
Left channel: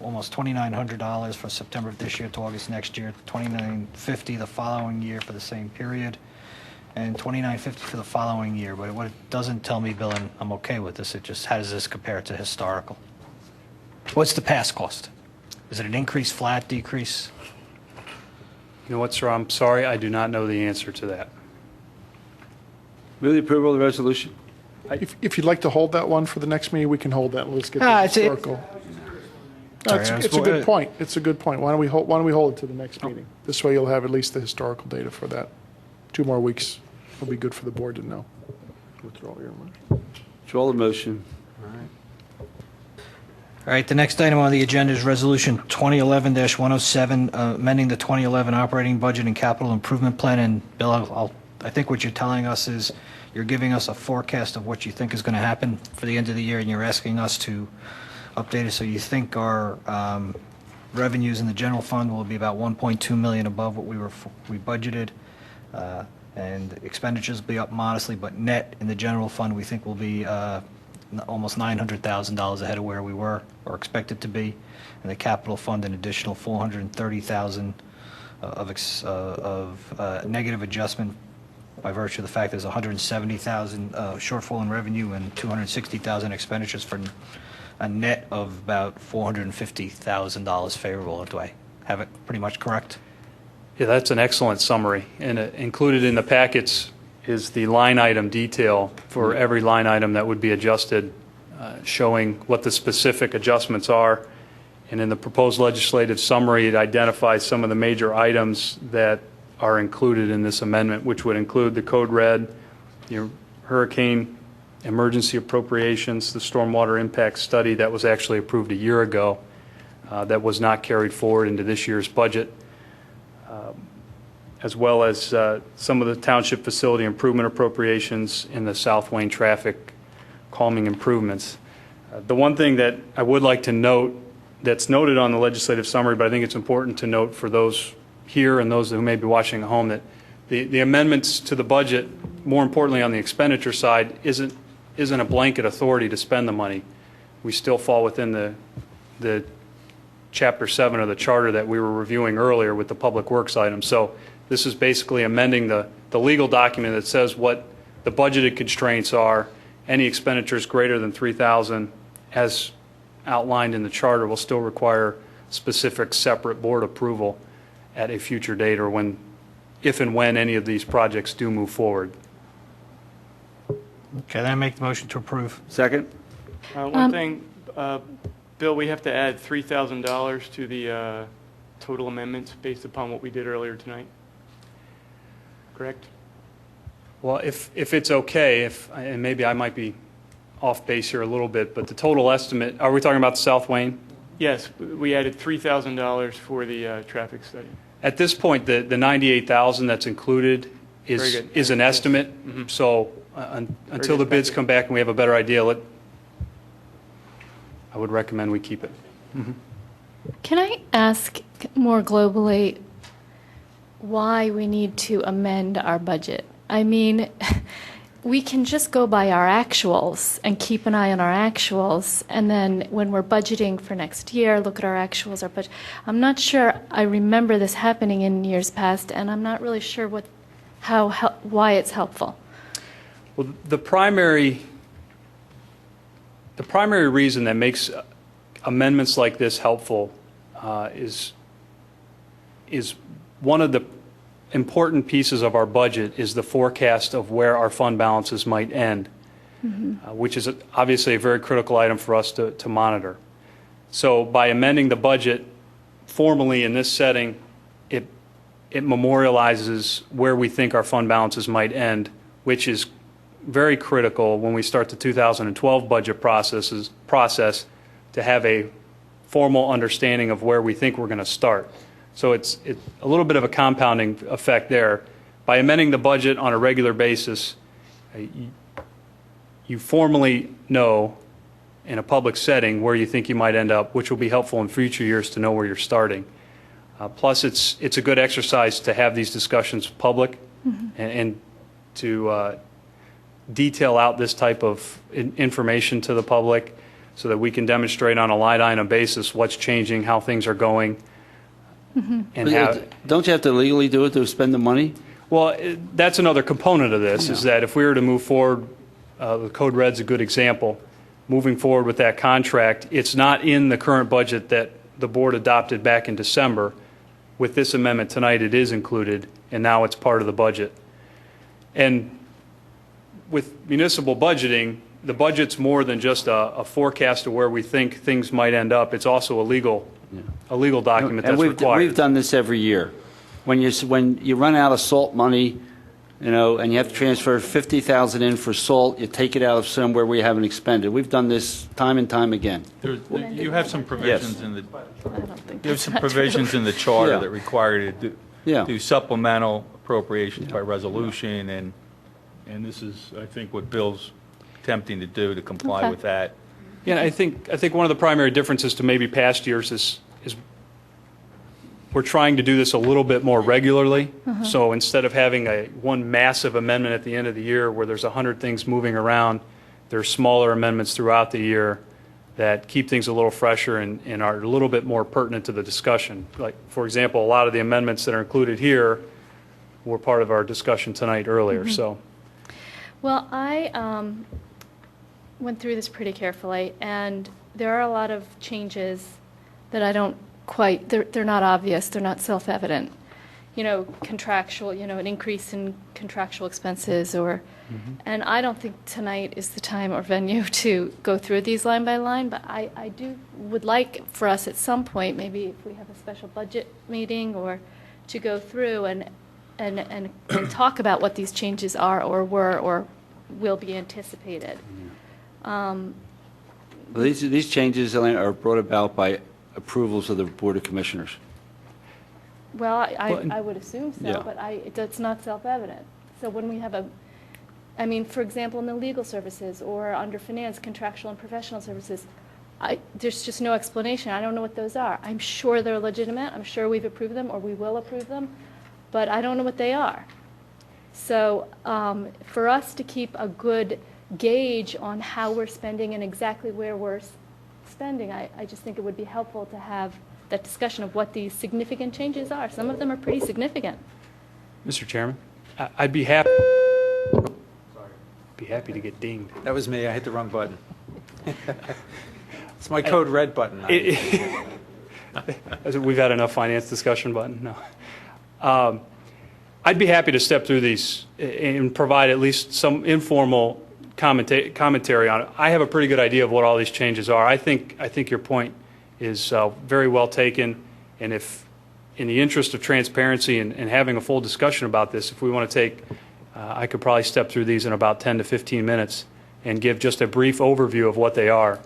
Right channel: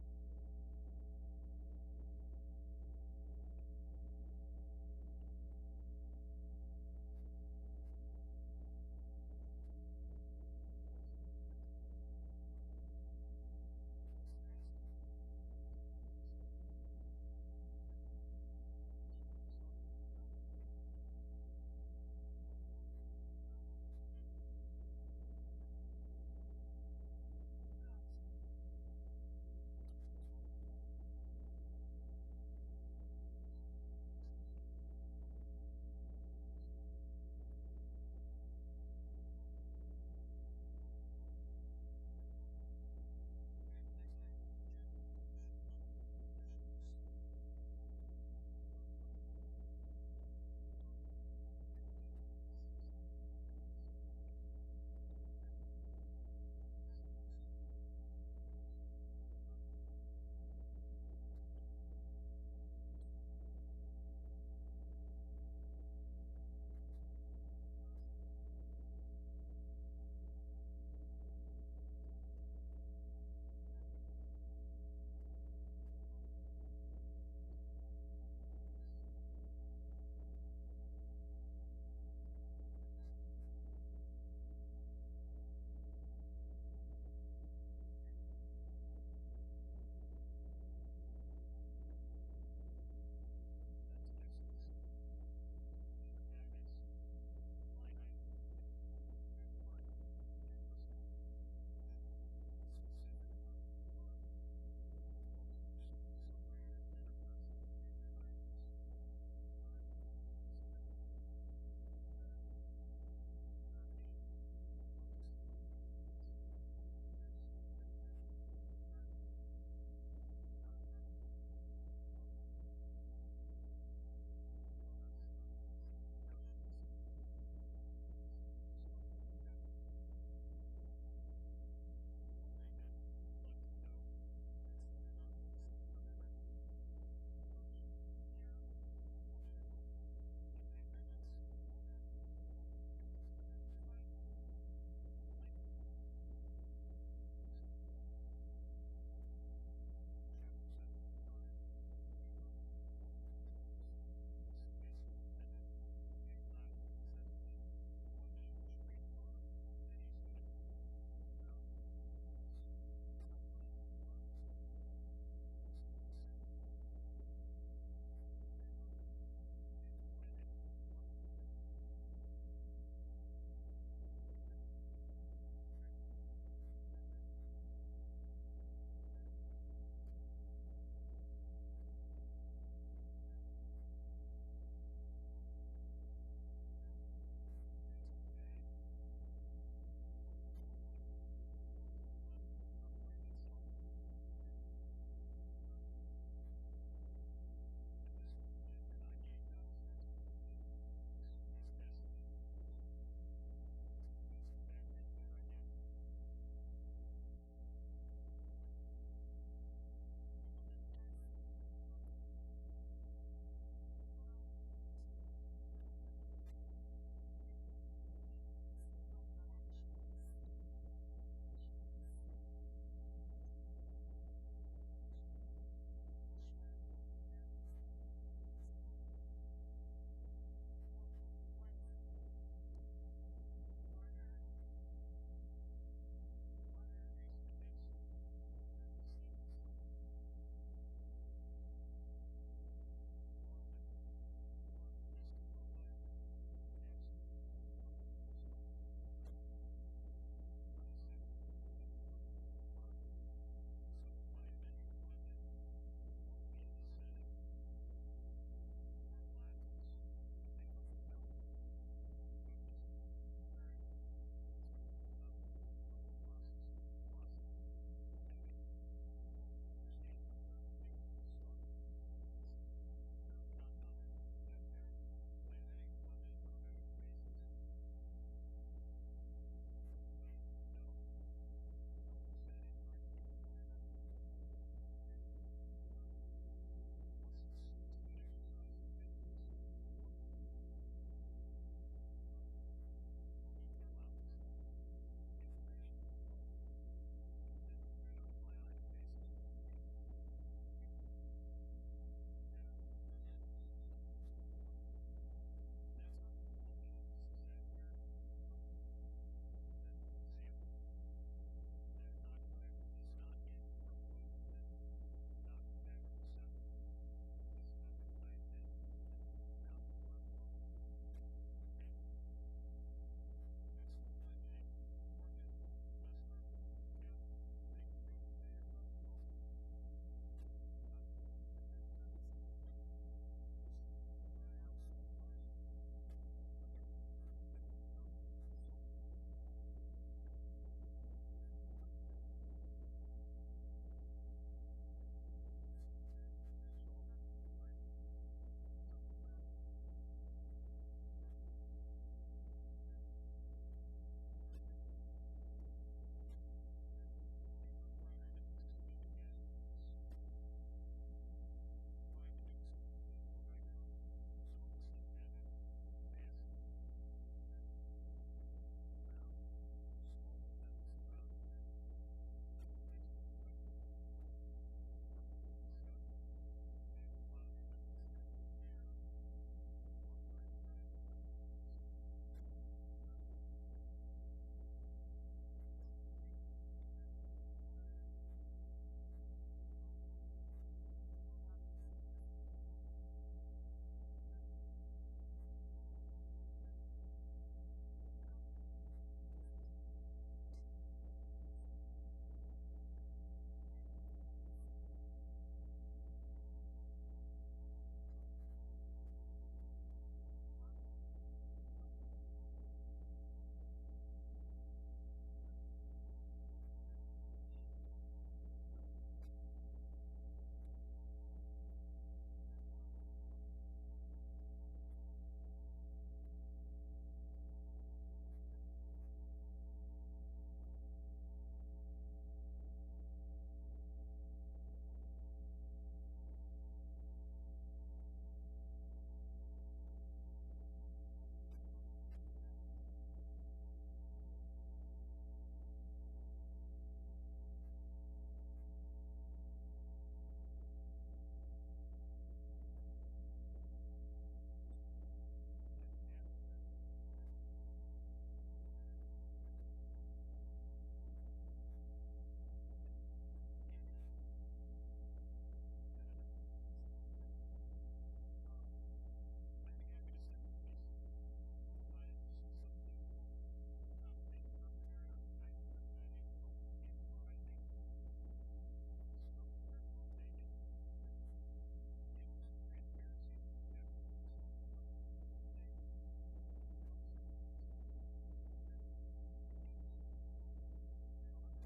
almost $2,900 for September of this year to August next year, $2,950 the following year for the same period, and $2,950 for the following year. But what it doesn't tell me, Bill, and I'm okay with this, it just, how does this compare to historical? What's the past cost? Is it an increase, flat, decrease? You know what, sir? I'm sorry, I do not know the answer to that. Move the approval of the resolution. If you'd like to hold that one for the next meeting, we can hold that. Let's get Ah, the it's a- historical. No, Sorry, I was it's a more- good point. It's a good point. Why don't we hold it to the next meeting? This way you'll have at least the historical data for that. 2 more weeks will be good for the board to know. Withdraw your motion. Withdraw the motion. All right, the next item on the agenda is Resolution 2011-107, amending the 2011 operating budget and capital improvement plan. And Bill, I think what you're telling us is you're giving us a forecast of what you think is going to happen for the end of the year, and you're asking us to update it. So you think our revenues in the general fund will be about 1.2 million above what we budgeted, and expenditures will be up modestly, but net in the general fund we think will be almost $900,000 ahead of where we were or expected to be, and the capital fund an additional $430,000 of negative adjustment by virtue of the fact there's 170,000 shortfall in revenue and 260,000 expenditures for a net of about $450,000 favorable. Do I have it pretty much correct? Yeah, that's an excellent summary. And included in the packets is the line item detail for every line item that would be adjusted, showing what the specific adjustments are. And in the proposed legislative summary, it identifies some of the major items that are included in this amendment, which would include the code red, your hurricane emergency appropriations, the stormwater impact study that was actually approved a year ago that was not carried forward into this year's budget, as well as some of the township facility improvement appropriations in the South Wayne traffic calming improvements. The one thing that I would like to note that's noted on the legislative summary, but I think it's important to note for those here and those who may be watching at home, that the amendments to the budget, more importantly on the expenditure side, isn't a blanket authority to spend the money. We still fall within the Chapter 7 of the charter that we were reviewing earlier with the public works item. So this is basically amending the legal document that says what the budgeted constraints are. Any expenditures greater than $3,000 as outlined in the charter will still require specific separate board approval at a future date, or if and when any of these projects do move forward. Okay, then I make the motion to approve. Second. One thing, Bill, we have to add $3,000 to the total amendments based upon what we did earlier tonight. Correct? Well, if it's okay, and maybe I might be off base here a little bit, but the total estimate, are we talking about the South Wayne? Yes, we added $3,000 for the traffic study. At this point, the $98,000 that's included is an estimate. So until the bids come back and we have a better idea, I would recommend we keep it. Can I ask more globally why we need to amend our budget? I mean, we can just go by our actuals and keep an eye on our actuals, and then when we're budgeting for next year, look at our actuals, our budget. I'm not sure I remember this happening in years past, and I'm not really sure why it's helpful. Well, the primary reason that makes amendments like this helpful is one of the important pieces of our budget is the forecast of where our fund balances might end, which is obviously a very critical item for us to monitor. So by amending the budget formally in this setting, it memorializes where we think our fund balances might end, which is very critical when we start the 2012 budget process to have a formal understanding of where we think we're going to start. So it's a little bit of a compounding effect there. By amending the budget on a regular basis, you formally know in a public setting where you think you might end up, which will be helpful in future years to know where you're starting. Plus, it's a good exercise to have these discussions public and to detail out this type of information to the public so that we can demonstrate on a line item basis what's changing, how things are going. And don't you have to legally do it to spend the money? Well, that's another component of this, is that if we were to move forward, the Code Red's a good example, moving forward with that contract, it's not in the current budget that the board adopted back in December. With this amendment tonight, it is included, and now it's part of the budget. And with municipal budgeting, the budget's more than just a forecast of where we think things might end up. It's also a legal document that's required. We've done this every year. When you run out of salt money, and you have to transfer $50,000 in for salt, you take it out of somewhere we haven't expended. We've done this time and time again. You have some provisions in the charter that require you to do supplemental appropriations by resolution, and this is, I think, what Bill's attempting to do to comply with that. Yeah, I think one of the primary differences to maybe past years is we're trying to do this a little bit more regularly. So instead of having one massive amendment at the end of the year where there's 100 things moving around, there's smaller amendments throughout the year that keep things a little fresher and are a little bit more pertinent to the discussion. Like, for example, a lot of the amendments that are included here were part of our discussion tonight earlier, so. Well, I went through this pretty carefully, and there are a lot of changes that I don't quite, they're not obvious, they're not self-evident. You know, contractual, you know, an increase in contractual expenses or, and I don't think tonight is the time or venue to go through these line by line, but I would like for us at some point, maybe if we have a special budget meeting or to go through and talk about what these changes are or were or will be anticipated. Well, these changes, Elaine, are brought about by approvals of the Board of Commissioners. Well, I would assume so, Yeah. but it's not self-evident. So when we have I mean, for example, in the legal services or under finance, contractual and professional services, there's just no explanation. I don't know what those are. I'm sure they're legitimate. I'm sure we've approved them or we will approve them, but I don't know what they are. So for us to keep a good gauge on how we're spending and exactly where we're spending, I just think it would be helpful to have that discussion of what these significant changes are. Some of them are pretty significant. Mr. Chairman, I'd be happy to get dinged. That was me. I hit the wrong button. It's my code red button. We've had enough finance discussion button. No. I'd be happy to step through these and provide at least some informal commentary on it. I have a pretty good idea of what all these changes are. I think your point is very well taken, and if in the interest of transparency and having a full discussion about this, if we want to take, I could probably step through these in about 10 to 15 minutes and give just a brief overview of what they are.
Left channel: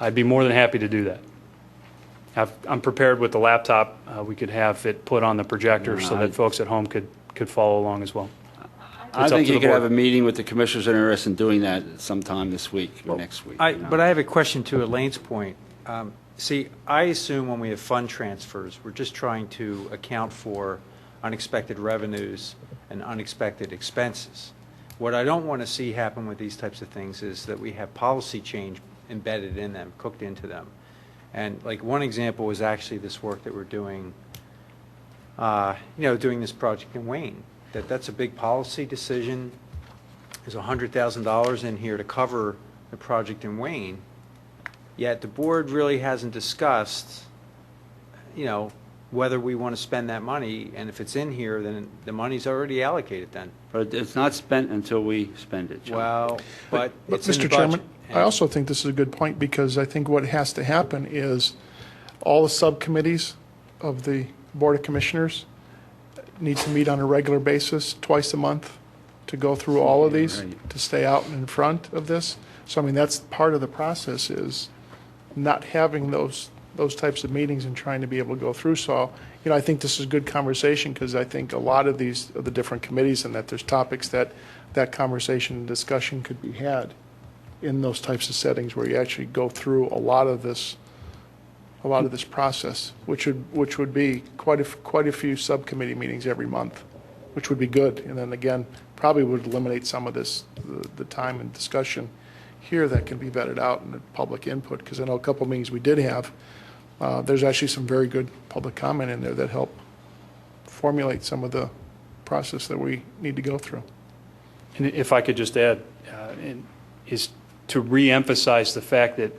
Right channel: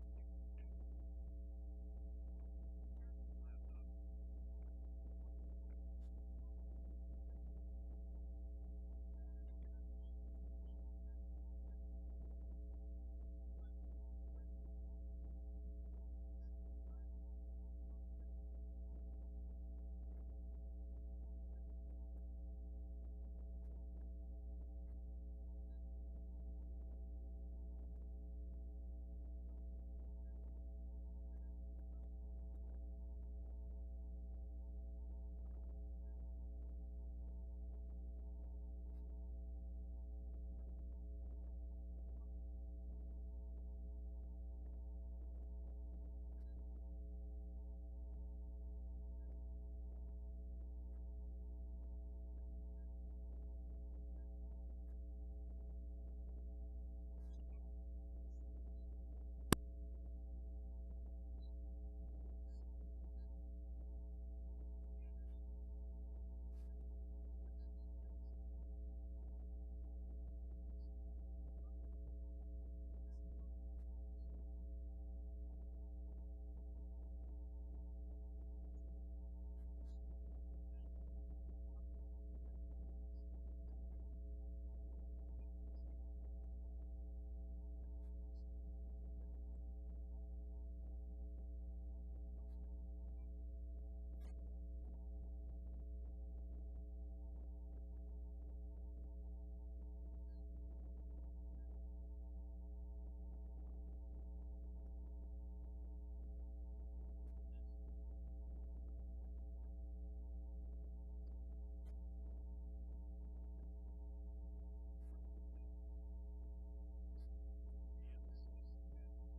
I'd be more than happy to do that. I'm prepared with the laptop. We could have it put on the projector so that folks at home could follow along as well. I think you could have a meeting with the commissioners that are interested in doing that sometime this week or next week. But I have a question to Elaine's point. See, I assume when we have fund transfers, we're just trying to account for unexpected revenues and unexpected expenses. What I don't want to see happen with these types of things is that we have policy change embedded in them, cooked into them. And like one example was actually this work that we're doing, doing this project in Wayne. That's a big policy decision. There's $100,000 in here to cover the project in Wayne. Yet the board really hasn't discussed, whether we want to spend that money. And if it's in here, then the money's already allocated then. But it's not spent until we spend it, John. Well, but it's in the Mr. budget. Chairman, I also think this is a good point because I think what has to happen is all the subcommittees of the Board of Commissioners need to meet on a regular basis, twice a month, to go through all of these, to stay out in front of this. So, I mean, that's part of the process is not having those types of meetings and trying to be able to go through. So, I think this is a good conversation because I think a lot of the different committees and that there's topics that conversation and discussion could be had in those types of settings where you actually go through a lot of this process, which would be quite a few subcommittee meetings every month, which would be good. And then again, probably would eliminate some of this, the time and discussion here that can be vetted out in the public input. Because I know a couple meetings we did have, there's actually some very good public comment in there that help formulate some of the process that we need to go through. And if I could just add, is to re-emphasize the fact that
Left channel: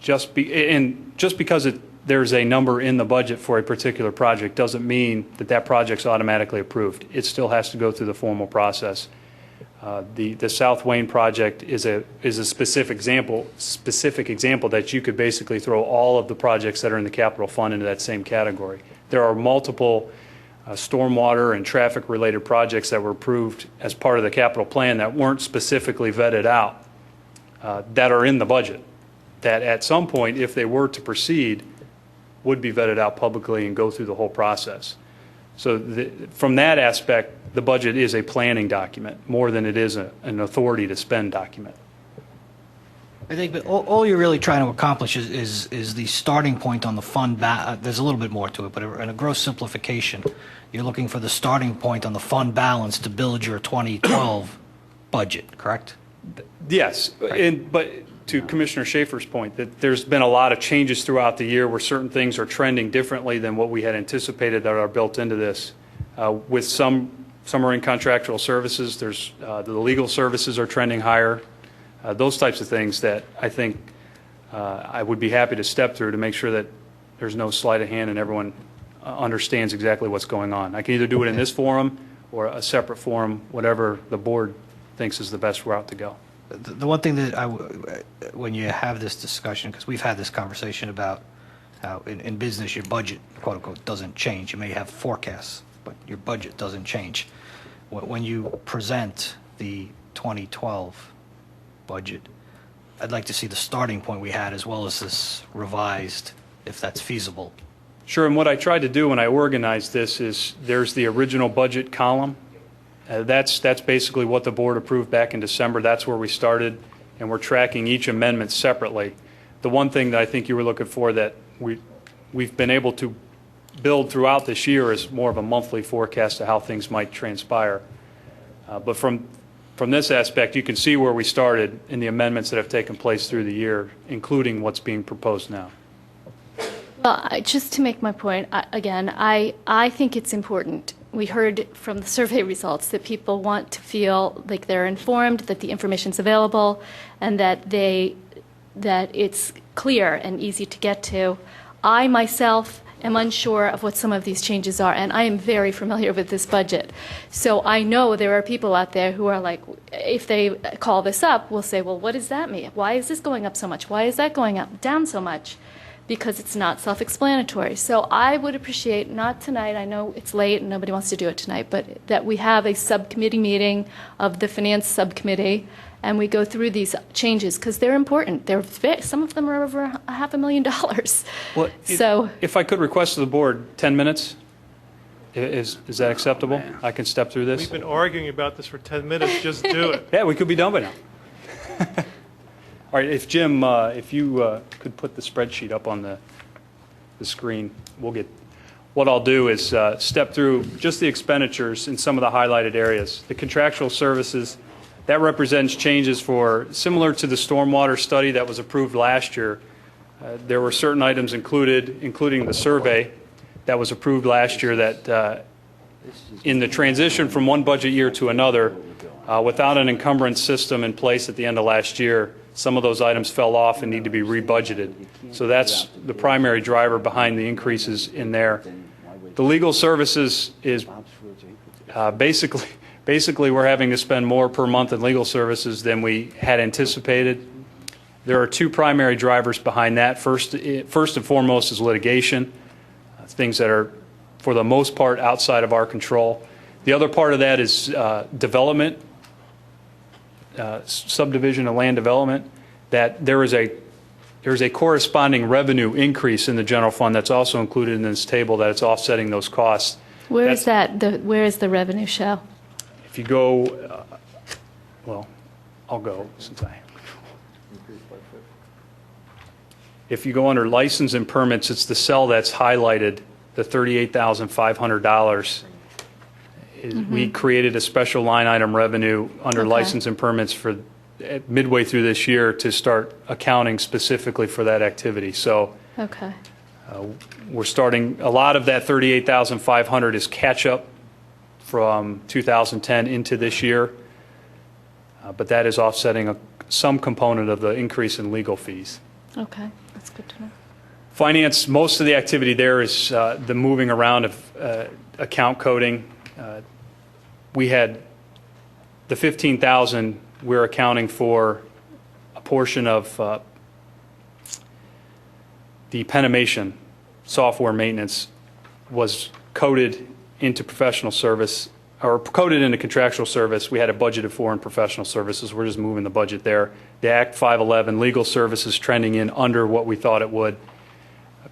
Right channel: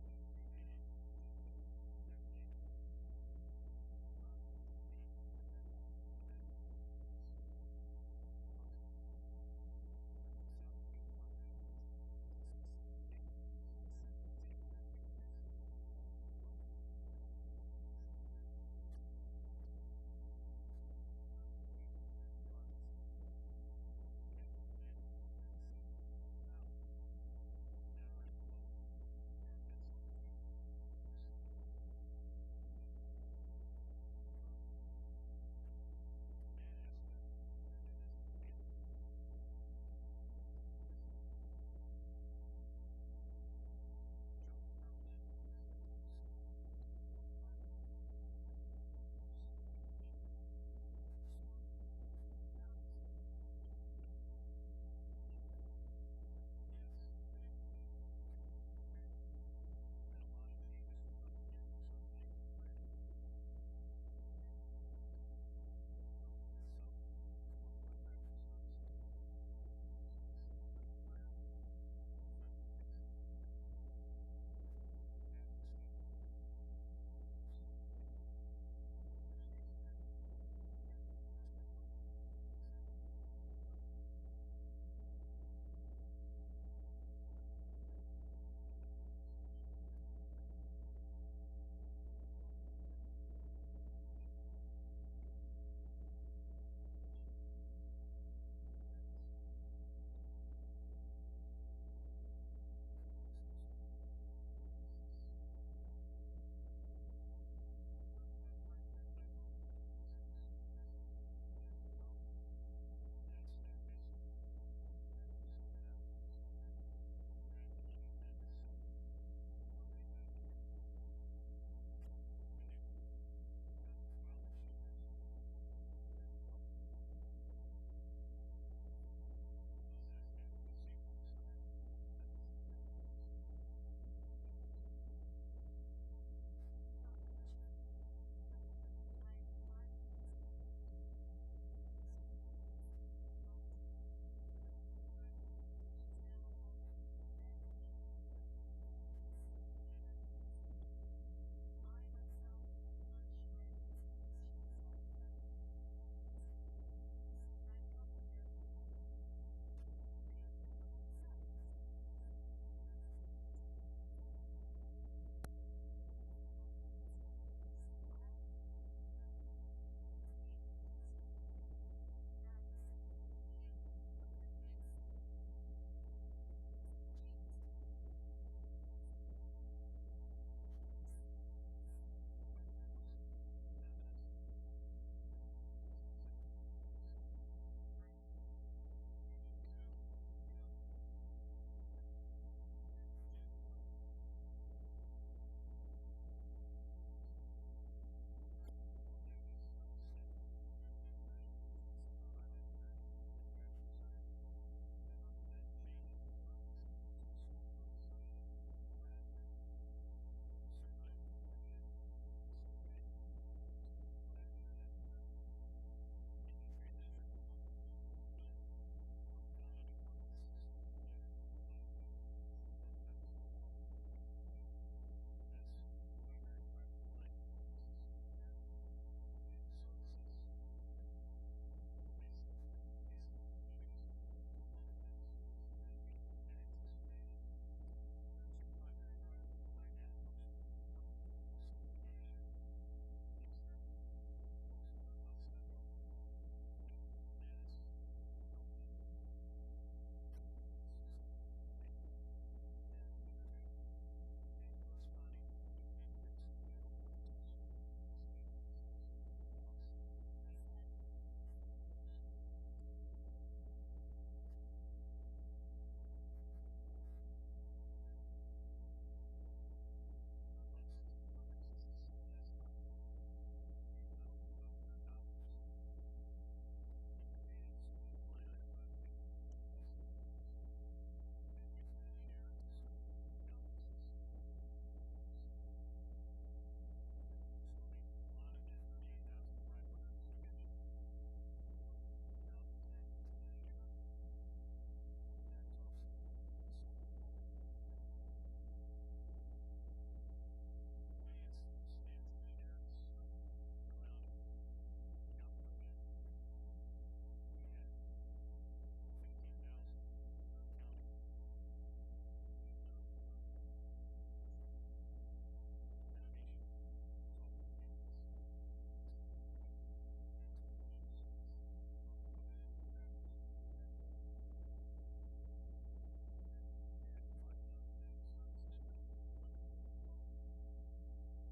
just because there's a number in the budget for a particular project doesn't mean that project's automatically approved. It still has to go through the formal process. The South Wayne project is a specific example that you could basically throw all of the projects that are in the capital fund into that same category. There are multiple stormwater and traffic related projects that were approved as part of the capital plan that weren't specifically vetted out that are in the budget that at some point, if they were to proceed, would be vetted out publicly and go through the whole process. So from that aspect, the budget is a planning document more than it is an authority to spend document. I think that all you're really trying to accomplish is the starting point on the fund. There's a little bit more to it, but in a gross simplification, you're looking for the starting point on the fund balance to build your 2012 budget, correct? Yes, but to Commissioner Schaefer's point, that there's been a lot of changes throughout the year where certain things are trending differently than what we had anticipated that are built into this. With some are in contractual services. There's the legal services are trending higher. Those types of things that I think I would be happy to step through to make sure that there's no sleight of hand and everyone understands exactly what's going on. I can either do it in this forum or a separate forum, whatever the board thinks is the best route to go. The one thing that when you have this discussion, because we've had this conversation about how in business your budget, quote unquote, doesn't change. You may have forecasts, but your budget doesn't change. When you present the 2012 budget, I'd like to see the starting point we had as well as this revised, if that's feasible. Sure, and what I tried to do when I organized this is there's the original budget column. That's basically what the board approved back in December. That's where we started, and we're tracking each amendment separately. The one thing that I think you were looking for that we've been able to build throughout this year is more of a monthly forecast of how things might transpire. But from this aspect, you can see where we started in the amendments that have taken place through the year, including what's being proposed now. Well, just to make my point, again, I think it's important. We heard from the survey results that people want to feel like they're informed, that the information's available, and that it's clear and easy to get to. I myself am unsure of what some of these changes are, and I am very familiar with this budget. So I know there are people out there who are like, if they call this up, will say, well, what does that mean? Why is this going up so much? Why is that going up down so much? Because it's not self-explanatory. So I would appreciate, not tonight, I know it's late and nobody wants to do it tonight, but that we have a subcommittee meeting of the finance subcommittee and we go through these changes because they're important. Some of them are over $500,000. Well, if I could request of the board 10 minutes, is that acceptable? I can step through this? We've been arguing about this for 10 minutes. Just do it. Yeah, we could be done by now. All right, if Jim, if you could put the spreadsheet up on the screen, we'll get. What I'll do is step through just the expenditures in some of the highlighted areas. The contractual services, that represents changes for similar to the stormwater study that was approved last year. There were certain items included, including the survey that was approved last year that in the transition from one budget year to another, without an encumbrance system in place at the end of last year, some of those items fell off and need to be rebudgeted. So that's the primary driver behind the increases in there. The legal services is basically we're having to spend more per month in legal services than we had anticipated. There are two primary drivers behind that. First and foremost is litigation, things that are for the most part outside of our control. The other part of that is development, subdivision and land development, that there is a corresponding revenue increase in the general fund that's also included in this table, that it's offsetting those costs. Where is that? Where is the revenue show? If you go, well, I'll go since I. If you go under license and permits, it's the cell that's highlighted, the $38,500. We created a special line item revenue under license and permits for midway through this year to start accounting specifically for that activity. So we're starting, a lot of that $38,500 is catch up from 2010 into this year, but that is offsetting some component of the increase in legal fees. Okay, that's good to know. Finance, most of the activity there is the moving around of account coding. We had the $15,000. We're accounting for a portion of the Penimation software maintenance was coded into professional service or coded into contractual service. We had it budgeted for in professional services. We're just moving the budget there. The Act 511 legal services trending in under what we thought it would.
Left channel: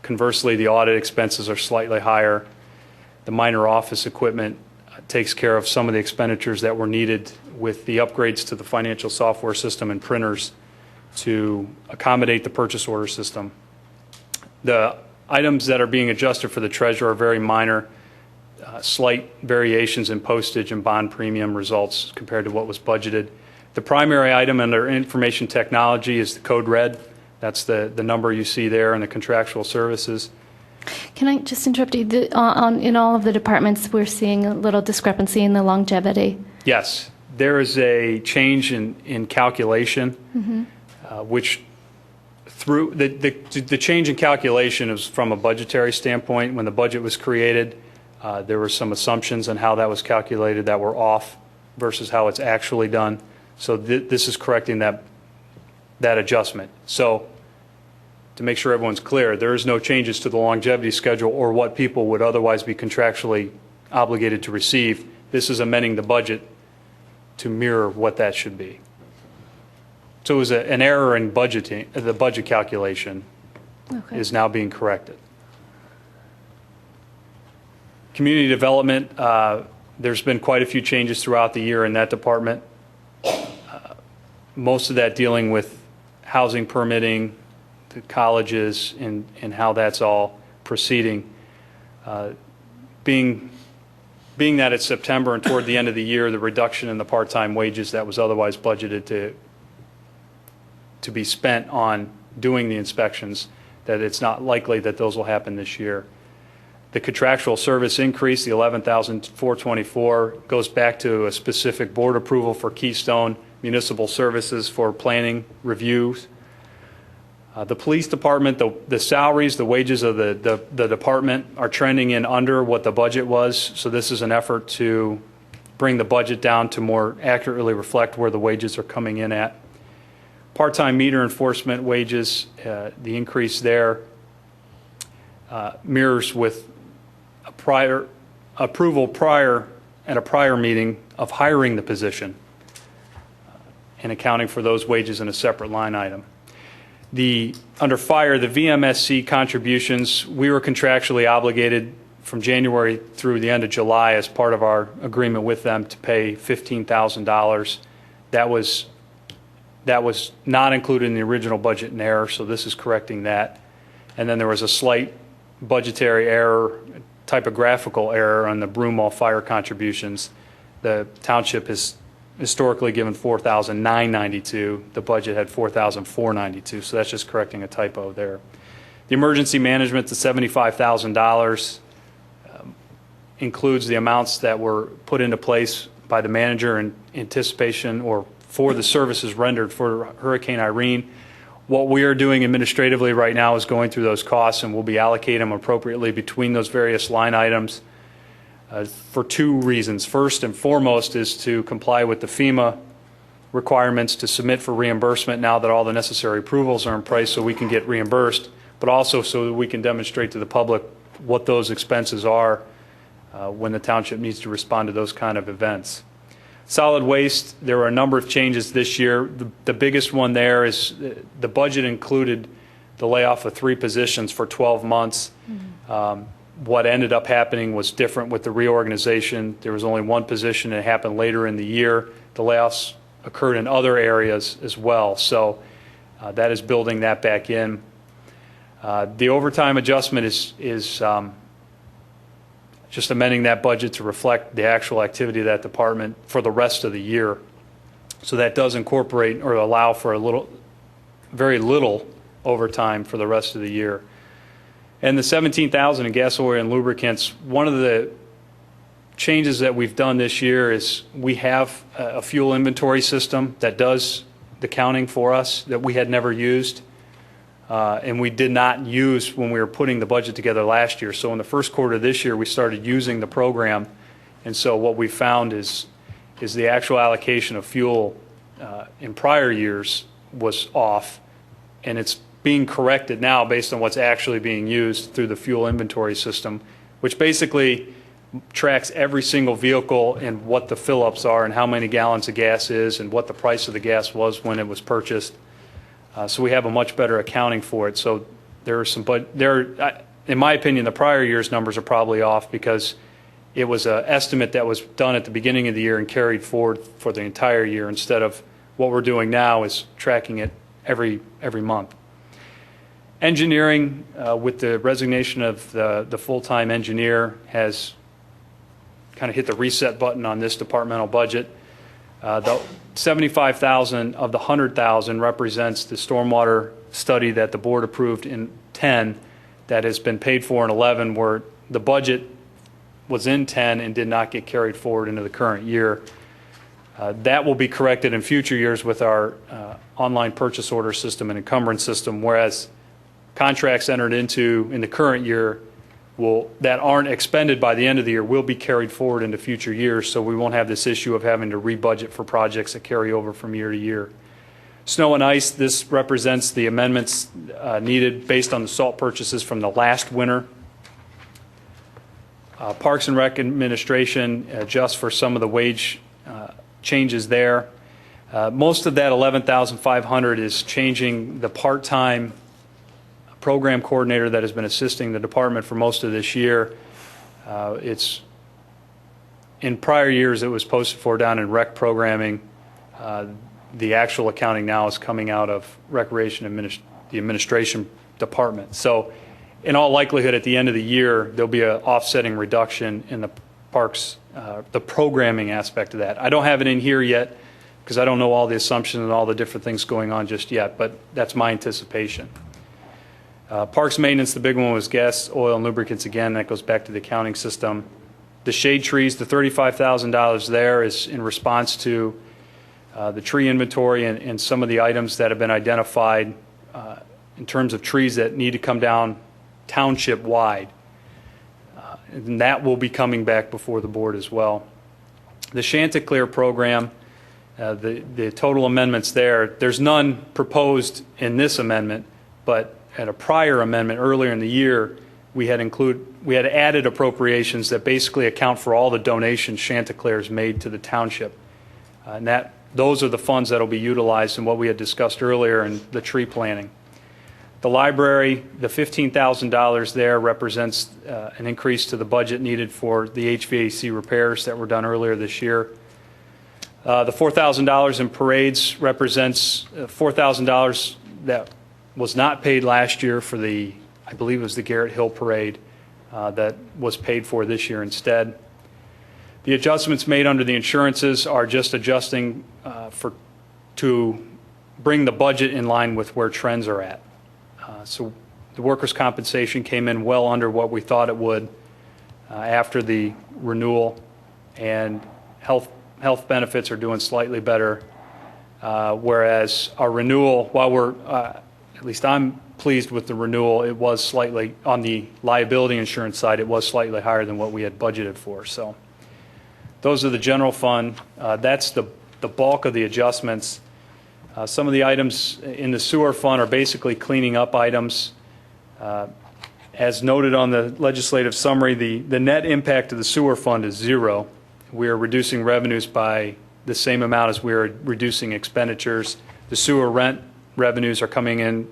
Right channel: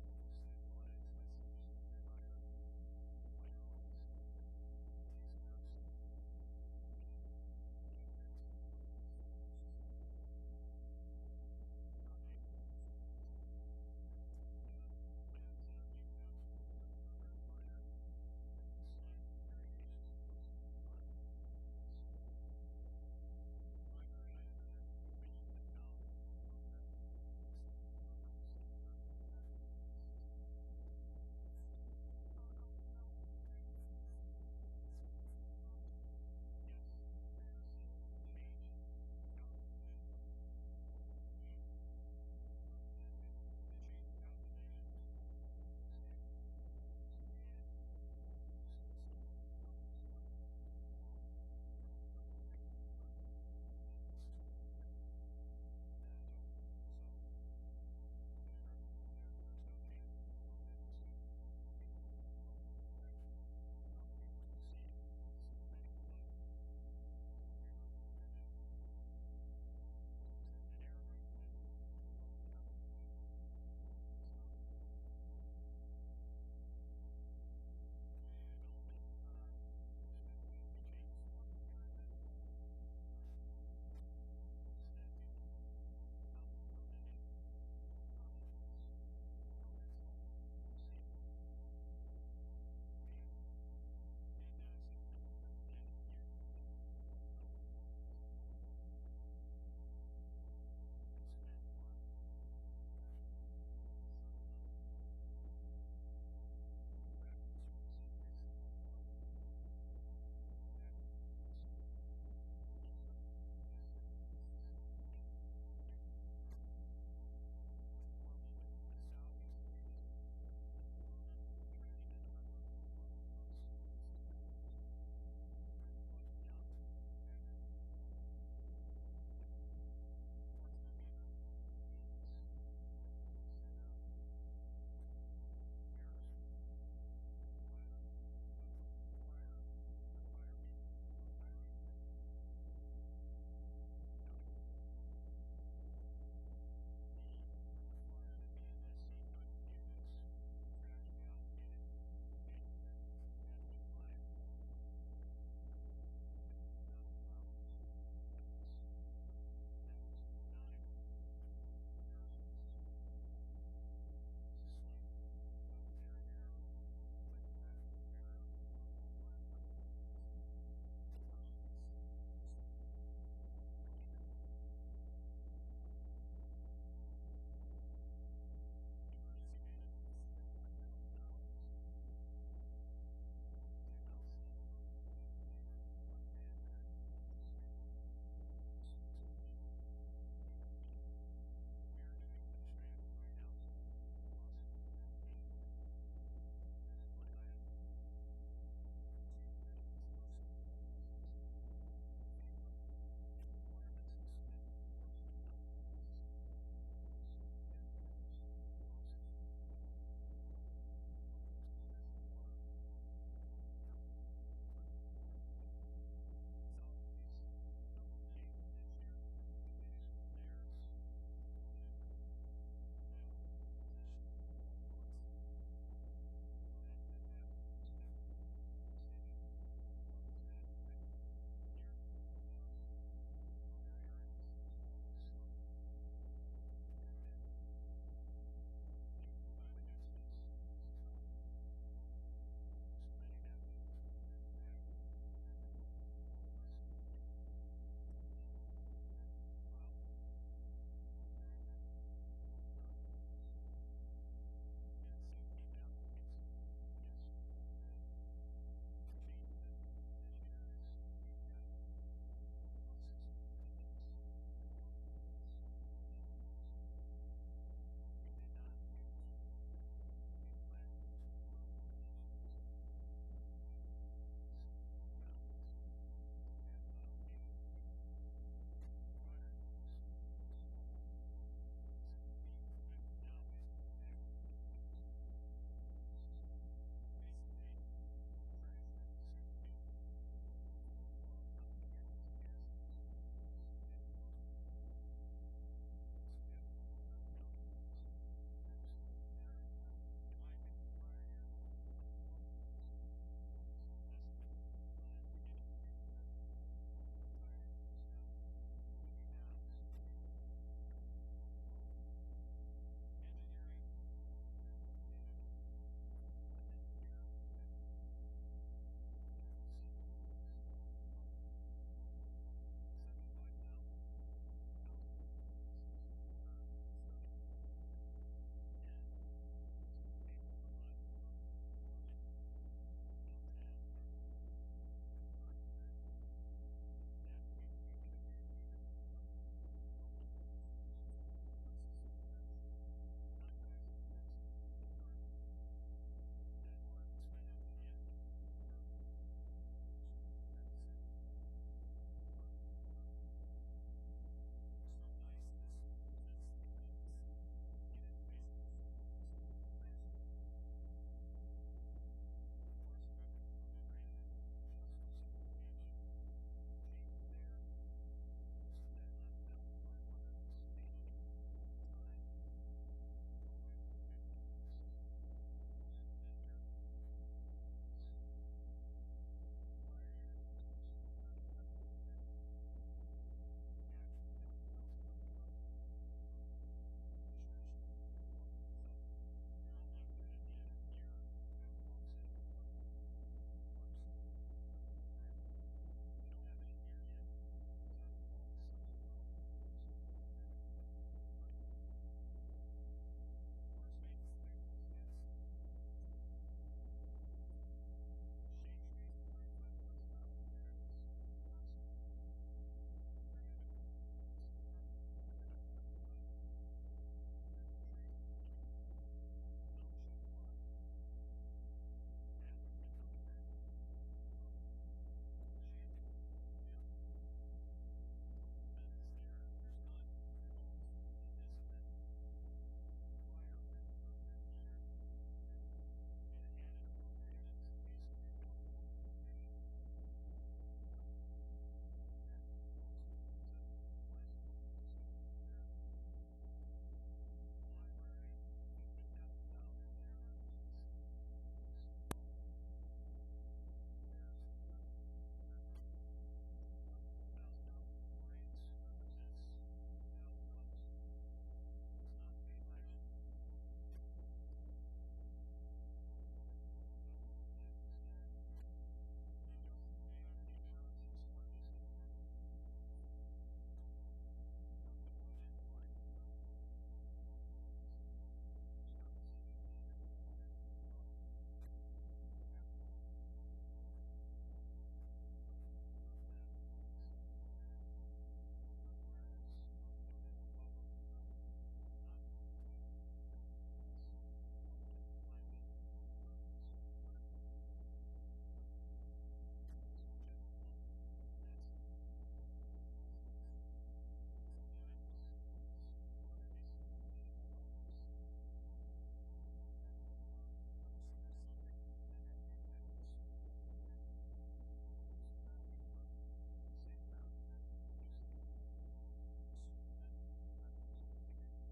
Conversely, the audit expenses are slightly higher. The minor office equipment takes care of some of the expenditures that were needed with the upgrades to the financial software system and printers to accommodate the purchase order system. The items that are being adjusted for the treasurer are very minor, slight variations in postage and bond premium results compared to what was budgeted. The primary item under information technology is the code red. That's the number you see there in the contractual services. Can I just interrupt you? In all of the departments, we're seeing a little discrepancy in the longevity. Yes, there is a change in calculation, which through the change in calculation is from a budgetary standpoint. When the budget was created, there were some assumptions on how that was calculated that were off versus how it's actually done. So this is correcting that adjustment. So to make sure everyone's clear, there is no changes to the longevity schedule or what people would otherwise be contractually obligated to receive. This is amending the budget to mirror what that should be. So it was an error in budgeting. The budget calculation is now being corrected. Community development, there's been quite a few changes throughout the year in that department. Most of that dealing with housing permitting, the colleges, and how that's all proceeding. Being that it's September and toward the end of the year, the reduction in the part-time wages that was otherwise budgeted to be spent on doing the inspections, that it's not likely that those will happen this year. The contractual service increase, the $11,424, goes back to a specific board approval for Keystone Municipal Services for planning reviews. The police department, the salaries, the wages of the department are trending in under what the budget was. So this is an effort to bring the budget down to more accurately reflect where the wages are coming in at. Part-time meter enforcement wages, the increase there mirrors with a prior approval at a prior meeting of hiring the position and accounting for those wages in a separate line item. Under fire, the VMSC contributions, we were contractually obligated from January through the end of July as part of our agreement with them to pay $15,000. That was not included in the original budget in error, so this is correcting that. And then there was a slight budgetary error, typographical error on the Broomall fire contributions. The township has historically given $4,992. The budget had $4,492, so that's just correcting a typo there. The emergency management, the $75,000, includes the amounts that were put into place by the manager in anticipation or for the services rendered for Hurricane Irene. What we are doing administratively right now is going through those costs, and we'll be allocating them appropriately between those various line items. For two reasons. First and foremost is to comply with the FEMA requirements to submit for reimbursement now that all the necessary approvals are in place so we can get reimbursed, but also so that we can demonstrate to the public what those expenses are when the township needs to respond to those kind of events. Solid waste, there were a number of changes this year. The biggest one there is the budget included the layoff of 3 positions for 12 months. What ended up happening was different with the reorganization. There was only 1 position, and it happened later in the year. The layoffs occurred in other areas as well, so that is building that back in. The overtime adjustment is just amending that budget to reflect the actual activity of that department for the rest of the year. So that does incorporate or allow for very little overtime for the rest of the year. And the $17,000 in gas, oil, and lubricants, one of the changes that we've done this year is we have a fuel inventory system that does the counting for us that we had never used. And we did not use when we were putting the budget together last year. So in the first quarter of this year, we started using the program. And so what we found is the actual allocation of fuel in prior years was off, and it's being corrected now based on what's actually being used through the fuel inventory system, which basically tracks every single vehicle and what the fill-ups are and how many gallons of gas is and what the price of the gas was when it was purchased. So we have a much better accounting for it. So there are some, but in my opinion, the prior year's numbers are probably off because it was an estimate that was done at the beginning of the year and carried forward for the entire year instead of what we're doing now is tracking it every month. Engineering, with the resignation of the full-time engineer, has kind of hit the reset button on this departmental budget. The $75,000 of the $100,000 represents the stormwater study that the board approved in 10 that has been paid for in 11 where the budget was in 10 and did not get carried forward into the current year. That will be corrected in future years with our online purchase order system and encumbrance system, whereas contracts entered into in the current year that aren't expended by the end of the year will be carried forward into future years, so we won't have this issue of having to rebudget for projects that carry over from year to year. Snow and ice, this represents the amendments needed based on the salt purchases from the last winter. Parks and Rec Administration adjusts for some of the wage changes there. Most of that $11,500 is changing the part-time program coordinator that has been assisting the department for most of this year. It's in prior years it was posted for down in rec programming. The actual accounting now is coming out of Recreation the administration department. So in all likelihood, at the end of the year, there'll be an offsetting reduction in the parks, the programming aspect of that. I don't have it in here yet because I don't know all the assumptions and all the different things going on just yet, but that's my anticipation. Parks maintenance, the big one was gas, oil, and lubricants again. That goes back to the accounting system. The shade trees, the $35,000 there is in response to the tree inventory and some of the items that have been identified in terms of trees that need to come down township wide. And that will be coming back before the board as well. The Chanticleer program, the total amendments there's none proposed in this amendment, but at a prior amendment earlier in the year, we had added appropriations that basically account for all the donations Chanticleer's made to the township. And those are the funds that will be utilized in what we had discussed earlier in the tree planting. The library, the $15,000 there represents an increase to the budget needed for the HVAC repairs that were done earlier this year. The $4,000 in parades represents $4,000 that was not paid last year for I believe it was the Garrett Hill Parade that was paid for this year instead. The adjustments made under the insurances are just adjusting to bring the budget in line with where trends are at. So the workers' compensation came in well under what we thought it would after the renewal, and health benefits are doing slightly better, whereas our renewal, while we're, at least I'm pleased with the renewal, it was slightly, on the liability insurance side, it was slightly higher than what we had budgeted for. So those are the general fund. That's the bulk of the adjustments. Some of the items in the sewer fund are basically cleaning up items. As noted on the legislative summary, the net impact of the sewer fund is zero. We are reducing revenues by the same amount as we are reducing expenditures. The sewer rent revenues are coming in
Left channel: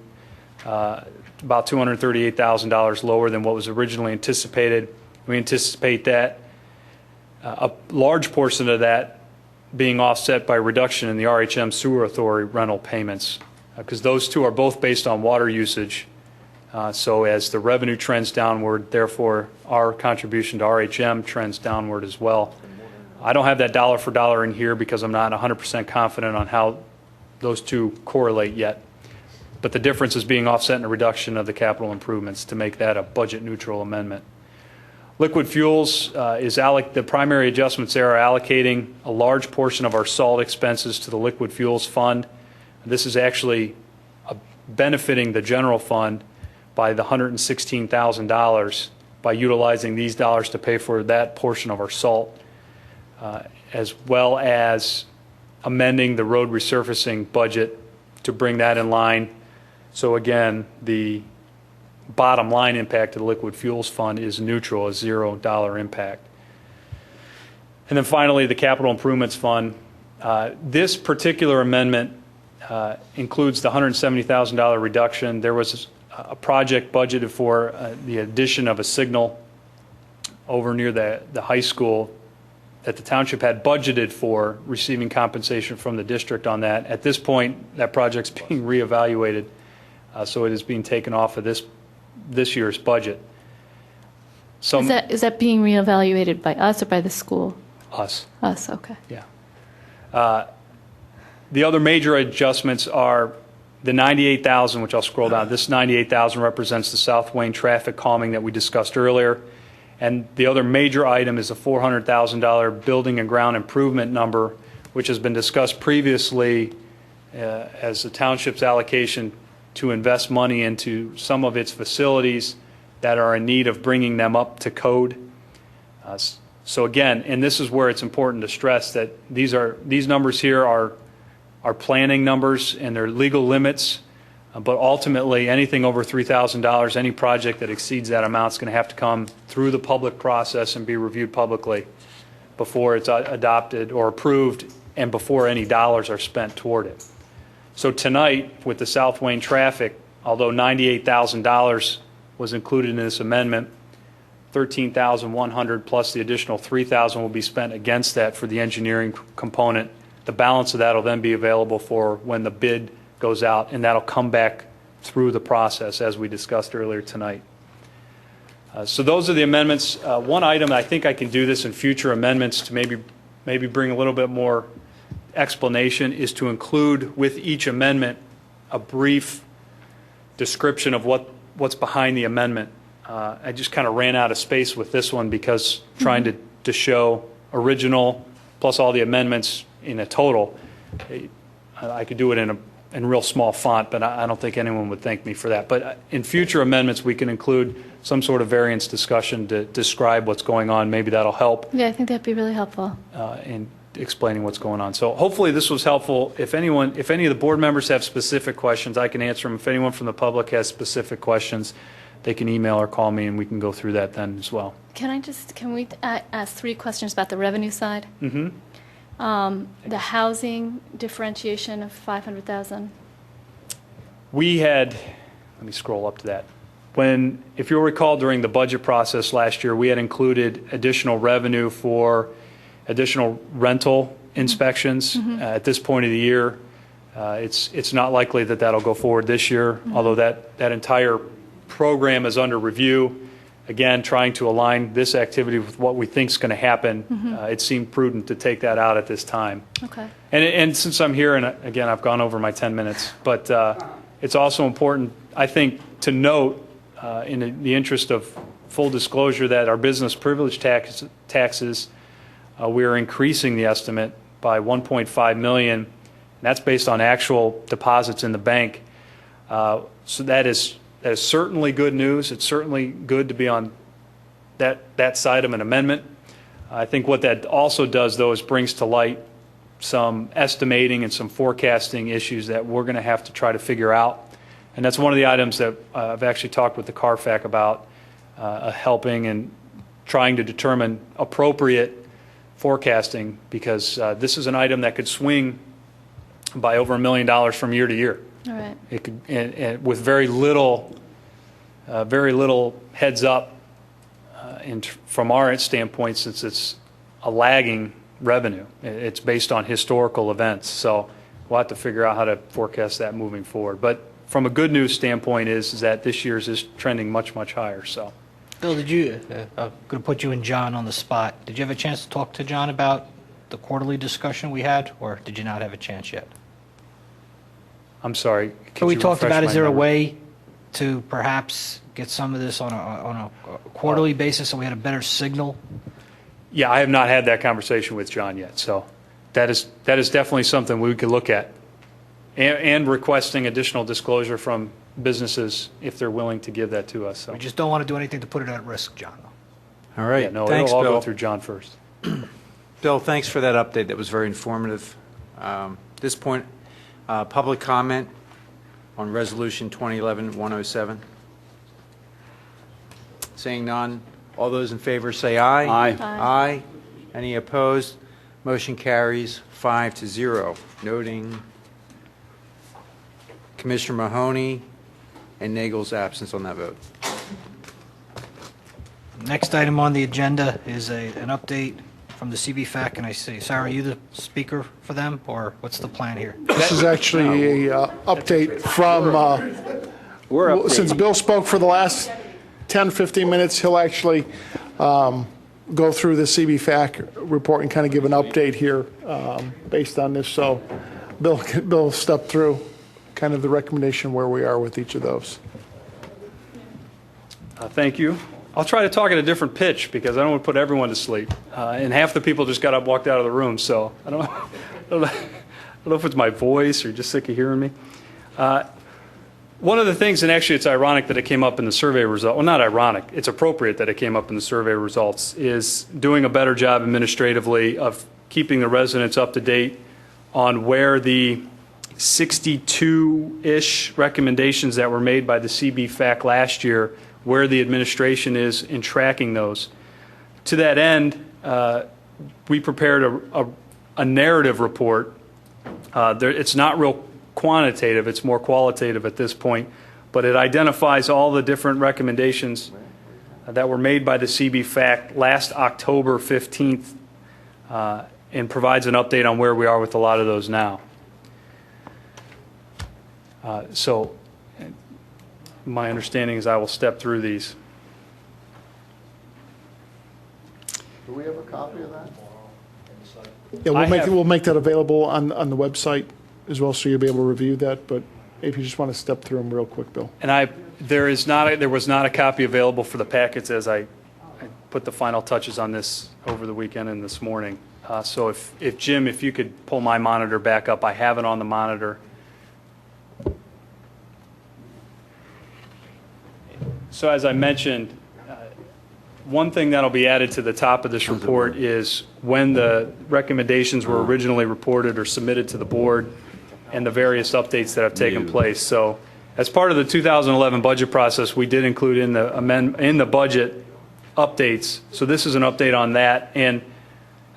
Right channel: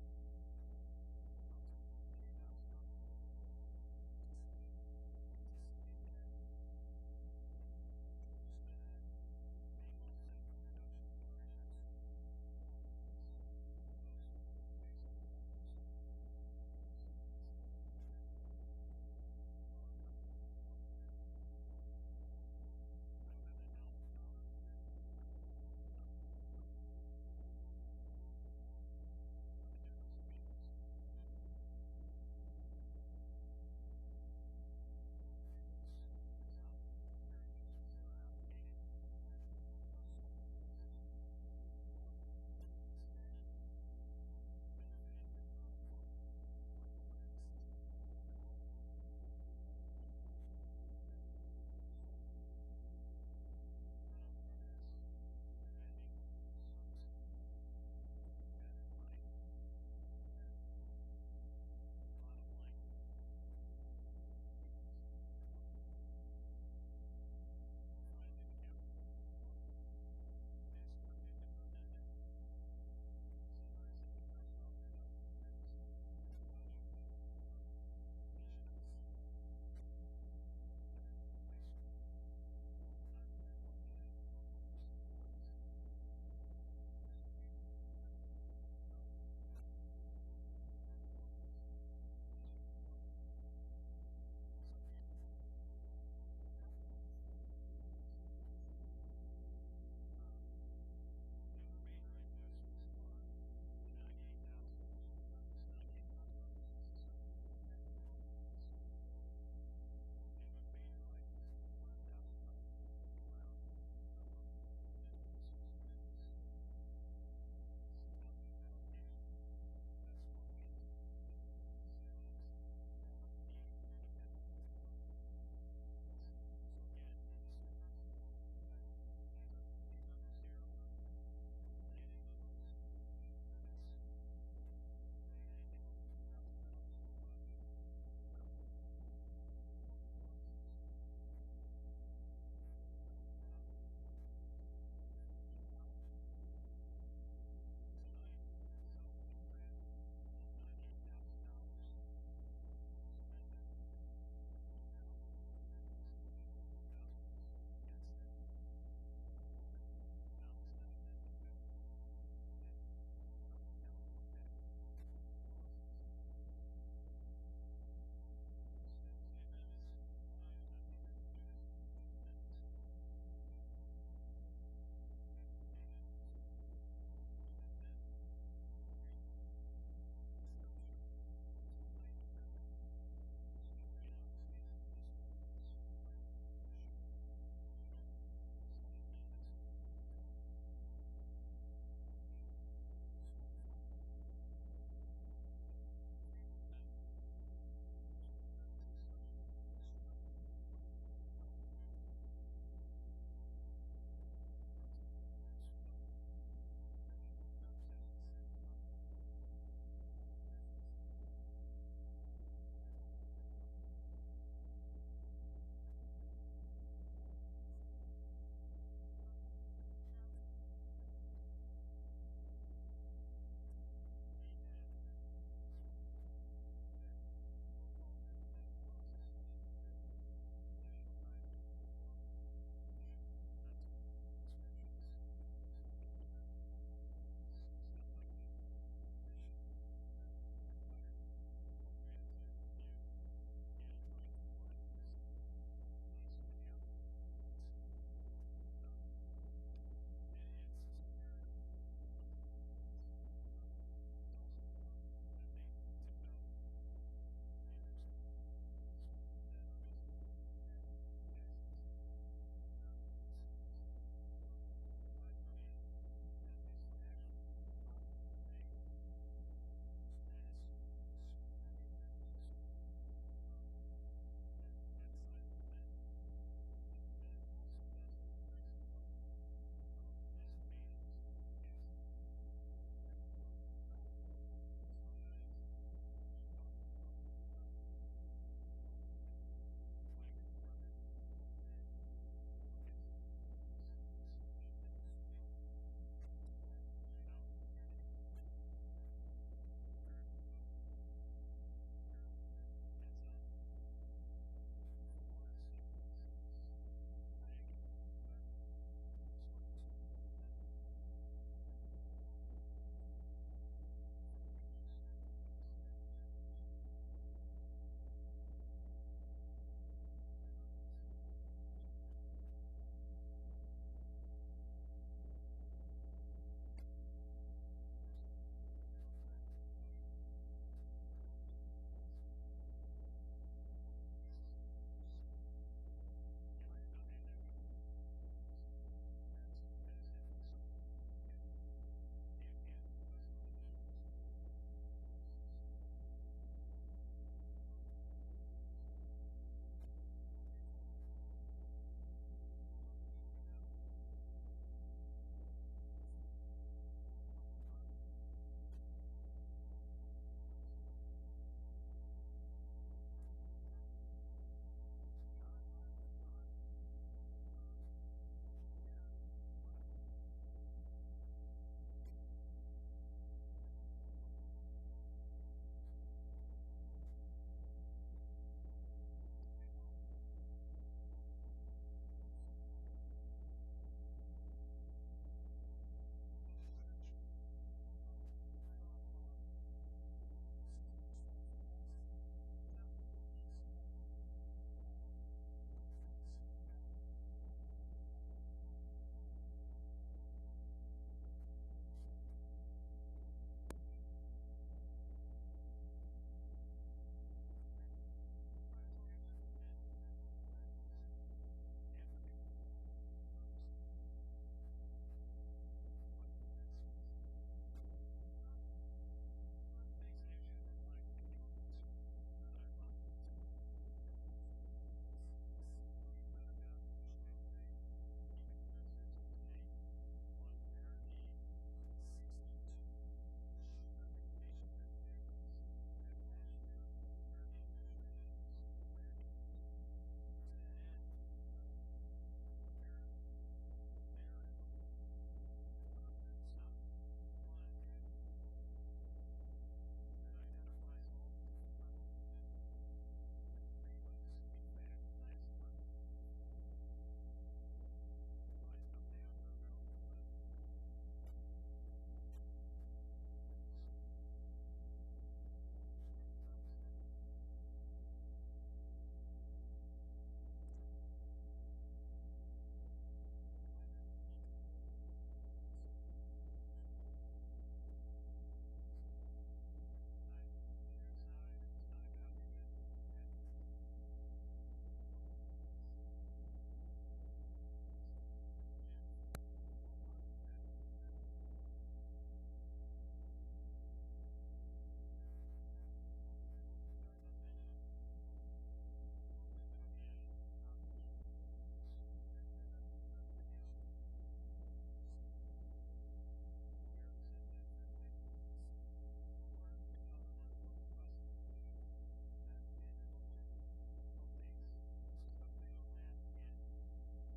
about $238,000 lower than what was originally anticipated. We anticipate that a large portion of that being offset by reduction in the RHM Sewer Authority rental payments, because those two are both based on water usage. So as the revenue trends downward, therefore our contribution to RHM trends downward as well. I don't have that dollar for dollar in here because I'm not 100% confident on how those two correlate yet. But the difference is being offset in a reduction of the capital improvements to make that a budget neutral amendment. Liquid fuels the primary adjustments there are allocating a large portion of our salt expenses to the liquid fuels fund. This is actually benefiting the general fund by the $116,000 by utilizing these dollars to pay for that portion of our salt, as well as amending the road resurfacing budget to bring that in line. So again, the bottom line impact of the liquid fuels fund is neutral, a $0 impact. And then finally, the capital improvements fund. This particular amendment includes the $170,000 reduction. There was a project budgeted for the addition of a signal over near the high school that the township had budgeted for, receiving compensation from the district on that. At this point, that project's being reevaluated, so it is being taken off of this year's budget. So is that being reevaluated by us or by the school? Us. Us, okay. Yeah. The other major adjustments are The 98,000, which I'll scroll down, this 98,000 represents the South Wayne traffic calming that we discussed earlier. And the other major item is a $400,000 building and ground improvement number, which has been discussed previously as the township's allocation to invest money into some of its facilities that are in need of bringing them up to code. So again, and this is where it's important to stress that these numbers here are planning numbers and they're legal limits, but ultimately anything over $3,000, any project that exceeds that amount is going to have to come through the public process and be reviewed publicly before it's adopted or approved and before any dollars are spent toward it. So tonight, with the South Wayne traffic, although $98,000 was included in this amendment, $13,100 plus the additional $3,000 will be spent against that for the engineering component. The balance of that will then be available for when the bid goes out, and that'll come back through the process as we discussed earlier tonight. So those are the amendments. One item, I think I can do this in future amendments to maybe bring a little bit more explanation, is to include with each amendment a brief description of what's behind the amendment. I just kind of ran out of space with this one because trying to show original plus all the amendments in a total, I could do it in real small font, but I don't think anyone would thank me for that. But in future amendments, we can include some sort of variance discussion to describe what's going on. Maybe that'll help Yeah, I think that'd be really helpful. in explaining what's going on. So hopefully this was helpful. If any of the board members have specific questions, I can answer them. If anyone from the public has specific questions, they can email or call me, and we can go through that then as well. Can we ask 3 questions about the revenue side? Mm-hmm. The housing differentiation of 500,000. We had, let me scroll up to that. If you'll recall, during the budget process last year, we had included additional revenue for additional rental inspections. At this point of the year, it's not likely that that'll go forward this year, although that entire program is under review. Again, trying to align this activity with what we think is going to happen, it seemed prudent to take that out at this time. Okay. And since I'm here, and again, I've gone over my 10 minutes, but it's also important, I think, to note, in the interest of full disclosure, that our business privilege taxes, we are increasing the estimate by $1.5 million, and that's based on actual deposits in the bank. So that is certainly good news. It's certainly good to be on that side of an amendment. I think what that also does, though, is brings to light some estimating and some forecasting issues that we're going to have to try to figure out. And that's one of the items that I've actually talked with the CARFAC about, helping and trying to determine appropriate forecasting, because this is an item that could swing by over $1 million from year to year. All right. It could, and with very little heads up, from our standpoint, since it's a lagging revenue. It's based on historical events, so we'll have to figure out how to forecast that moving forward. But from a good news standpoint is that this year's is trending much, much higher. So, Bill, I'm going to put you and John on the spot. Did you have a chance to talk to John about the quarterly discussion we had, or did you not have a chance yet? I'm sorry. So we talked about, is there a way to perhaps get some of this on a quarterly basis so we had a better signal? Yeah, I have not had that conversation with John yet, so that is definitely something we could look at, and requesting additional disclosure from businesses if they're willing to give that to us. So. We just don't want to do anything to put it at risk, John. All right. Yeah, no, Thanks, it'll all Bill. go through John first. Bill, thanks for that update. That was very informative. At this point, public comment on Resolution 2011-107. Seeing none, all those in favor say aye. Aye. Aye. Any opposed? Motion carries 5-0. Noting Commissioner Mahoney and Nagel's absence on that vote. Next item on the agenda is an update from the CBFAC, and I say, Sarah, are you the speaker for them, or what's the plan here? This is actually a update from, since Bill spoke for the last 10, 15 minutes, he'll actually go through the CBFAC report and kind of give an update here based on this. So Bill, step through. kind of the recommendation where we are with each of those. Thank you. I'll try to talk at a different pitch because I don't want to put everyone to sleep. And half the people just got up, walked out of the room, so I don't know if it's my voice or just sick of hearing me. One of the things, and actually it's ironic that it came up in the survey result, well, not ironic, it's appropriate that it came up in the survey results, is doing a better job administratively of keeping the residents up to date on where the 62-ish recommendations that were made by the CB-FAC last year, where the administration is in tracking those. To that end, we prepared a narrative report. It's not real quantitative, it's more qualitative at this point, but it identifies all the different recommendations that were made by the CB-FAC last October 15th and provides an update on where we are with a lot of those now. So my understanding is I will step through these. Do we have a copy of that? Yeah, we'll make that available on the website as well, so you'll be able to review that. But if you just want to step through them real quick, Bill. And there was not a copy available for the packets as I put the final touches on this over the weekend and this morning. So if Jim, if you could pull my monitor back up, I have it on the monitor. So as I mentioned, one thing that'll be added to the top of this report is when the recommendations were originally reported or submitted to the board and the various updates that have taken place. So as part of the 2011 budget process, we did include in the budget updates. So this is an update on that. And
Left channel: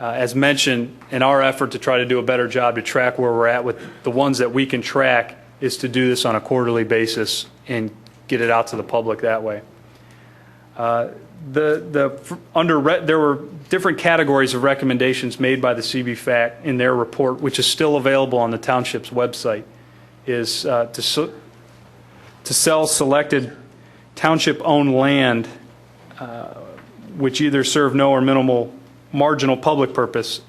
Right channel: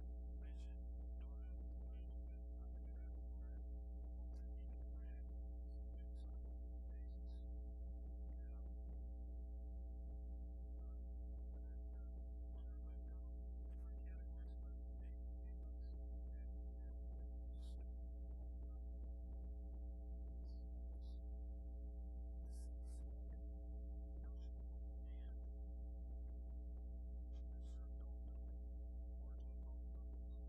as mentioned, in our effort to try to do a better job to track where we're at with the ones that we can track is to do this on a quarterly basis and get it out to the public that way. There were different categories of recommendations made by the CB-FAC in their report, which is still available on the township's website, is to sell selected township-owned land which either serve no or minimal marginal public purpose.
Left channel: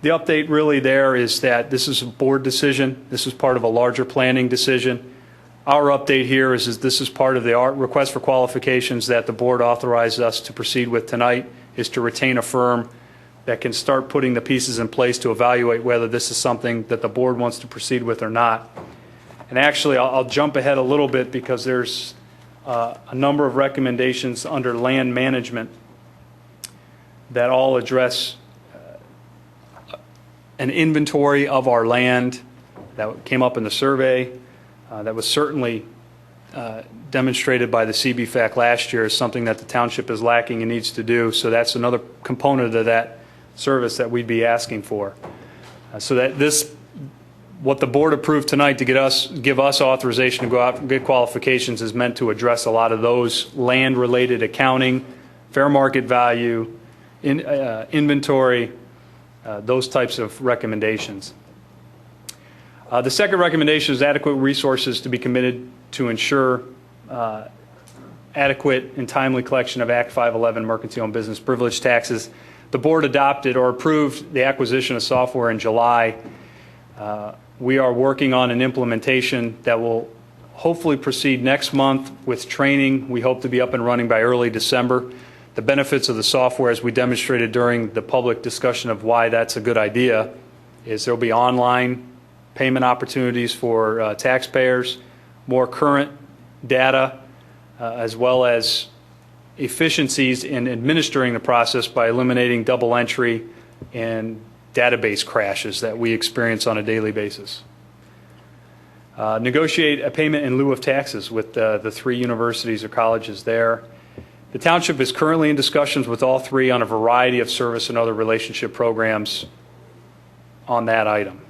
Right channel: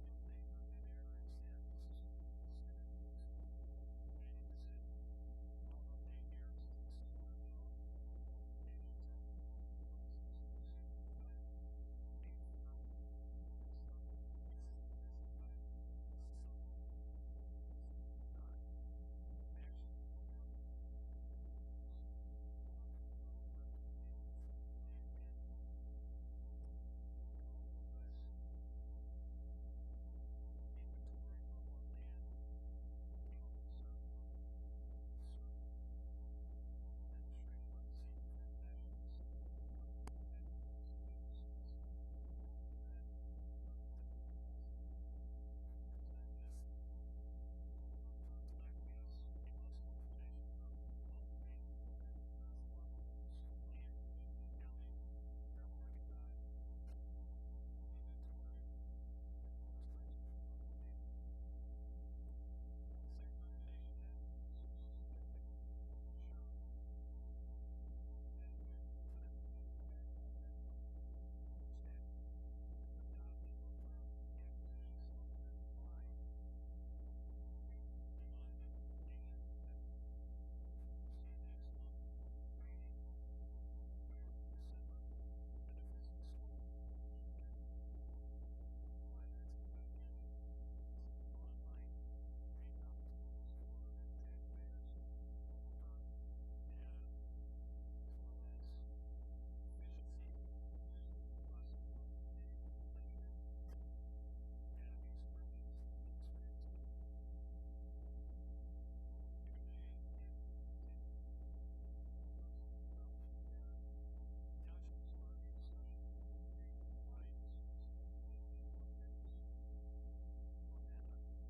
The update really there is that this is a board decision. This is part of a larger planning decision. Our update here is this is part of the request for qualifications that the board authorized us to proceed with tonight, is to retain a firm that can start putting the pieces in place to evaluate whether this is something that the board wants to proceed with or not. And actually, I'll jump ahead a little bit because there's a number of recommendations under land management that all address an inventory of our land that came up in the survey. That was certainly demonstrated by the CB-FAC last year as something that the township is lacking and needs to do. So that's another component of that service that we'd be asking for. So that what the board approved tonight to give us authorization to go out and get qualifications is meant to address a lot of those land-related accounting, fair market value, inventory, those types of recommendations. The second recommendation is adequate resources to be committed to ensure adequate and timely collection of Act 511 mercantile and business privilege taxes. The board adopted or approved the acquisition of software in July. We are working on an implementation that will hopefully proceed next month with training. We hope to be up and running by early December. The benefits of the software, as we demonstrated during the public discussion of why that's a good idea, is there will be online payment opportunities for taxpayers, more current data, as well as efficiencies in administering the process by eliminating double entry and database crashes that we experience on a daily basis. Negotiate a payment in lieu of taxes with the 3 universities or colleges there. The township is currently in discussions with all 3 on a variety of service and other relationship programs on that item,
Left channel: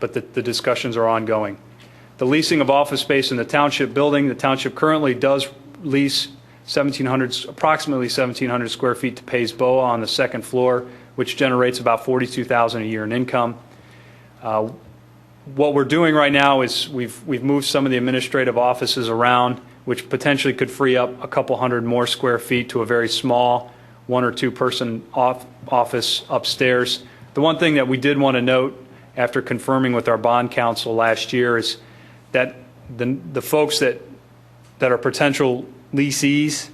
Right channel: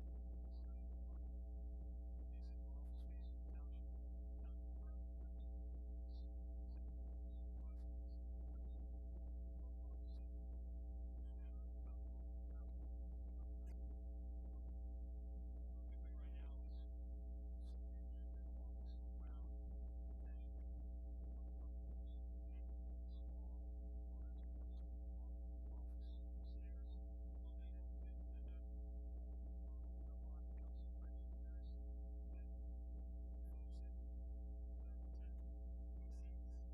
but the discussions are ongoing. The leasing of office space in the township building. The township currently does lease approximately 1,700 square feet to Pays Boa on the 2nd floor, which generates about $42,000 a year in income. What we're doing right now is we've moved some of the administrative offices around, which potentially could free up a couple hundred more square feet to a very small 1 or 2 person office upstairs. The one thing that we did want to note after confirming with our bond counsel last year is that the folks that are potential leasees,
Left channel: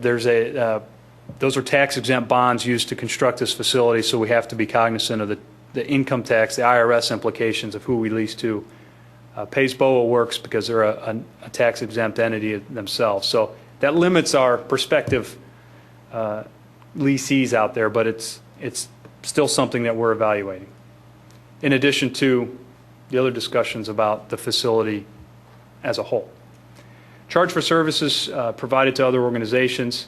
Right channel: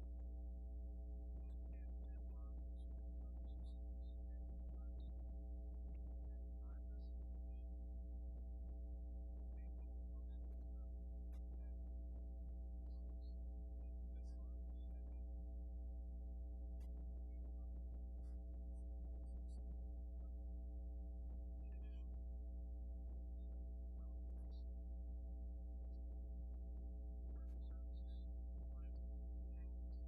those are tax-exempt bonds used to construct this facility, so we have to be cognizant of the income tax, the IRS implications of who we lease to. Pays BOA works because they're a tax-exempt entity themselves. So that limits our prospective leasees out there, but it's still something that we're evaluating. In addition to the other discussions about the facility as a whole. Charge for services provided to other organizations.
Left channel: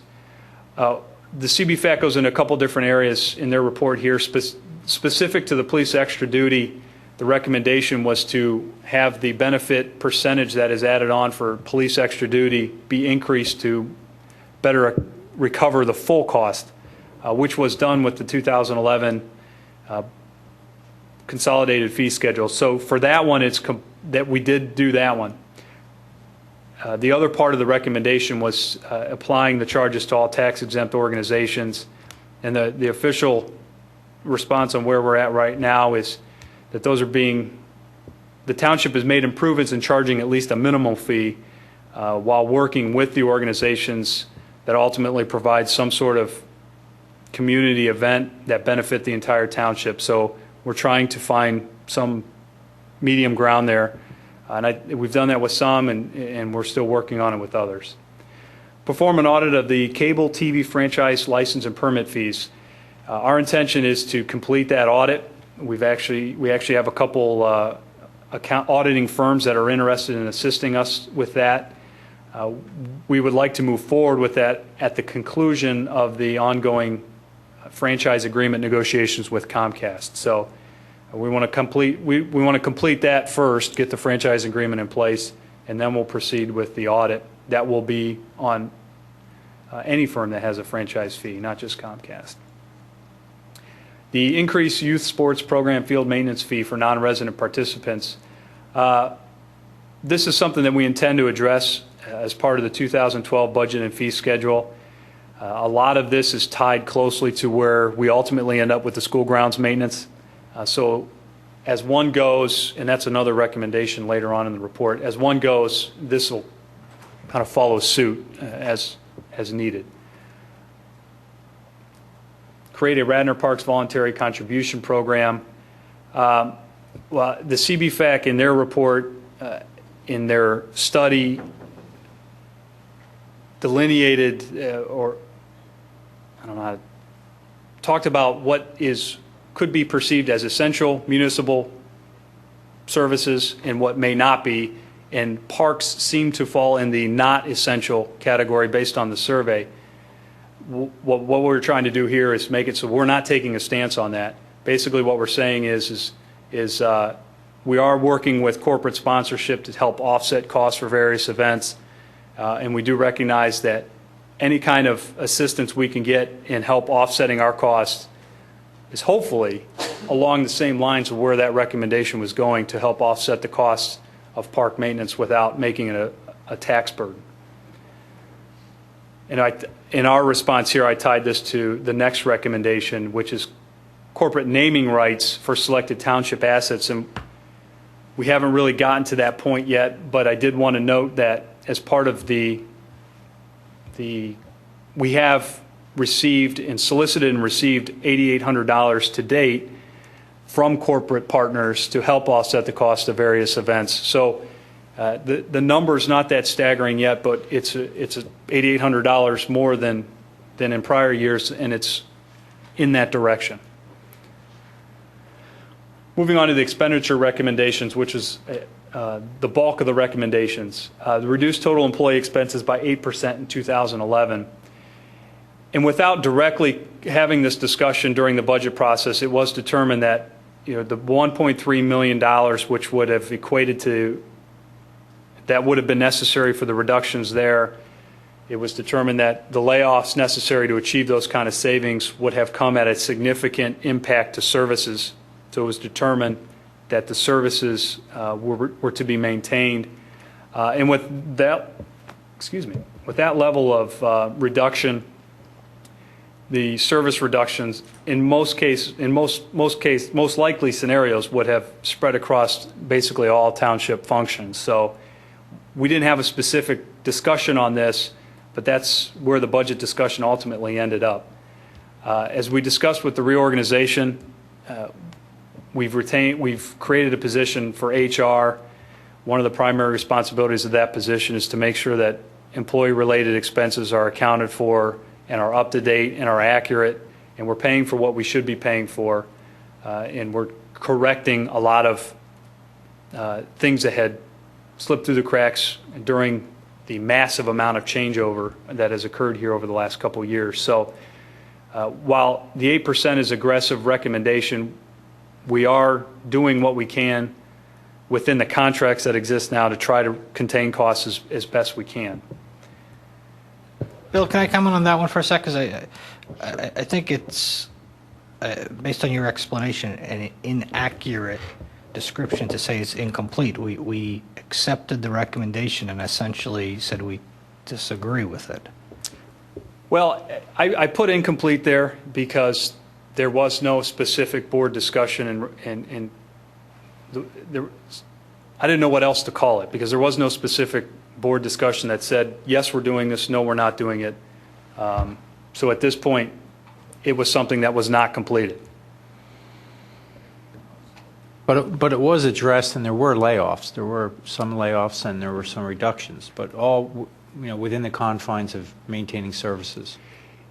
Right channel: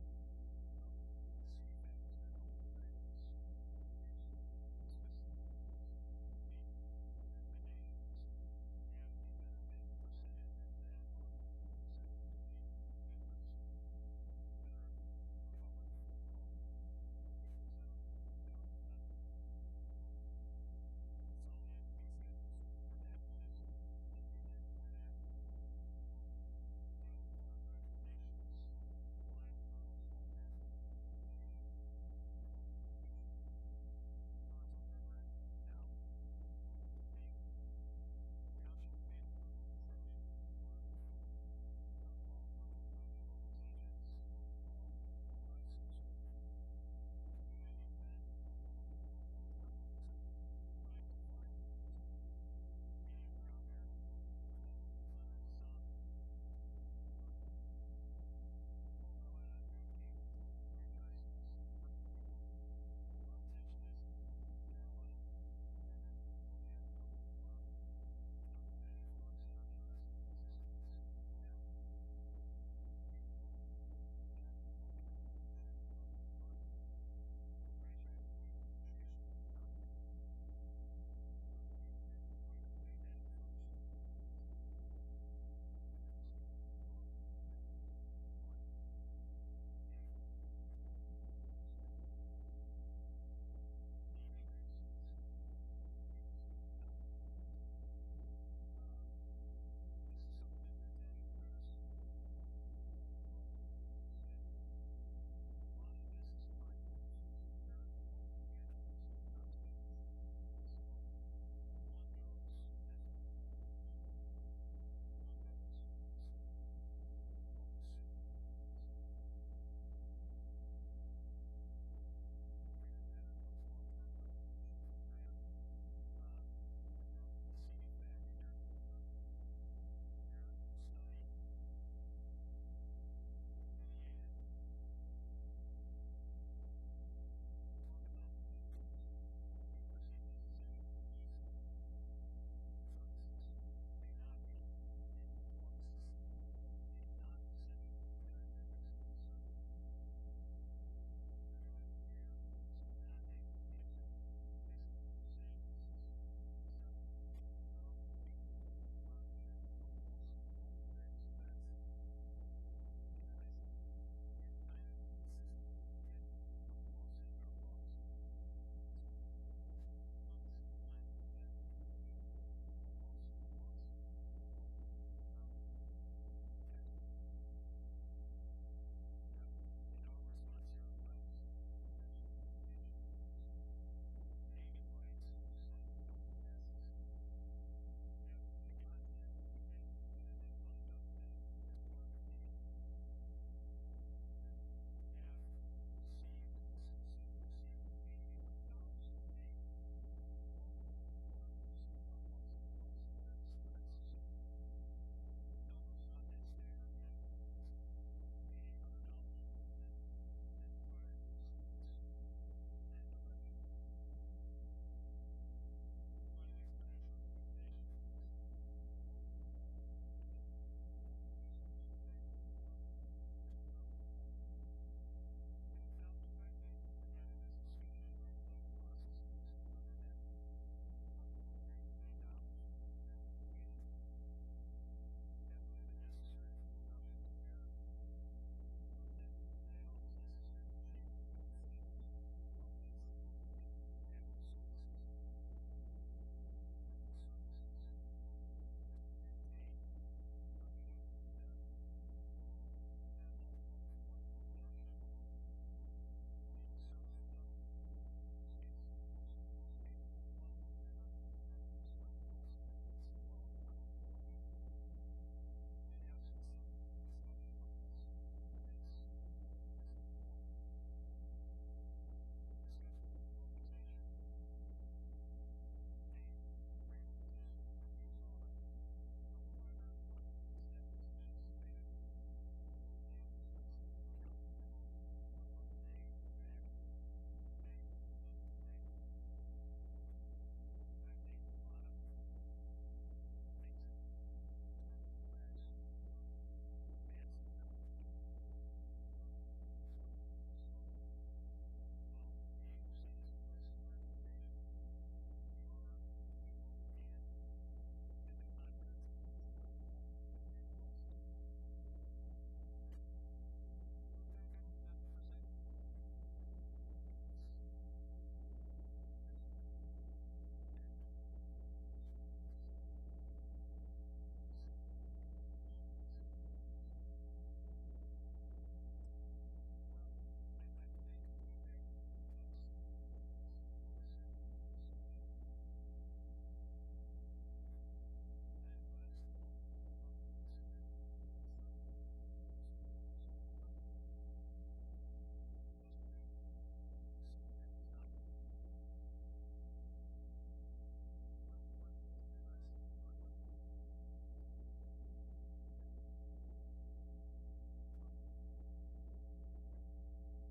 The CBFAC goes in a couple different areas in their report here. Specific to the police extra duty, the recommendation was to have the benefit percentage that is added on for police extra duty be increased to better recover the full cost, which was done with the 2011 consolidated fee schedule. So for that one, that we did do that one. The other part of the recommendation was applying the charges to all tax-exempt organizations, and the official response on where we're at right now is that those are the township has made improvements in charging at least a minimum fee while working with the organizations that ultimately provide some sort of community event that benefit the entire township. So we're trying to find some medium ground there. And we've done that with some, and we're still working on it with others. Perform an audit of the cable TV franchise license and permit fees. Our intention is to complete that audit. We actually have a couple auditing firms that are interested in assisting us with that. We would like to move forward with that at the conclusion of the ongoing franchise agreement negotiations with Comcast. So we want to complete that first, get the franchise agreement in place, and then we'll proceed with the audit. That will be on any firm that has a franchise fee, not just Comcast. The increased youth sports program field maintenance fee for non-resident participants. This is something that we intend to address as part of the 2012 budget and fee schedule. A lot of this is tied closely to where we ultimately end up with the school grounds maintenance. So as one goes, and that's another recommendation later on in the report, as one goes, this will kind of follow suit as needed. Create a Radnor Parks voluntary contribution program. Well, the CBFAC in their report, in their study, delineated or I don't know how to, talked about what could be perceived as essential municipal services and what may not be, and parks seem to fall in the not essential category based on the survey. What we're trying to do here is make it so we're not taking a stance on that. Basically what we're saying is we are working with corporate sponsorship to help offset costs for various events, and we do recognize that any kind of assistance we can get in help offsetting our costs is hopefully along the same lines of where that recommendation was going, to help offset the costs of park maintenance without making it a tax burden. And in our response here, I tied this to the next recommendation, which is corporate naming rights for selected township assets. And we haven't really gotten to that point yet, but I did want to note that as part of we have received and solicited and received $8,800 to date from corporate partners to help offset the cost of various events. So the number's not that staggering yet, but it's $8,800 more than in prior years, and it's in that direction. Moving on to the expenditure recommendations, which is the bulk of the recommendations. The reduced total employee expenses by 8% in 2011. And without directly having this discussion during the budget process, it was determined that the $1.3 million, which would have equated to, that would have been necessary for the reductions there, it was determined that the layoffs necessary to achieve those kind of savings would have come at a significant impact to services. So it was determined that the services were to be maintained. And with that level of reduction, the service reductions in most likely scenarios would have spread across basically all township functions. So we didn't have a specific discussion on this, but that's where the budget discussion ultimately ended up. As we discussed with the reorganization, we've created a position for HR. One of the primary responsibilities of that position is to make sure that employee-related expenses are accounted for and are up to date and are accurate, and we're paying for what we should be paying for, and we're correcting a lot of things that had slipped through the cracks during the massive amount of changeover that has occurred here over the last couple of years. So while the 8% is aggressive recommendation, we are doing what we can within the contracts that exist now to try to contain costs as best we can. Bill, can I comment on that one for a sec? Because I think it's, based on your explanation, an inaccurate description to say it's incomplete. We accepted the recommendation and essentially said we disagree with it. Well, I put incomplete there because there was no specific board discussion, and I didn't know what else to call it because there was no specific board discussion that said, yes, we're doing this, no, we're not doing it. So at this point, it was something that was not completed. But it was addressed, and there were layoffs. There were some layoffs, and there were some reductions, but all within the confines of maintaining services.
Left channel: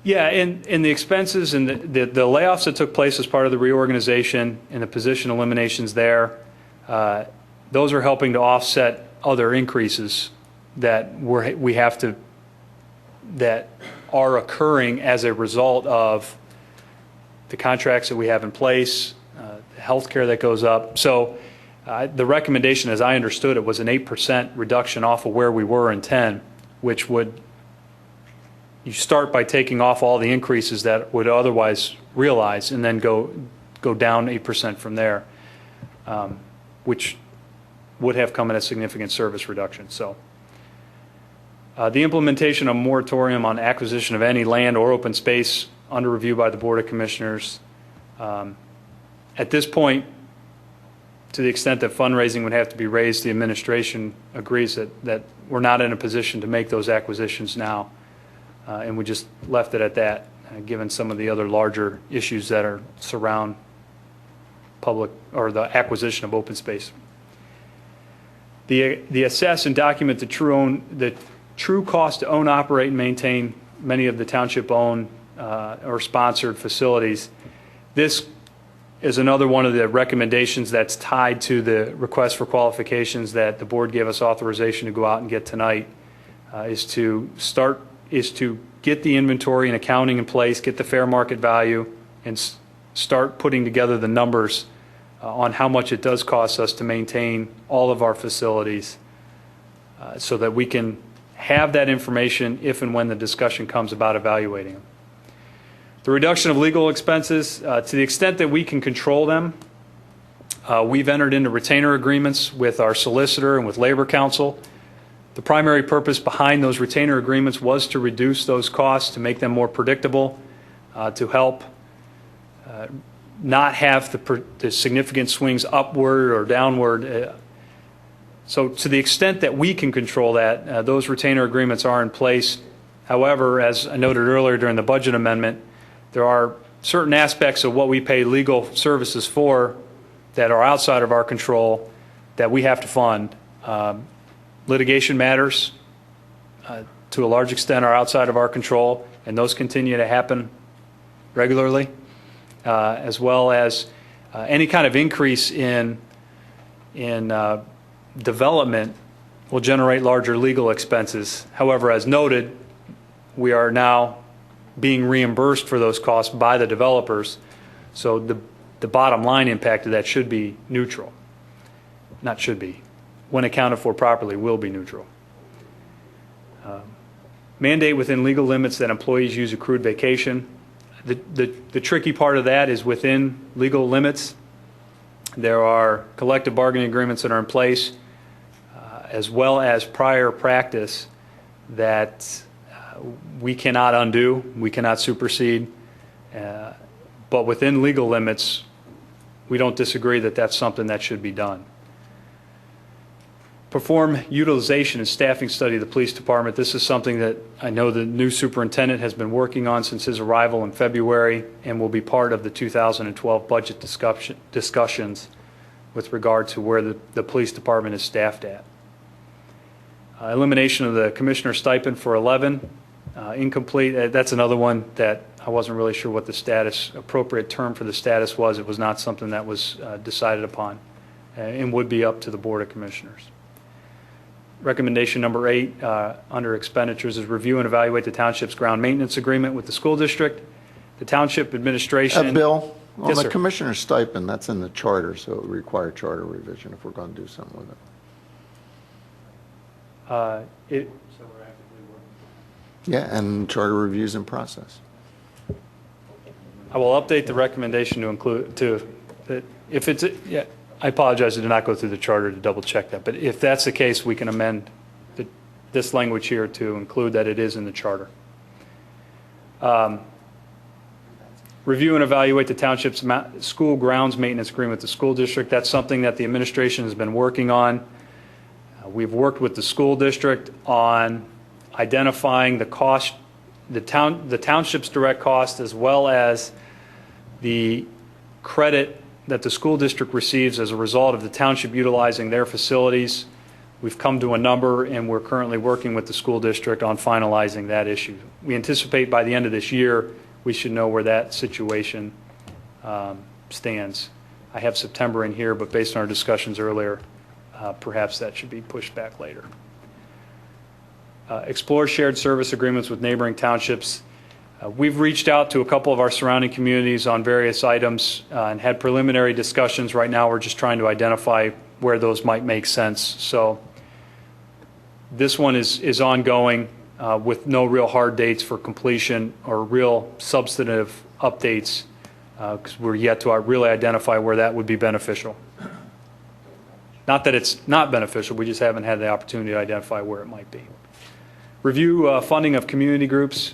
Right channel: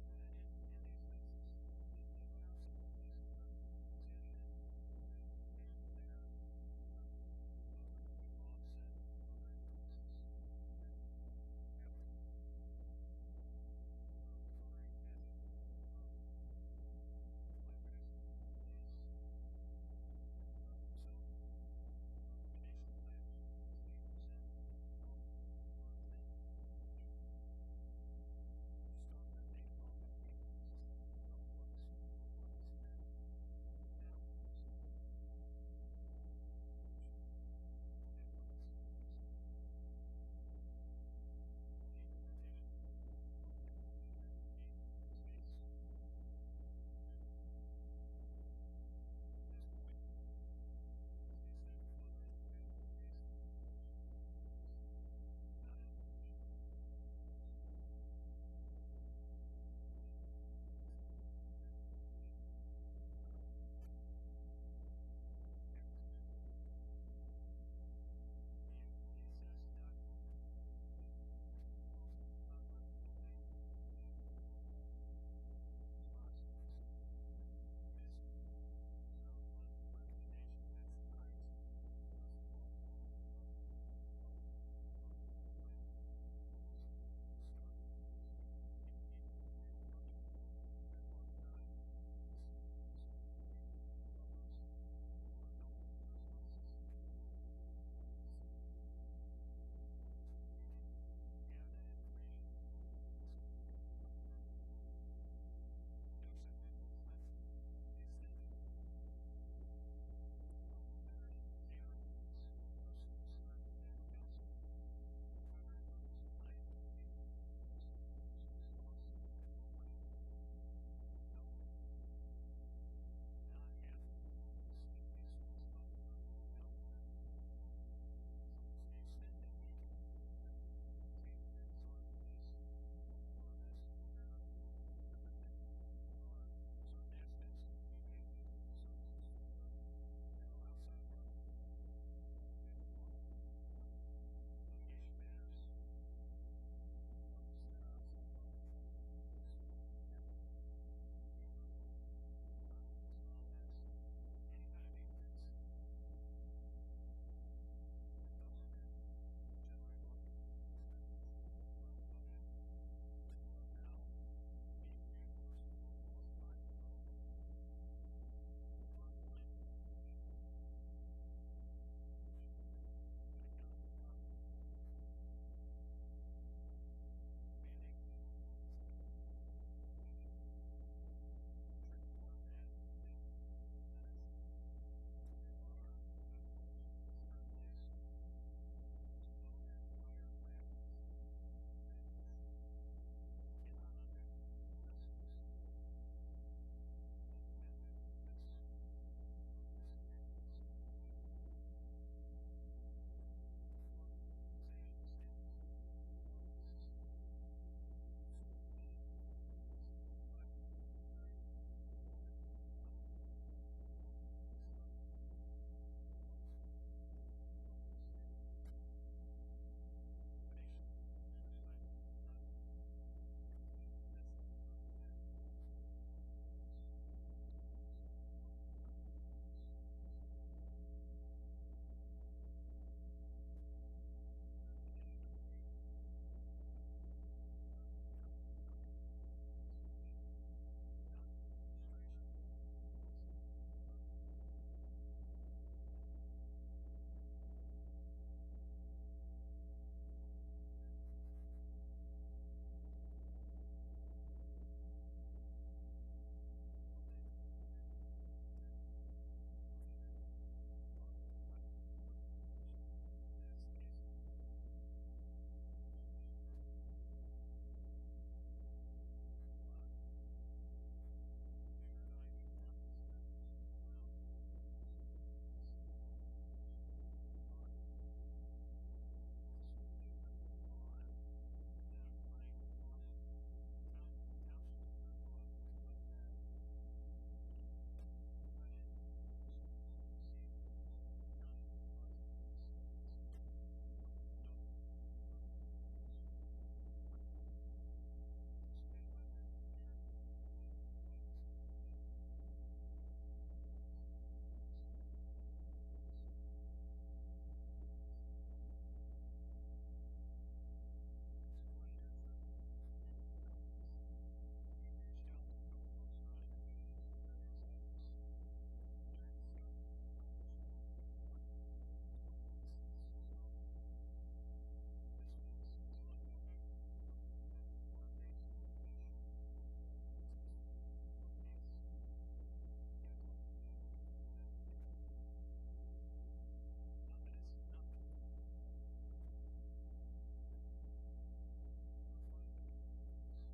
Yeah, and the expenses and the layoffs that took place as part of the reorganization and the position eliminations there, those are helping to offset other increases that that are occurring as a result of the contracts that we have in place, the health care that goes up. So the recommendation, as I understood it, was an 8% reduction off of where we were in 10, which would, you start by taking off all the increases that would otherwise realize and then go down 8% from there, which would have come at a significant service reduction. So the implementation of a moratorium on acquisition of any land or open space under review by the Board of Commissioners. At this point, to the extent that fundraising would have to be raised, the administration agrees that we're not in a position to make those acquisitions now, and we just left it at that, given some of the other larger issues that surround public or the acquisition of open space. The assess and document the true cost to own, operate, and maintain many of the township-owned or sponsored facilities. This is another one of the recommendations that's tied to the request for qualifications that the board gave us authorization to go out and get tonight, is to get the inventory and accounting in place, get the fair market value, and start putting together the numbers on how much it does cost us to maintain all of our facilities, so that we can have that information if and when the discussion comes about evaluating them. The reduction of legal expenses, to the extent that we can control them, we've entered into retainer agreements with our solicitor and with Labor Council. The primary purpose behind those retainer agreements was to reduce those costs, to make them more predictable, to help not have the significant swings upward or downward. So to the extent that we can control that, those retainer agreements are in place. However, as I noted earlier during the budget amendment, there are certain aspects of what we pay legal services for that are outside of our control that we have to fund. Litigation matters, to a large extent, are outside of our control, and those continue to happen regularly, as well as any kind of increase in development will generate larger legal expenses. However, as noted, we are now being reimbursed for those costs by the developers, so the bottom line impact of that should be neutral. Not should be. When accounted for properly, will be neutral. Mandate within legal limits that employees use accrued vacation. The tricky part of that is within legal limits. There are collective bargaining agreements that are in place, as well as prior practice that we cannot undo, we cannot supersede. But within legal limits, we don't disagree that that's something that should be done. Perform utilization and staffing study of the police department. This is something that I know the new superintendent has been working on since his arrival in February and will be part of the 2012 budget discussions with regard to where the police department is staffed at. Elimination of the commissioner stipend for 11, incomplete. That's another one that I wasn't really sure what the appropriate term for the status was. It was not something that was decided upon and would be up to the Board of Commissioners. Recommendation number 8 under expenditures is review and evaluate the township's ground maintenance agreement with the school district. The township administration. Bill, on Yes, the sir. commissioner's stipend, that's in the charter, so it would require charter revision if we're going to do something with it. Yeah, and charter reviews in process. I will update the recommendation to include that if it's yeah. I apologize, I did not go through the charter to double check that, but if that's the case, we can amend this language here to include that it is in the charter. Review and evaluate the township's school grounds maintenance agreement with the school district. That's something that the administration has been working on. We've worked with the school district on identifying the cost, the township's direct cost, as well as the credit that the school district receives as a result of the township utilizing their facilities. We've come to a number, and we're currently working with the school district on finalizing that issue. We anticipate by the end of this year, we should know where that situation stands. I have September in here, but based on our discussions earlier, perhaps that should be pushed back later. Explore shared service agreements with neighboring townships. We've reached out to a couple of our surrounding communities on various items and had preliminary discussions. Right now, we're just trying to identify where those might make sense. So this one is ongoing with no real hard dates for completion or real substantive updates because we're yet to really identify where that would be beneficial. Not that it's not beneficial, we just haven't had the opportunity to identify where it might be. Review funding of community groups.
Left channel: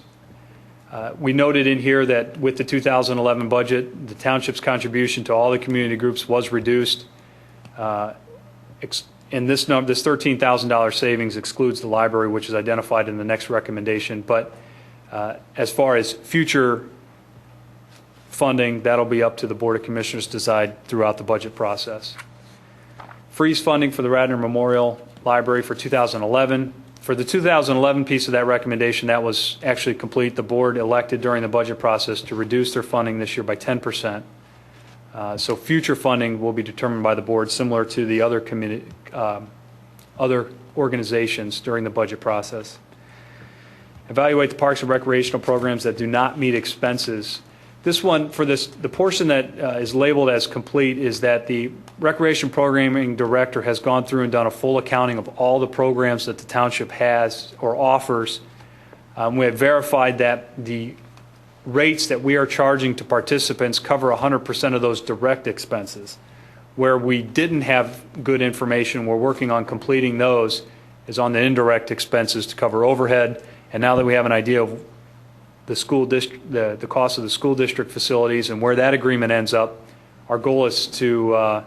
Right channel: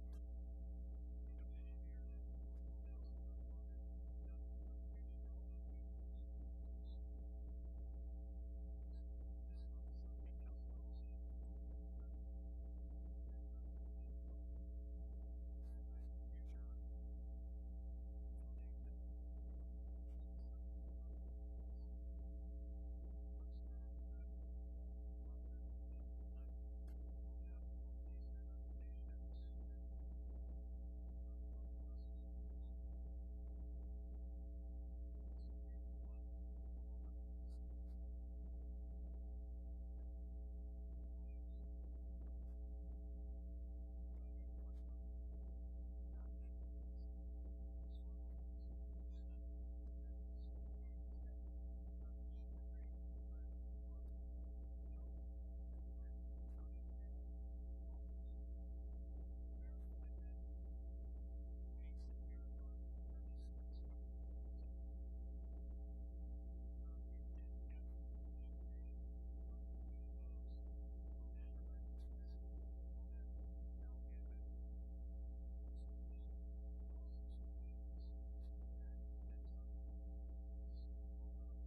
We noted in here that with the 2011 budget, the township's contribution to all the community groups was reduced. And this $13,000 savings excludes the library, which is identified in the next recommendation. But as far as future funding, that'll be up to the Board of Commissioners to decide throughout the budget process. Freeze funding for the Radnor Memorial Library for 2011. For the 2011 piece of that recommendation, that was actually complete. The board elected during the budget process to reduce their funding this year by 10%. So future funding will be determined by the board, similar to the other other organizations during the budget process. Evaluate the parks and recreational programs that do not meet expenses. This one, for the portion that is labeled as complete, is that the recreation programming director has gone through and done a full accounting of all the programs that the township has or offers. We have verified that the rates that we are charging to participants cover 100% of those direct expenses. Where we didn't have good information, we're working on completing those, is on the indirect expenses to cover overhead. And now that we have an idea of the school district, the cost of the school district facilities and where that agreement ends up, our goal is to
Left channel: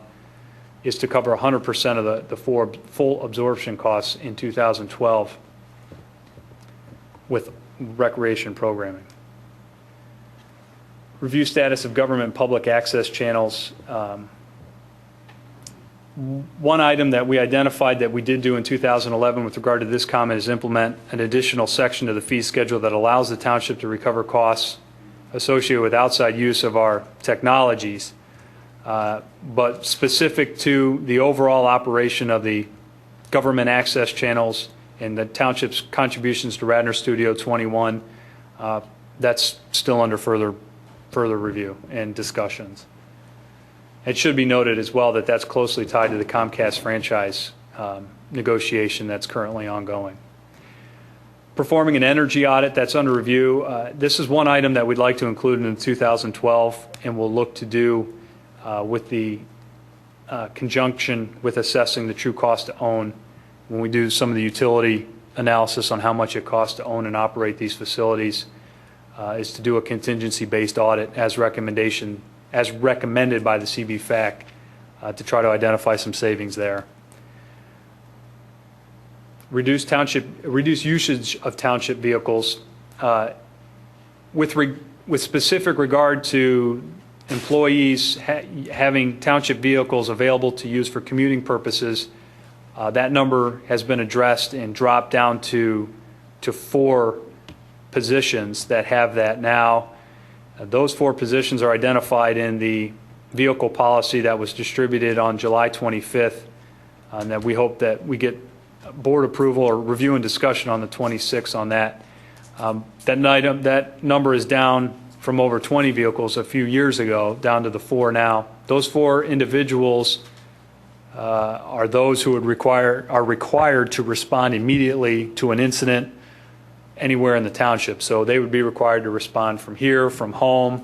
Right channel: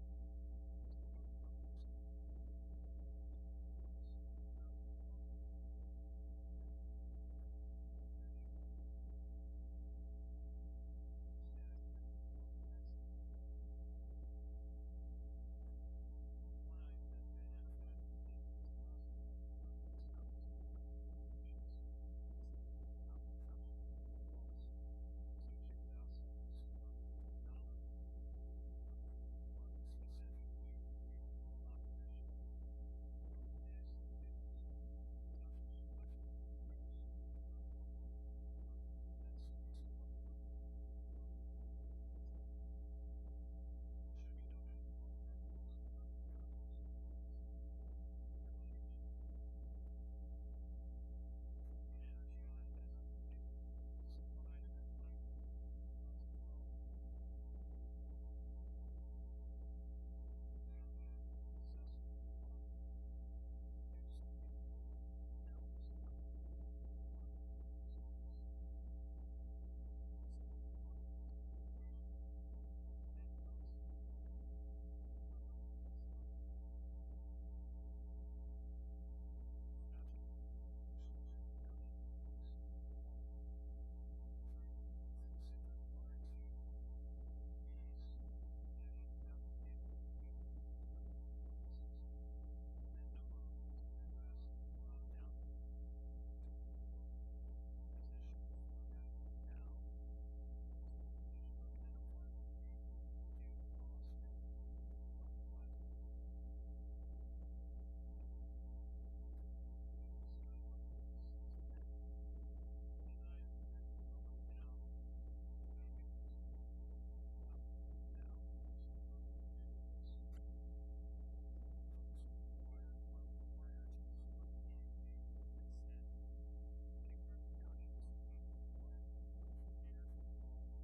cover 100% of the full absorption costs in 2012 with recreation programming. Review status of government public access channels. One item that we identified that we did do in 2011 with regard to this comment is implement an additional section of the fee schedule that allows the township to recover costs associated with outside use of our technologies, but specific to the overall operation of the government access channels and the township's contributions to Radnor Studio 21, that's still under further review and discussions. It should be noted as well that that's closely tied to the Comcast franchise negotiation that's currently ongoing. Performing an energy audit, that's under review. This is one item that we'd like to include in 2012 and we'll look to do with the conjunction with assessing the true cost to own when we do some of the utility analysis on how much it costs to own and operate these facilities. is to do a contingency-based audit as recommended by the CBFAC to try to identify some savings there. Reduce usage of township vehicles. With specific regard to employees having township vehicles available to use for commuting purposes, that number has been addressed and dropped down to 4 positions that have that now. Those 4 positions are identified in the vehicle policy that was distributed on July 25th, and that we hope that we get board approval or review and discussion on the 26th on that. That number is down from over 20 vehicles a few years ago down to the 4 now. Those 4 individuals are those who are required to respond immediately to an incident anywhere in the township. So they would be required to respond from here, from home,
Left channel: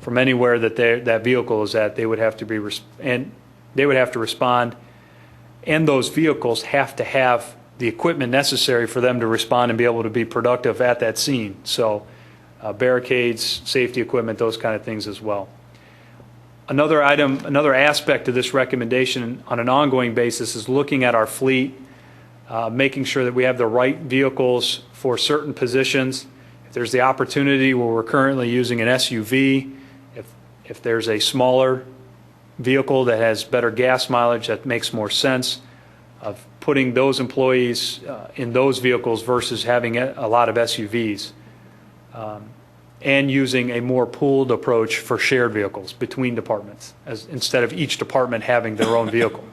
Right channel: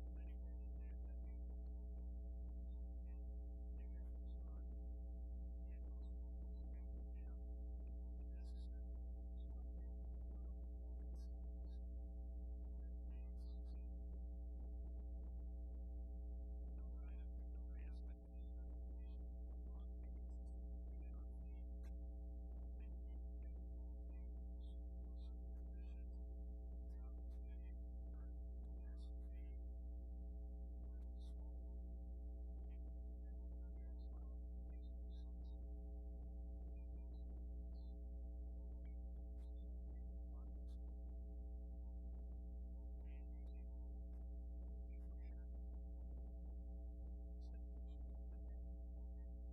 from anywhere that that vehicle is at. They would have to respond, and those vehicles have to have the equipment necessary for them to respond and be able to be productive at that scene. So barricades, safety equipment, those kind of things as well. Another aspect of this recommendation on an ongoing basis is looking at our fleet, making sure that we have the right vehicles for certain positions. If there's the opportunity where we're currently using an SUV, if there's a smaller vehicle that has better gas mileage, that makes more sense of putting those employees in those vehicles versus having a lot of SUVs, and using a more pooled approach for shared vehicles between departments, instead of each department having their own vehicle.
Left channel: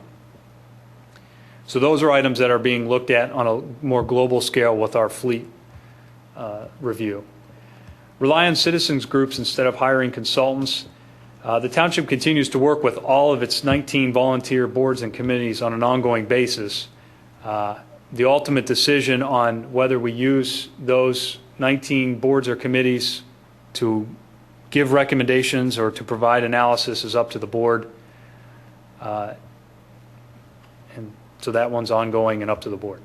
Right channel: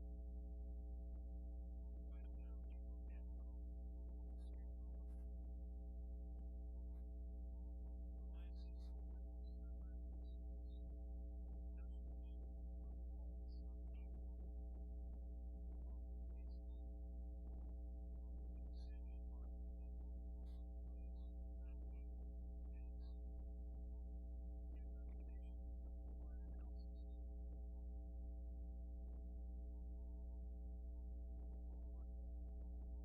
So those are items that are being looked at on a more global scale with our fleet review. Rely on citizens groups instead of hiring consultants. The township continues to work with all of its 19 volunteer boards and committees on an ongoing basis. The ultimate decision on whether we use those 19 boards or committees to give recommendations or to provide analysis is up to the board. And so that one's ongoing and up to the board.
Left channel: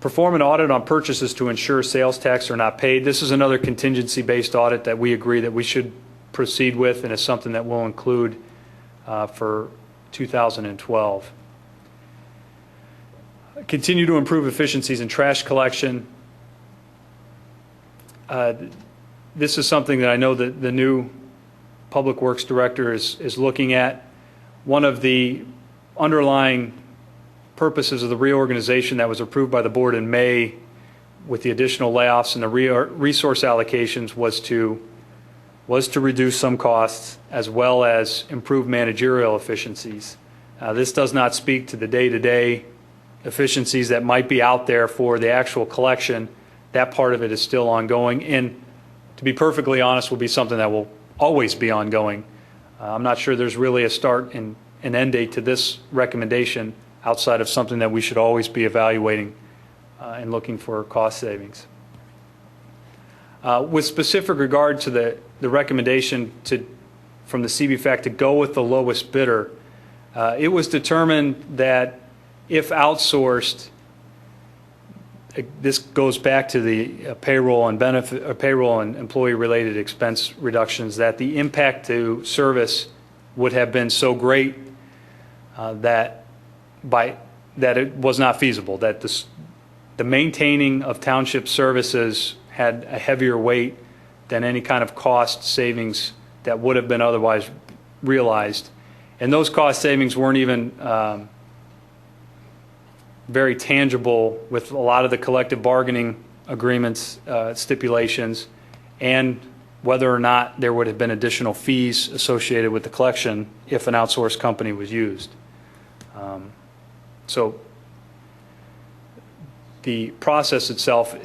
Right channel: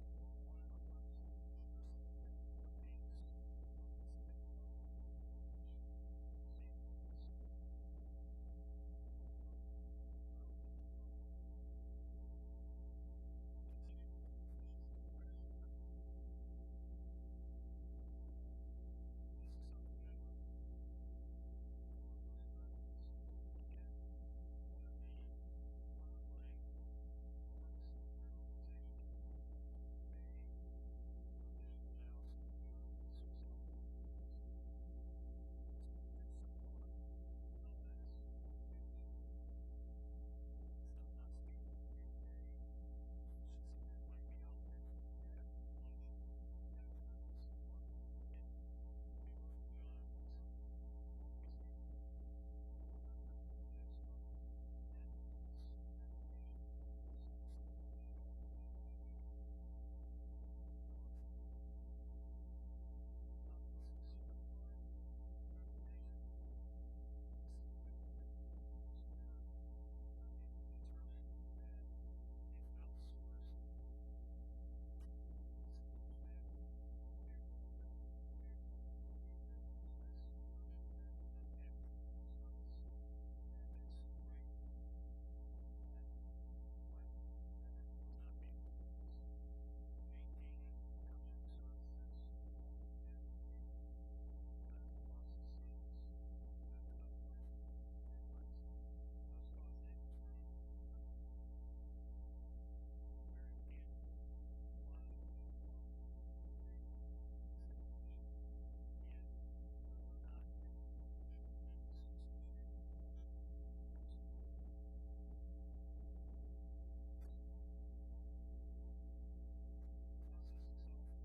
Perform an audit on purchases to ensure sales tax are not paid. This is another contingency-based audit that we agree that we should proceed with, and it's something that we'll include for 2012. Continue to improve efficiencies in trash collection. This is something that I know that the new Public Works Director is looking at. One of the underlying purposes of the reorganization that was approved by the board in May with the additional layoffs and the resource allocations was to reduce some costs as well as improve managerial efficiencies. This does not speak to the day-to-day efficiencies that might be out there for the actual collection. That part of it is still ongoing, and to be perfectly honest, will be something that will always be ongoing. I'm not sure there's really a start and an end date to this recommendation outside of something that we should always be evaluating and looking for cost savings. With specific regard to the recommendation from the CBFAC to go with the lowest bidder, it was determined that if outsourced, this goes back to the payroll and employee-related expense reductions, that the impact to service would have been so great that it was not feasible, that the maintaining of township services had a heavier weight than any kind of cost savings that would have been otherwise realized. And those cost savings weren't even very tangible with a lot of the collective bargaining agreements, stipulations, and whether or not there would have been additional fees associated with the collection if an outsourced company was used. So the process itself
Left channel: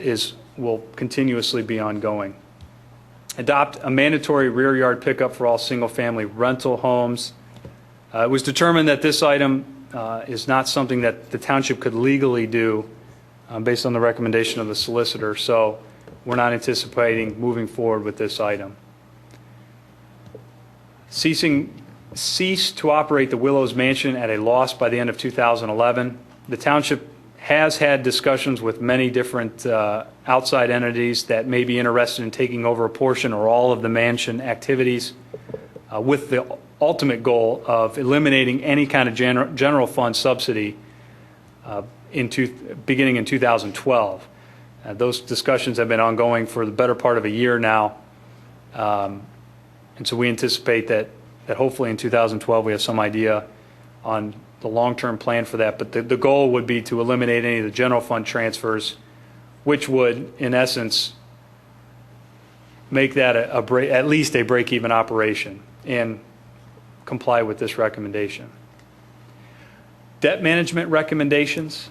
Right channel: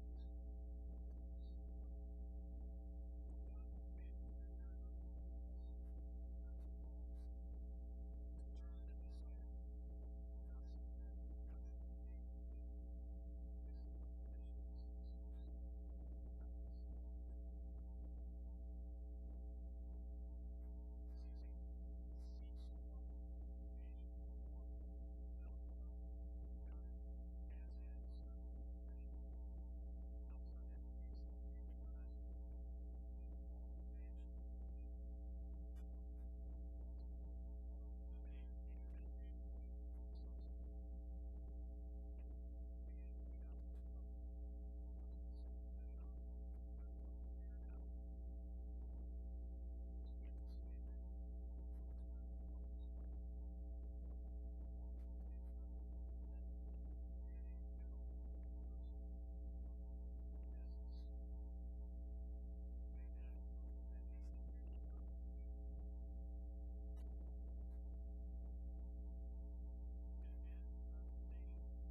will continuously be ongoing. Adopt a mandatory rear yard pickup for all single-family rental homes. It was determined that this item is not something that the township could legally do based on the recommendation of the solicitor, so we're not anticipating moving forward with this item. Cease to operate the Willows Mansion at a loss by the end of 2011. The township has had discussions with many different outside entities that may be interested in taking over a portion or all of the mansion activities with the ultimate goal of eliminating any kind of general fund subsidy beginning in 2012. Those discussions have been ongoing for the better part of a year now. And so we anticipate that hopefully in 2012 we have some idea on the long-term plan for that. But the goal would be to eliminate any of the general fund transfers, which would, in essence, make that at least a break-even operation and comply with this recommendation. Debt management recommendations.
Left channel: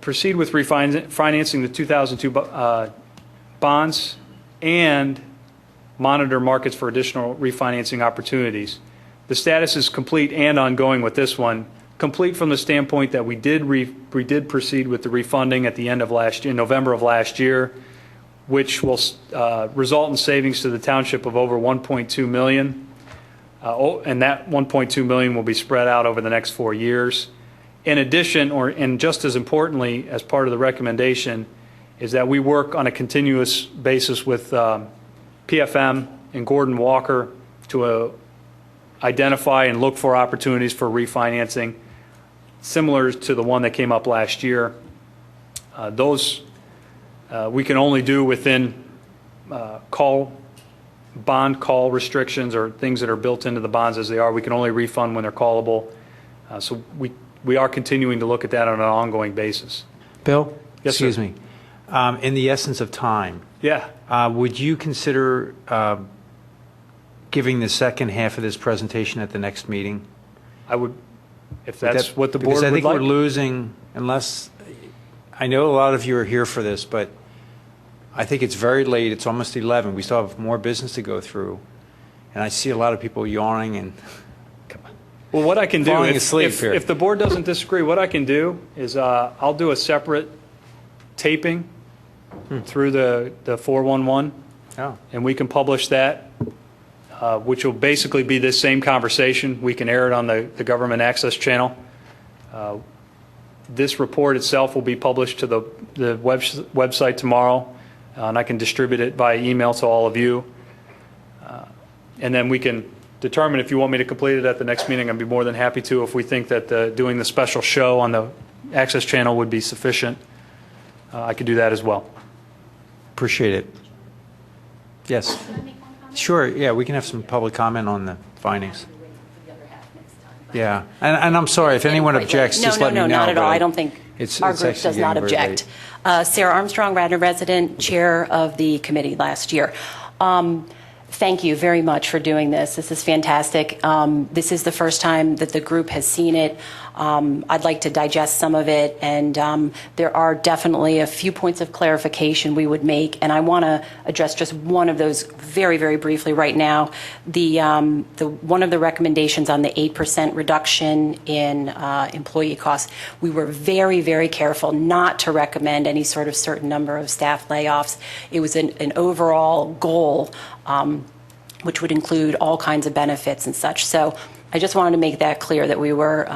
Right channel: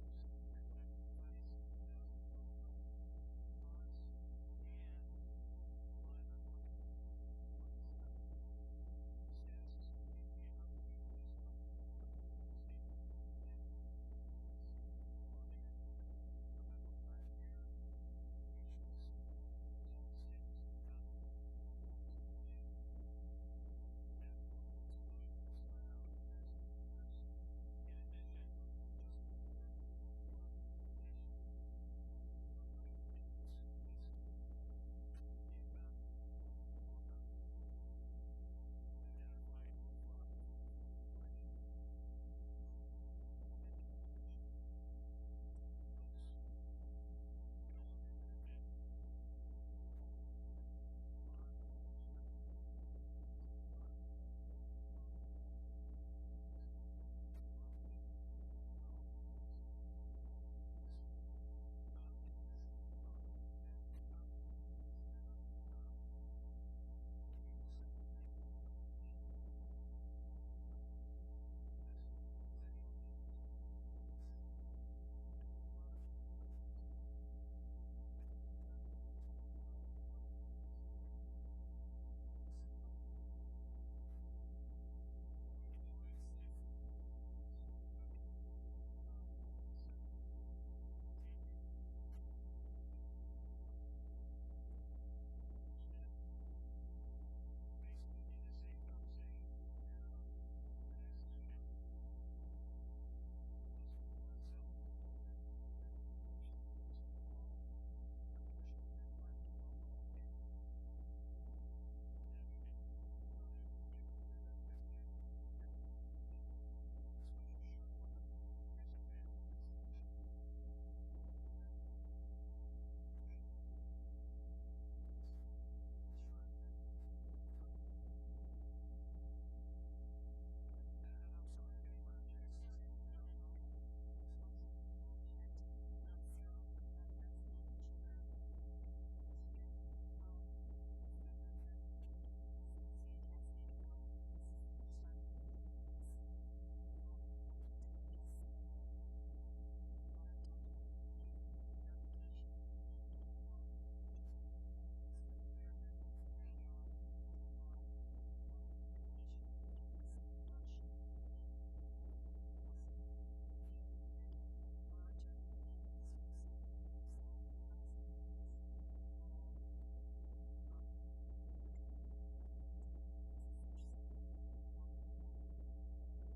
Proceed with refinancing the 2002 bonds and monitor markets for additional refinancing opportunities. The status is complete and ongoing with this one. Complete from the standpoint that we did proceed with the refunding at the end of last year, November of last year, which will result in savings to the township of over $1.2 million. And that $1.2 million will be spread out over the next 4 years. In addition, and just as importantly, as part of the recommendation, is that we work on a continuous basis with PFM and Gordon Walker to identify and look for opportunities for refinancing similar to the one that came up last year. Those we can only do within bond call restrictions or things that are built into the bonds as they are. We can only refund when they're callable. So we are continuing to look at that on an ongoing basis. Bill? Yes, Excuse sir. me. In the essence of time, Yeah. would you consider giving the second half of this presentation at the next meeting? I would, if that's what the board because I would think like. we're losing, unless, I know a lot of you are here for this, but I think it's very late. It's almost 11. We still have more business to go through. And I see a lot of people yawning and Well, what I can do, falling asleep here. if the board doesn't disagree, what I can do is I'll do a separate taping through the 411, Oh. and we can publish that, which will basically be this same conversation. We can air it on the government access channel. This report itself will be published to the website tomorrow, and I can distribute it by email to all of you. And then we can determine if you want me to complete it at the next meeting. I'd be more than happy to. If we think that doing the special show on the access channel would be sufficient, I could do that as well. Appreciate it. Yes. Sure, yeah, we can have some public comment on the findings. Yeah, and I'm sorry, if anyone objects, just let me know. No, not at but all. I don't think our group actually does not getting very object. Sarah Armstrong, Radnor resident, chair of the committee last year. Thank you very much for doing this. This is fantastic. This is the first time that the group has seen it. I'd like to digest some of it, and there are definitely a few points of clarification we would make, and I want to address just one of those very, very briefly right now. The one of the recommendations on the 8% reduction in employee costs, we were very, very careful not to recommend any sort of certain number of staff layoffs. It was an overall goal, which would include all kinds of benefits and such. So I just wanted to make that clear that we were,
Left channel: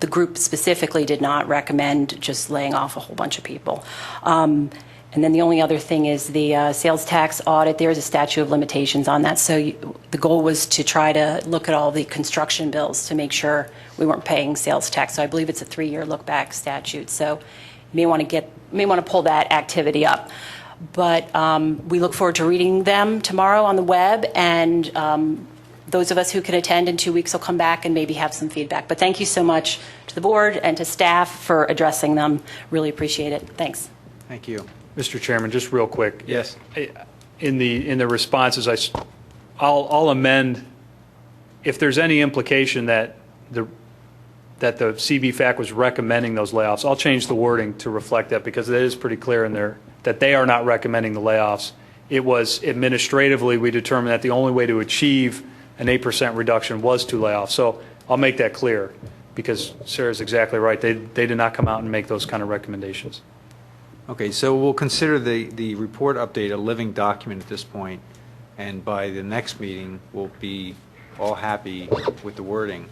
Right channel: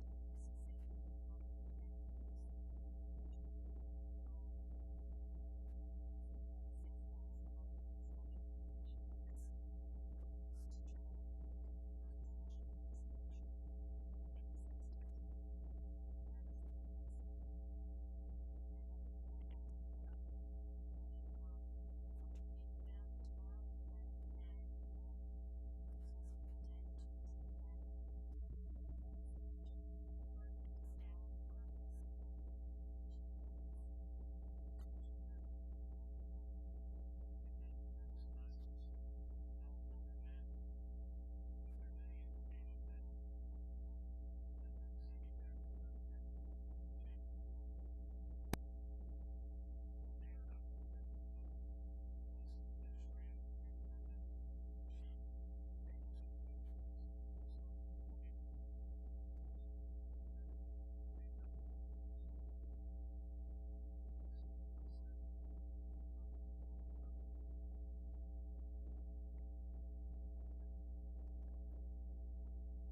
the group specifically did not recommend just laying off a whole bunch of people. And then the only other thing is the sales tax audit. There is a statute of limitations on that. So the goal was to try to look at all the construction bills to make sure we weren't paying sales tax. So I believe it's a 3-year look-back statute. So you may want to pull that activity up. But we look forward to reading them tomorrow on the web, and those of us who can attend in 2 weeks will come back and maybe have some feedback. But thank you so much to the board and to staff for addressing them. Really appreciate it. Thanks. Thank you. Mr. Chairman, just real quick. Yes. In the responses, I'll amend, if there's any implication that the CBFAC was recommending those layoffs, I'll change the wording to reflect that, because it is pretty clear in there that they are not recommending the layoffs. It was administratively, we determined that the only way to achieve an 8% reduction was to lay off. So I'll make that clear, because Sarah's exactly right. They did not come out and make those kind of recommendations. Okay, so we'll consider the report update a living document at this point, and by the next meeting, we'll be all happy with the wording.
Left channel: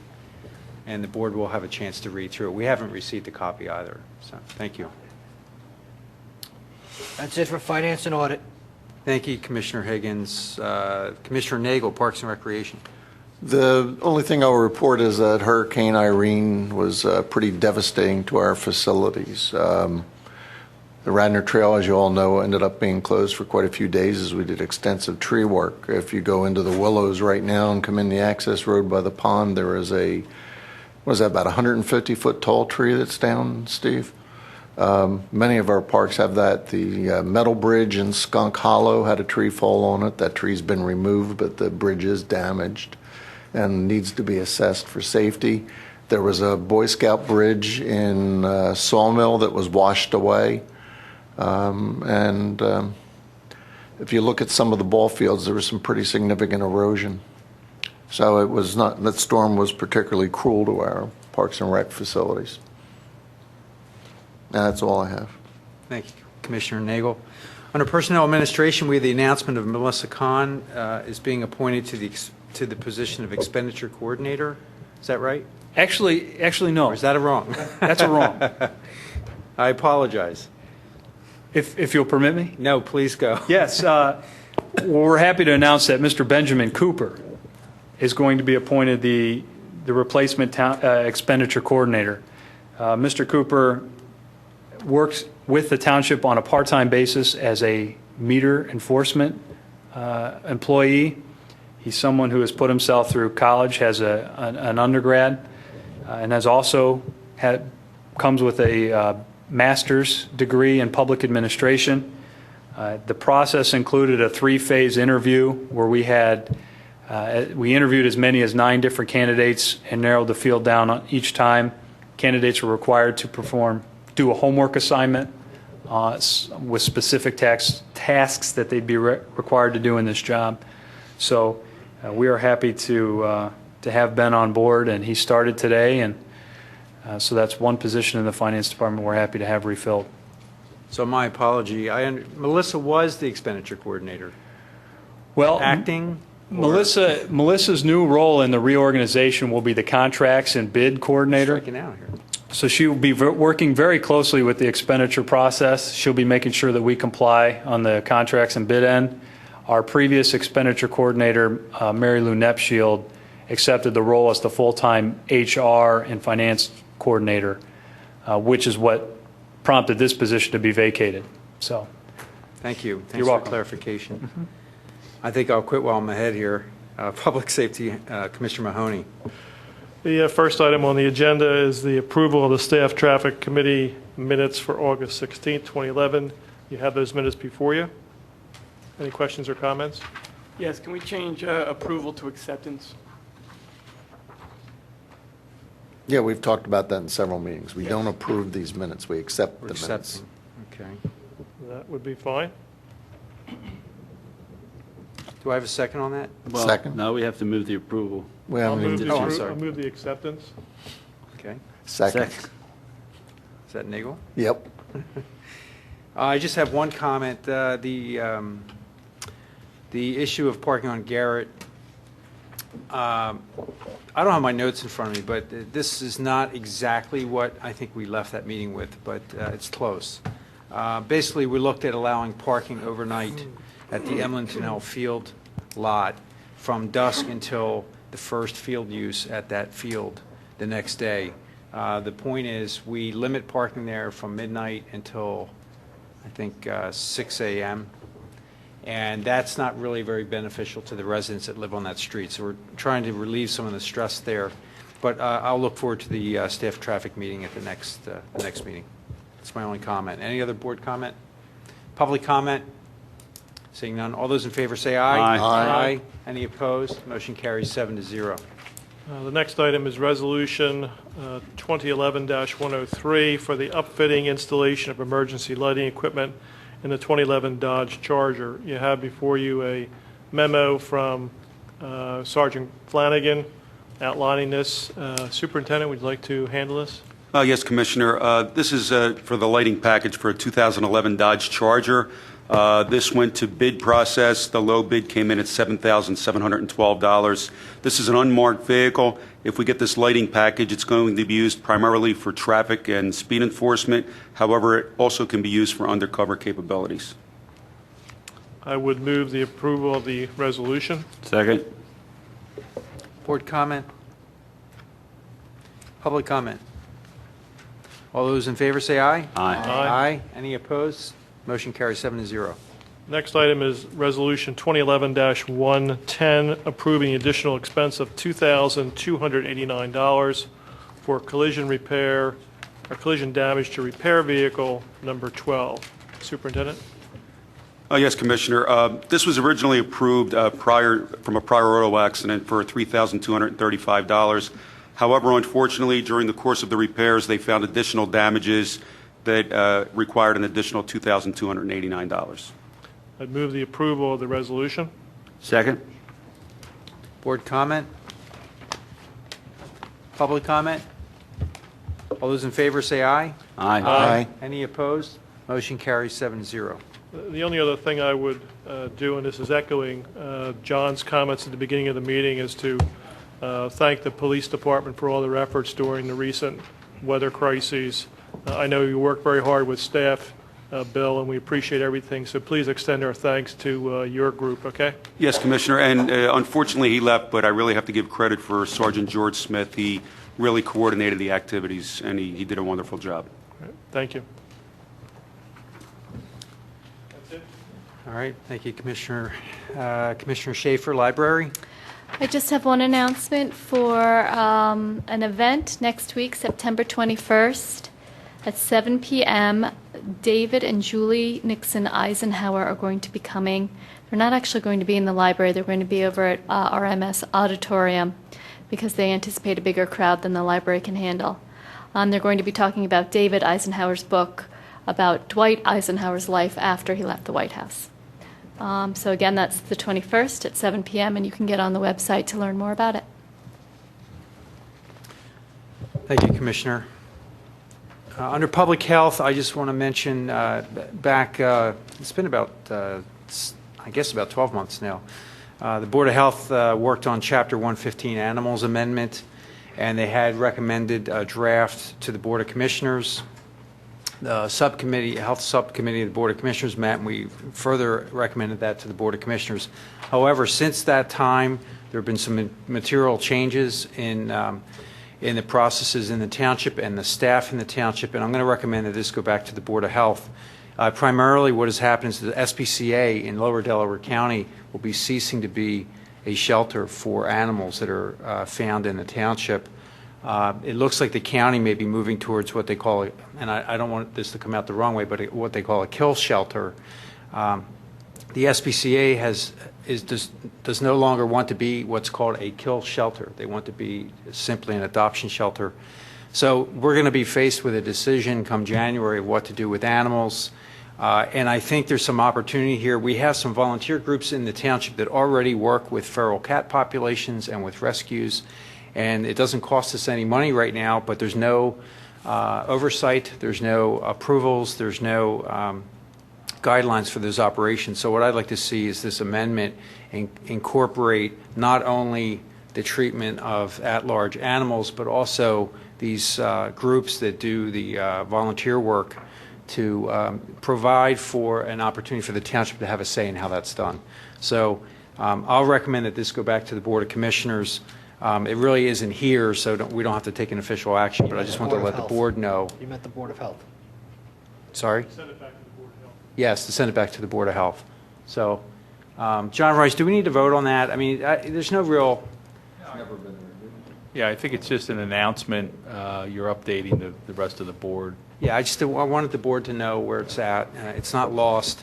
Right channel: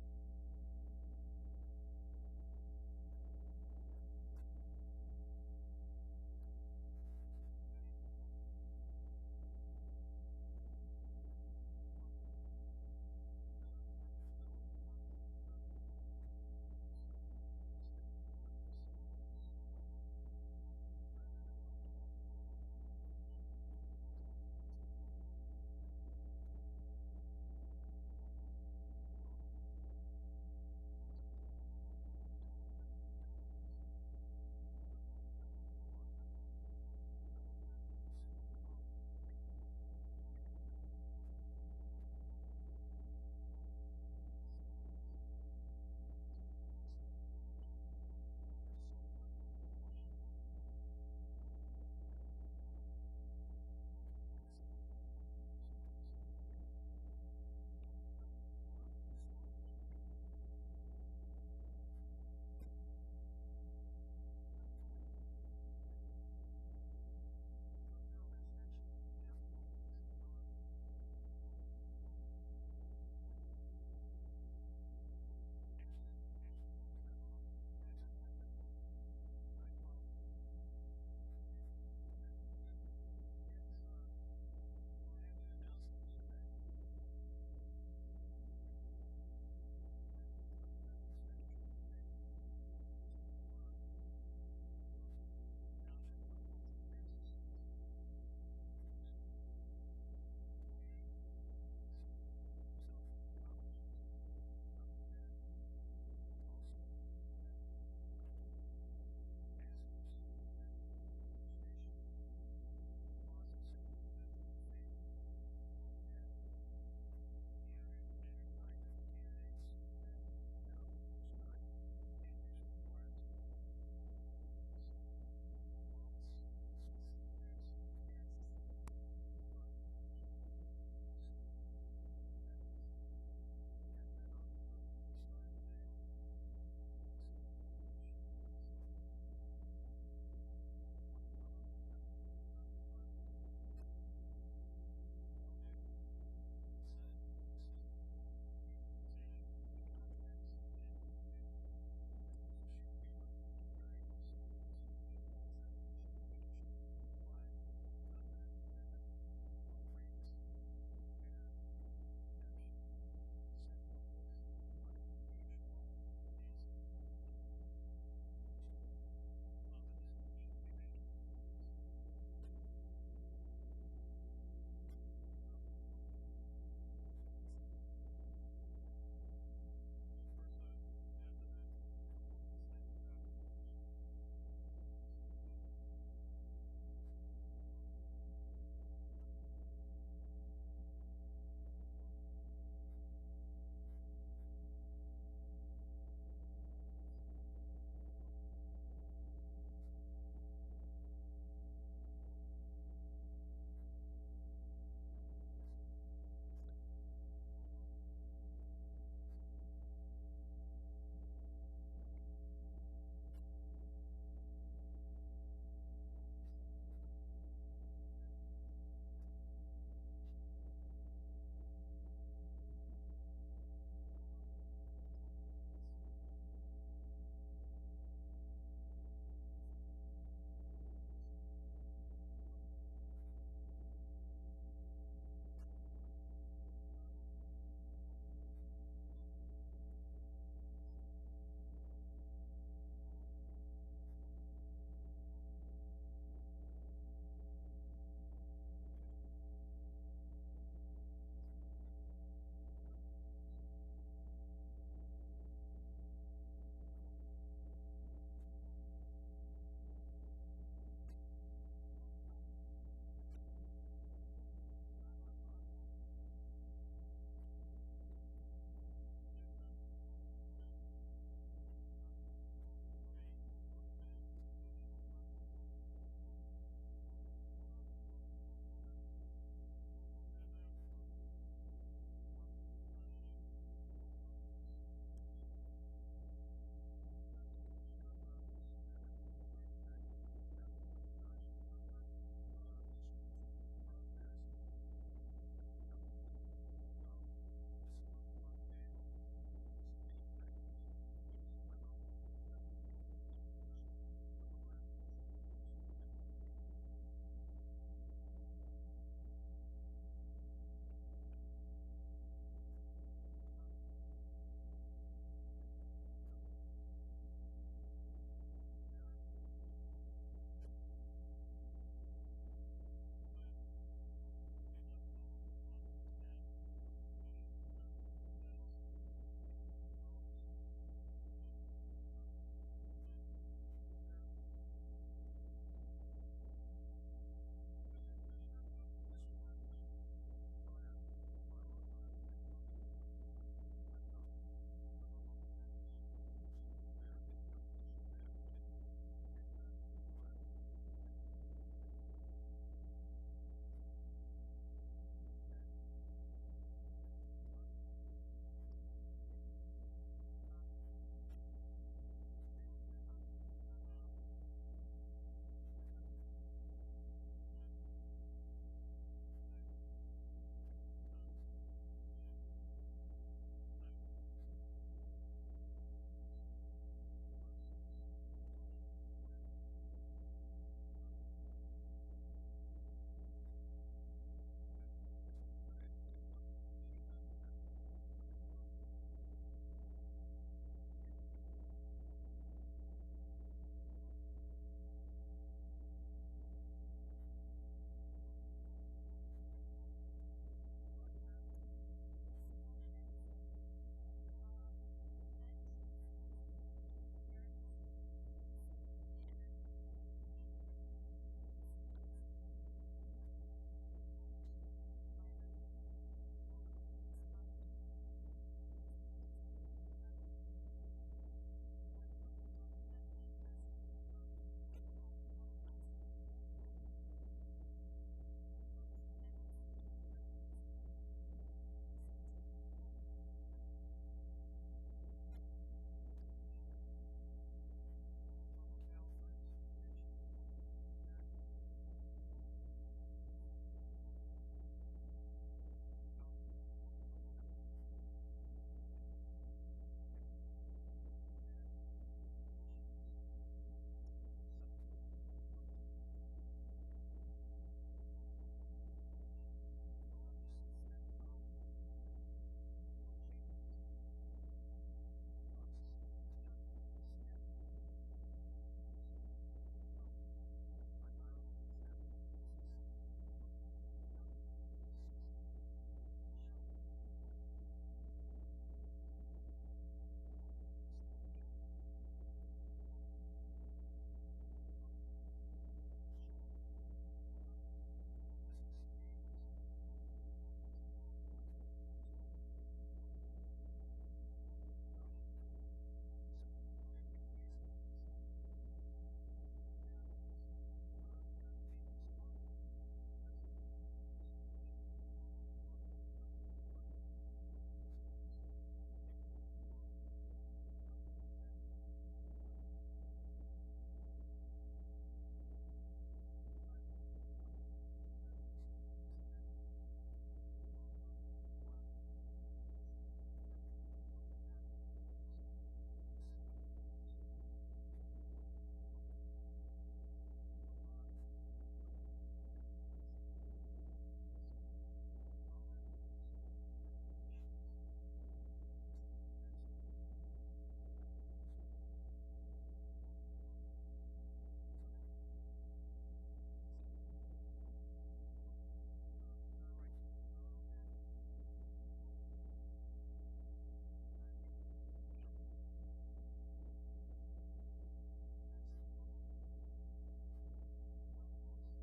and the board will have a chance to read through it. We haven't received a copy either, so thank you. That's it for Finance and Audit. Thank you, Commissioner Higgins. Commissioner Nagel, Parks and Recreation. The only thing I'll report is that Hurricane Irene was pretty devastating to our facilities. The Radnor Trail, as you all know, ended up being closed for quite a few days as we did extensive tree work. If you go into the Willows right now and come in the access road by the pond, there is a, what is that, about 150-foot tall tree that's down, Steve? Many of our parks have that. The metal bridge in Skunk Hollow had a tree fall on it. That tree's been removed, but the bridge is damaged and needs to be assessed for safety. There was a Boy Scout bridge in Sawmill that was washed away. If you look at some of the ball fields, there was some pretty significant erosion. So it was not, that storm was particularly cruel to our Parks and Rec facilities. And that's all I have. Thank you, Commissioner Nagel. Under Personnel Administration, we have the announcement of Melissa Kahn is being appointed to the position of Expenditure Coordinator. Is that right? Actually, no. Or is that a wrong? That's a wrong. I apologize. If you'll permit me? No, please go. Yes. We're happy to announce that Mr. Benjamin Cooper is going to be appointed the replacement expenditure coordinator. Mr. Cooper works with the township on a part-time basis as a meter enforcement employee. He's someone who has put himself through college, has an undergrad, and has also comes with a master's degree in public administration. The process included a 3-phase interview where we interviewed as many as 9 different candidates and narrowed the field down each time. Candidates were required to do a homework assignment with specific tasks that they'd be required to do in this job. So we are happy to have Ben on board, and he started today, and so that's one position in the Finance Department we're happy to have refilled. So my apology. Melissa was the expenditure coordinator. Well, acting. Melissa's new role in the reorganization will be the contracts and bid coordinator. Striking out here. So she will be working very closely with the expenditure process. She'll be making sure that we comply on the contracts and bid end. Our previous expenditure coordinator, Mary Lou Nepshield, accepted the role as the full-time HR and finance coordinator, which is what prompted this position to be vacated. So, thank you. Thanks You're for welcome. clarification. Mm-hmm. I think I'll quit while I'm ahead here. Public Safety, Commissioner Mahoney. The first item on the agenda is the approval of the Staff Traffic Committee minutes for August 16, 2011. You have those minutes before you. Any questions or comments? Yes, can we change approval to acceptance? Yeah, we've talked about that in several meetings. We don't approve these minutes, we accept the minutes. Accepting. Okay. That would be fine. Do I have a second on that? Well, Second. no, we have to move the approval. We I'll haven't move even, the I'm sorry. I'll move the acceptance. Okay. second. Is that Nagel? Yep. I just have one comment. The issue of parking on Garrett, I don't have my notes in front of me, but this is not exactly what I think we left that meeting with, but it's close. Basically, we looked at allowing parking overnight at the Emlyn Tunnel Field lot from dusk until the first field use at that field the next day. The point is, we limit parking there from midnight until, I think, 6 a.m., and that's not really very beneficial to the residents that live on that street. So we're trying to relieve some of the stress there. But I'll look forward to the staff traffic meeting at the next meeting. That's my only comment. Any other board comment? Public comment? Seeing none. All those in favor say aye. Aye. Aye. Any opposed? Motion carries 7-0. The next item is Resolution 2011-103 for the upfitting installation of emergency lighting equipment in the 2011 Dodge Charger. You have before you a memo from Sergeant Flanagan outlining this. Superintendent, would you like to handle this? Yes, Commissioner. This is for the lighting package for a 2011 Dodge Charger. This went to bid process. The low bid came in at $7,712. This is an unmarked vehicle. If we get this lighting package, it's going to be used primarily for traffic and speed enforcement. However, it also can be used for undercover capabilities. I would move the approval of the resolution. Second. Board comment? Public comment? All those in favor say aye. Aye. Aye. Any opposed? Motion carries 7-0. Next item is Resolution 2011-110, approving the additional expense of $2,289 for collision repair, or collision damage to repair vehicle number 12. Superintendent? Yes, Commissioner. This was originally approved from a prior auto accident for $3,235. However, unfortunately, during the course of the repairs, they found additional damages that required an additional $2,289. I'd move the approval of the resolution. Second. Board comment? Public comment? All those in favor say aye. Aye. Any opposed? Motion carries 7-0. The only other thing I would do, and this is echoing John's comments at the beginning of the meeting, is to thank the police department for all their efforts during the recent weather crises. I know you work very hard with staff, Bill, and we appreciate everything. So please extend our thanks to your group, okay? Yes, Commissioner, and unfortunately he left, but I really have to give credit for Sergeant George Smith. He really coordinated the activities, and he did a wonderful job. All right, thank you. All right, thank you, Commissioner. Commissioner Schaefer, Library. I just have one announcement for an event next week, September 21st at 7 p.m. David and Julie Nixon Eisenhower are going to be coming. They're not actually going to be in the library. They're going to be over at RMS Auditorium because they anticipate a bigger crowd than the library can handle. They're going to be talking about David Eisenhower's book about Dwight Eisenhower's life after he left the White House. So again, that's the 21st at 7 p.m., and you can get on the website to learn more about it. Thank you, Commissioner. Under public health, I just want to mention back, it's been about, I guess about 12 months now. The Board of Health worked on Chapter 115 Animals Amendment, and they had recommended a draft to the Board of Commissioners. The subcommittee, Health Subcommittee of the Board of Commissioners met, and we further recommended that to the Board of Commissioners. However, since that time, there have been some material changes in the processes in the township and the staff in the township, and I'm going to recommend that this go back to the Board of Health. Primarily what has happened is the SPCA in Lower Delaware County will be ceasing to be a shelter for animals that are found in the township. It looks like the county may be moving towards what they call, and I don't want this to come out the wrong way, but what they call a kill shelter. The SPCA does no longer want to be what's called a kill shelter. They want to be simply an adoption shelter. So we're going to be faced with a decision come January of what to do with animals. And I think there's some opportunity here. We have some volunteer groups in the township that already work with feral cat populations and with rescues. And it doesn't cost us any money right now, but there's no oversight, there's no approvals, there's no guidelines for those operations. So what I'd like to see is this amendment incorporate not only the treatment of at-large animals, but also these groups that do the volunteer work to provide for an opportunity for the township to have a say in how that's done. So I'll recommend that this go back to the Board of Commissioners. It really isn't here, so we don't have to take an official action, but I just want to let the board know. You meant the Board of Health. Sorry? Send it back to the Board of Health. Yes, to send it back to the Board of Health. So, John Rice, do we need to vote on that? I mean, there's no real... Yeah, I think it's just an announcement. You're updating the rest of the board. Yeah, I wanted the board to know where it's at. It's not lost.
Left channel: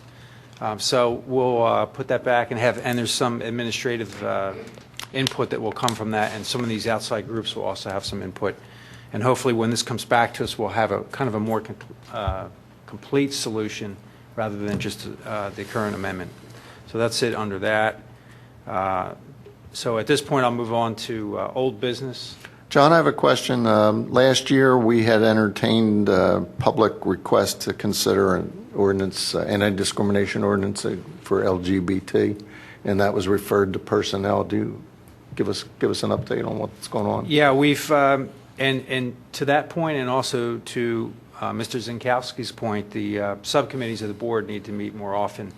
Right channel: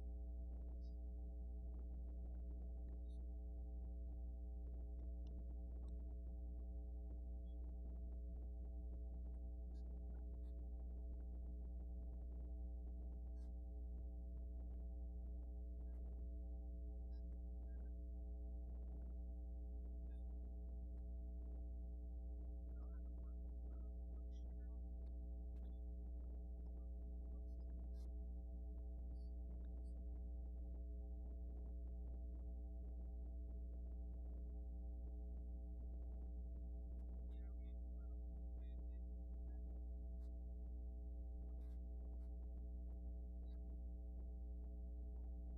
So we'll put that back and there's some administrative input that will come from that, and some of these outside groups will also have some input. And hopefully when this comes back to us, we'll have a kind of a more complete solution rather than just the current amendment. So that's it under that. So at this point, I'll move on to old business. John, I have a question. Last year, we had entertained public request to consider an ordinance, anti-discrimination ordinance for LGBT, and that was referred to personnel. Do you give us an update on what's going on? Yeah, we've, and to that point, and also to Mr. Zinkowski's point, the subcommittees of the board need to meet more often.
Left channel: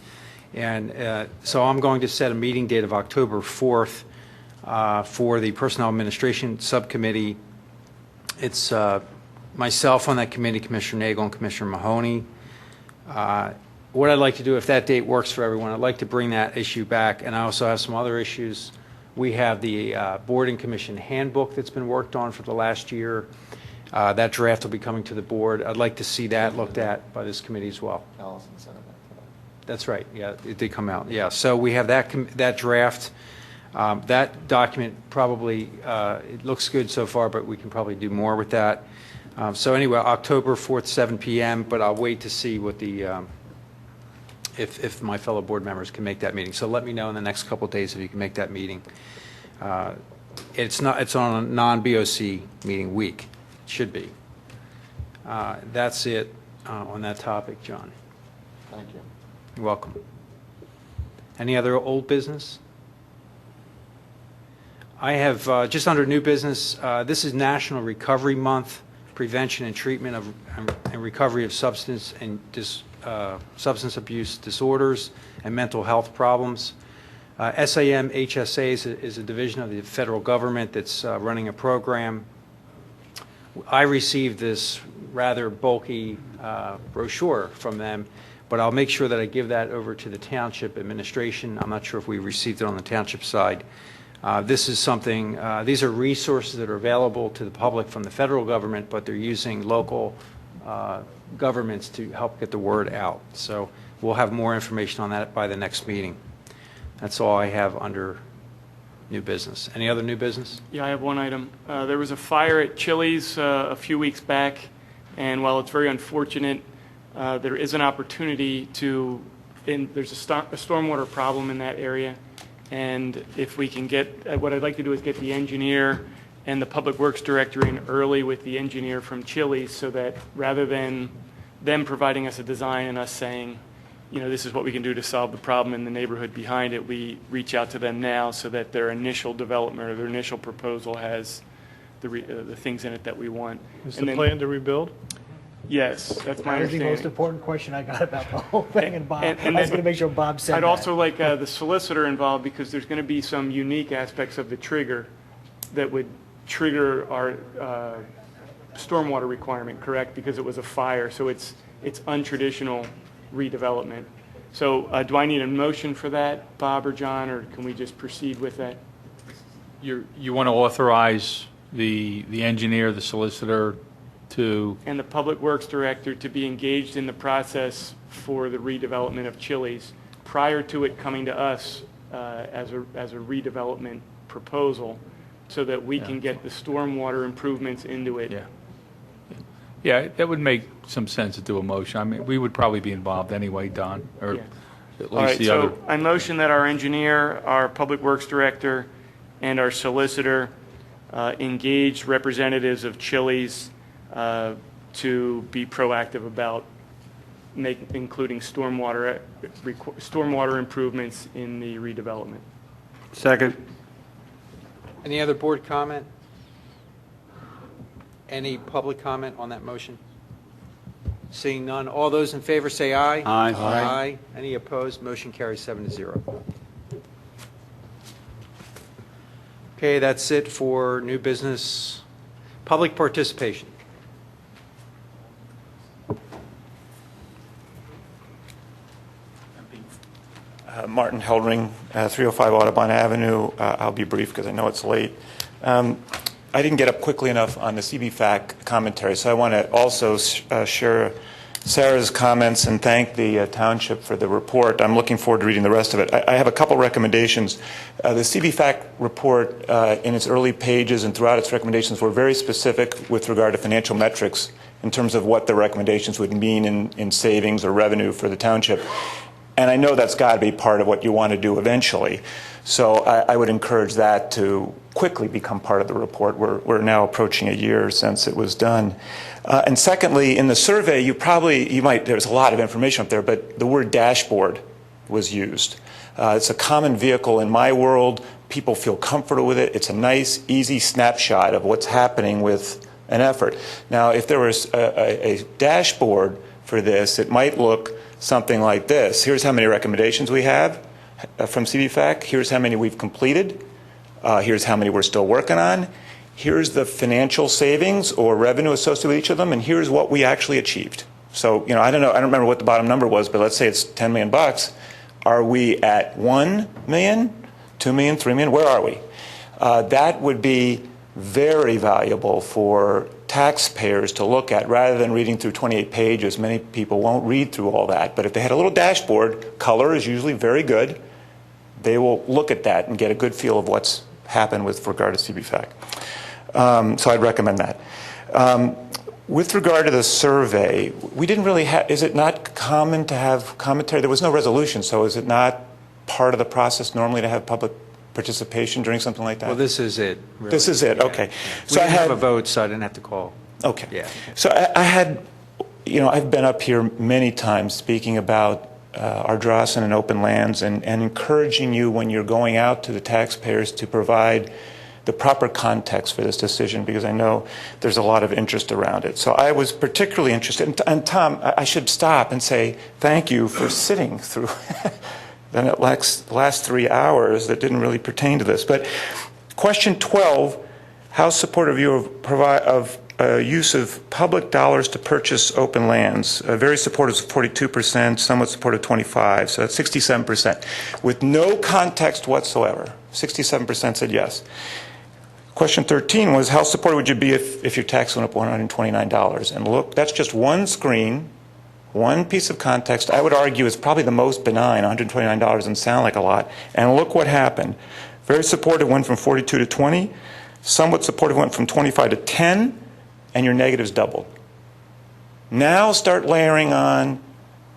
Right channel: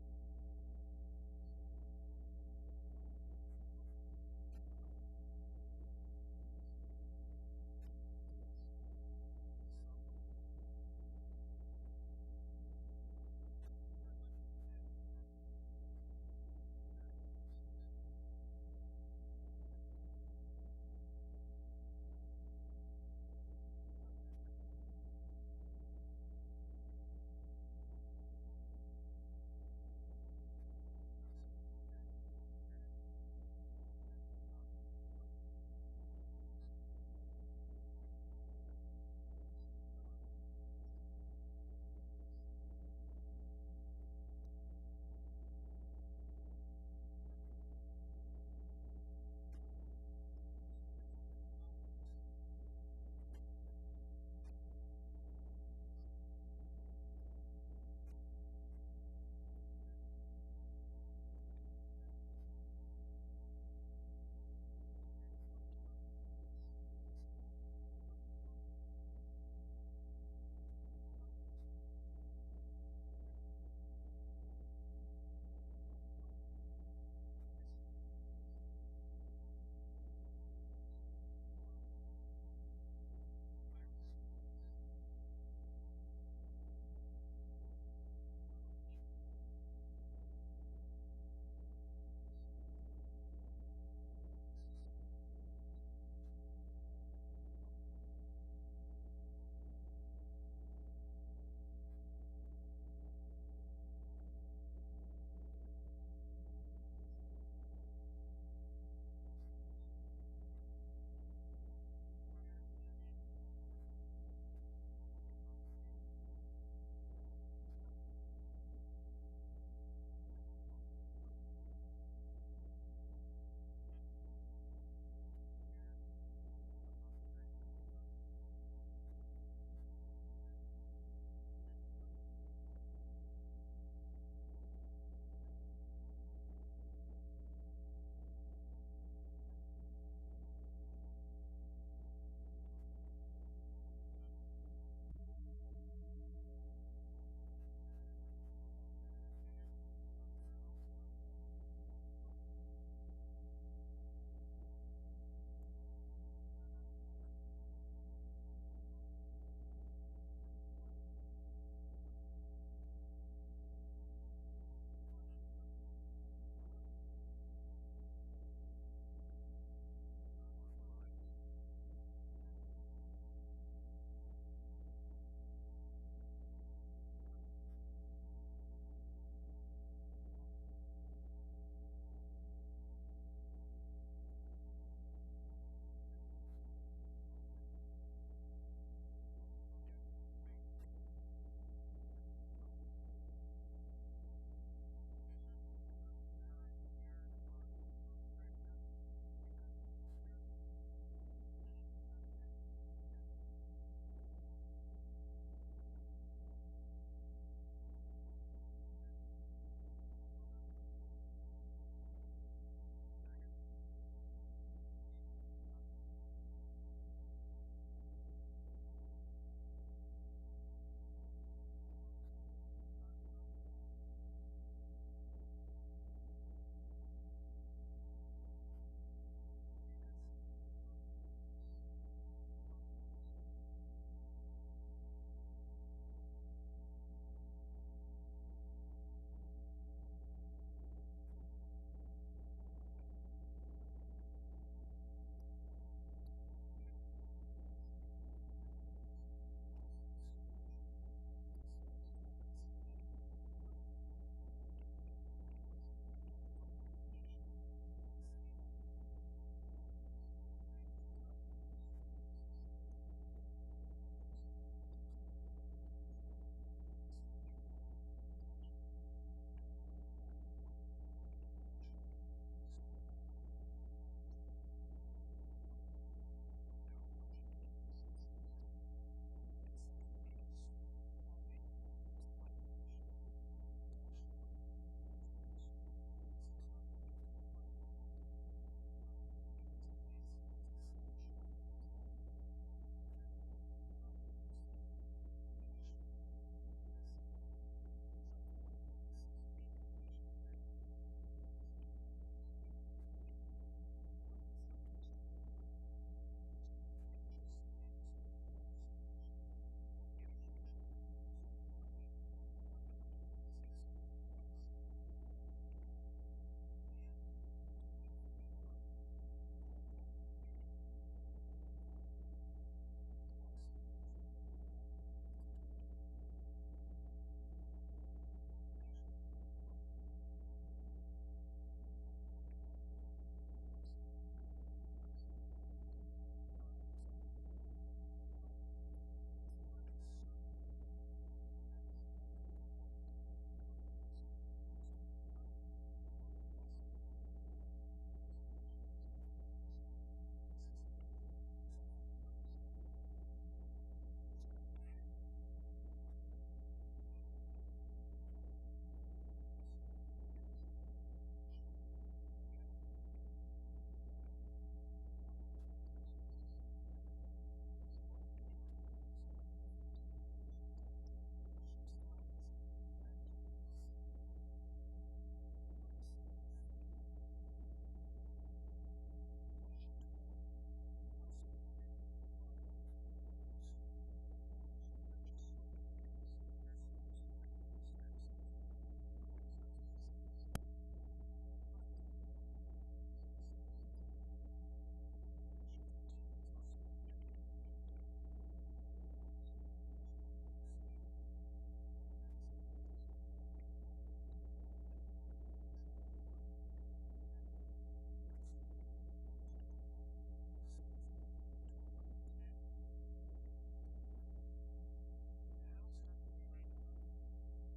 And so I'm going to set a meeting date of October 4th for the Personnel Administration Subcommittee. It's myself on that committee, Commissioner Nagel and Commissioner Mahoney. What I'd like to do, if that date works for everyone, I'd like to bring that issue back, and I also have some other issues. We have the Board and Commission Handbook that's been worked on for the last year. That draft will be coming to the board. I'd like to see that looked at by this committee as well. Allison sent it back today. That's right. Yeah, it did come out. Yeah, so we have that draft. That document probably, it looks good so far, but we can probably do more with that. So anyway, October 4th, 7 p.m., but I'll wait to see what the, if my fellow board members can make that meeting. So let me know in the next couple of days if you can make that meeting. It's on a non-BOC meeting week. It should be. That's it on that topic, John. Thank you. You're welcome. Any other old business? I have, just under new business, this is National Recovery Month, Prevention and Treatment of and Recovery of Substance Abuse Disorders and Mental Health Problems. SAM HSA is a division of the federal government that's running a program. I received this rather bulky brochure from them, but I'll make sure that I give that over to the Township administration. I'm not sure if we received it on the Township side. This is something, these are resources that are available to the public from the federal government, but they're using local governments to help get the word out. So we'll have more information on that by the next meeting. That's all I have under new business. Any other new business? Yeah, I have one item. There was a fire at Chili's a few weeks back, and while it's very unfortunate, there is an opportunity to, there's a stormwater problem in that area. And if we can get, what I'd like to do is get the engineer and the Public Works Director in early with the engineer from Chili's, so that rather than them providing us a design and us saying, you know, this is what we can do to solve the problem in the neighborhood behind it, we reach out to them now so that their initial development or their initial proposal has the things in it that we want. Is the plan to rebuild? Yes, that's my That was the understanding. most important question I got about the whole thing, and Bob, And I was going to make sure Bob said I'd that. also like the solicitor involved, because there's going to be some unique aspects of the trigger that would trigger our stormwater requirement, correct? Because it was a fire, so it's untraditional redevelopment. So do I need a motion for that, Bob or John, or can we just proceed with that? You want to authorize the engineer, the solicitor, to... And the Public Works Director to be engaged in the process for the redevelopment of Chili's prior to it coming to us as a redevelopment proposal, so that we can get the stormwater improvements into it. Yeah, that would make some sense to do a motion. I mean, we would probably be involved anyway, Don, or Yeah. at All least right, the so other... I motion that our engineer, our Public Works Director, and our solicitor engage representatives of Chili's to be proactive about including stormwater improvements in the redevelopment. Second. Any other board comment? Any public comment on that motion? Seeing none, all those in favor say aye. Aye. Aye. Any opposed? Motion carries 7-0. Okay, that's it for new business. Public participation. Martin Heldring, 305 Audubon Avenue. I'll be brief because I know it's late. I didn't get up quickly enough on the CBFAC commentary, so I want to also share Sarah's comments and thank the Township for the report. I'm looking forward to reading the rest of it. I have a couple recommendations. The CBFAC report in its early pages and throughout its recommendations were very specific with regard to financial metrics in terms of what the recommendations would mean in savings or revenue for the Township. And I know that's got to be part of what you want to do eventually. So I would encourage that to quickly become part of the report. We're now approaching a year since it was done. And secondly, in the survey, there's a lot of information up there, but the word dashboard was used. It's a common vehicle in my world. People feel comfortable with it. It's a nice, easy snapshot of what's happening with an effort. Now, if there was a dashboard for this, it might look something like this. Here's how many recommendations we have from CBFAC. Here's how many we've completed. Here's how many we're still working on. Here's the financial savings or revenue associated with each of them, and here's what we actually achieved. So, I don't remember what the bottom number was, but let's say it's $10 million. Are we at 1 million, 2 million, 3 million? Where are we? That would be very valuable for taxpayers to look at rather than reading through 28 pages. Many people won't read through all that. But if they had a little dashboard, color is usually very good. They will look at that and get a good feel of what's happened with regard to CBFAC. So I'd recommend that. With regard to the survey, we didn't really have, is it not common to have commentary? There was no resolution, so is it not part of the process normally to have public participation during something like that? Well, this is it. Really. This is it, Yeah. okay. We didn't have a vote, so I didn't have to call. Okay. Yeah. So I had, I've been up here many times speaking about Ardrossan and open lands and encouraging you when you're going out to the taxpayers to provide the proper context for this decision, because I know there's a lot of interest around it. So I was particularly interested, and Tom, I should stop and say thank you for sitting through the last 3 hours that didn't really pertain to this. But question 12, how supportive are you of use of public dollars to purchase open lands? Very supportive is 42%, somewhat supportive 25%, so that's 67%. With no context whatsoever, 67% said yes. Question 13 was, how supportive would you be if your tax went up $129? And look, that's just one screen, one piece of context. I would argue it's probably the most benign. $129 doesn't sound like a lot. And look what happened. Very supportive went from 42 to 20. Somewhat supportive went from 25 to 10. And your negatives doubled. Now start layering on,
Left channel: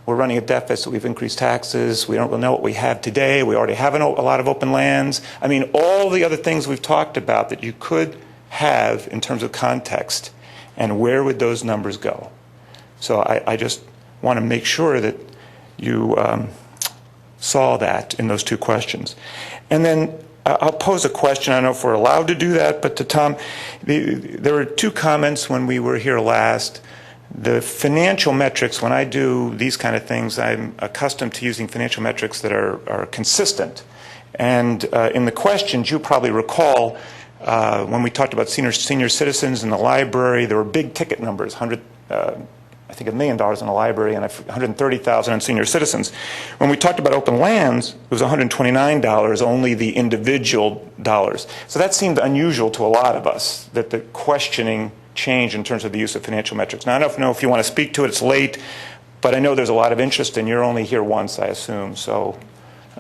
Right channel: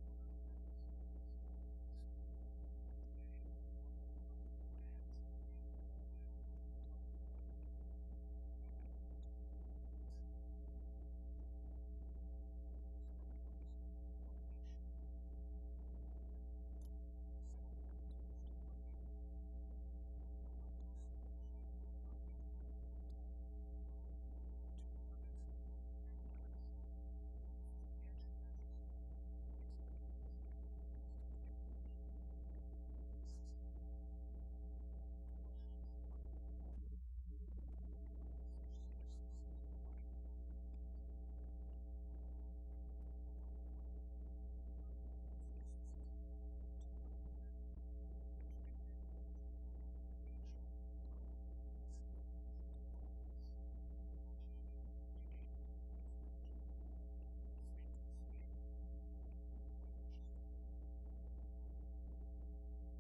we're running a deficit, we've increased taxes, we don't really know what we have today, we already have a lot of open lands. I mean, all the other things we've talked about that you could have in terms of context, and where would those numbers go? So I just want to make sure that you saw that in those two questions. And then I'll pose a question. I don't know if we're allowed to do that, but to Tom, there were two comments when we were here last. The financial metrics, when I do these kind of things, I'm accustomed to using financial metrics that are consistent. And in the questions, you probably recall when we talked about senior citizens in the library, there were big ticket numbers, I think $1 million in the library and $130,000 on senior citizens. When we talked about open lands, it was $129, only the individual dollars. So that seemed unusual to a lot of us, that the questioning changed in terms of the use of financial metrics. Now, I don't know if you want to speak to it, it's late, but I know there's a lot of interest, and you're only here once, I assume. So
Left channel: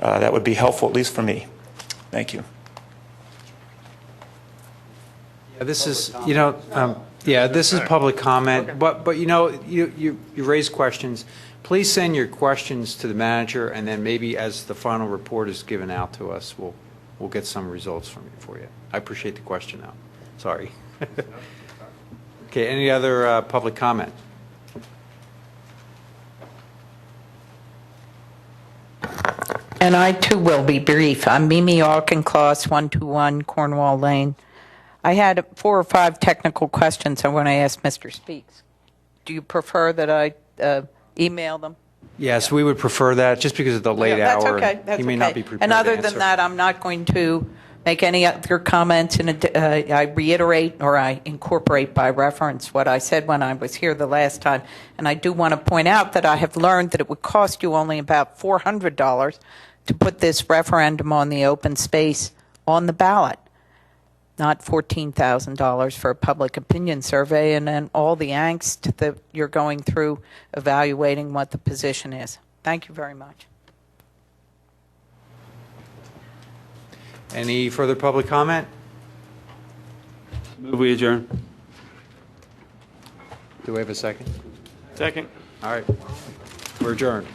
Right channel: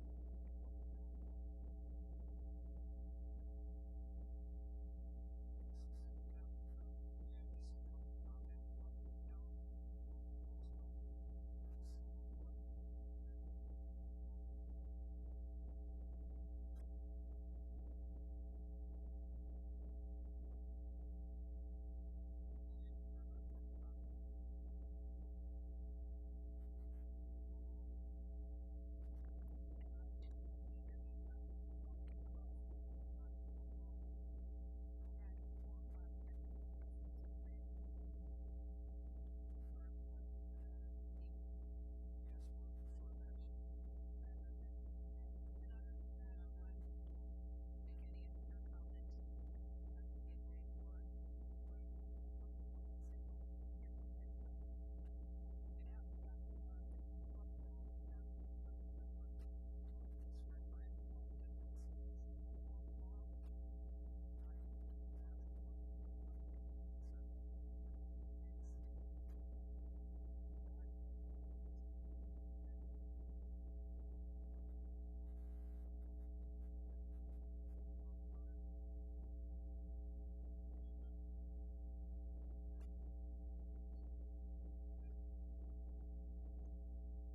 that would be helpful, at least for me. Thank you. Yeah, this is, this is public comment, but you raise questions. Please send your questions to the manager, and then maybe as the final report is given out to us, we'll get some results for you. I appreciate the question, though. Sorry. Okay, any other public comment? And I, too, will be brief. I'm Mimi Auchincloss, 121 Cornwall Lane. I had 4 or 5 technical questions I want to ask Mr. Speaks. Do you prefer that I email them? Yes, we would prefer that, just because of the late That's hour. okay. That's You may okay. not be prepared And other to than answer. that, I'm not going to make any other comments. I reiterate or I incorporate by reference what I said when I was here the last time. And I do want to point out that I have learned that it would cost you only about $400 to put this referendum on the open space on the ballot, not $14,000 for a public opinion survey, and then all the angst that you're going through evaluating what the position is. Thank you very much. Any further public comment? Move we adjourn. Do we have a second? Second. All right. We're adjourned.